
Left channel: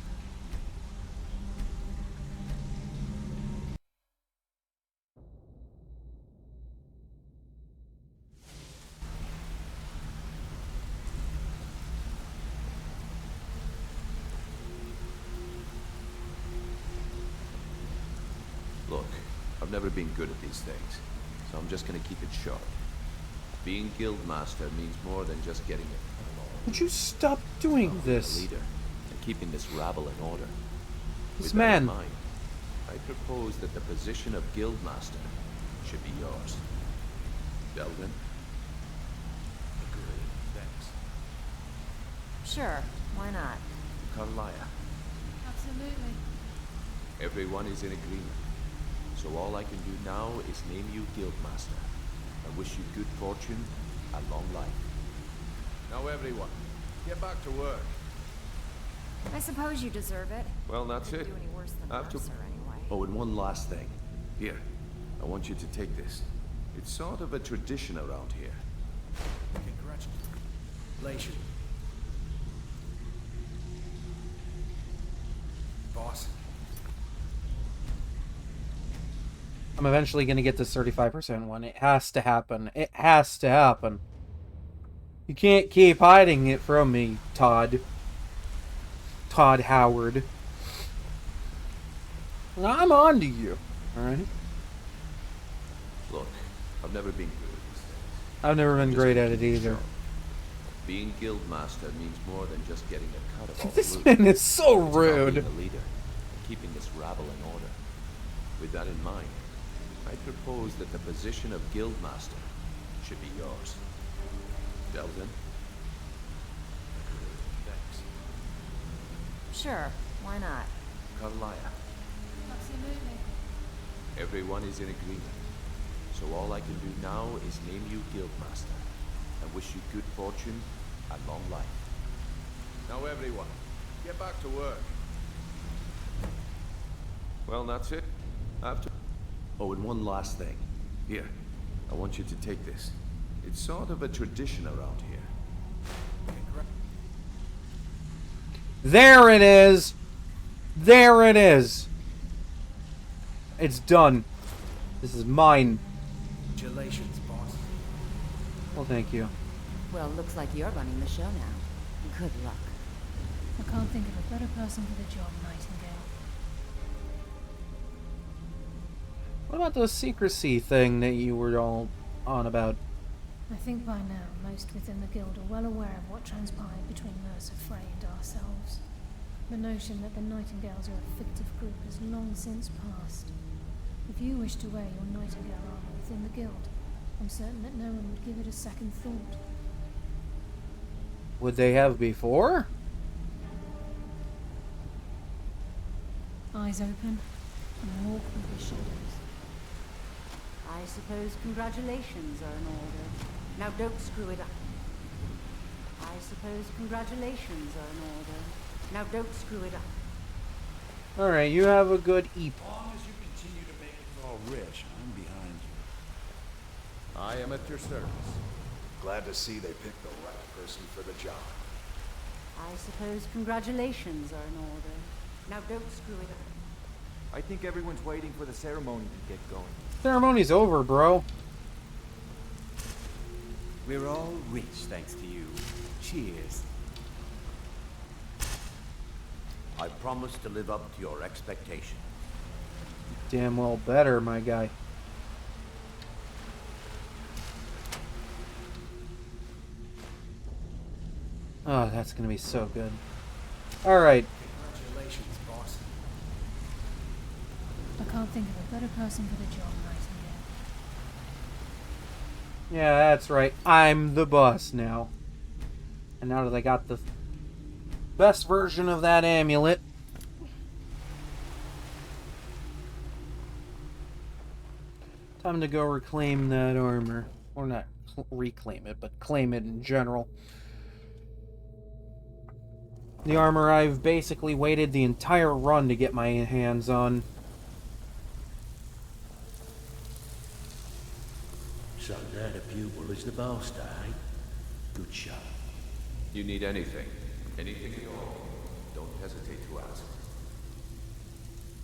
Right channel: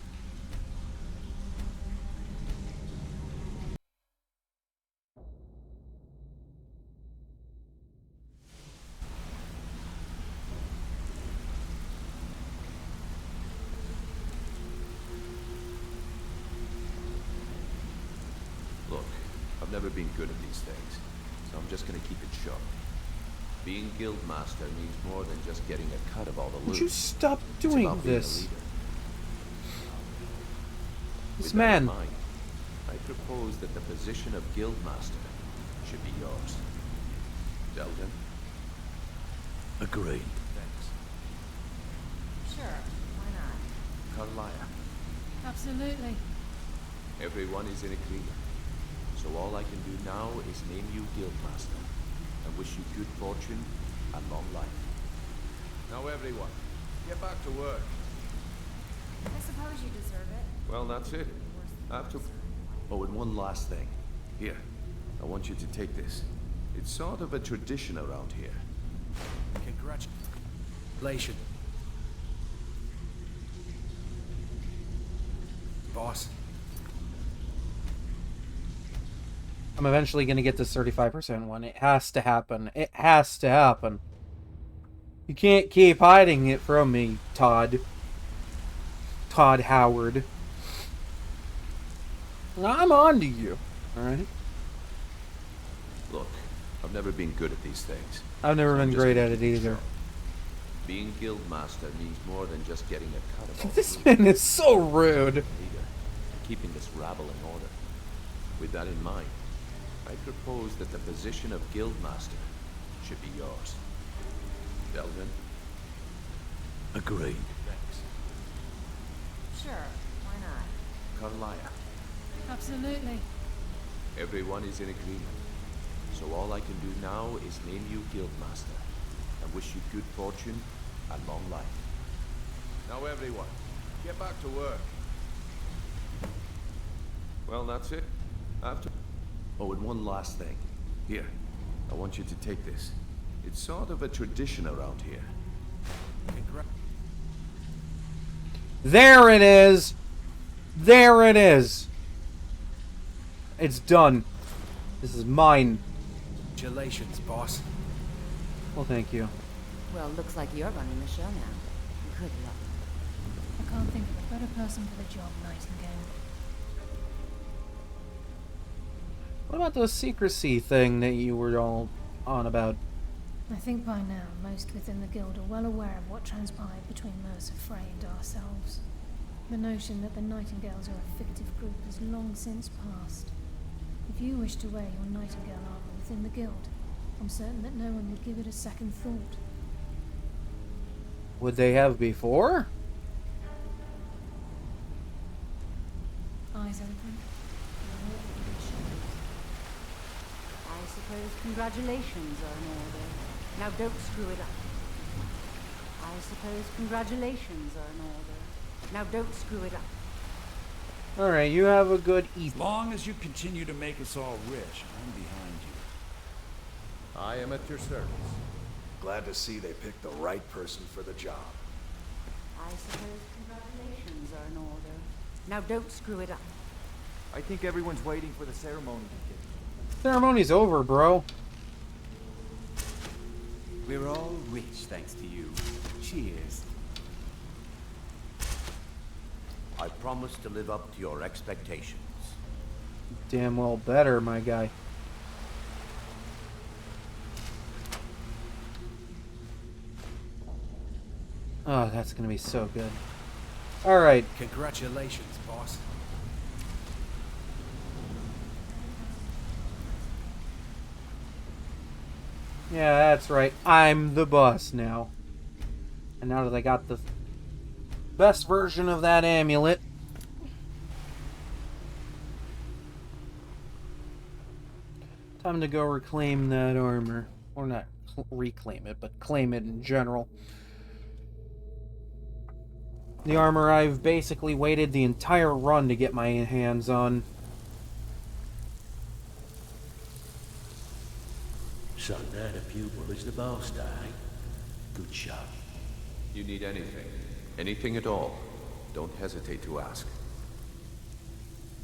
Look, I've never been good at these things, so I'm just gonna keep it short. Being Guildmaster means more than just getting a cut of all the loot. Would you stop It's doing about being this? a leader and keeping this rabble in order. This With that in man. mind, I propose that the position of Guildmaster should be yours. Delvin? Agreed. Thanks. Sure, why not? Carlia? Absolutely. Everyone is in agreement. So all I can do now is name you Guildmaster and wish you good fortune and long life. Now everyone, get back to work. I suppose you deserve it. Well, that's Couldn't it. do any worse than After... Mercer, anyway. Oh, and one last thing. Here, I want you to take this. It's sort of a tradition around here. Congratulations, boss. I'm eventually going to get this 35% one. It has to happen. It has to happen. You can't keep hiding it from me, Todd. Todd Howard. I'm on to you. Alright? Look, I've never been good at these things. I've never so I'm been just great gonna at it keep either. short. Being Guildmaster means more than just getting a cut of all This the loot. man is so It's about rude. being a leader and keeping this rabble in order. With that in mind, I propose that the position of Guildmaster should be yours. Delvin? Agreed. Thanks. Sure, why not? Carlia? Absolutely. Everyone is in agreement. So all I can do now is name you Guildmaster and wish you good fortune and long life. Now everyone, get back to work. Well, that's it. After... Oh, and one last thing. Here, I want you to take this. It's sort of a tradition around here. There it is! There it is! It's done. This is mine. Congratulations, boss. Well, thank you. Well, looks like you're running the show now. Good luck. I can't think of a better person for the job, Nightingale. What about the secrecy thing that you were all on about? I think by now most within the guild are well aware of what transpired between Mercer Frey and ourselves. The notion that the Nightingales are a fictive group has long since passed. If you wish to wear your Nightingale armor within the guild, I'm certain that no one would give it a second thought. Would they have before? Eyes open and walk with your shadows. I suppose congratulations are in order. Now don't screw it up. I suppose congratulations are in order. Now don't screw it up. Alright, you have a good As long as you continue to make us all rich, I'm behind you. I am at your service. Glad to see they picked the right person for the job. I suppose congratulations are in order. Now don't screw it up. I think everyone's waiting for the ceremony to get going. Ceremony's over, bro. We're all rich thanks to you. Cheers. I promise to live up to your expectations. Damn well better, my guy. Oh, that's gonna be so good. Alright. Congratulations, boss. I can't think of a better person for the job, Nightingale. Yeah, that's right. I'm the boss now. And now that I got the best version of that amulet, time to go reclaim that armor. Or not reclaim it, but claim it in general. The armor I've basically waited the entire run to get my hands on. So now the pupil is the master, eh? Good show. You need anything. Anything at all. Don't hesitate to ask.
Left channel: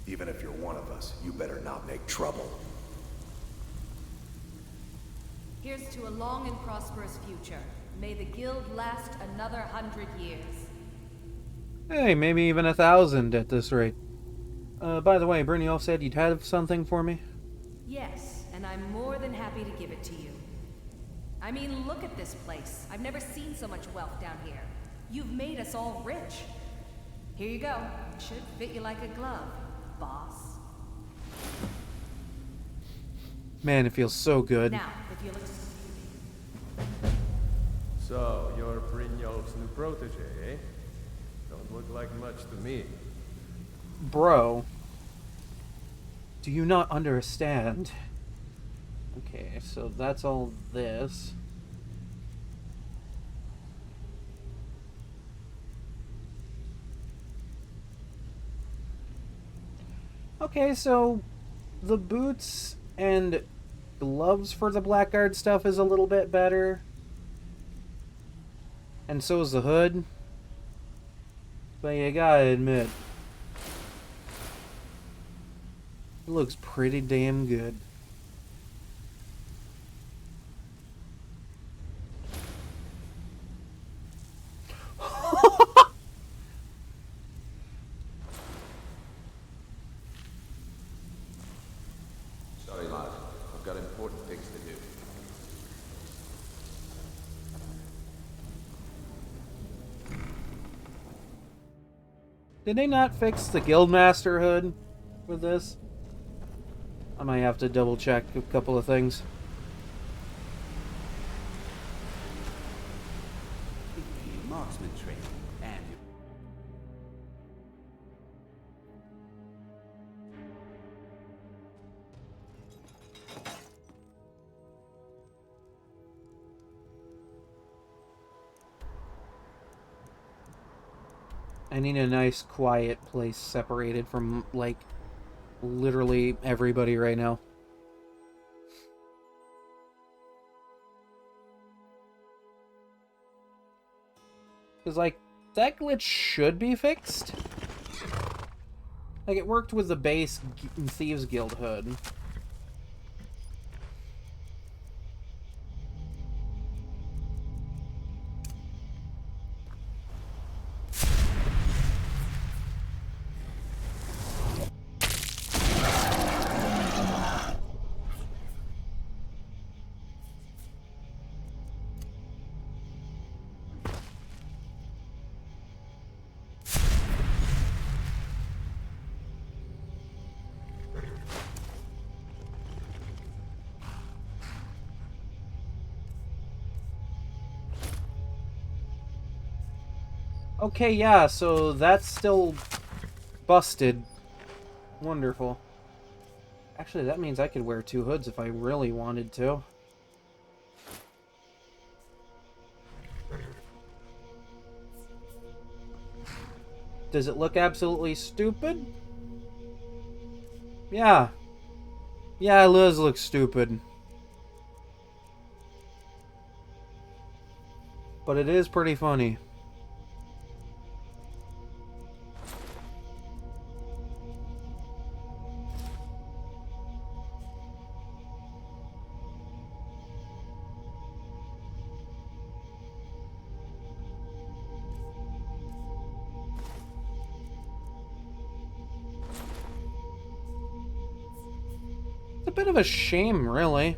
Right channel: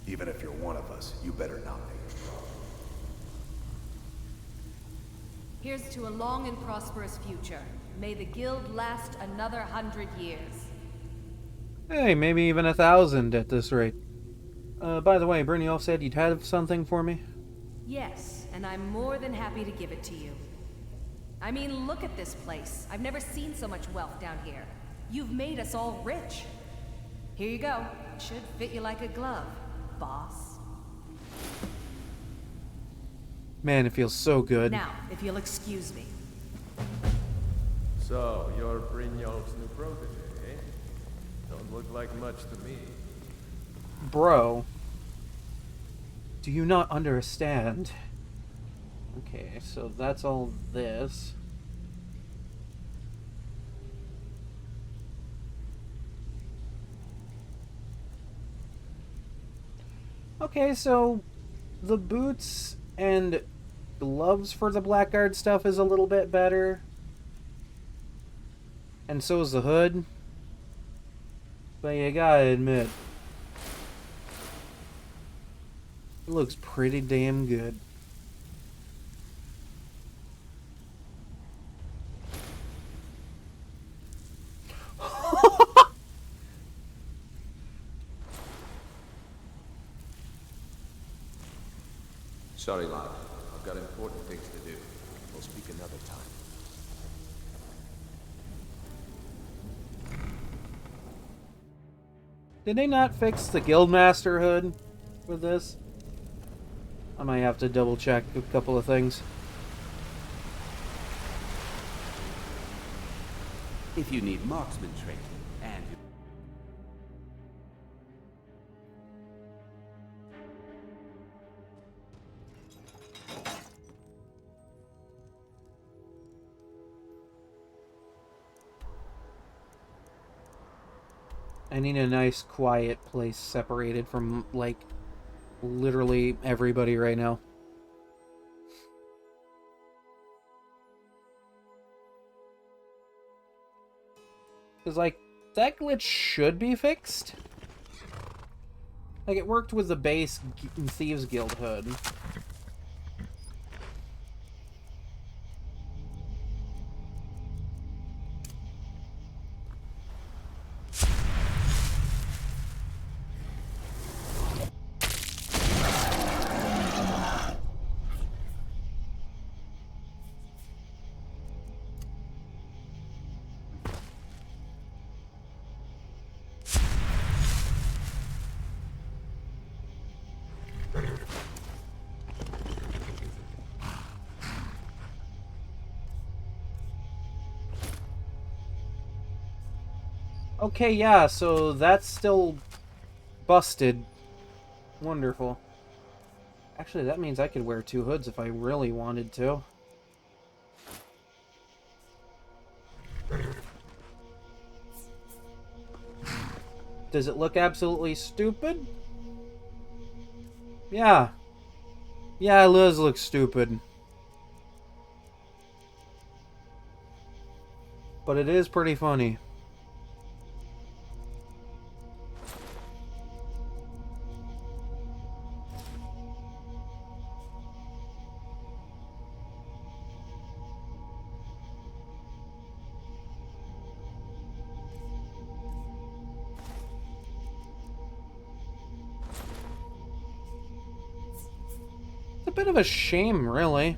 Even if you're one of us, you better not make trouble. Here's to a long and prosperous future. May the guild last another 100 years. Hey, maybe even 1,000 at this rate. By the way, Brynjolf said you'd have something for me? Yes, and I'm more than happy to give it to you. I mean, look at this place. I've never seen so much wealth down here. You've made us all rich. Here you go. It should fit you like a glove, boss. Man, it feels so good. Now, if you'll excuse me. So, you're Brynjolf's new protege, eh? Don't look like much to me. Bro. Do you not understand? Okay, so that's all this. Okay, so the boots and gloves for the Blackguard stuff is a little bit better. And so is the hood. But you gotta admit, it looks pretty damn good. Sorry, lad. I've got important things to do. We'll speak another time. Did they not fix the Guildmaster hood with this? I might have to double check a couple of things. If you need marksman training, and you... I need a nice quiet place separated from, like, literally everybody right now. Because, like, that glitch should be fixed. Like, it worked with the base Thieves Guild hood. Okay, yeah, so that's still busted. Wonderful. Actually, that means I could wear 2 hoods if I really wanted to. Does it look absolutely stupid? Yeah. Yeah, it does look stupid. But it is pretty funny. It's a bit of a shame, really.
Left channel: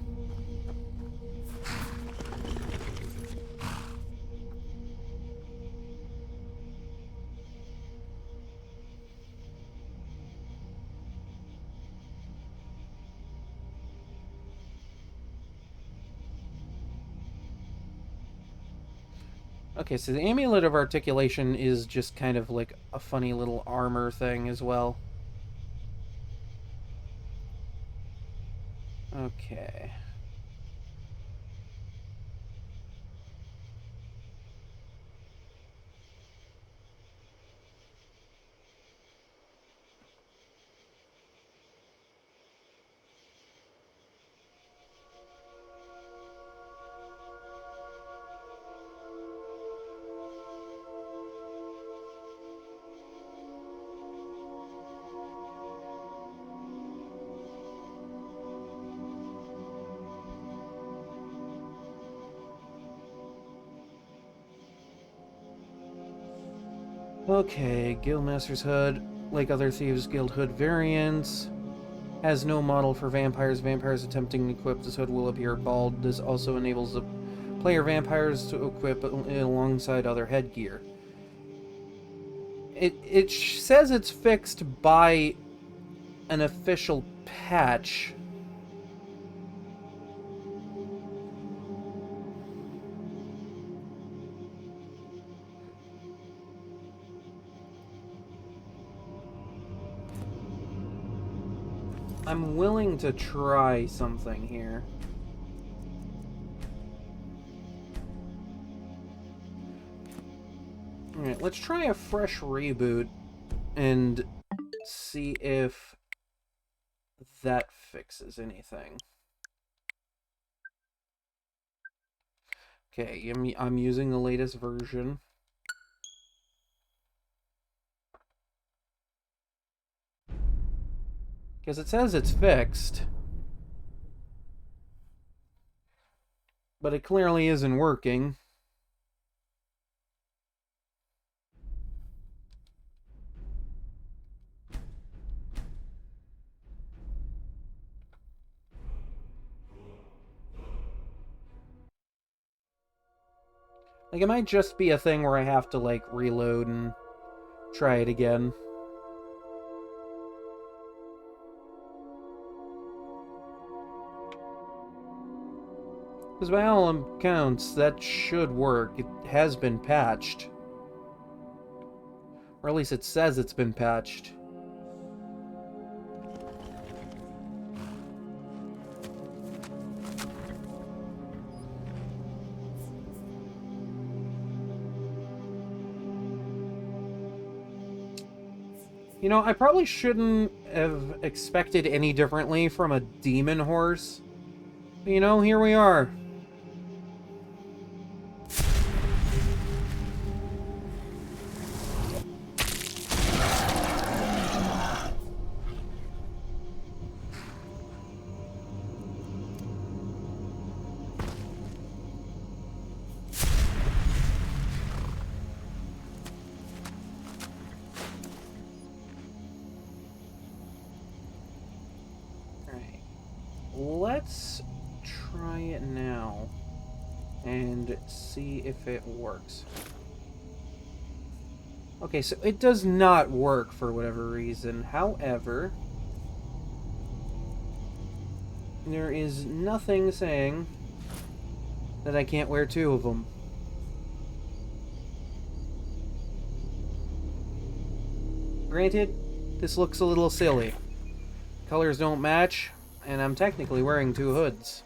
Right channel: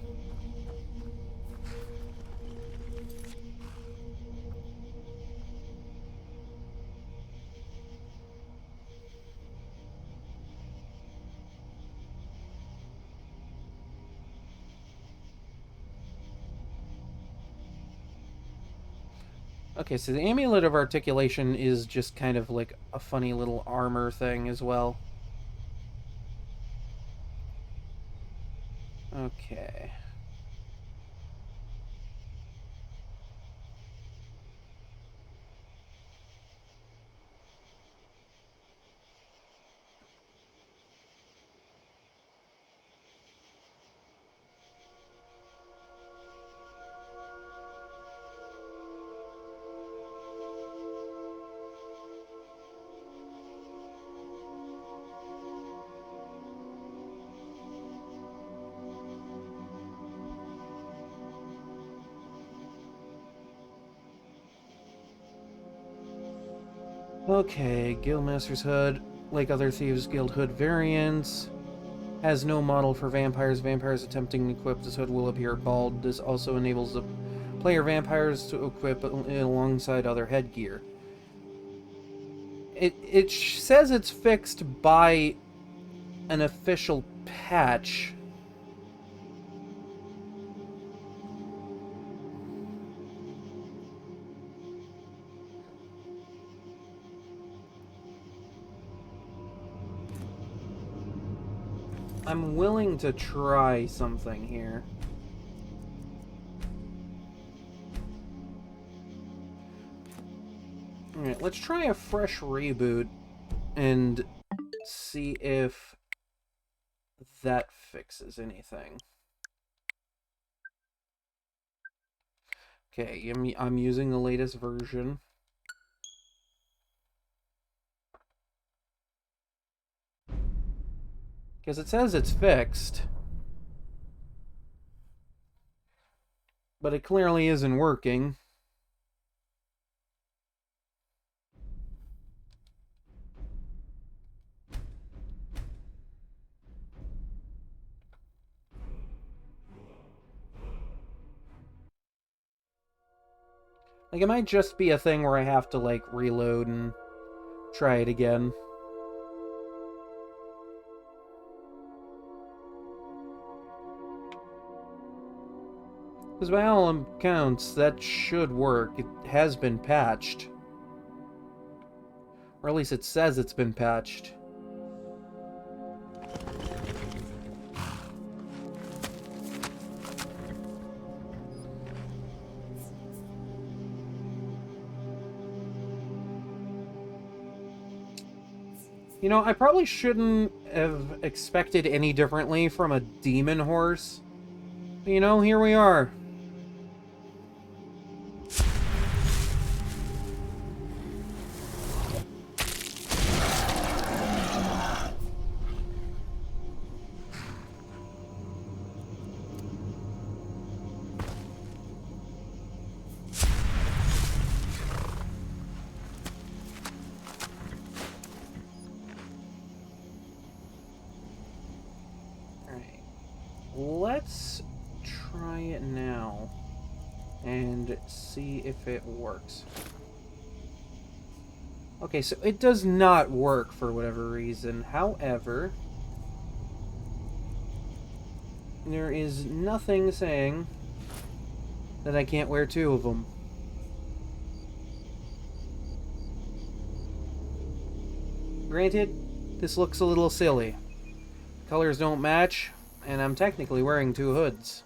Okay, so the Amulet of Articulation is just kind of like a funny little armor thing as well. Okay. Okay, Guildmaster's Hood, like other Thieves Guild Hood variants, has no model for vampires. Vampires attempting to equip this hood will appear bald. This also enables the player vampires to equip alongside other headgear. It says it's fixed by an official patch. I'm willing to try something here. Alright, let's try a fresh reboot and see if that fixes anything. Okay, I'm using the latest version. Because it says it's fixed. But it clearly isn't working. Like, it might just be a thing where I have to, like, reload and try it again. Because by all accounts, that should work. It has been patched. Or at least it says it's been patched. You know, I probably shouldn't have expected any differently from a demon horse. But, you know, here we are. let's try it now and see if it works. Okay, so it does not work for whatever reason. However, there is nothing saying that I can't wear two of them. Granted, this looks a little silly. Colors don't match, and I'm technically wearing two hoods.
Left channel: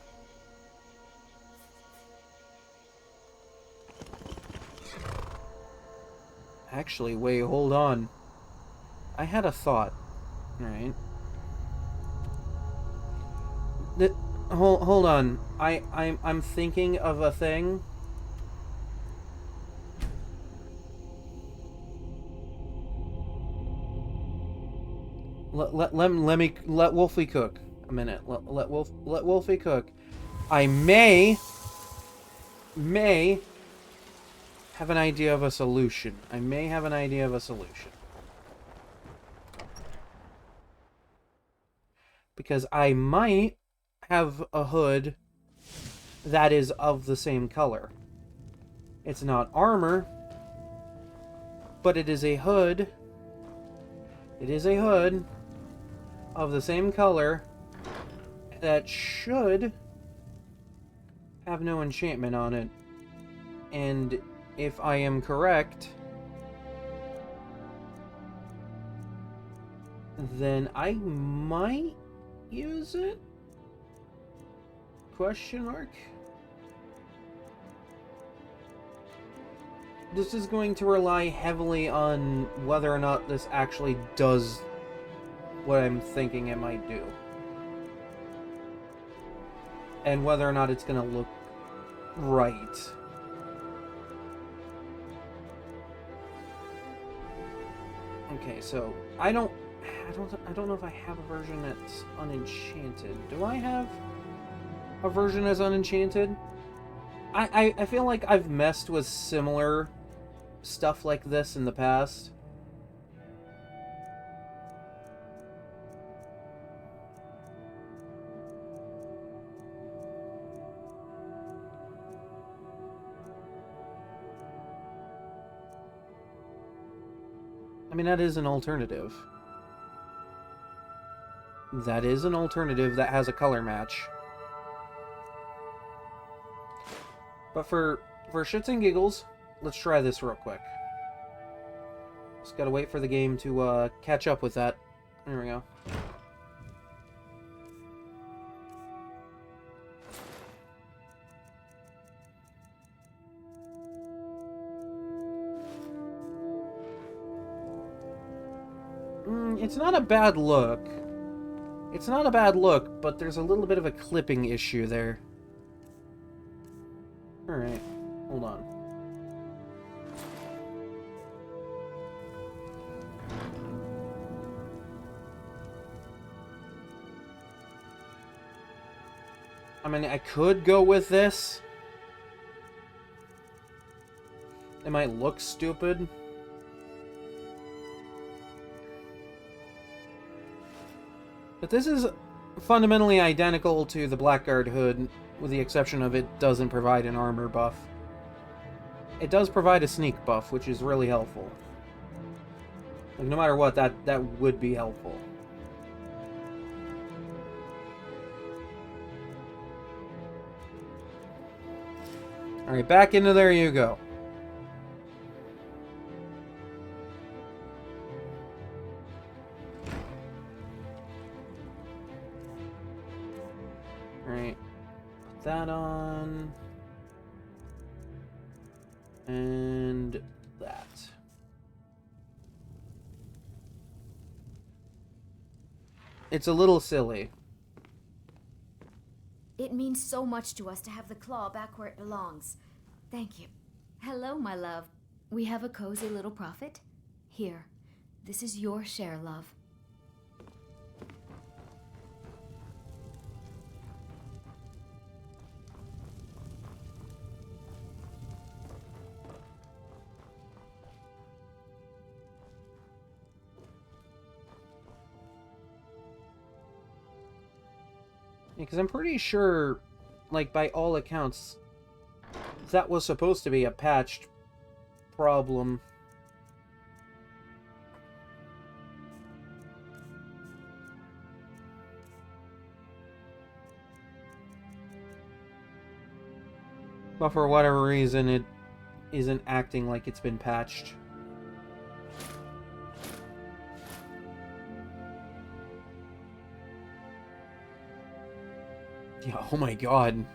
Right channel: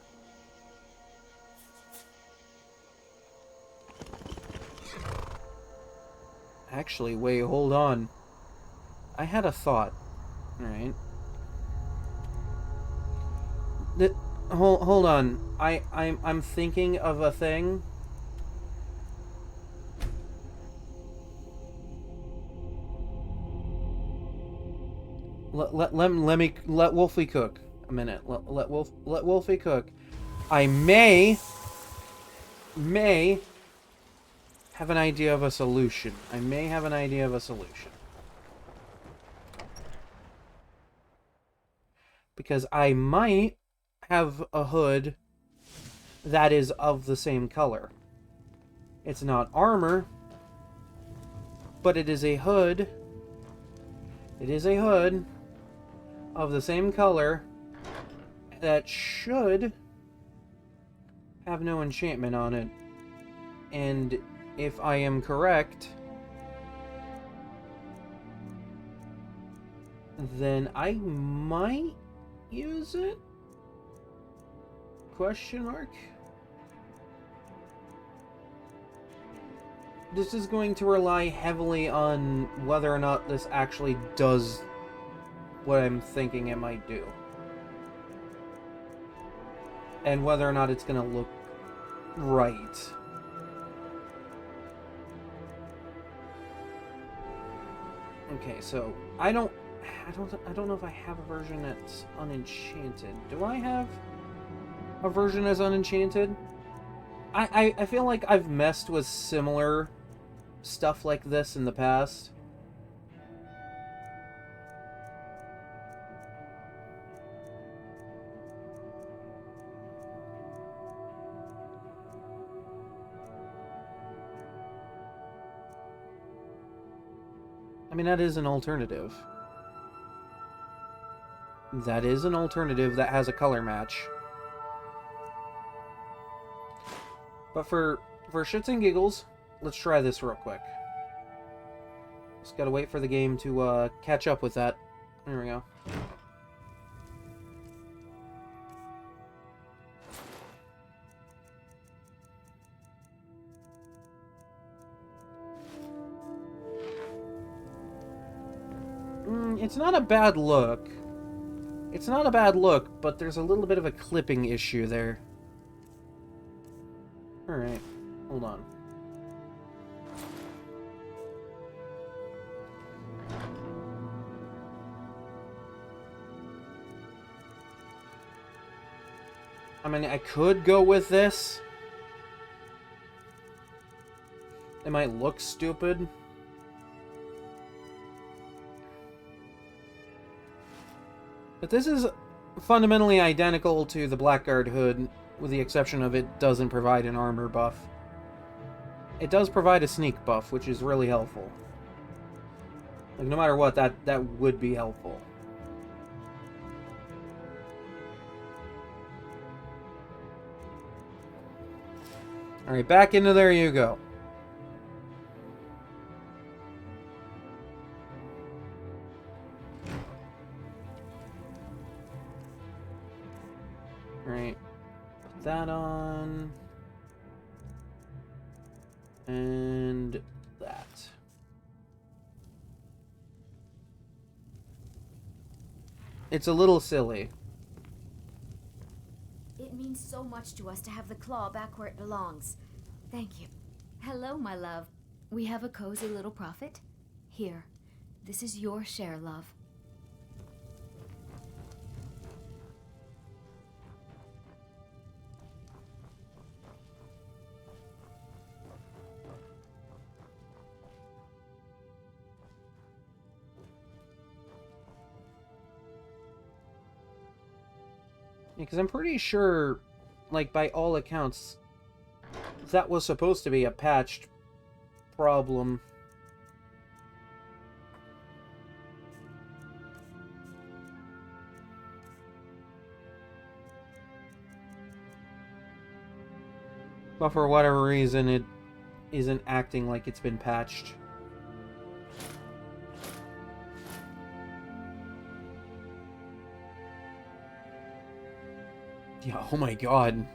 Actually, wait, hold on. I had a thought. Alright. Hold on. I'm thinking of a thing. Let Wolfie cook a minute. Let Wolfie cook. I may have an idea of a solution. I may have an idea of a solution. Because I might have a hood that is of the same color. It's not armor, but it is a hood. It is a hood of the same color that should have no enchantment on it. And if I am correct, then I might use it? Question mark? This is going to rely heavily on whether or not this actually does what I'm thinking it might do. And whether or not it's going to look right. Okay, so I don't know if I have a version that's unenchanted. Do I have a version that's unenchanted? I feel like I've messed with similar stuff like this in the past. I mean, that is an alternative. That is an alternative that has a color match. But for shits and giggles, let's try this real quick. Just gotta wait for the game to catch up with that. There we go. It's not a bad look. It's not a bad look, but there's a little bit of a clipping issue there. Alright, hold on. I mean, I could go with this. It might look stupid. But this is fundamentally identical to the Blackguard hood, with the exception of it doesn't provide an armor buff. It does provide a sneak buff, which is really helpful. Like, no matter what, that would be helpful. Alright, back into there you go. Alright, put that on. And that. It's a little silly. It means so much to us to have the claw back where it belongs. Thank you. Hello, my love. We have a cozy little profit. Here, this is your share, love. Because I'm pretty sure, like, by all accounts, that was supposed to be a patched problem. But for whatever reason, it isn't acting like it's been patched. Yeah, oh my god.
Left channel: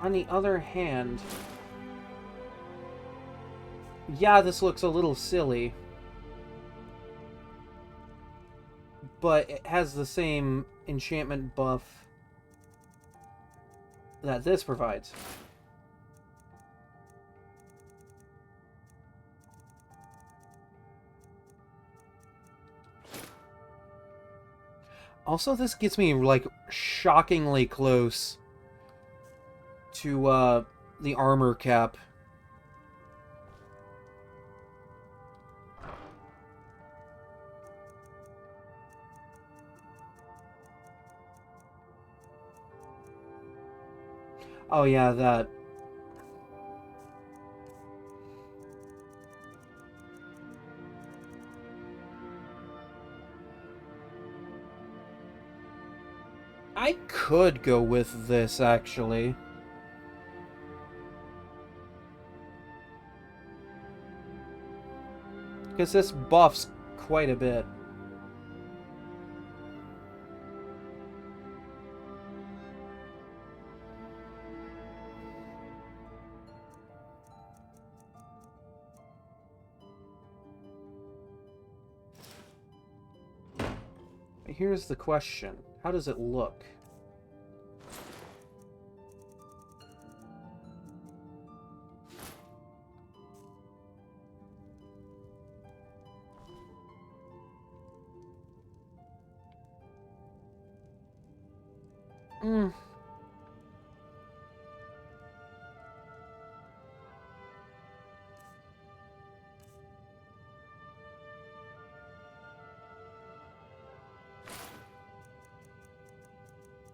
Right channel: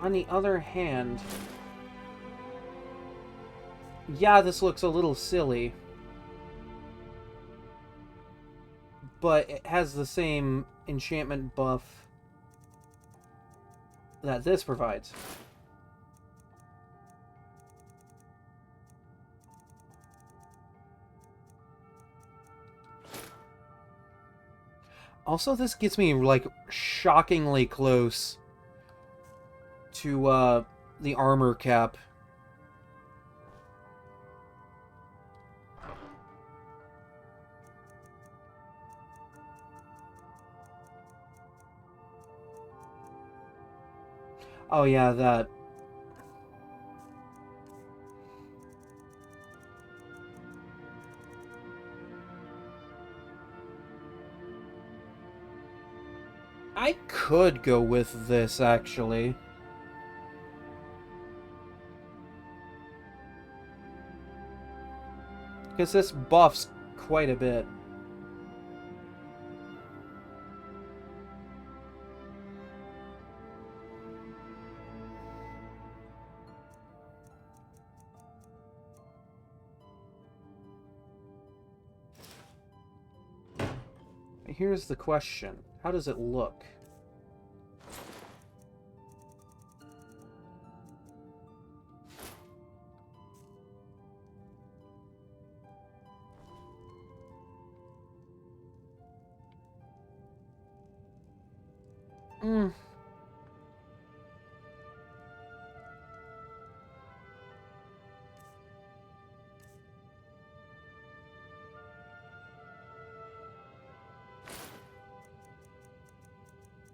On the other hand, yeah, this looks a little silly, but it has the same enchantment buff that this provides. Also, this gets me, like, shockingly close to, the armor cap. Oh yeah, that. I could go with this, actually. Because this buffs quite a bit. Here's the question. How does it look?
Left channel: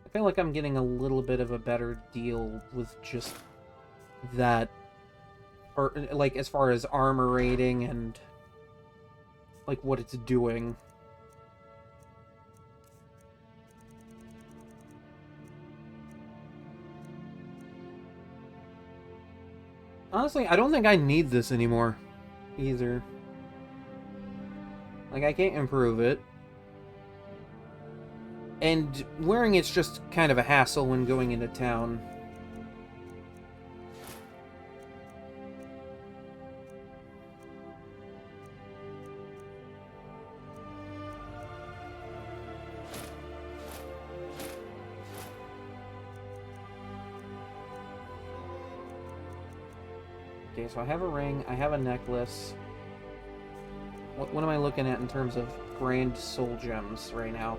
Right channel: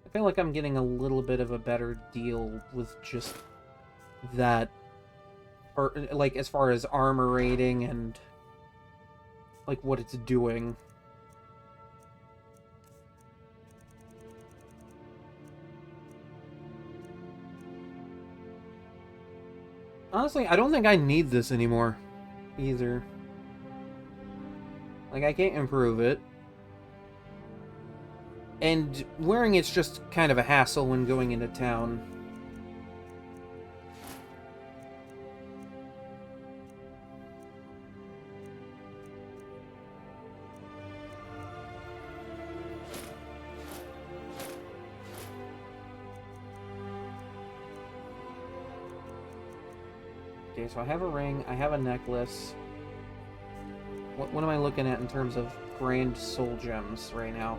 I feel like I'm getting a little bit of a better deal with just that, or like as far as armor rating and like what it's doing. Honestly, I don't think I need this anymore either. Like, I can't improve it. And wearing it's just kind of a hassle when going into town. Okay, so I have a ring, I have a necklace. What am I looking at in terms of grand soul gems right now?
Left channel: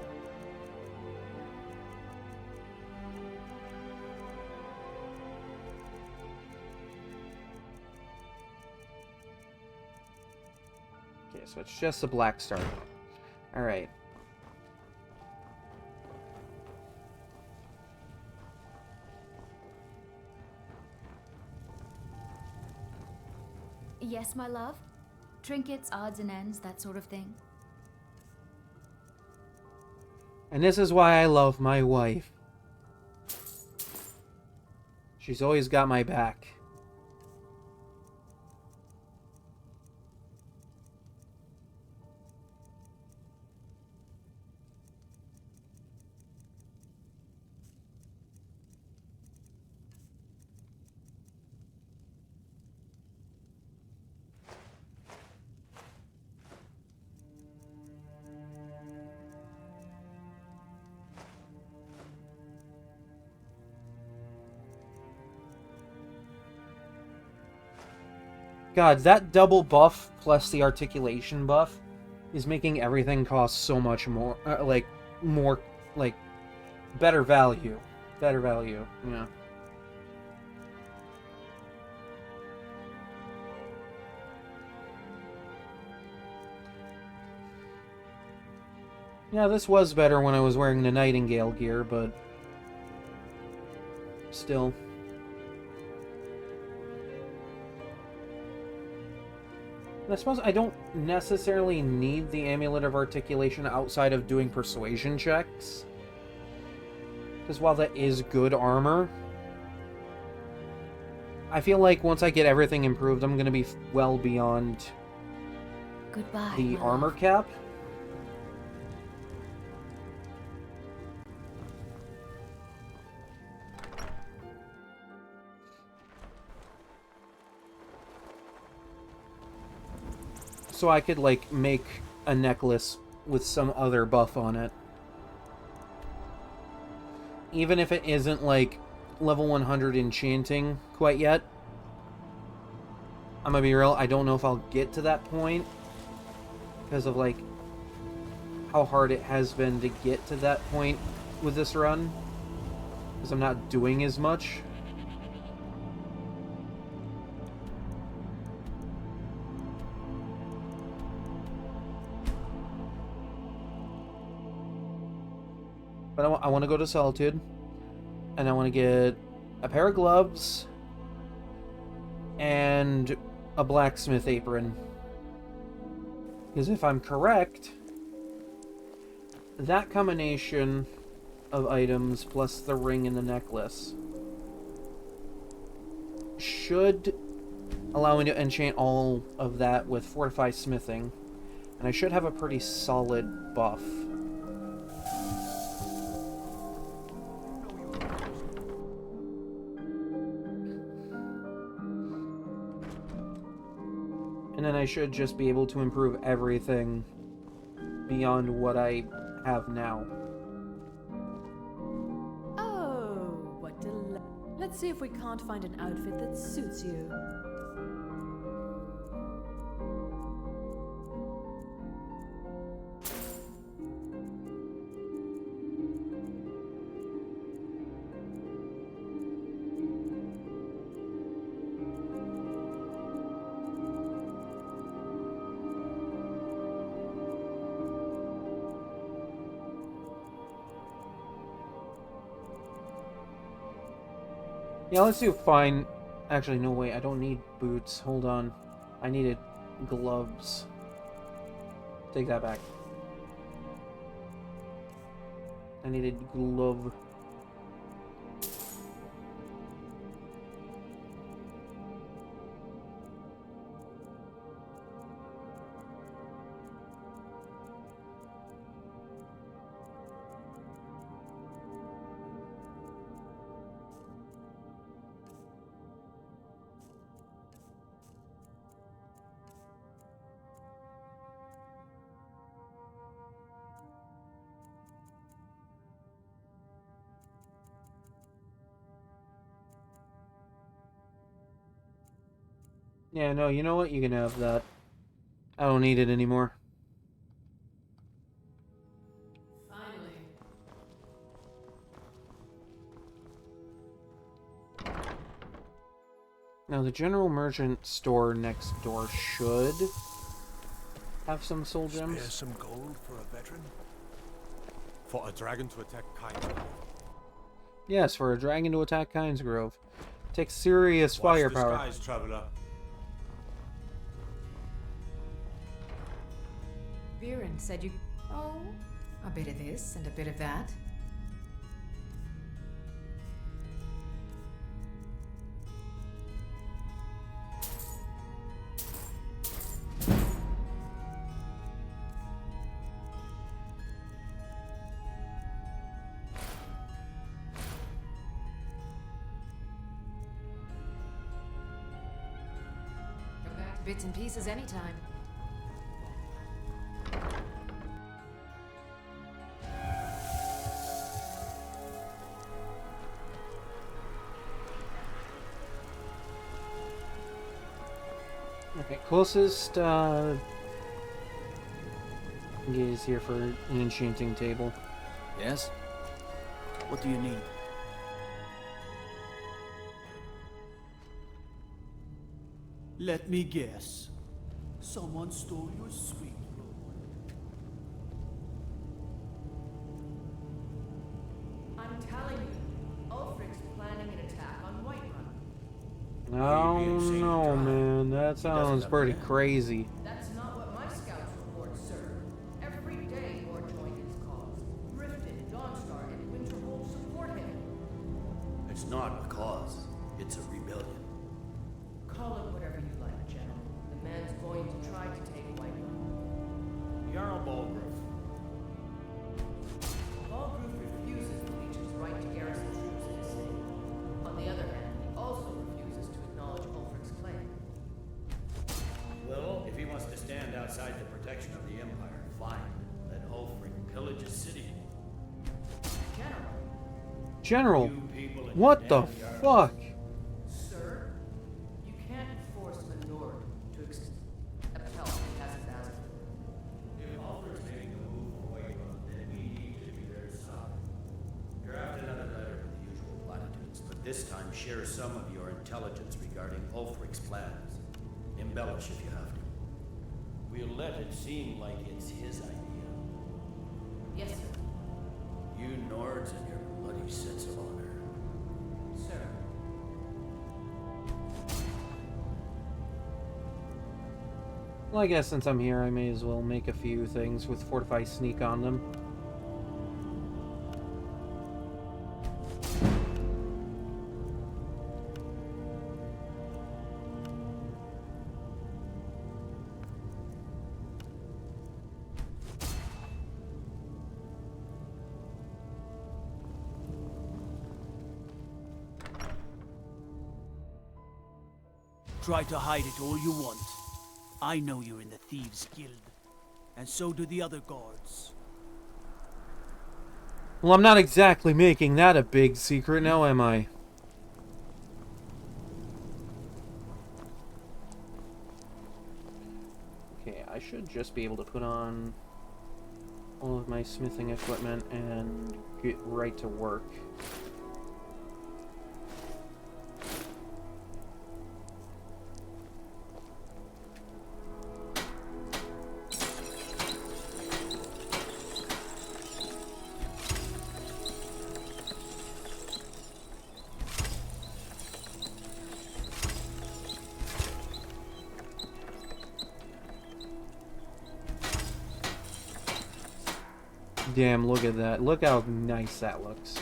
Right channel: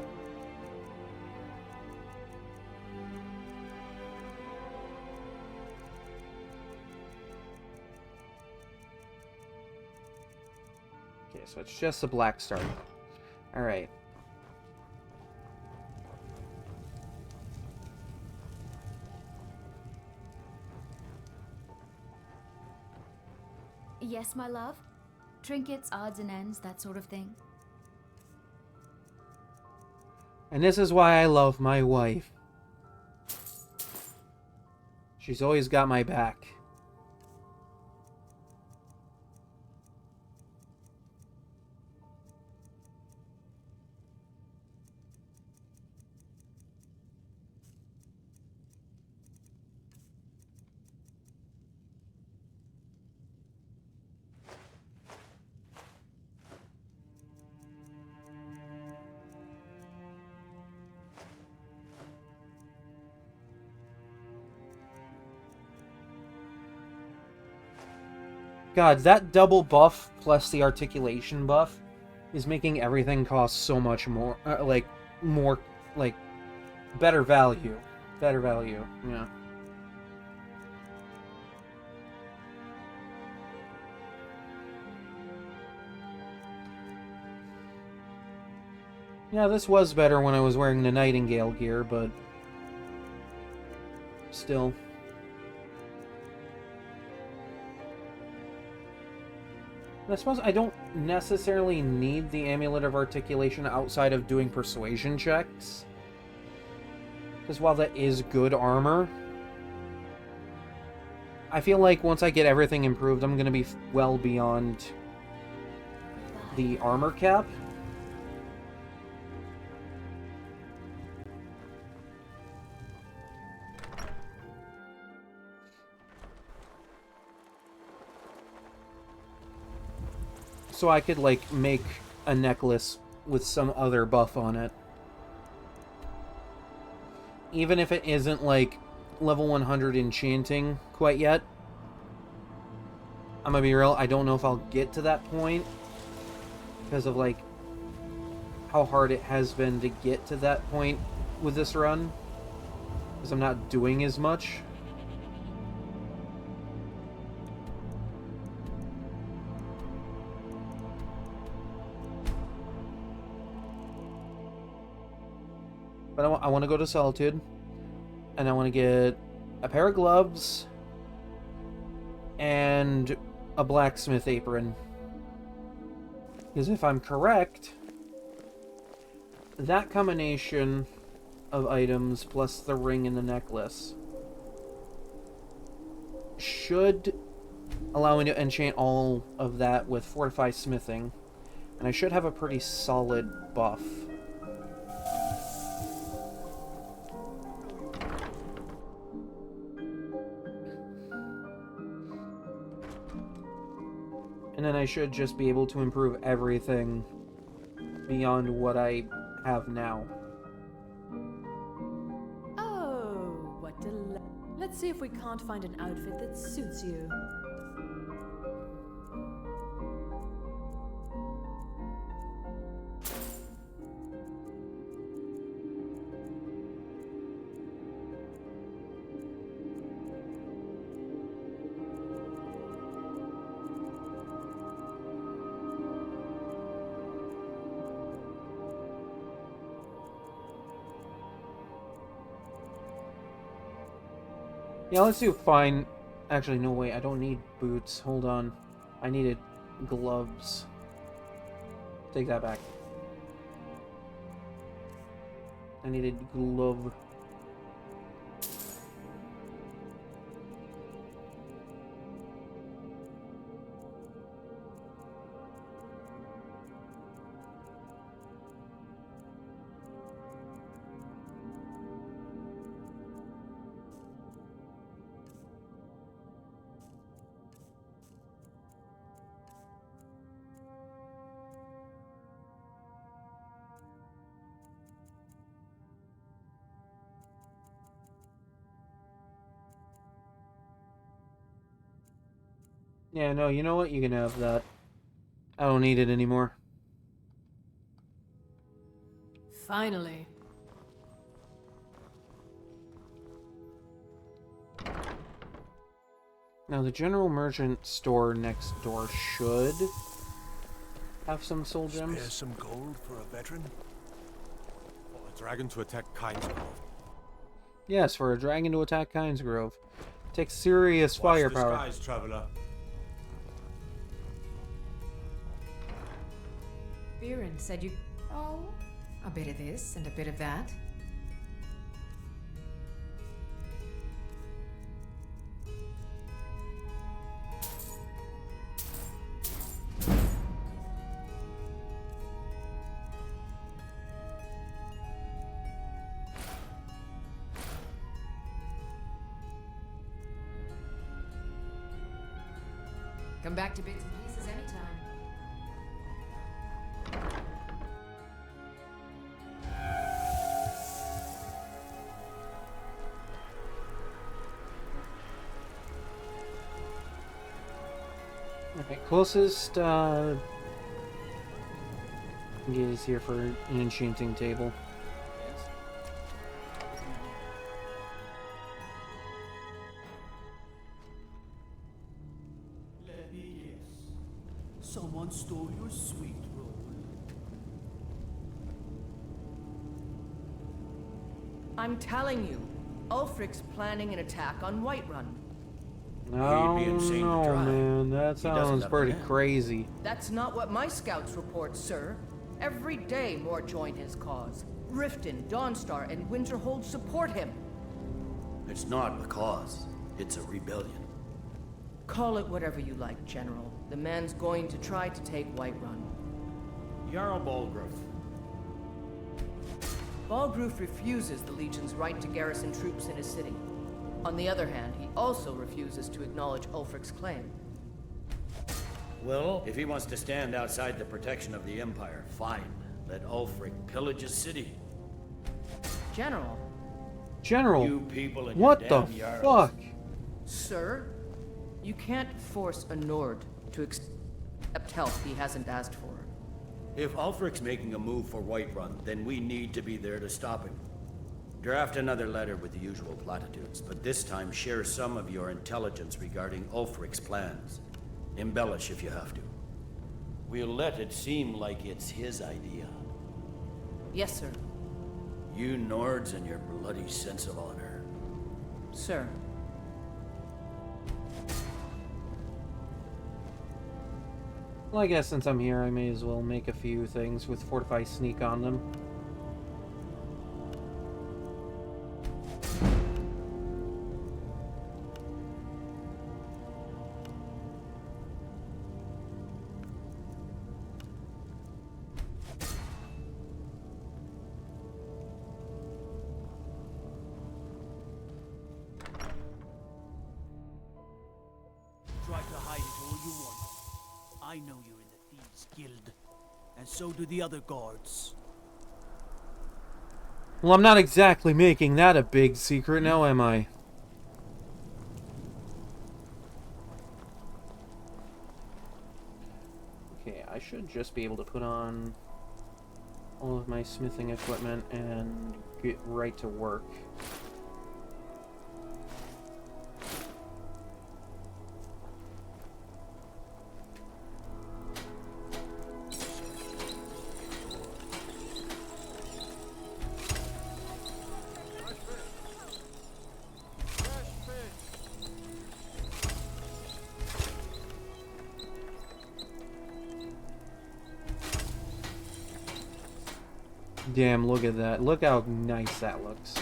Okay, so it's just a black star. Alright. Yes, my love? Trinkets, odds and ends, that sort of thing. And this is why I love my wife. She's always got my back. God, that double buff plus the articulation buff is making everything cost so much more, better value. Better value, yeah. Yeah, this was better when I was wearing the Nightingale gear, but still. And I suppose I don't necessarily need the Amulet of Articulation outside of doing persuasion checks. Because while that is good armor, I feel like once I get everything improved, I'm going to be well beyond the armor cap. So I could, like, make a necklace with some other buff on it. Even if it isn't, like, level 100 enchanting quite yet. I'm gonna be real, I don't know if I'll get to that point. Because of, like, how hard it has been to get to that point with this run. Because I'm not doing as much. But I want to go to Solitude, and I want to get a pair of gloves and a blacksmith apron. Because if I'm correct, that combination of items plus the ring and the necklace should allow me to enchant all of that with Fortify Smithing, and I should have a pretty solid buff. And then I should just be able to improve everything beyond what I have now. Oh, what let's see if we can't find an outfit that suits you. Yeah, let's do fine. Actually, no, wait, I don't need boots. Hold on. I needed gloves. Take that back. I needed glove. Yeah, no, you know what? You can have that. I don't need it anymore. Finally. Now, the general merchant store next door should have some soul gems. Spare some gold for a veteran? For a dragon to attack Kynesgrove. Yes, for a dragon to attack Kynesgrove. Takes serious firepower. Watch the skies, traveler. Viren said you... Oh, a bit of this and a bit of that. Come back to bits and pieces anytime. Okay, closest is here for an enchanting table. Yes? What do you need? Let me guess. Someone stole your sweet roll. I'm telling you, Ulfric's planning an attack on Whiterun. No, no, man, that sounds pretty crazy. That's not what my scouts report, sir. Every day more join his cause. Riften, Dawnstar, and Winterhold support him. It's not a cause. It's a rebellion. Call it whatever you like, General. The man's going to try to take Whiterun. Jarl Balgruuf. Balgruuf refuses the Legion's right to garrison troops in his city. On the other hand, he also refuses to acknowledge Ulfric's claim. Well, if he wants to stand outside the protection of the Empire, fine. Let Ulfric pillage his city. General. General, You people and what your the damn Jarls. fuck? Sir, you can't force a Nord to accept help he hasn't asked for. If Ulfric's making a move for Whiterun, then we need to be there to stop him. Draft another letter with the usual platitudes, but this time share some of your intelligence regarding Ulfric's plans. Embellish if you have to. We'll let it seem like it's his idea. Yes, sir. You Nords and your bloody sense of honor. Sir. Well, I guess since I'm here, I may as well make a few things with Fortify Sneak on them. Try to hide it all you want. I know you're in the Thieves Guild, and so do the other guards. Well, I'm not exactly making that a big secret now, am I? Okay, I should just be able to put on all of my smithing equipment and get right to work. Damn, look at that. Look how nice that looks.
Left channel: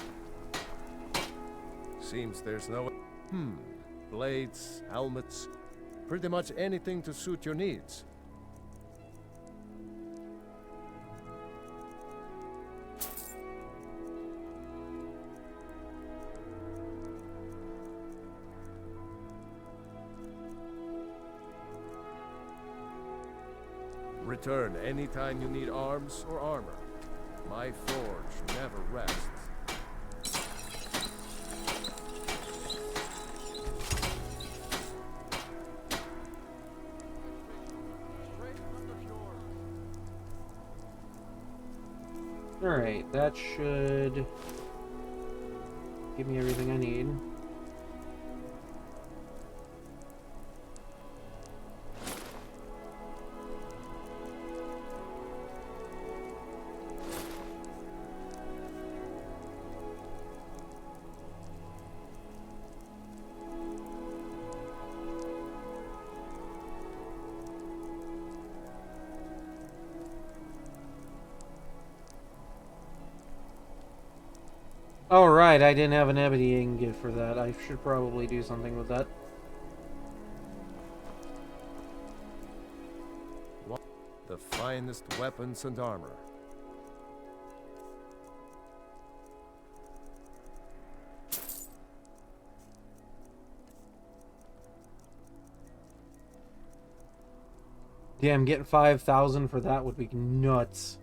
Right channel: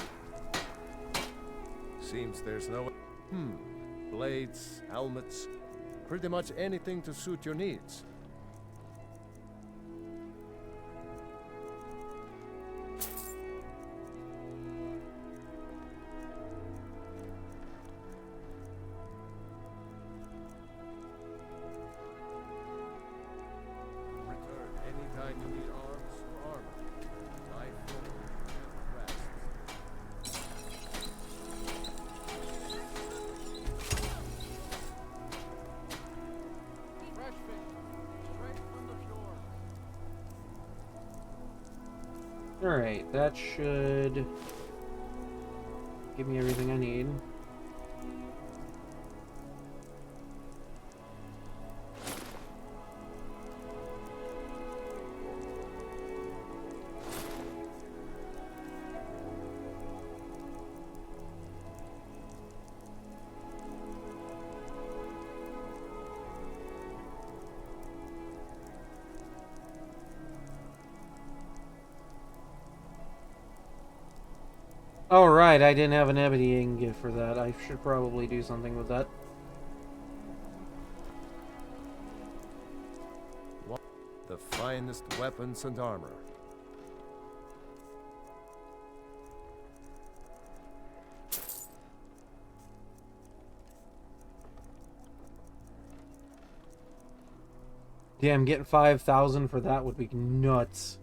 Seems there's no... Blades, helmets, pretty much anything to suit your needs. Return anytime you need arms or armor. My forge never rests. Alright, that should give me everything I need. Oh, right, I didn't have an ebony ingot for that. I should probably do something with that. The finest weapons and armor. Damn, getting 5,000 for that would be nuts.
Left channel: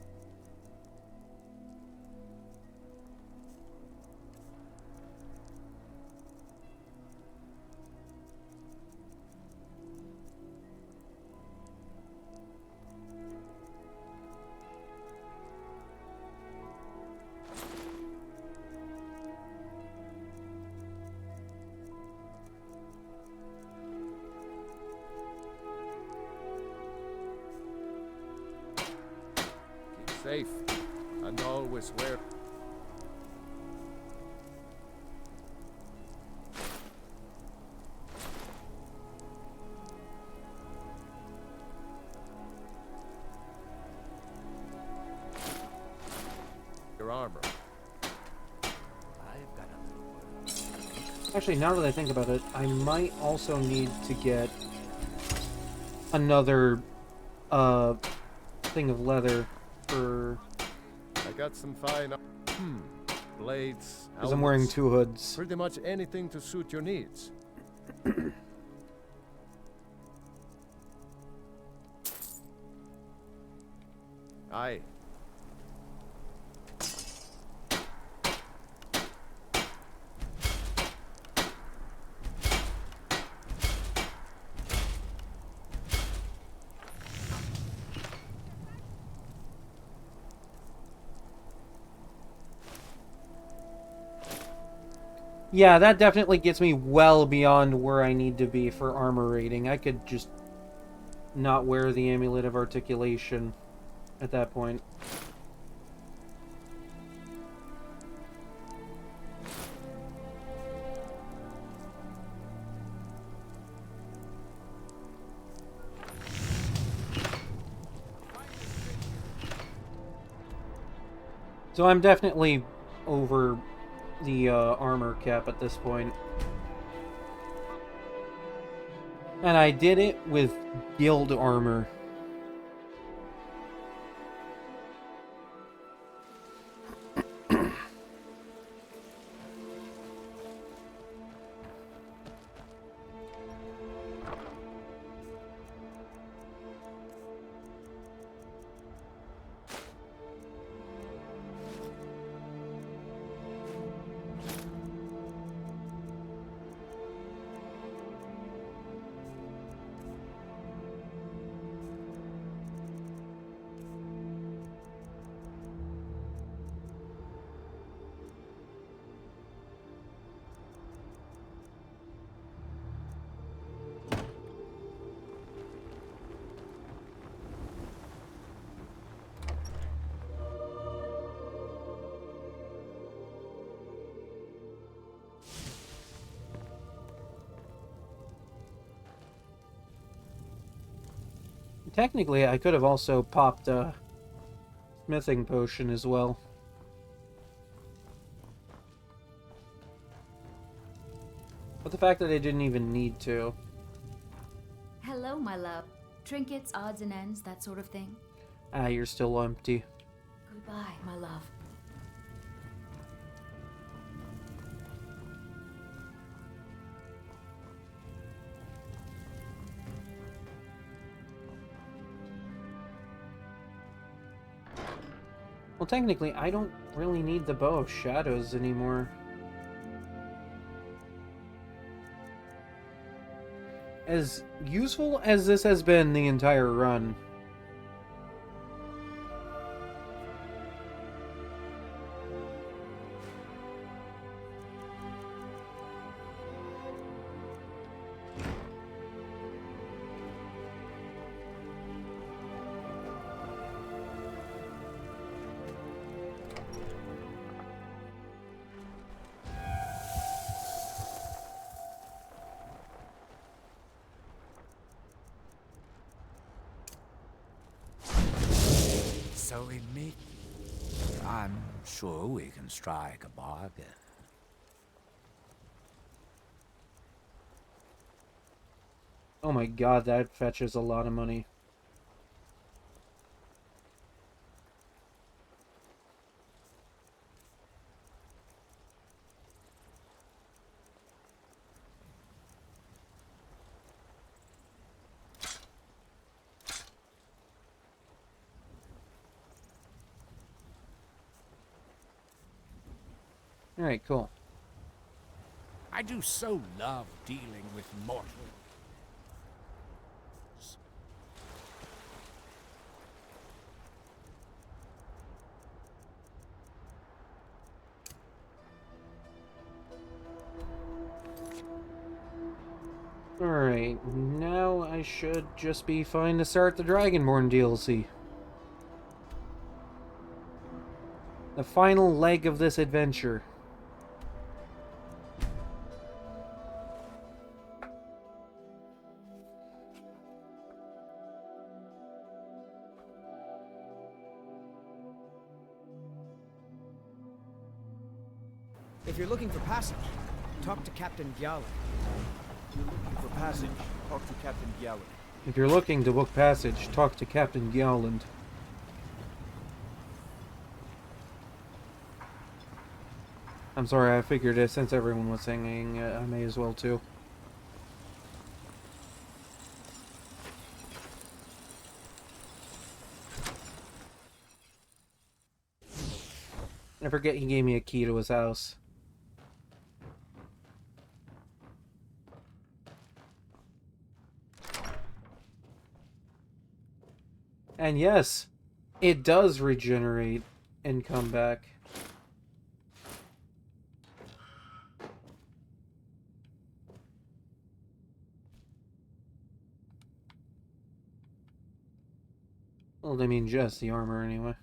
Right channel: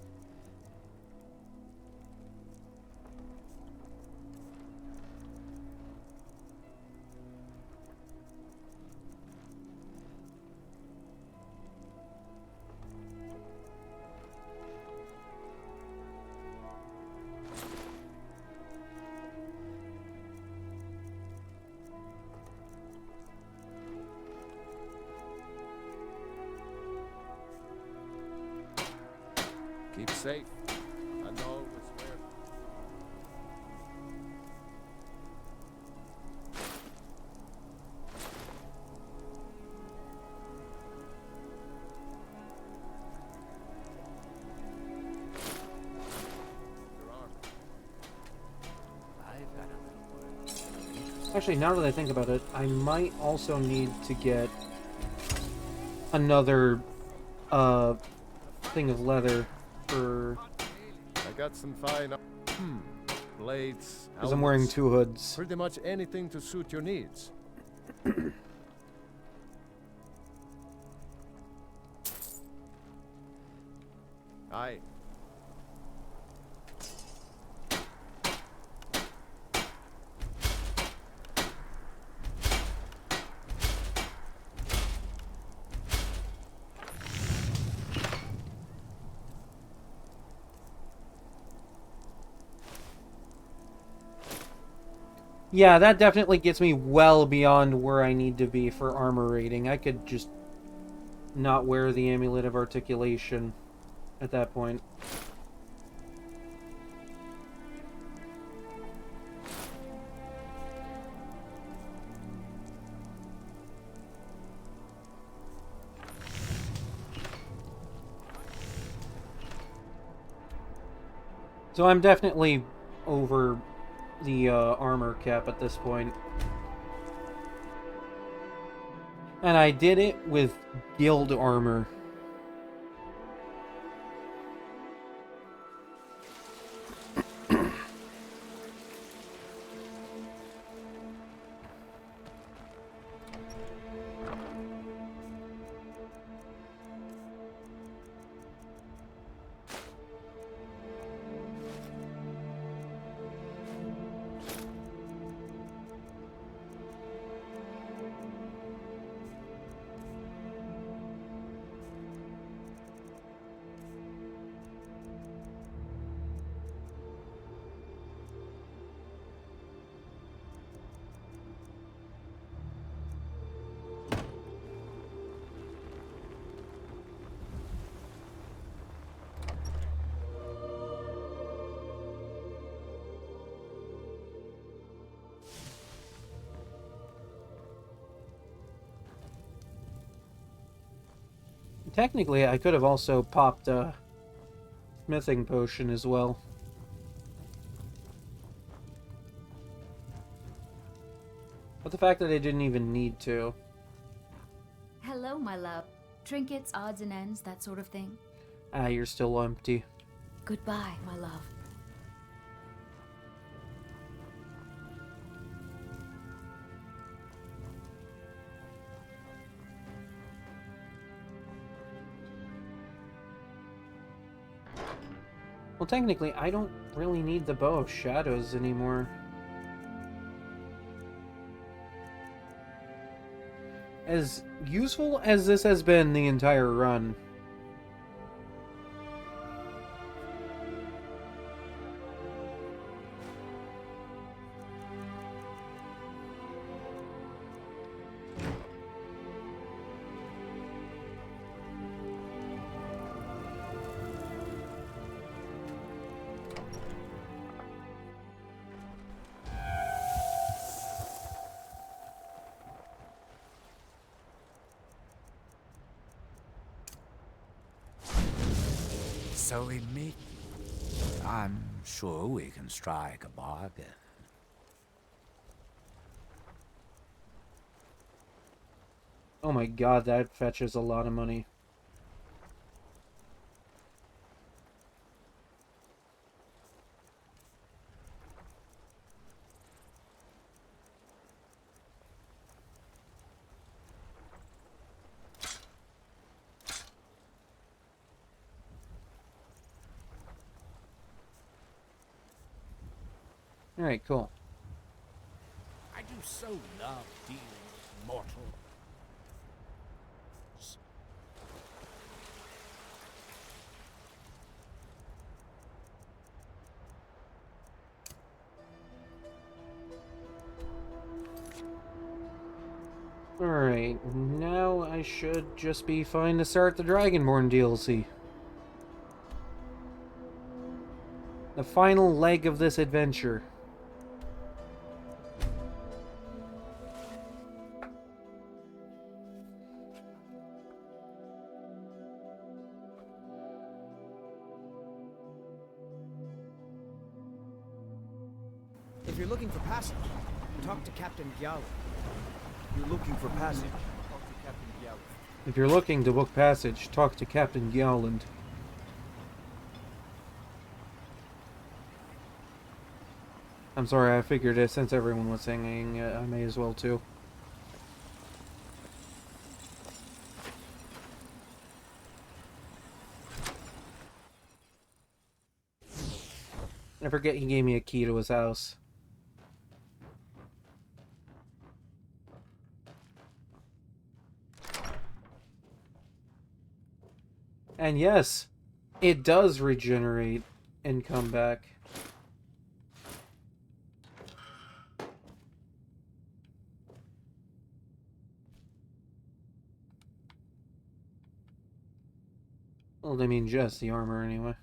safe. And always wear... your armor. I've got a little word. Actually, now that I think about it, I might also need to get another thing of leather for... I got some fine... blades, because I'm wearing helmets, 2 hoods. pretty much anything to suit your needs. Aye. Yeah, that definitely gets me well beyond where I need to be for armor rating. I could just not wear the Amulet of Articulation at that point. So I'm definitely over the armor cap at this point. And I did it with guild armor. Technically, I could have also popped a smithing potion as well. But the fact that I didn't even need to. Hello, my love. Trinkets, odds and ends, that sort of thing. Ah, you're still empty. Goodbye, my love. Well, technically, I don't really need the Bow of Shadows anymore. As useful as this has been the entire run, So we meet. I'm sure we can strike a bargain. oh my god, that fetches a lot of money. Alright, cool. I do so love dealing with mortals. Alright, now I should just be fine to start the Dragonborn DLC. The final leg of this adventure. If you're looking for passage, talk to Captain Gallon. If you're looking for passage, talk to Captain Gallon. If you're looking to book passage, talk to Captain Gowland. I'm sorry, I figured since everyone was singing, I may as well too. I forget he gave me a key to his house. And yes, it does regenerate and come back. Well, I mean, just the armor anyway.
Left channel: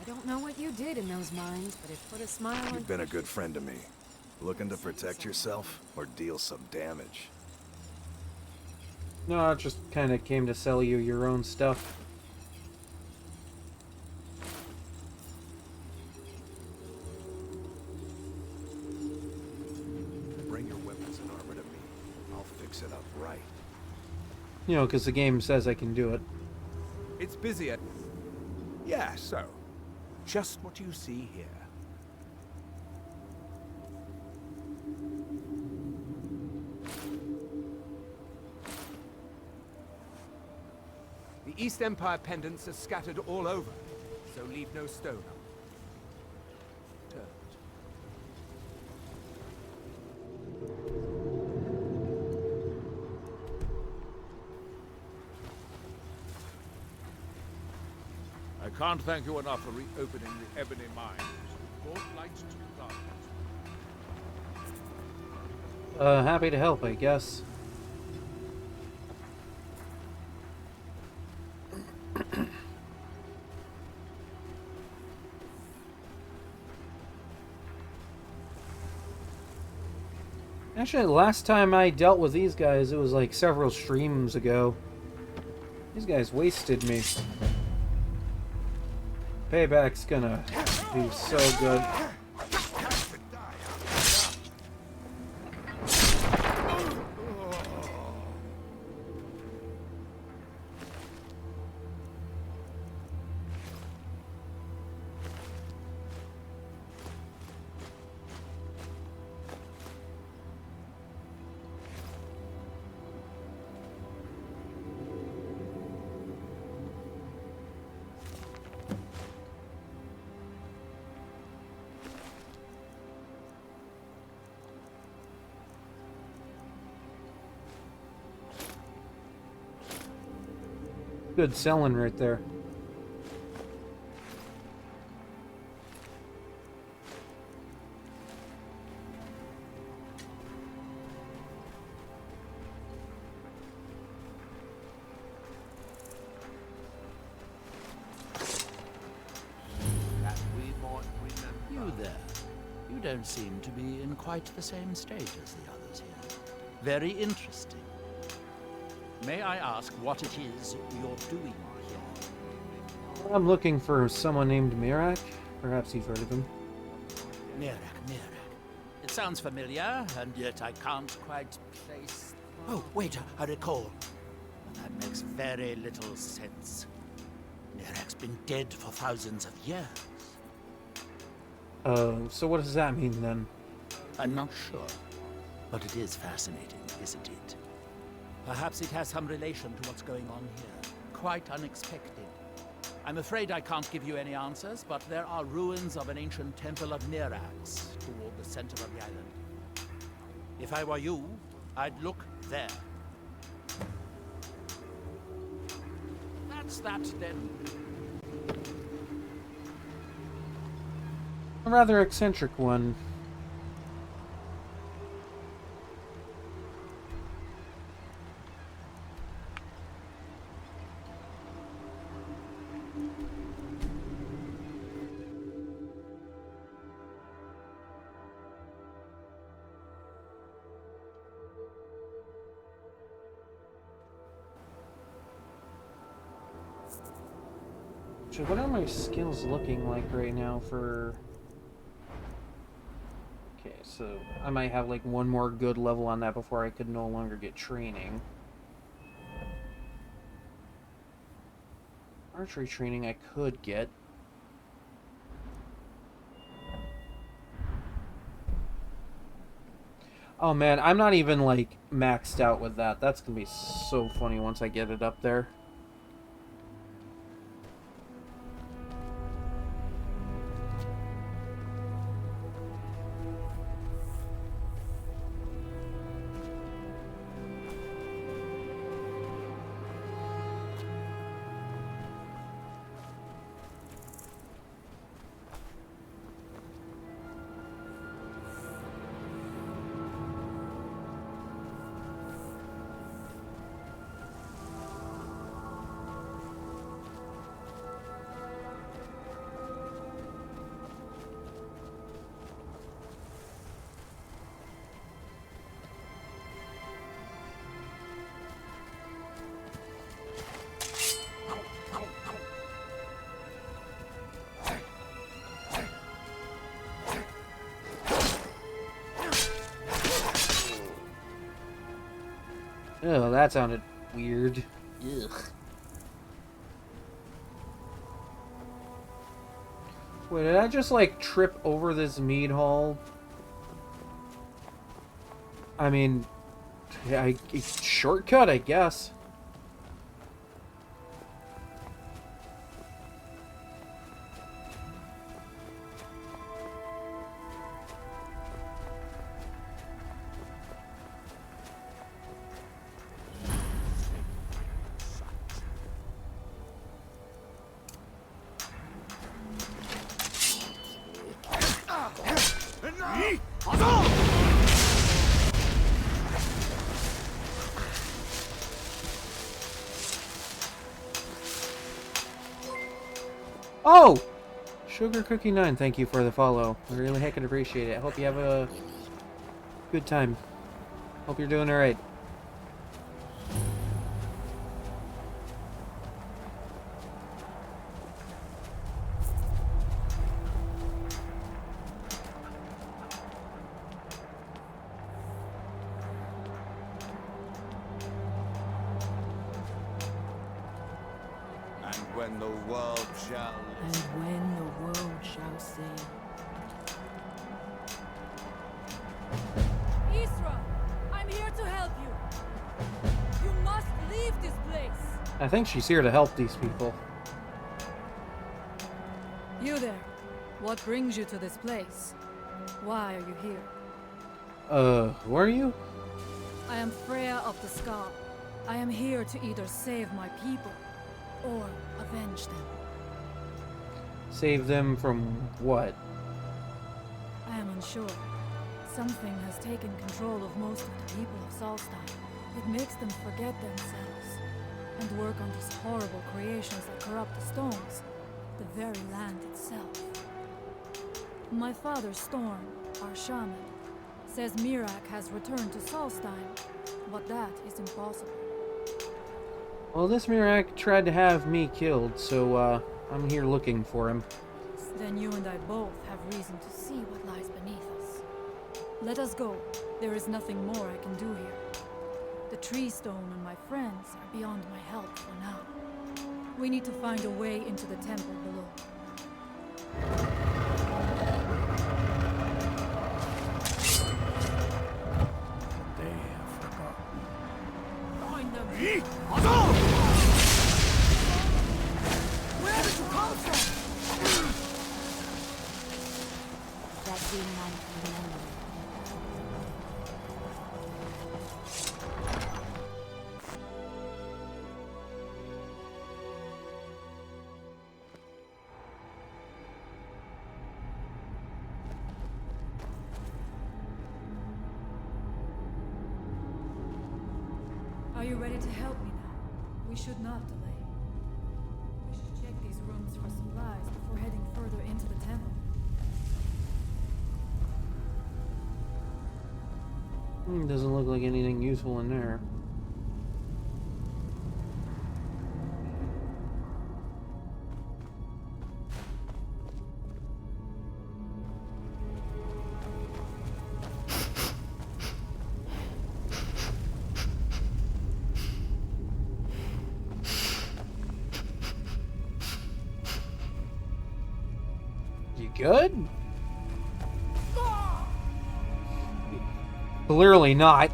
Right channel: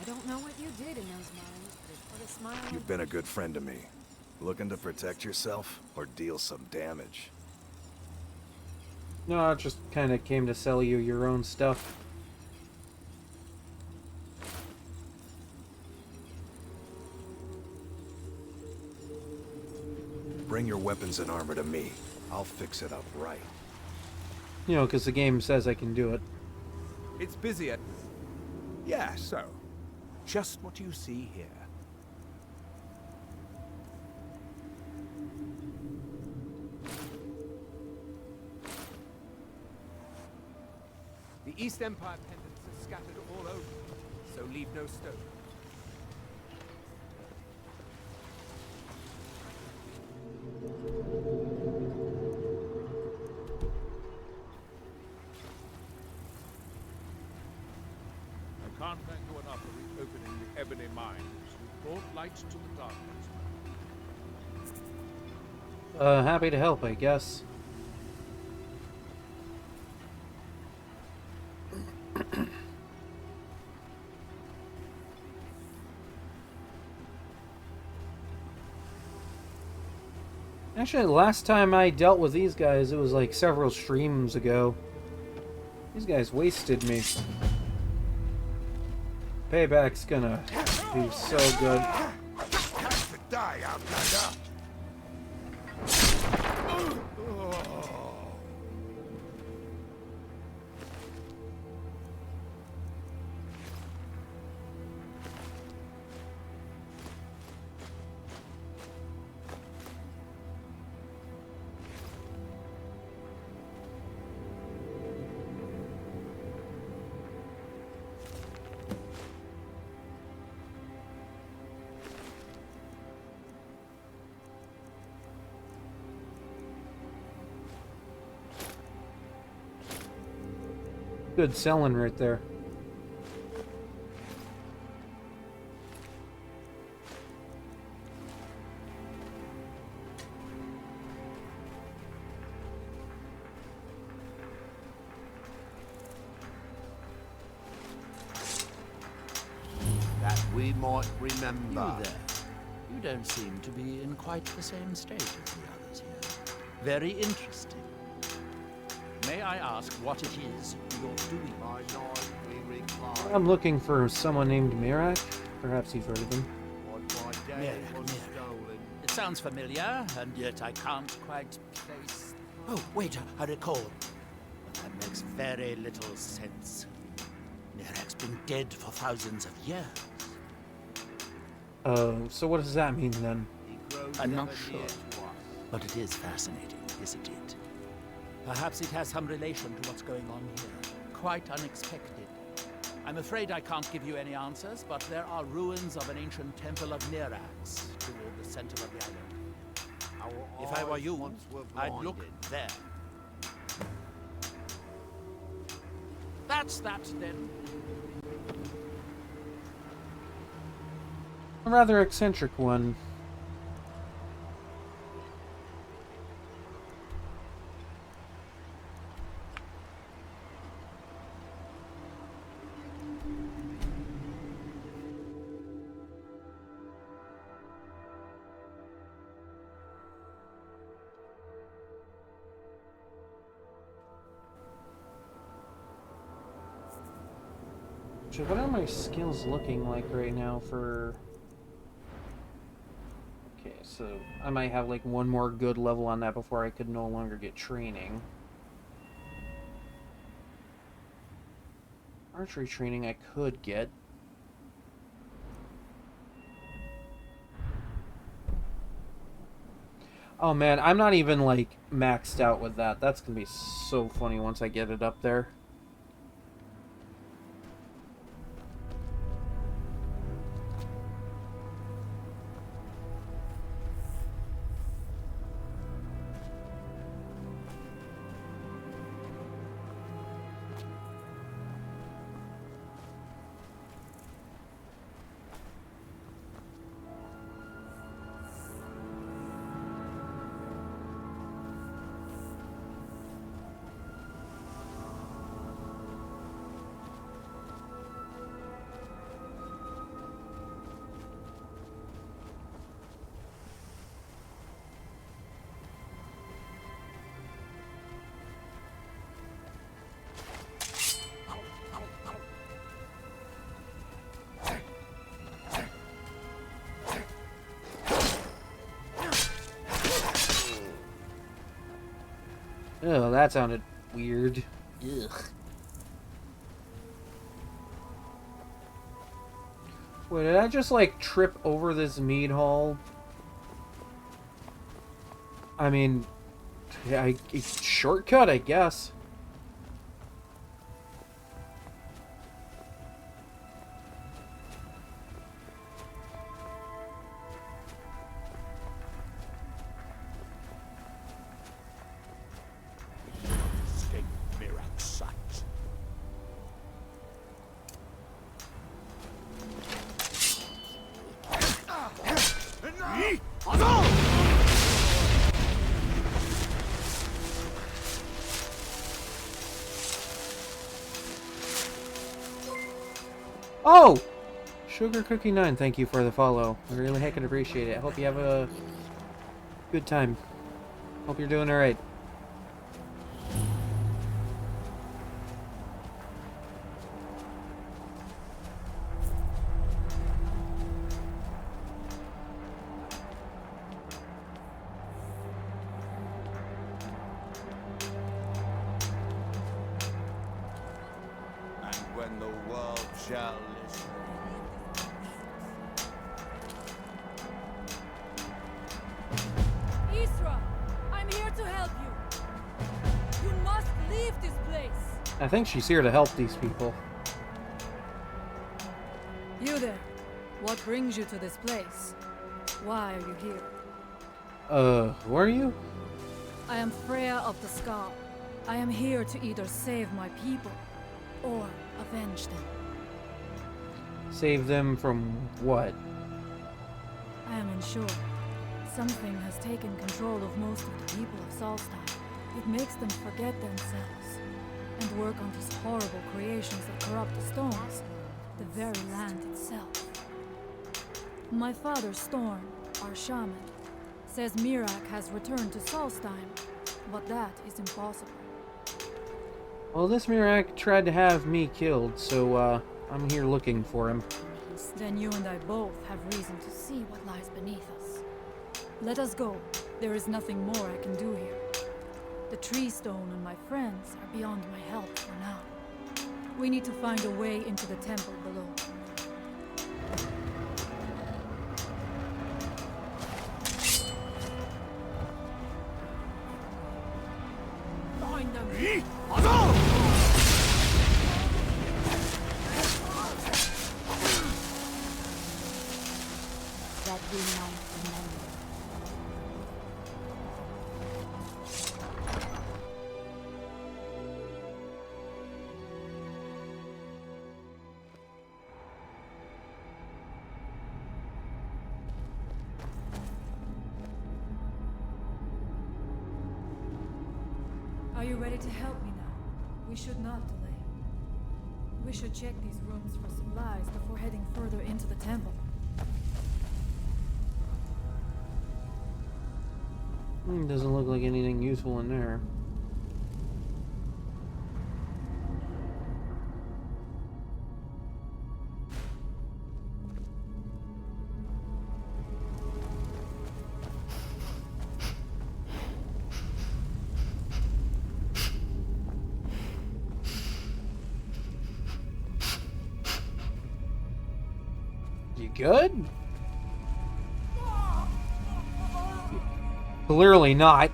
I don't know what you did in those mines, but it put a smile on... You've been a good friend to me. Looking to protect yourself or deal some damage? No, I just kind of came to sell you your own stuff. Bring your weapons and armor to me. I'll fix it up right. You know, because the game says I can do it. It's busy at... Yeah, so. Just what you see here. The East Empire pendants are scattered all over, so leave no stone unturned. I can't thank you enough for reopening the Ebony Mines. You brought light to the darkness. Happy to help, I guess. Actually, the last time I dealt with these guys, it was like several streams ago. These guys wasted me. Payback's gonna be so good. Good selling right there. That we might remember. You there. You don't seem to be in quite the same state as the others here. Very interesting. May I ask what it is you're doing here? I'm looking for someone named Mirak. Perhaps you've heard of him. Mirak. It sounds familiar, and yet I can't quite place... Oh, wait, I recall. But that makes very little sense. Mirak's been dead for thousands of years. So what does that mean then? I'm not sure. But it is fascinating, isn't it? Perhaps it has some relation to what's going on here. Quite unexpected. I'm afraid I can't give you any answers, but there are ruins of an ancient temple of Mirax toward the center of the island. If I were you, I'd look there. That's that, then. A rather eccentric one. So what are my skills looking like right now for... Okay, so I might have like one more good level on that before I could no longer get training. Archery training I could get. Oh man, I'm not even like maxed out with that. That's gonna be so funny once I get it up there. Oh, that sounded weird. Ugh. Wait, did I just like trip over this mead hall? I mean, yeah, shortcut, I guess. Oh! Sugar Cookie 9, thank you for the follow. I really heckin' appreciate it. I hope you have a good time. Hope you're doing alright. And when the world shall listen. And when the world shall see. Isra, I'm here to help you. You must leave this place. I think she's here to help these people. You there. What brings you to this place? Why are you here? Who are you? I am Freya of the Scar. I am here to either save my people or avenge them. Save them from what? I am unsure. Something has taken control of most of the people of Solstein. It makes them forget themselves and work on these horrible creations that corrupt the stones, the very land itself. My father, Storm, our shaman, says Mirac has returned to Solstein, but that is impossible. Well, this Mirac tried to have me killed, so, I'm here looking for him. Then you and I both have reason to see what lies beneath us. Let us go. There is nothing more I can do here. The tree stone and my friends are beyond my help for now. We need to find a way into the temple below. Find them! we might remember. Are you ready to help me now? We should not delay. We should check these rooms for supplies before heading further into the temple. Doesn't look like anything useful in there. You good? Clearly not.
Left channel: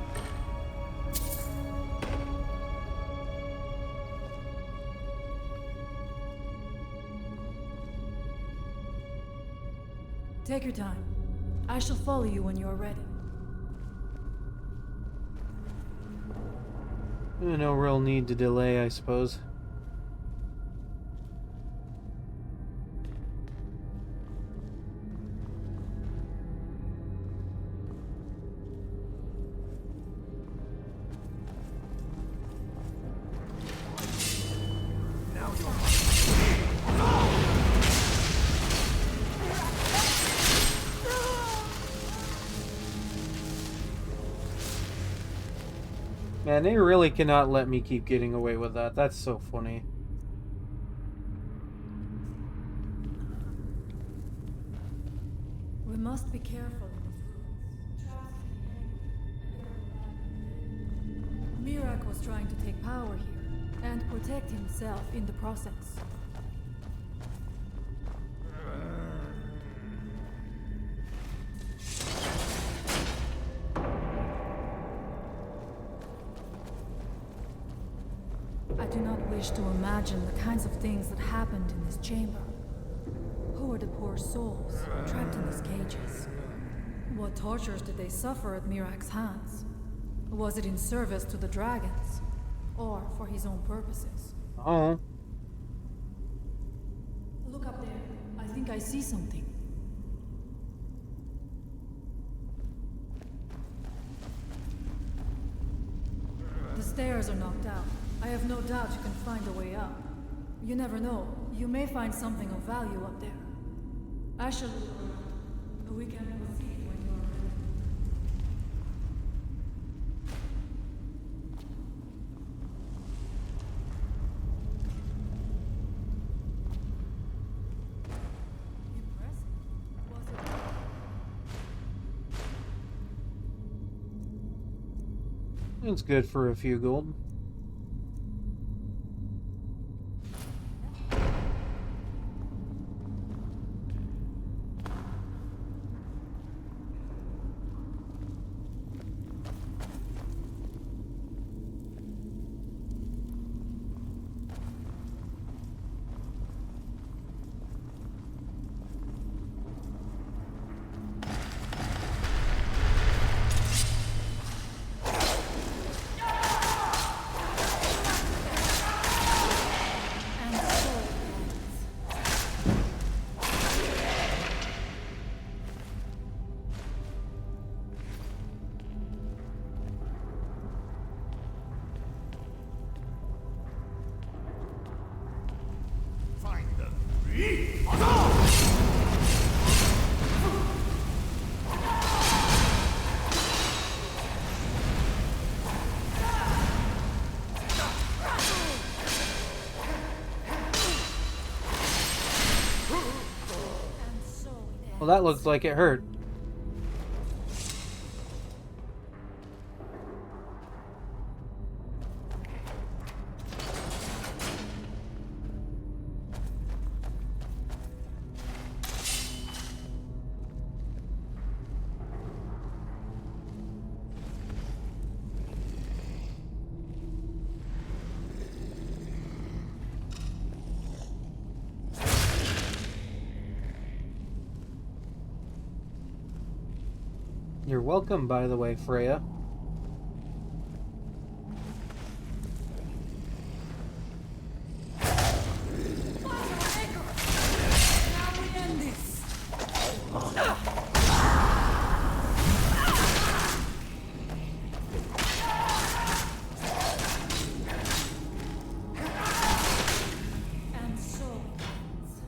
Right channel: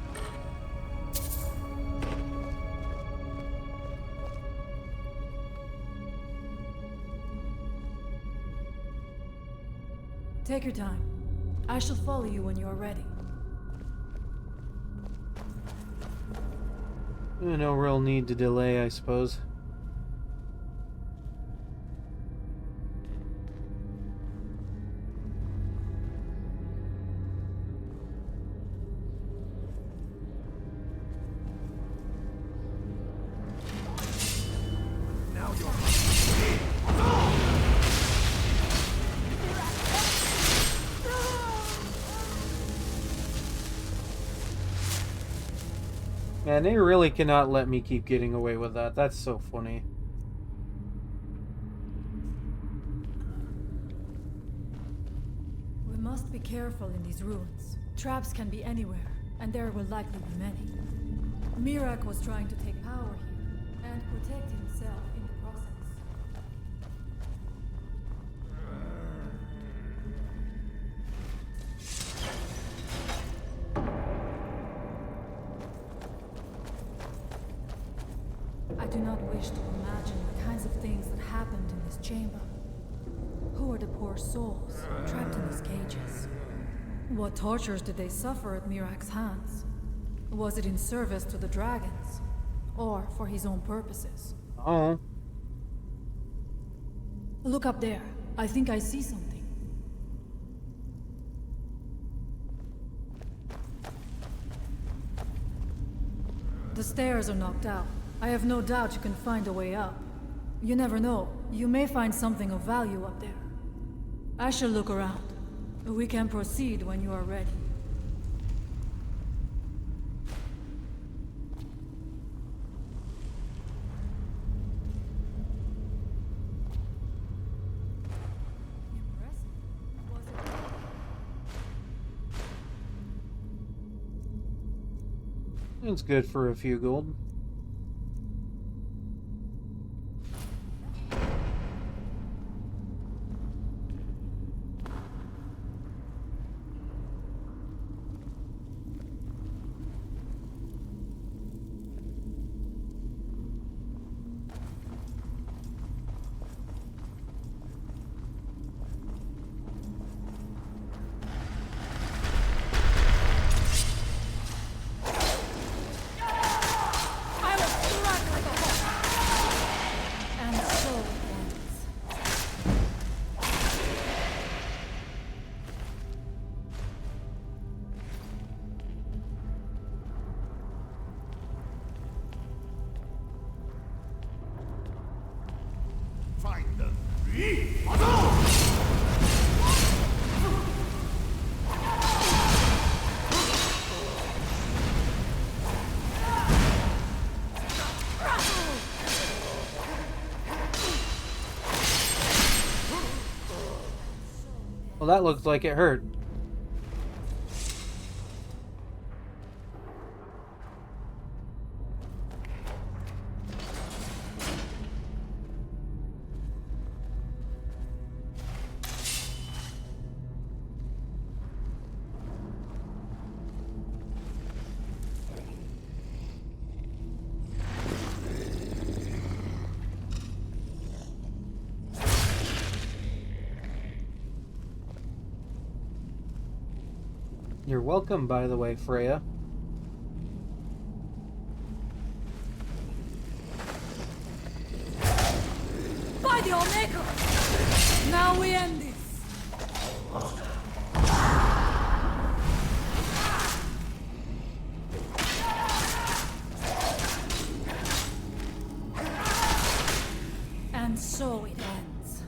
Take your time. I shall follow you when you are ready. No real need to delay, I suppose. Now you're Man, they really cannot let me keep getting away with that. That's so funny. We must be careful in these ruins. Traps can be anywhere, and there will likely be many. Mirak was trying to take power here, and protect himself in the process. I do not wish to imagine the kinds of things that happened in this chamber. Who are the poor souls trapped in these cages? What tortures did they suffer at Mirak's hands? Was it in service to the dragons? Or for his own purposes? Oh. Look up there. I think I see something. The stairs are knocked out. I have no doubt you can find a way up. You never know. You may find something of value up there. I shall look around. We can proceed when you are ready. Impressive. Was it? It's good for a few gold. find the Well, that looks like it hurt. You're welcome, by the way, Freya. By the Omega! Now we end this! And so it ends.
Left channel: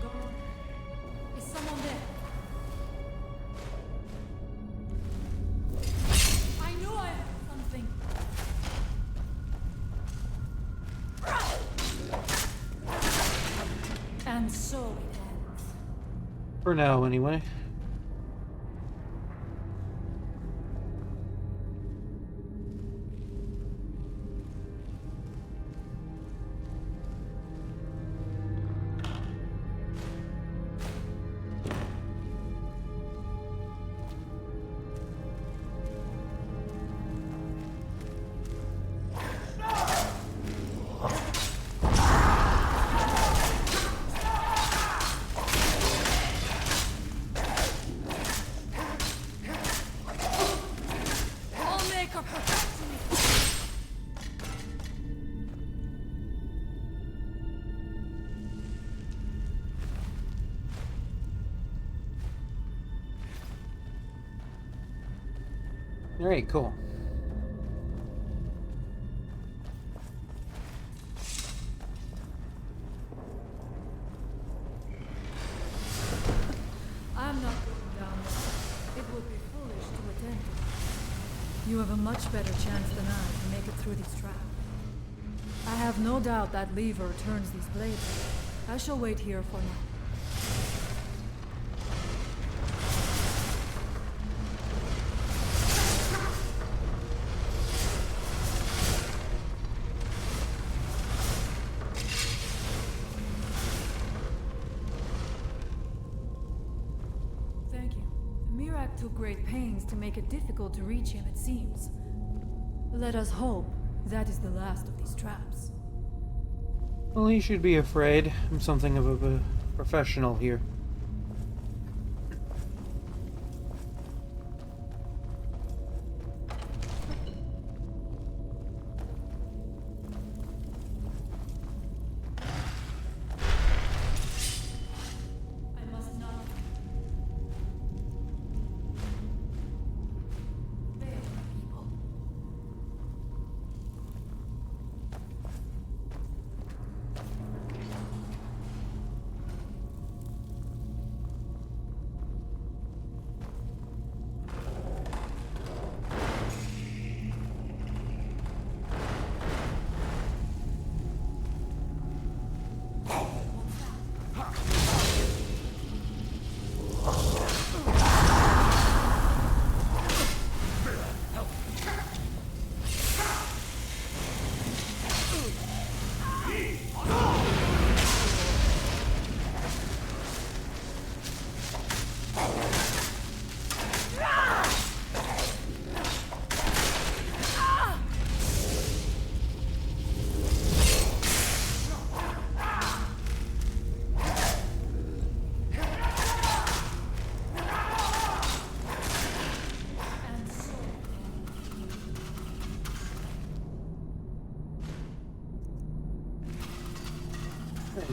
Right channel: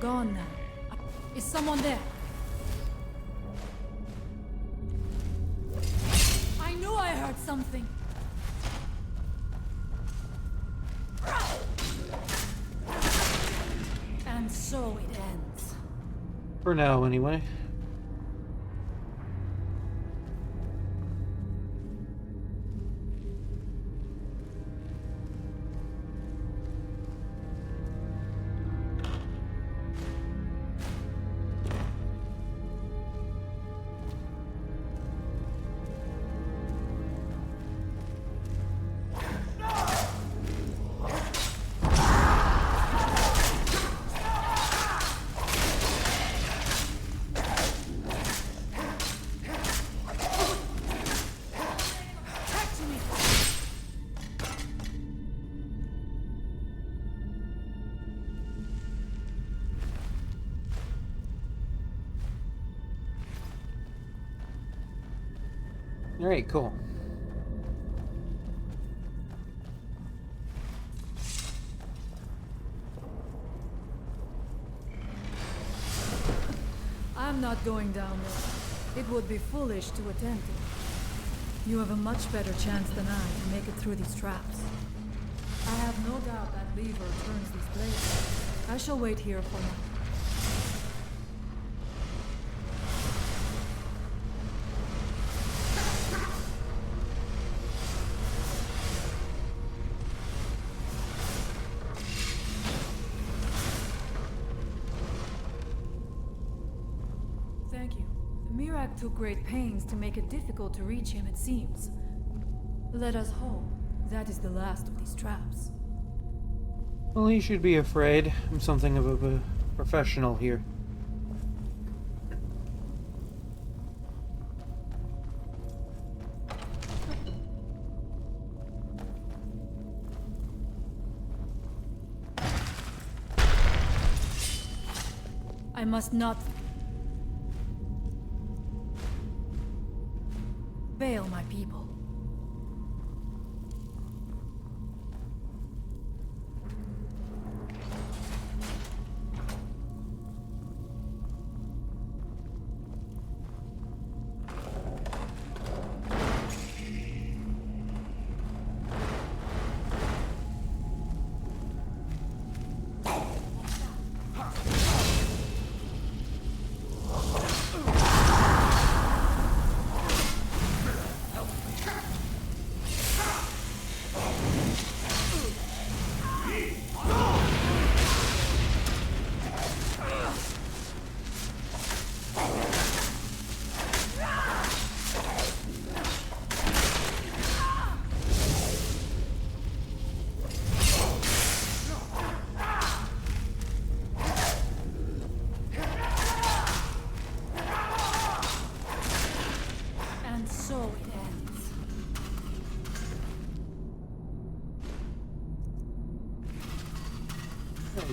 Gone now. Is someone there? I knew I heard something. And so it ends. For now, anyway. Alright, cool. I'm not going down there. It would be foolish to attempt it. You have a much better chance than I to make it through these traps. I have no doubt that lever turns these blades. I shall wait here for now. Thank you. Mirak took great pains to make it difficult to reach him, it seems. Let us hope that is the last of these traps. Well, he should be afraid. I'm something of a professional here. I must not fail my people.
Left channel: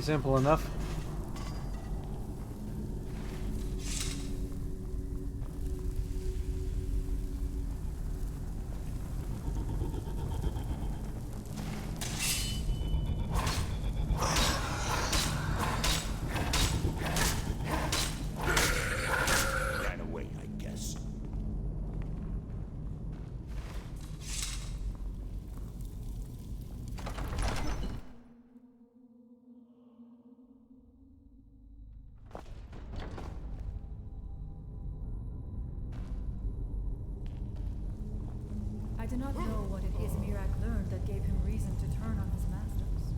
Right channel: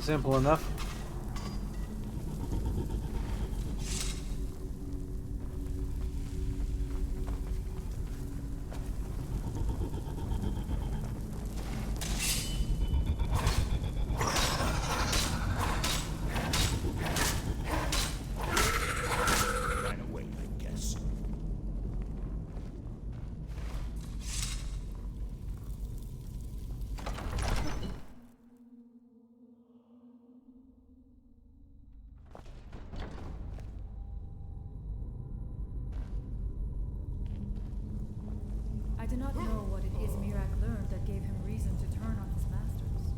Simple enough. Ran away, I guess. do not know what it is Mirak learned that gave him reason to turn on his masters,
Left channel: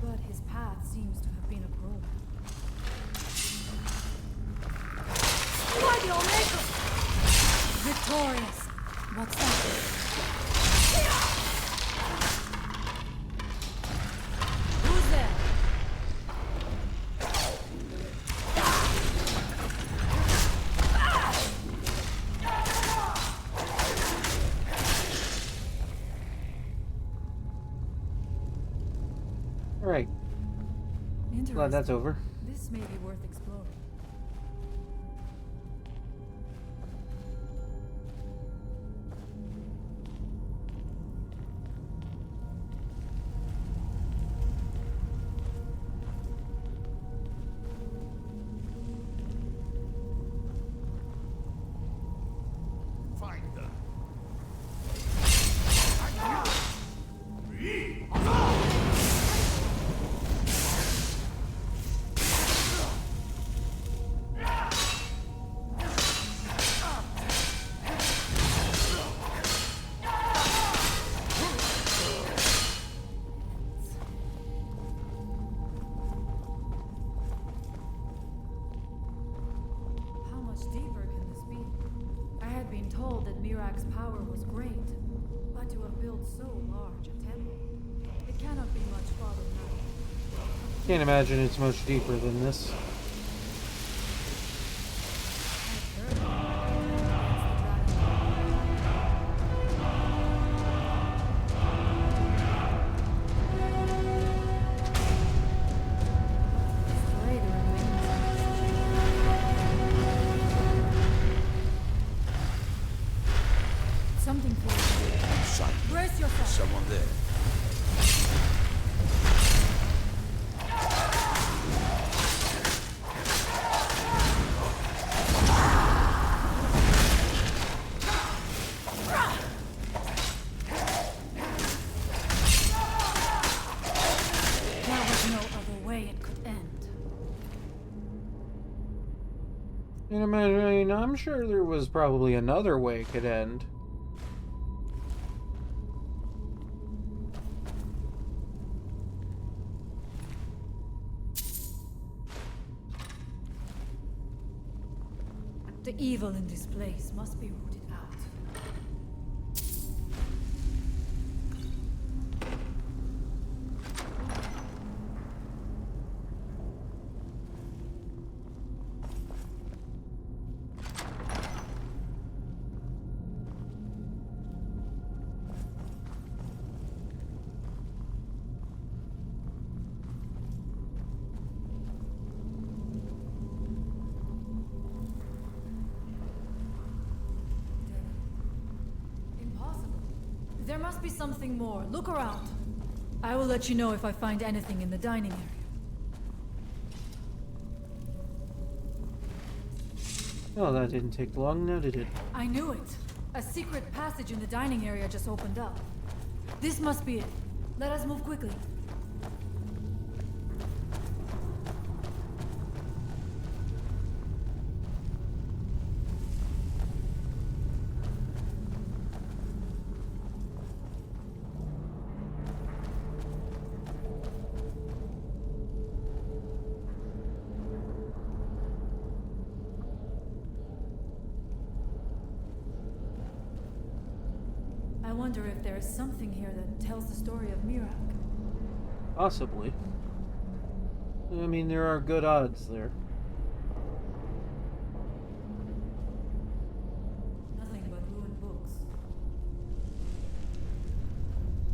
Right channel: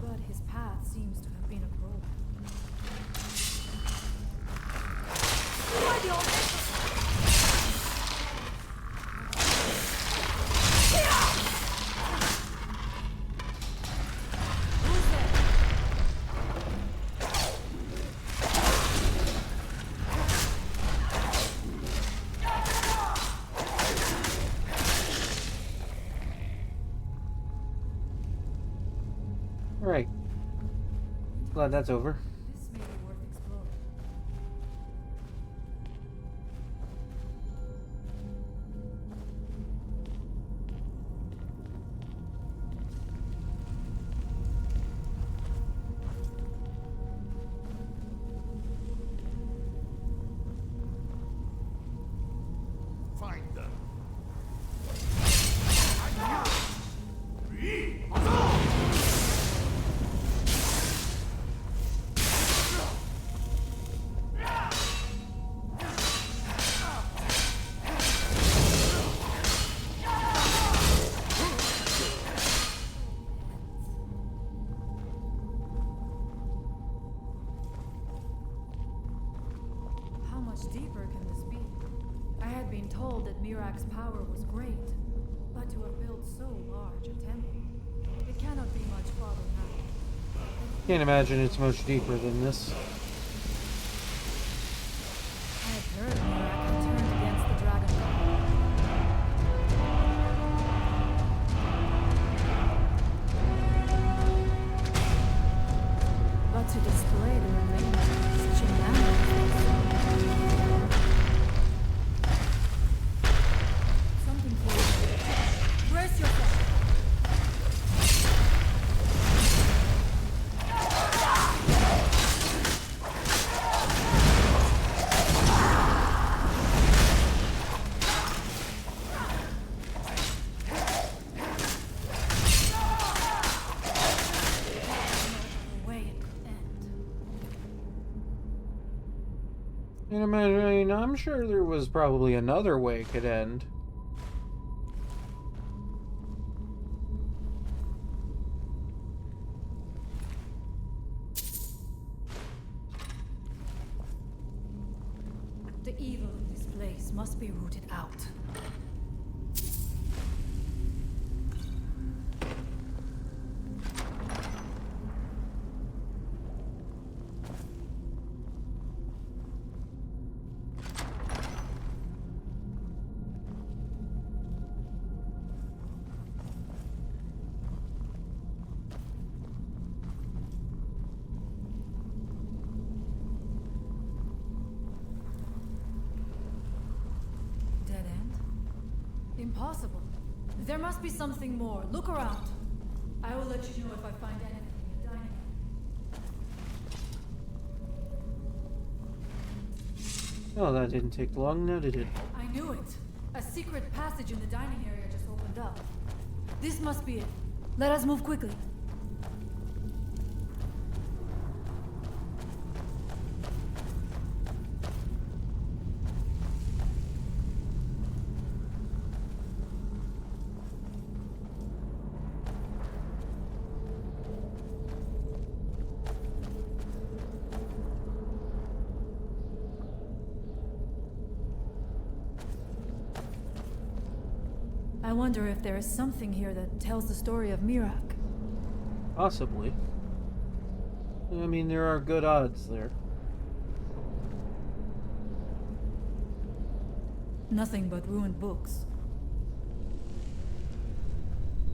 but his path seems to have been a probe. Why the Omega? Victorious. What's that? Who's there? Right. Glad that's over. This may be worth exploring. Find them. How much deeper can this be? I had been told that Mirak's power was great, but to have built so large a temple, it cannot be much farther now. Can't imagine it's much deeper than this. I had heard Mirak had turned against the Dragon God. But to display the remains of such a man. Something feels like brace yourself. Someone there. There was no other way it could end. And I mean, I'm sure there was probably another way it could end. The evil in this place must be rooted out. Dead end? Impossible. There must be something more. Look around. I will let you know if I find anything in the dining area. Oh, that didn't take long, now did it? I knew it. A secret passage in the dining area just opened up. This must be it. Let us move quickly. I wonder if there is something here that tells the story of Mirak. Possibly. I mean, there are good odds there. Nothing but ruined books.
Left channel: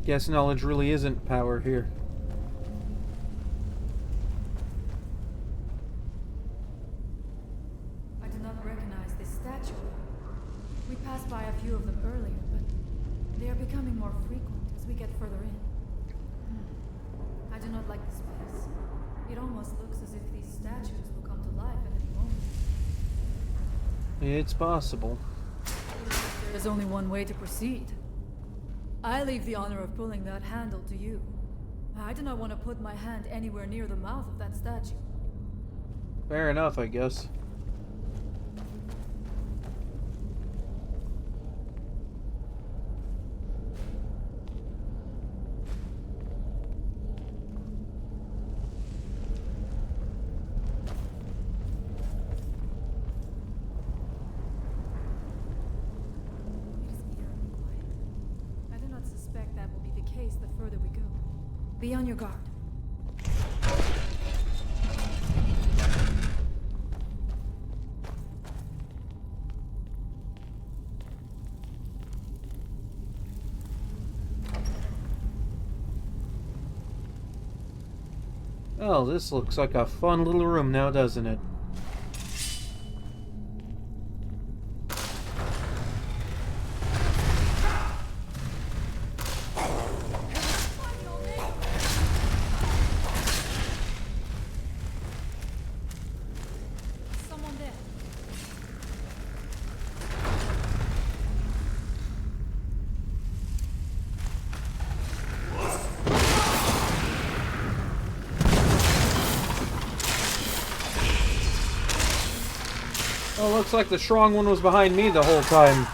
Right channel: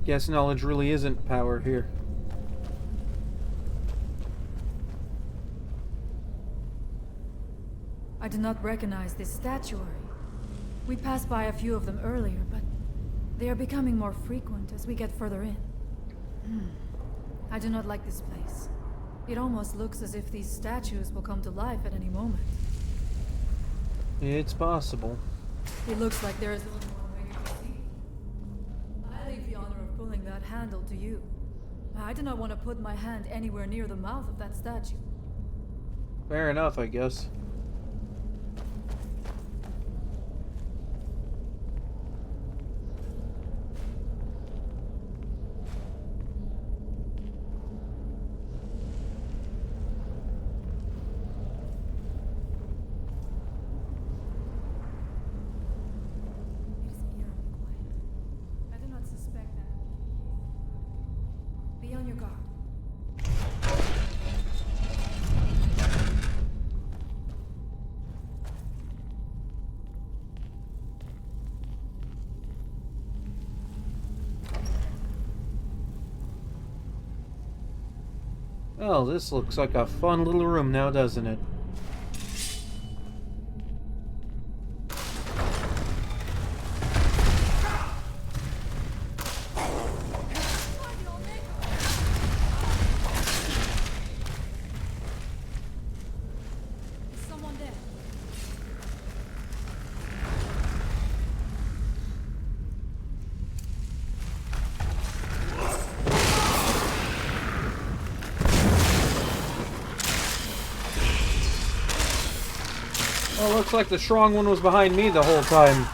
Guess knowledge really isn't power here. I do not recognize this statuary. We passed by a few of them earlier, but they are becoming more frequent as we get further in. I do not like this place. It almost looks as if these statues will come to life at any moment. It's possible. It looks like there is only one way to proceed. I leave the honor of pulling that handle to you. I do not want to put my hand anywhere near the mouth of that statue. Fair enough, I guess. suspect that will be the case the further we go. Be on your guard. Oh, this looks like a fun little room now, doesn't it? Someone there. Oh, looks like the strong one was behind me the whole time.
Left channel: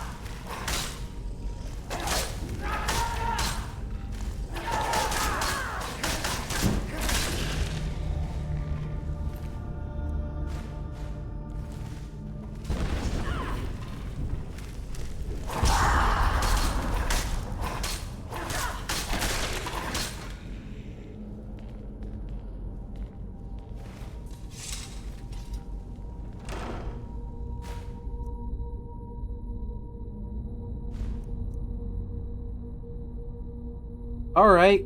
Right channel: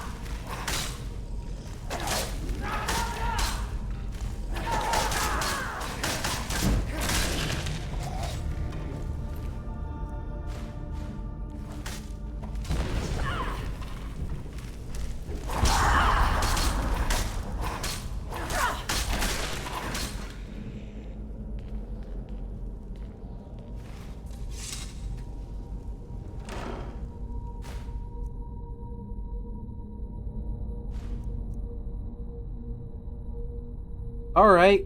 Alright.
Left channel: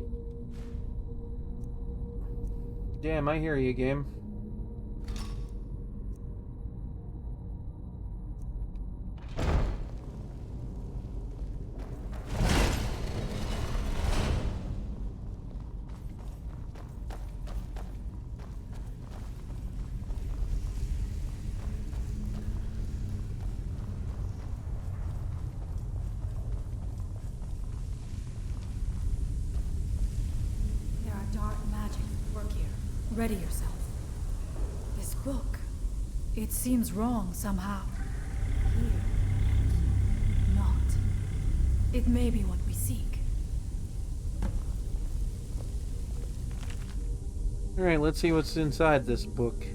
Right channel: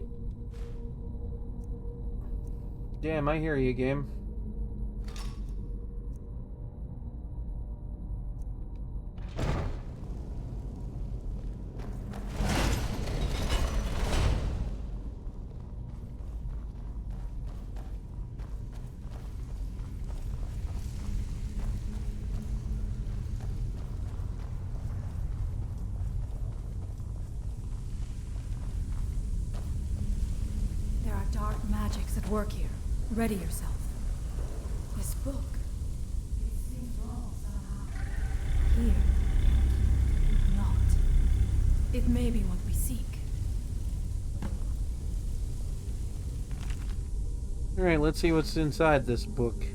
Damn, I hear you, game. There are dark magics at work here. Ready yourself. This book, it seems wrong somehow. Here, yet not. It may be what we seek. Alright, let's see what's inside this book.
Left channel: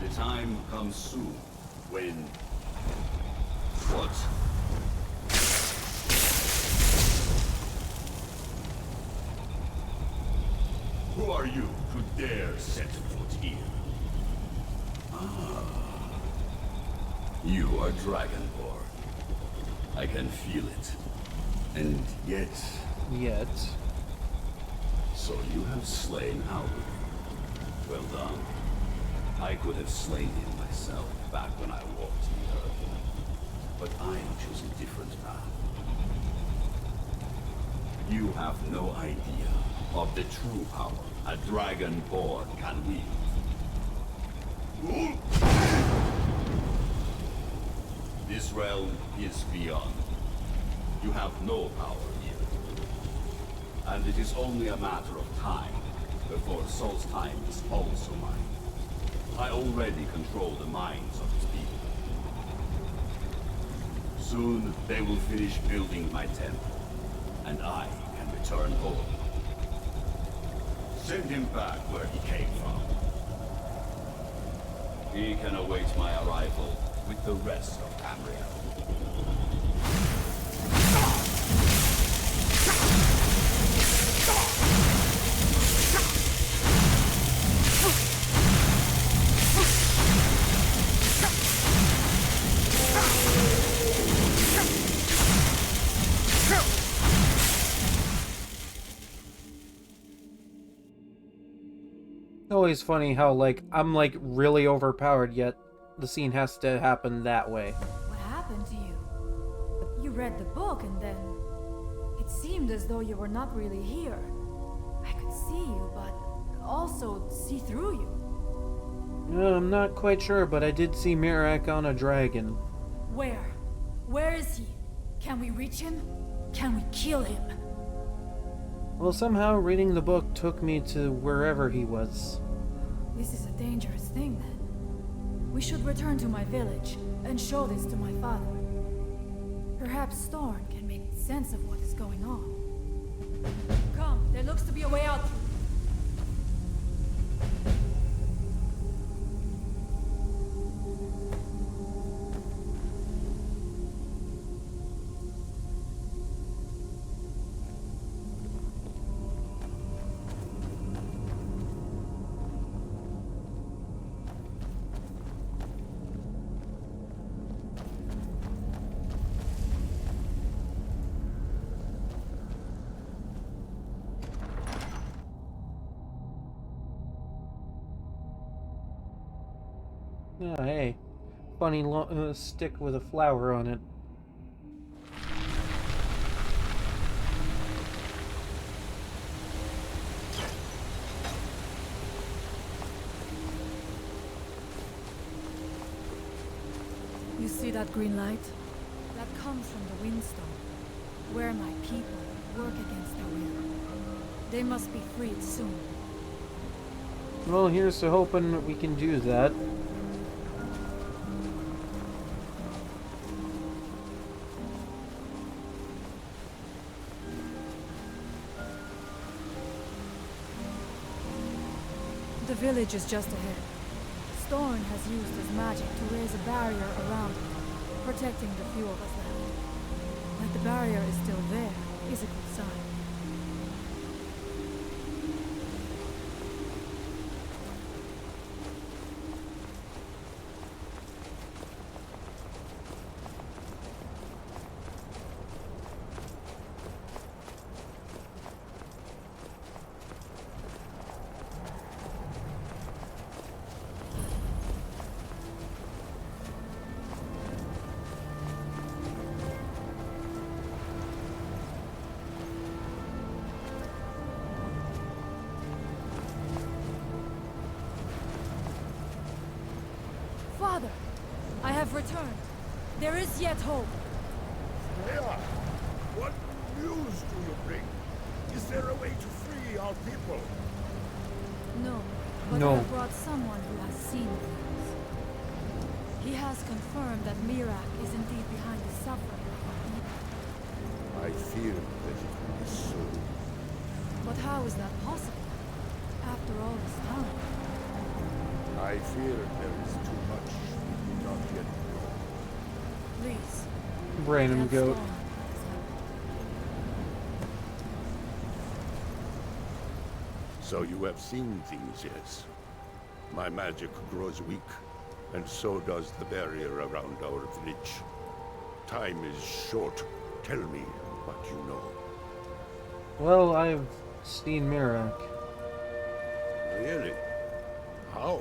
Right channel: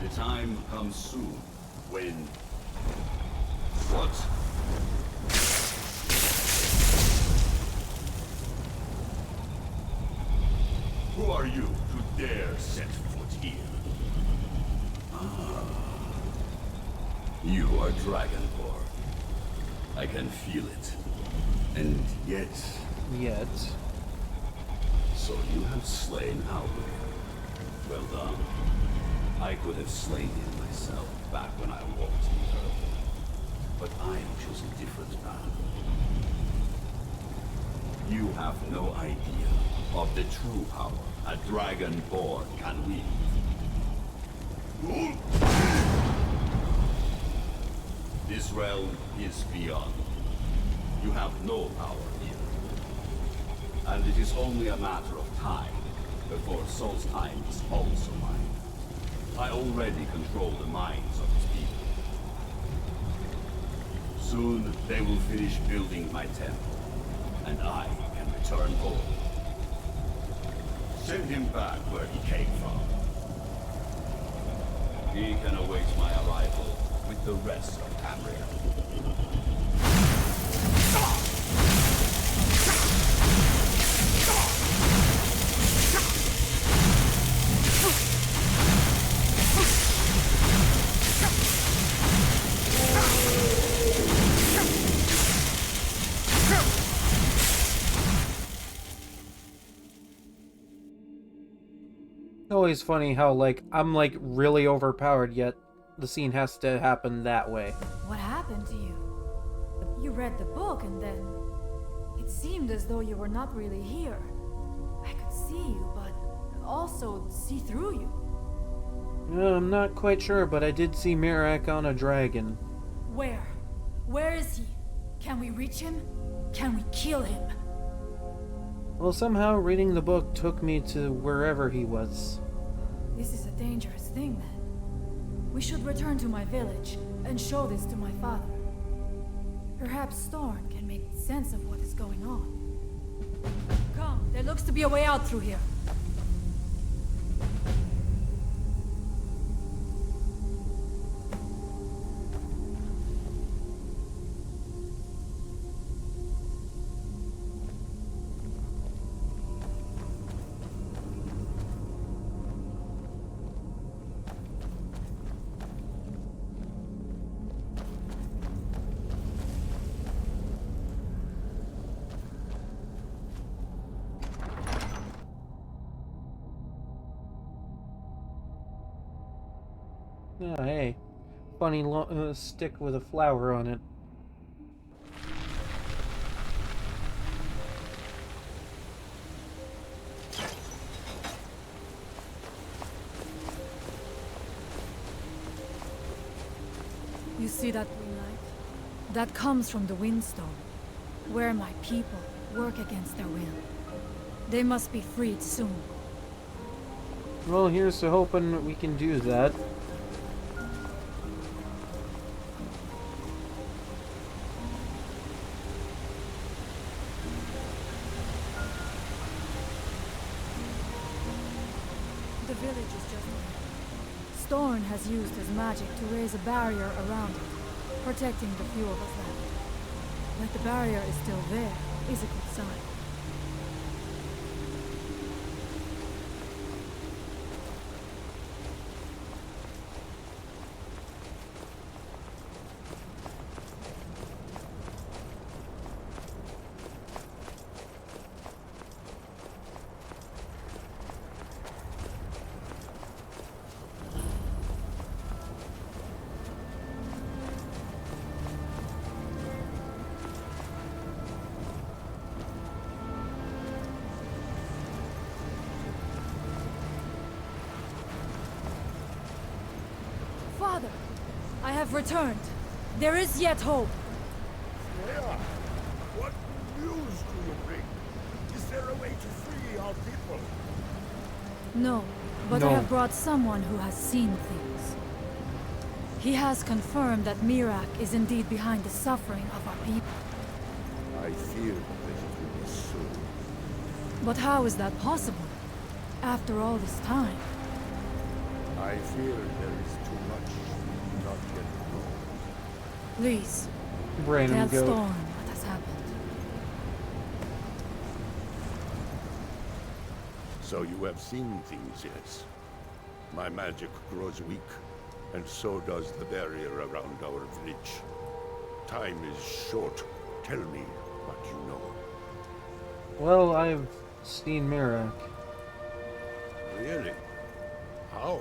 The time comes soon when... What? Who are you to dare set foot here? Ah. You are Dragonborn. I can feel it. And yet... Yet? So you have slain Albuquerque. Well done. I could have slain him myself back when I walked the earth. But I chose a different path. You have no idea of the true power a Dragonborn can wield. This realm is beyond. You have no power here. And it is only a matter of time before Solstheim is also mine. I already control the minds of his people. Soon they will finish building my temple, and I can return home. Send him back where he came from. He can await my arrival with the rest of Tamriel. Always funny how, like, I'm, like, really overpowered, yet the scene has to happen that way. What happened to you? You read the book and then... It seemed as though you were not really here. I could see you, but also see through you. I'm not quite sure, but I did see Mirak on a dragon. Where? Where is he? Can we reach him? Can we kill him? Well, somehow reading the book took me to wherever he was. This is a dangerous thing, then. We should return to my village and show this to my father. Perhaps Storn can make sense of what is going on. Come, there looks to be a way out through here. Oh, hey. Funny stick with a flower on it. You see that green light? That comes from the Windstone, where my people work against their will. They must be freed soon. Well, here's to hoping we can do that. The village is just ahead. Storn has used his magic to raise a barrier around it, protecting the few of us left. That the barrier is still there is a good sign. Father, I have returned. There is yet hope. Freya, what news do you bring? Is there a way to free our people? No, but No. I have brought someone who has seen things. He has confirmed that Mirak is indeed behind the suffering of our people. I fear that it will be so. But how is that possible? After all this time? I fear there is too much we do not yet know. Please, Random tell goat. Storm what has happened. So you have seen things, yes? My magic grows weak, and so does the barrier around our village. Time is short. Tell me what you know. Well, I've seen Mirak. Really? How?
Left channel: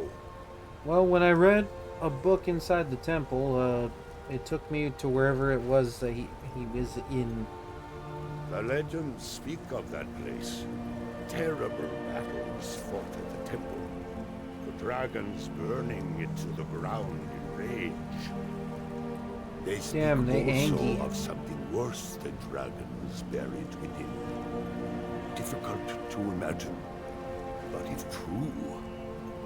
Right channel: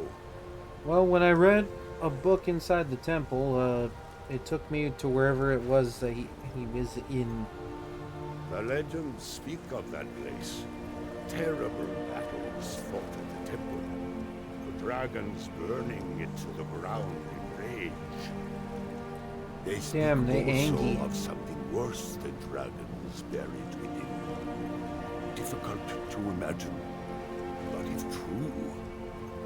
Well, when I read a book inside the temple, it took me to wherever it was that he was in. The legends speak of that place. Terrible battles fought at the temple. The dragons burning it to the ground in rage. They speak Damn, they also angry. of something worse than dragons buried within. Difficult to imagine, but if true,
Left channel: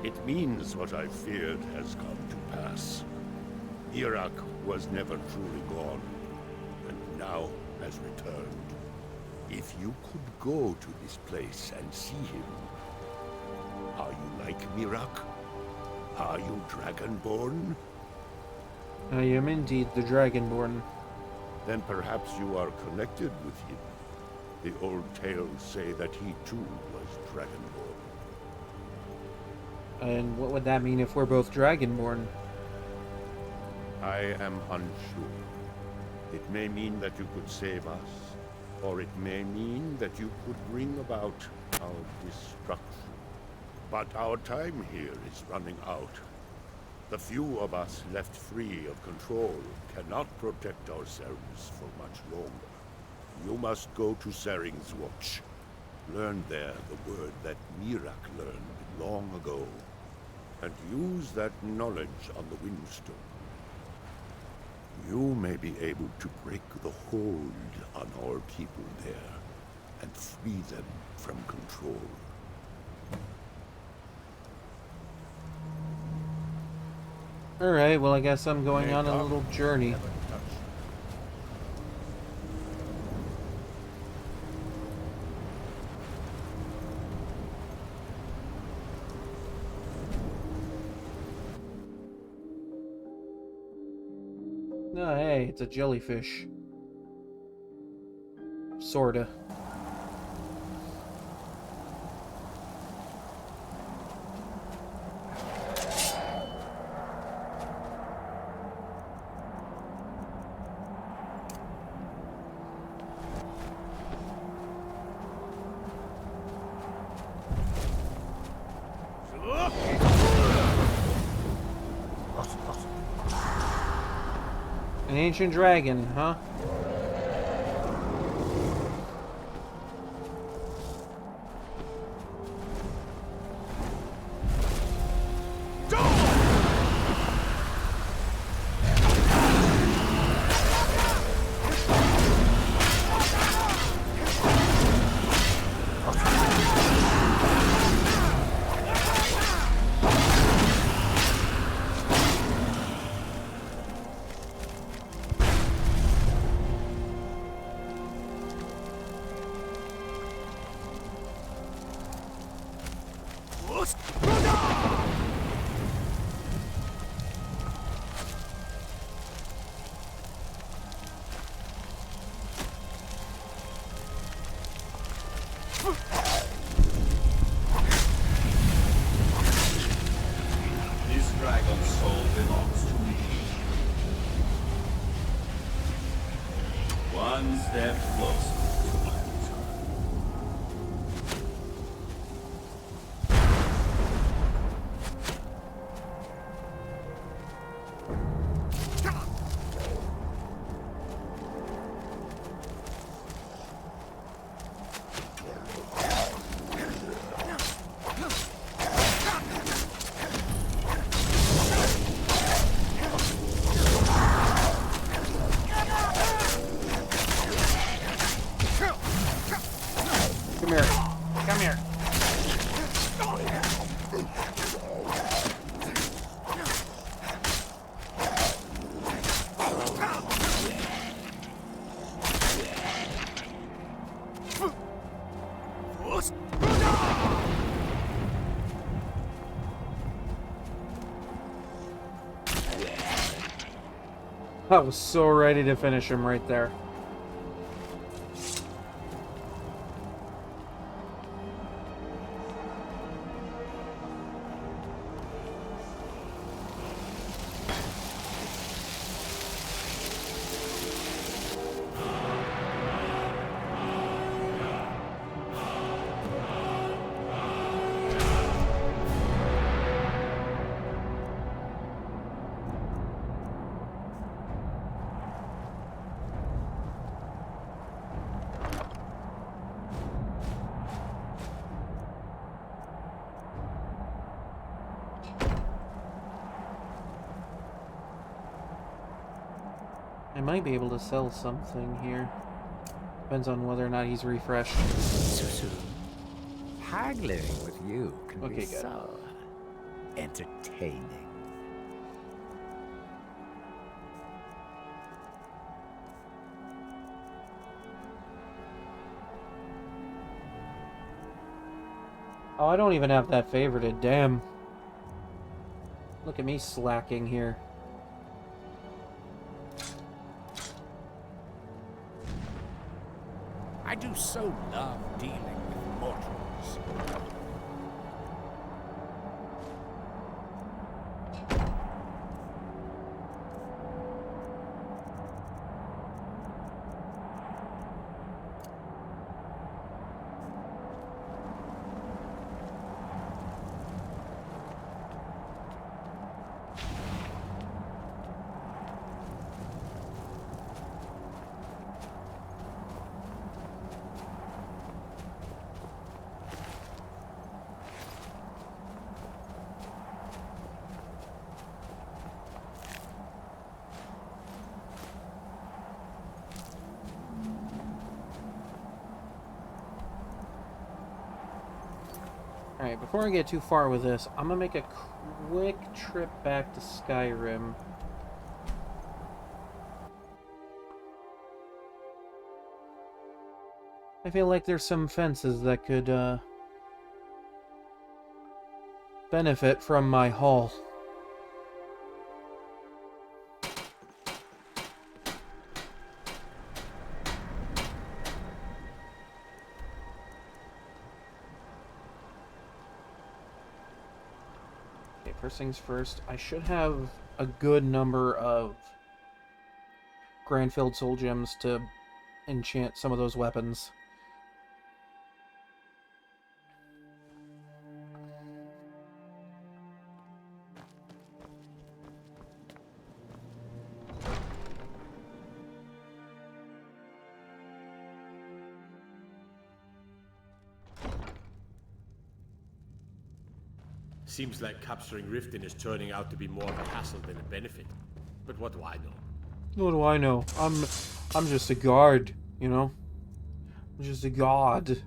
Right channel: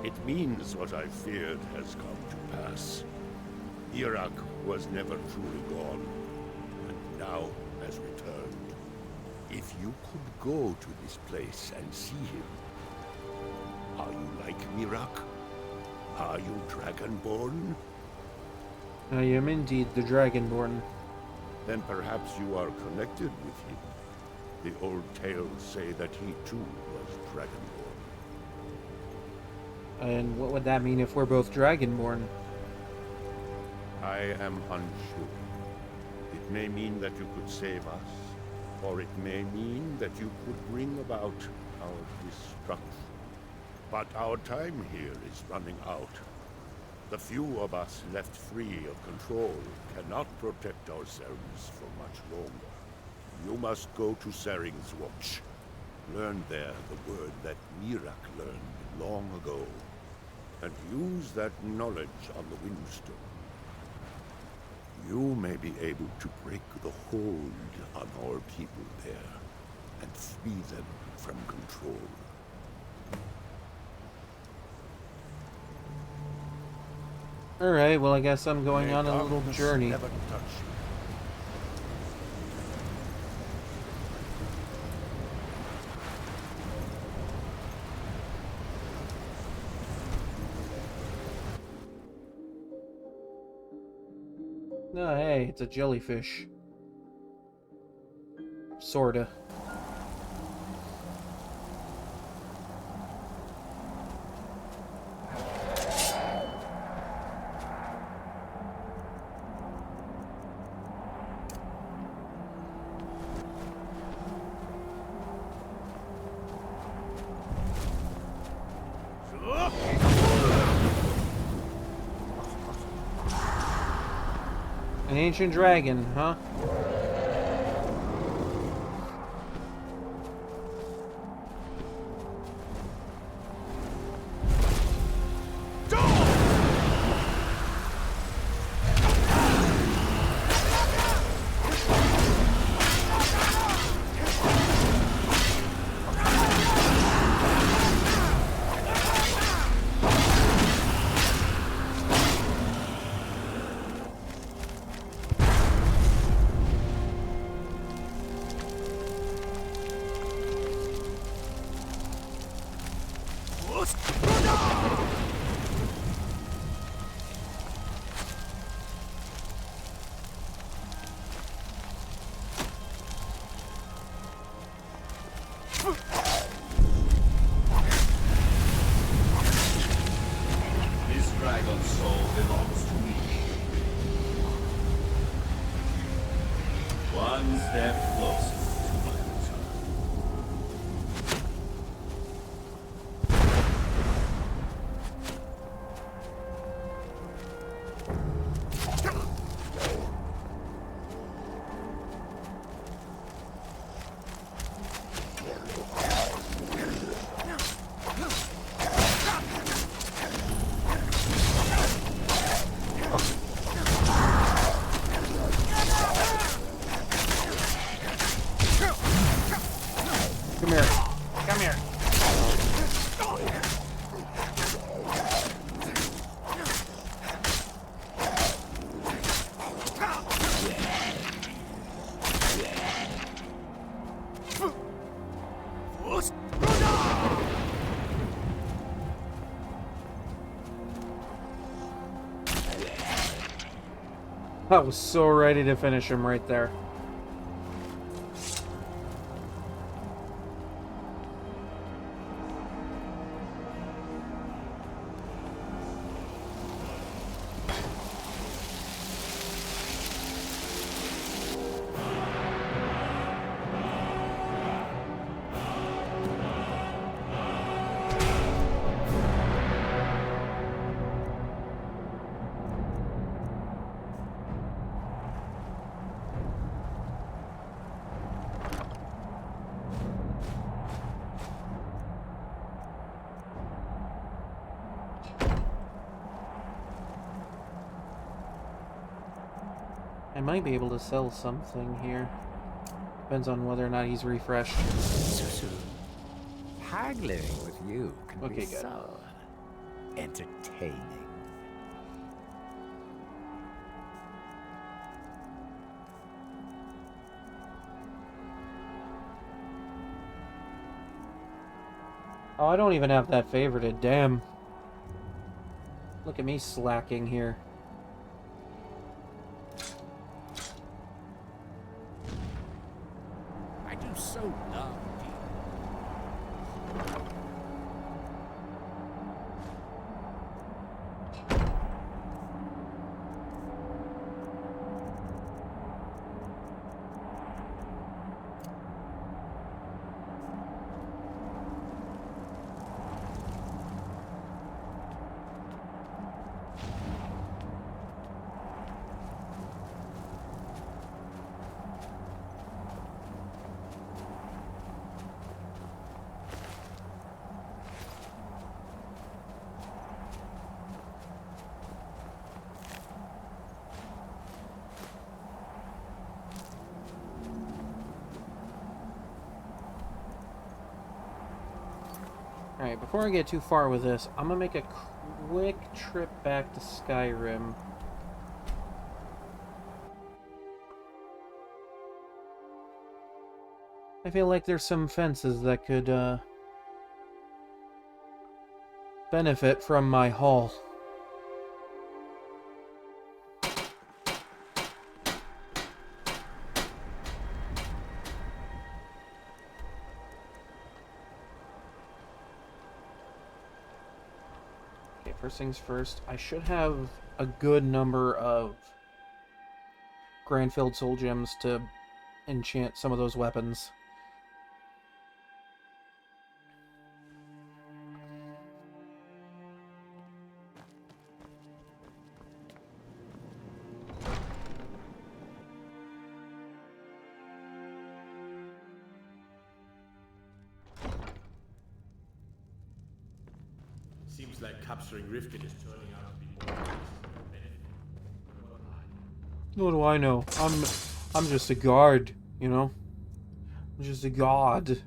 it means what I feared has come to pass. Irak was never truly gone, and now has returned. If you could go to this place and see him, are you like Mirak? Are you Dragonborn? I am indeed the Dragonborn. Then perhaps you are connected with him. The old tales say that he too was Dragonborn. And what would that mean if we're both Dragonborn? I am unsure. It may mean that you could save us, or it may mean that you could bring about our destruction. But our time here is running out. The few of us left free of control cannot protect ourselves for much longer. You must go to Saring's Watch. Learn there the word that Mirak learned long ago, and use that knowledge on the Windstone. You may be able to break the hold on our people there, and free them from control. Alright, well I guess I'm going on a little journey. Never touch. Oh, hey, it's a jellyfish. Sorta. An ancient dragon, huh? This dragon's soul belongs to me. One step closer to my return. Come here. Come here. I was so ready to finish him right there. I might be able to sell something here. Depends on whether or not he's refreshed. Susu, haggling with you can Okay, be good. so entertaining. Oh, I don't even have that favorited. Damn. Look at me slacking here. I do so love dealing with mortals. Alright, before I get too far with this, I'm gonna make a quick trip back to Skyrim. I feel like there's some fences that could, benefit from my haul. Okay, first things first, I should have a good number of Grandfield Soul Gems to enchant some of those weapons. Seems like capturing Riften is turning out to be more of a hassle than a benefit. But what do I know? What do I know? I'm just a guard, you know? I'm just a god.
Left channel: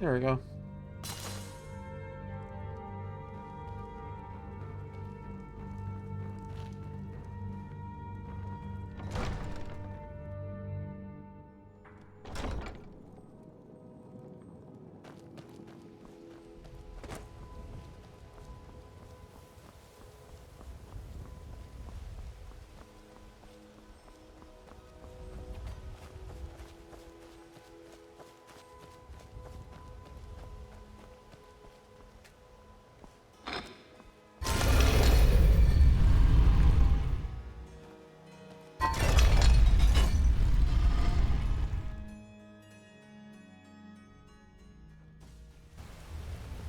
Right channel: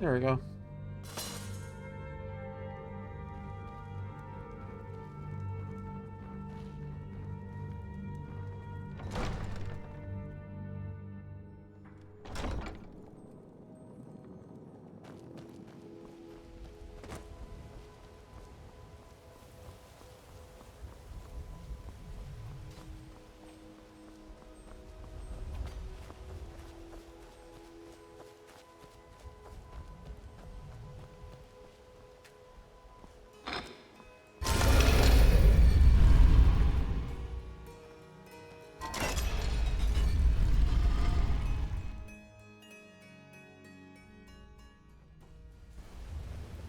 There we go.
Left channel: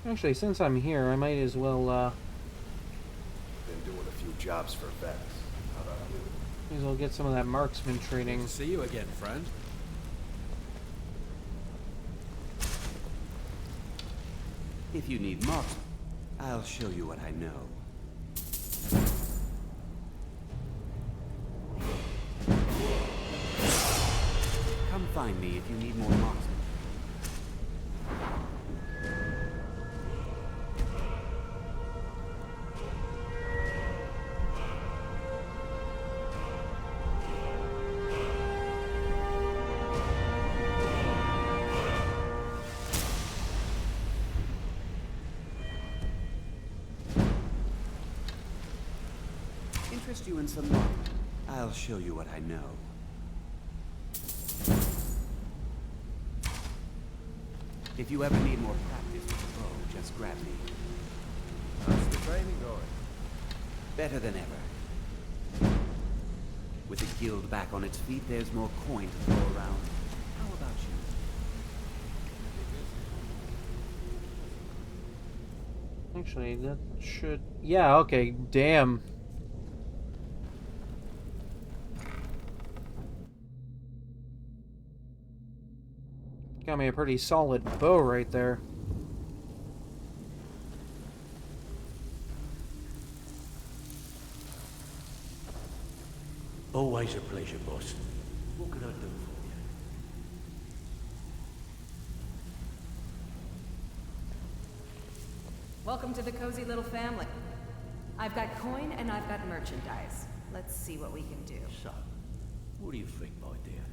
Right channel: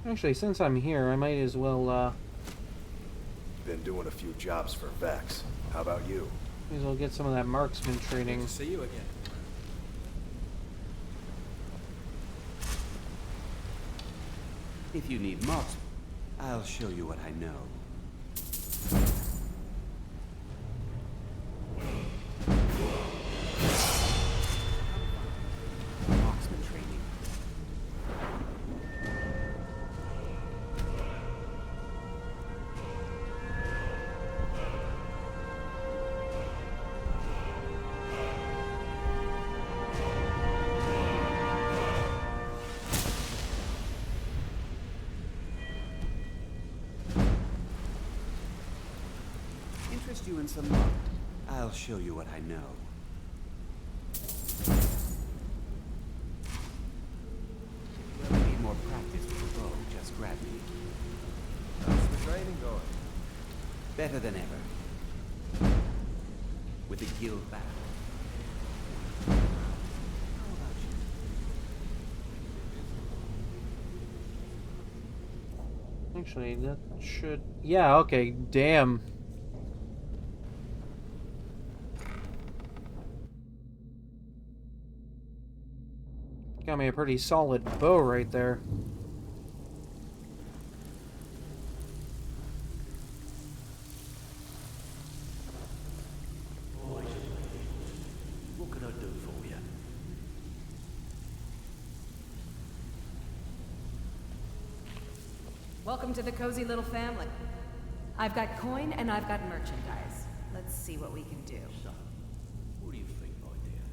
Actually, since I'm here, I might as well, Been doing a few jobs for Vex. How about you? Might as well get some of that marksman training. Good to see you again, friend. If you need marksman, I'll show you what I know. Come find me if you need more marksman training. Interest you in some luck? I'll show you what I know. If you ever need more practice with the bow, just grab me. How's the training going? Better than ever. With the guild back on its feet, there's more coin to go around. How about you? Actually, that should... Yeah, okay, damn. Got me a pretty solid bow right there. Always a pleasure, boss. What can I do for you? Welcome to the cozy little family. I've got coin and I've got merchandise. Let's see what we can do. So, what do you think, my dear?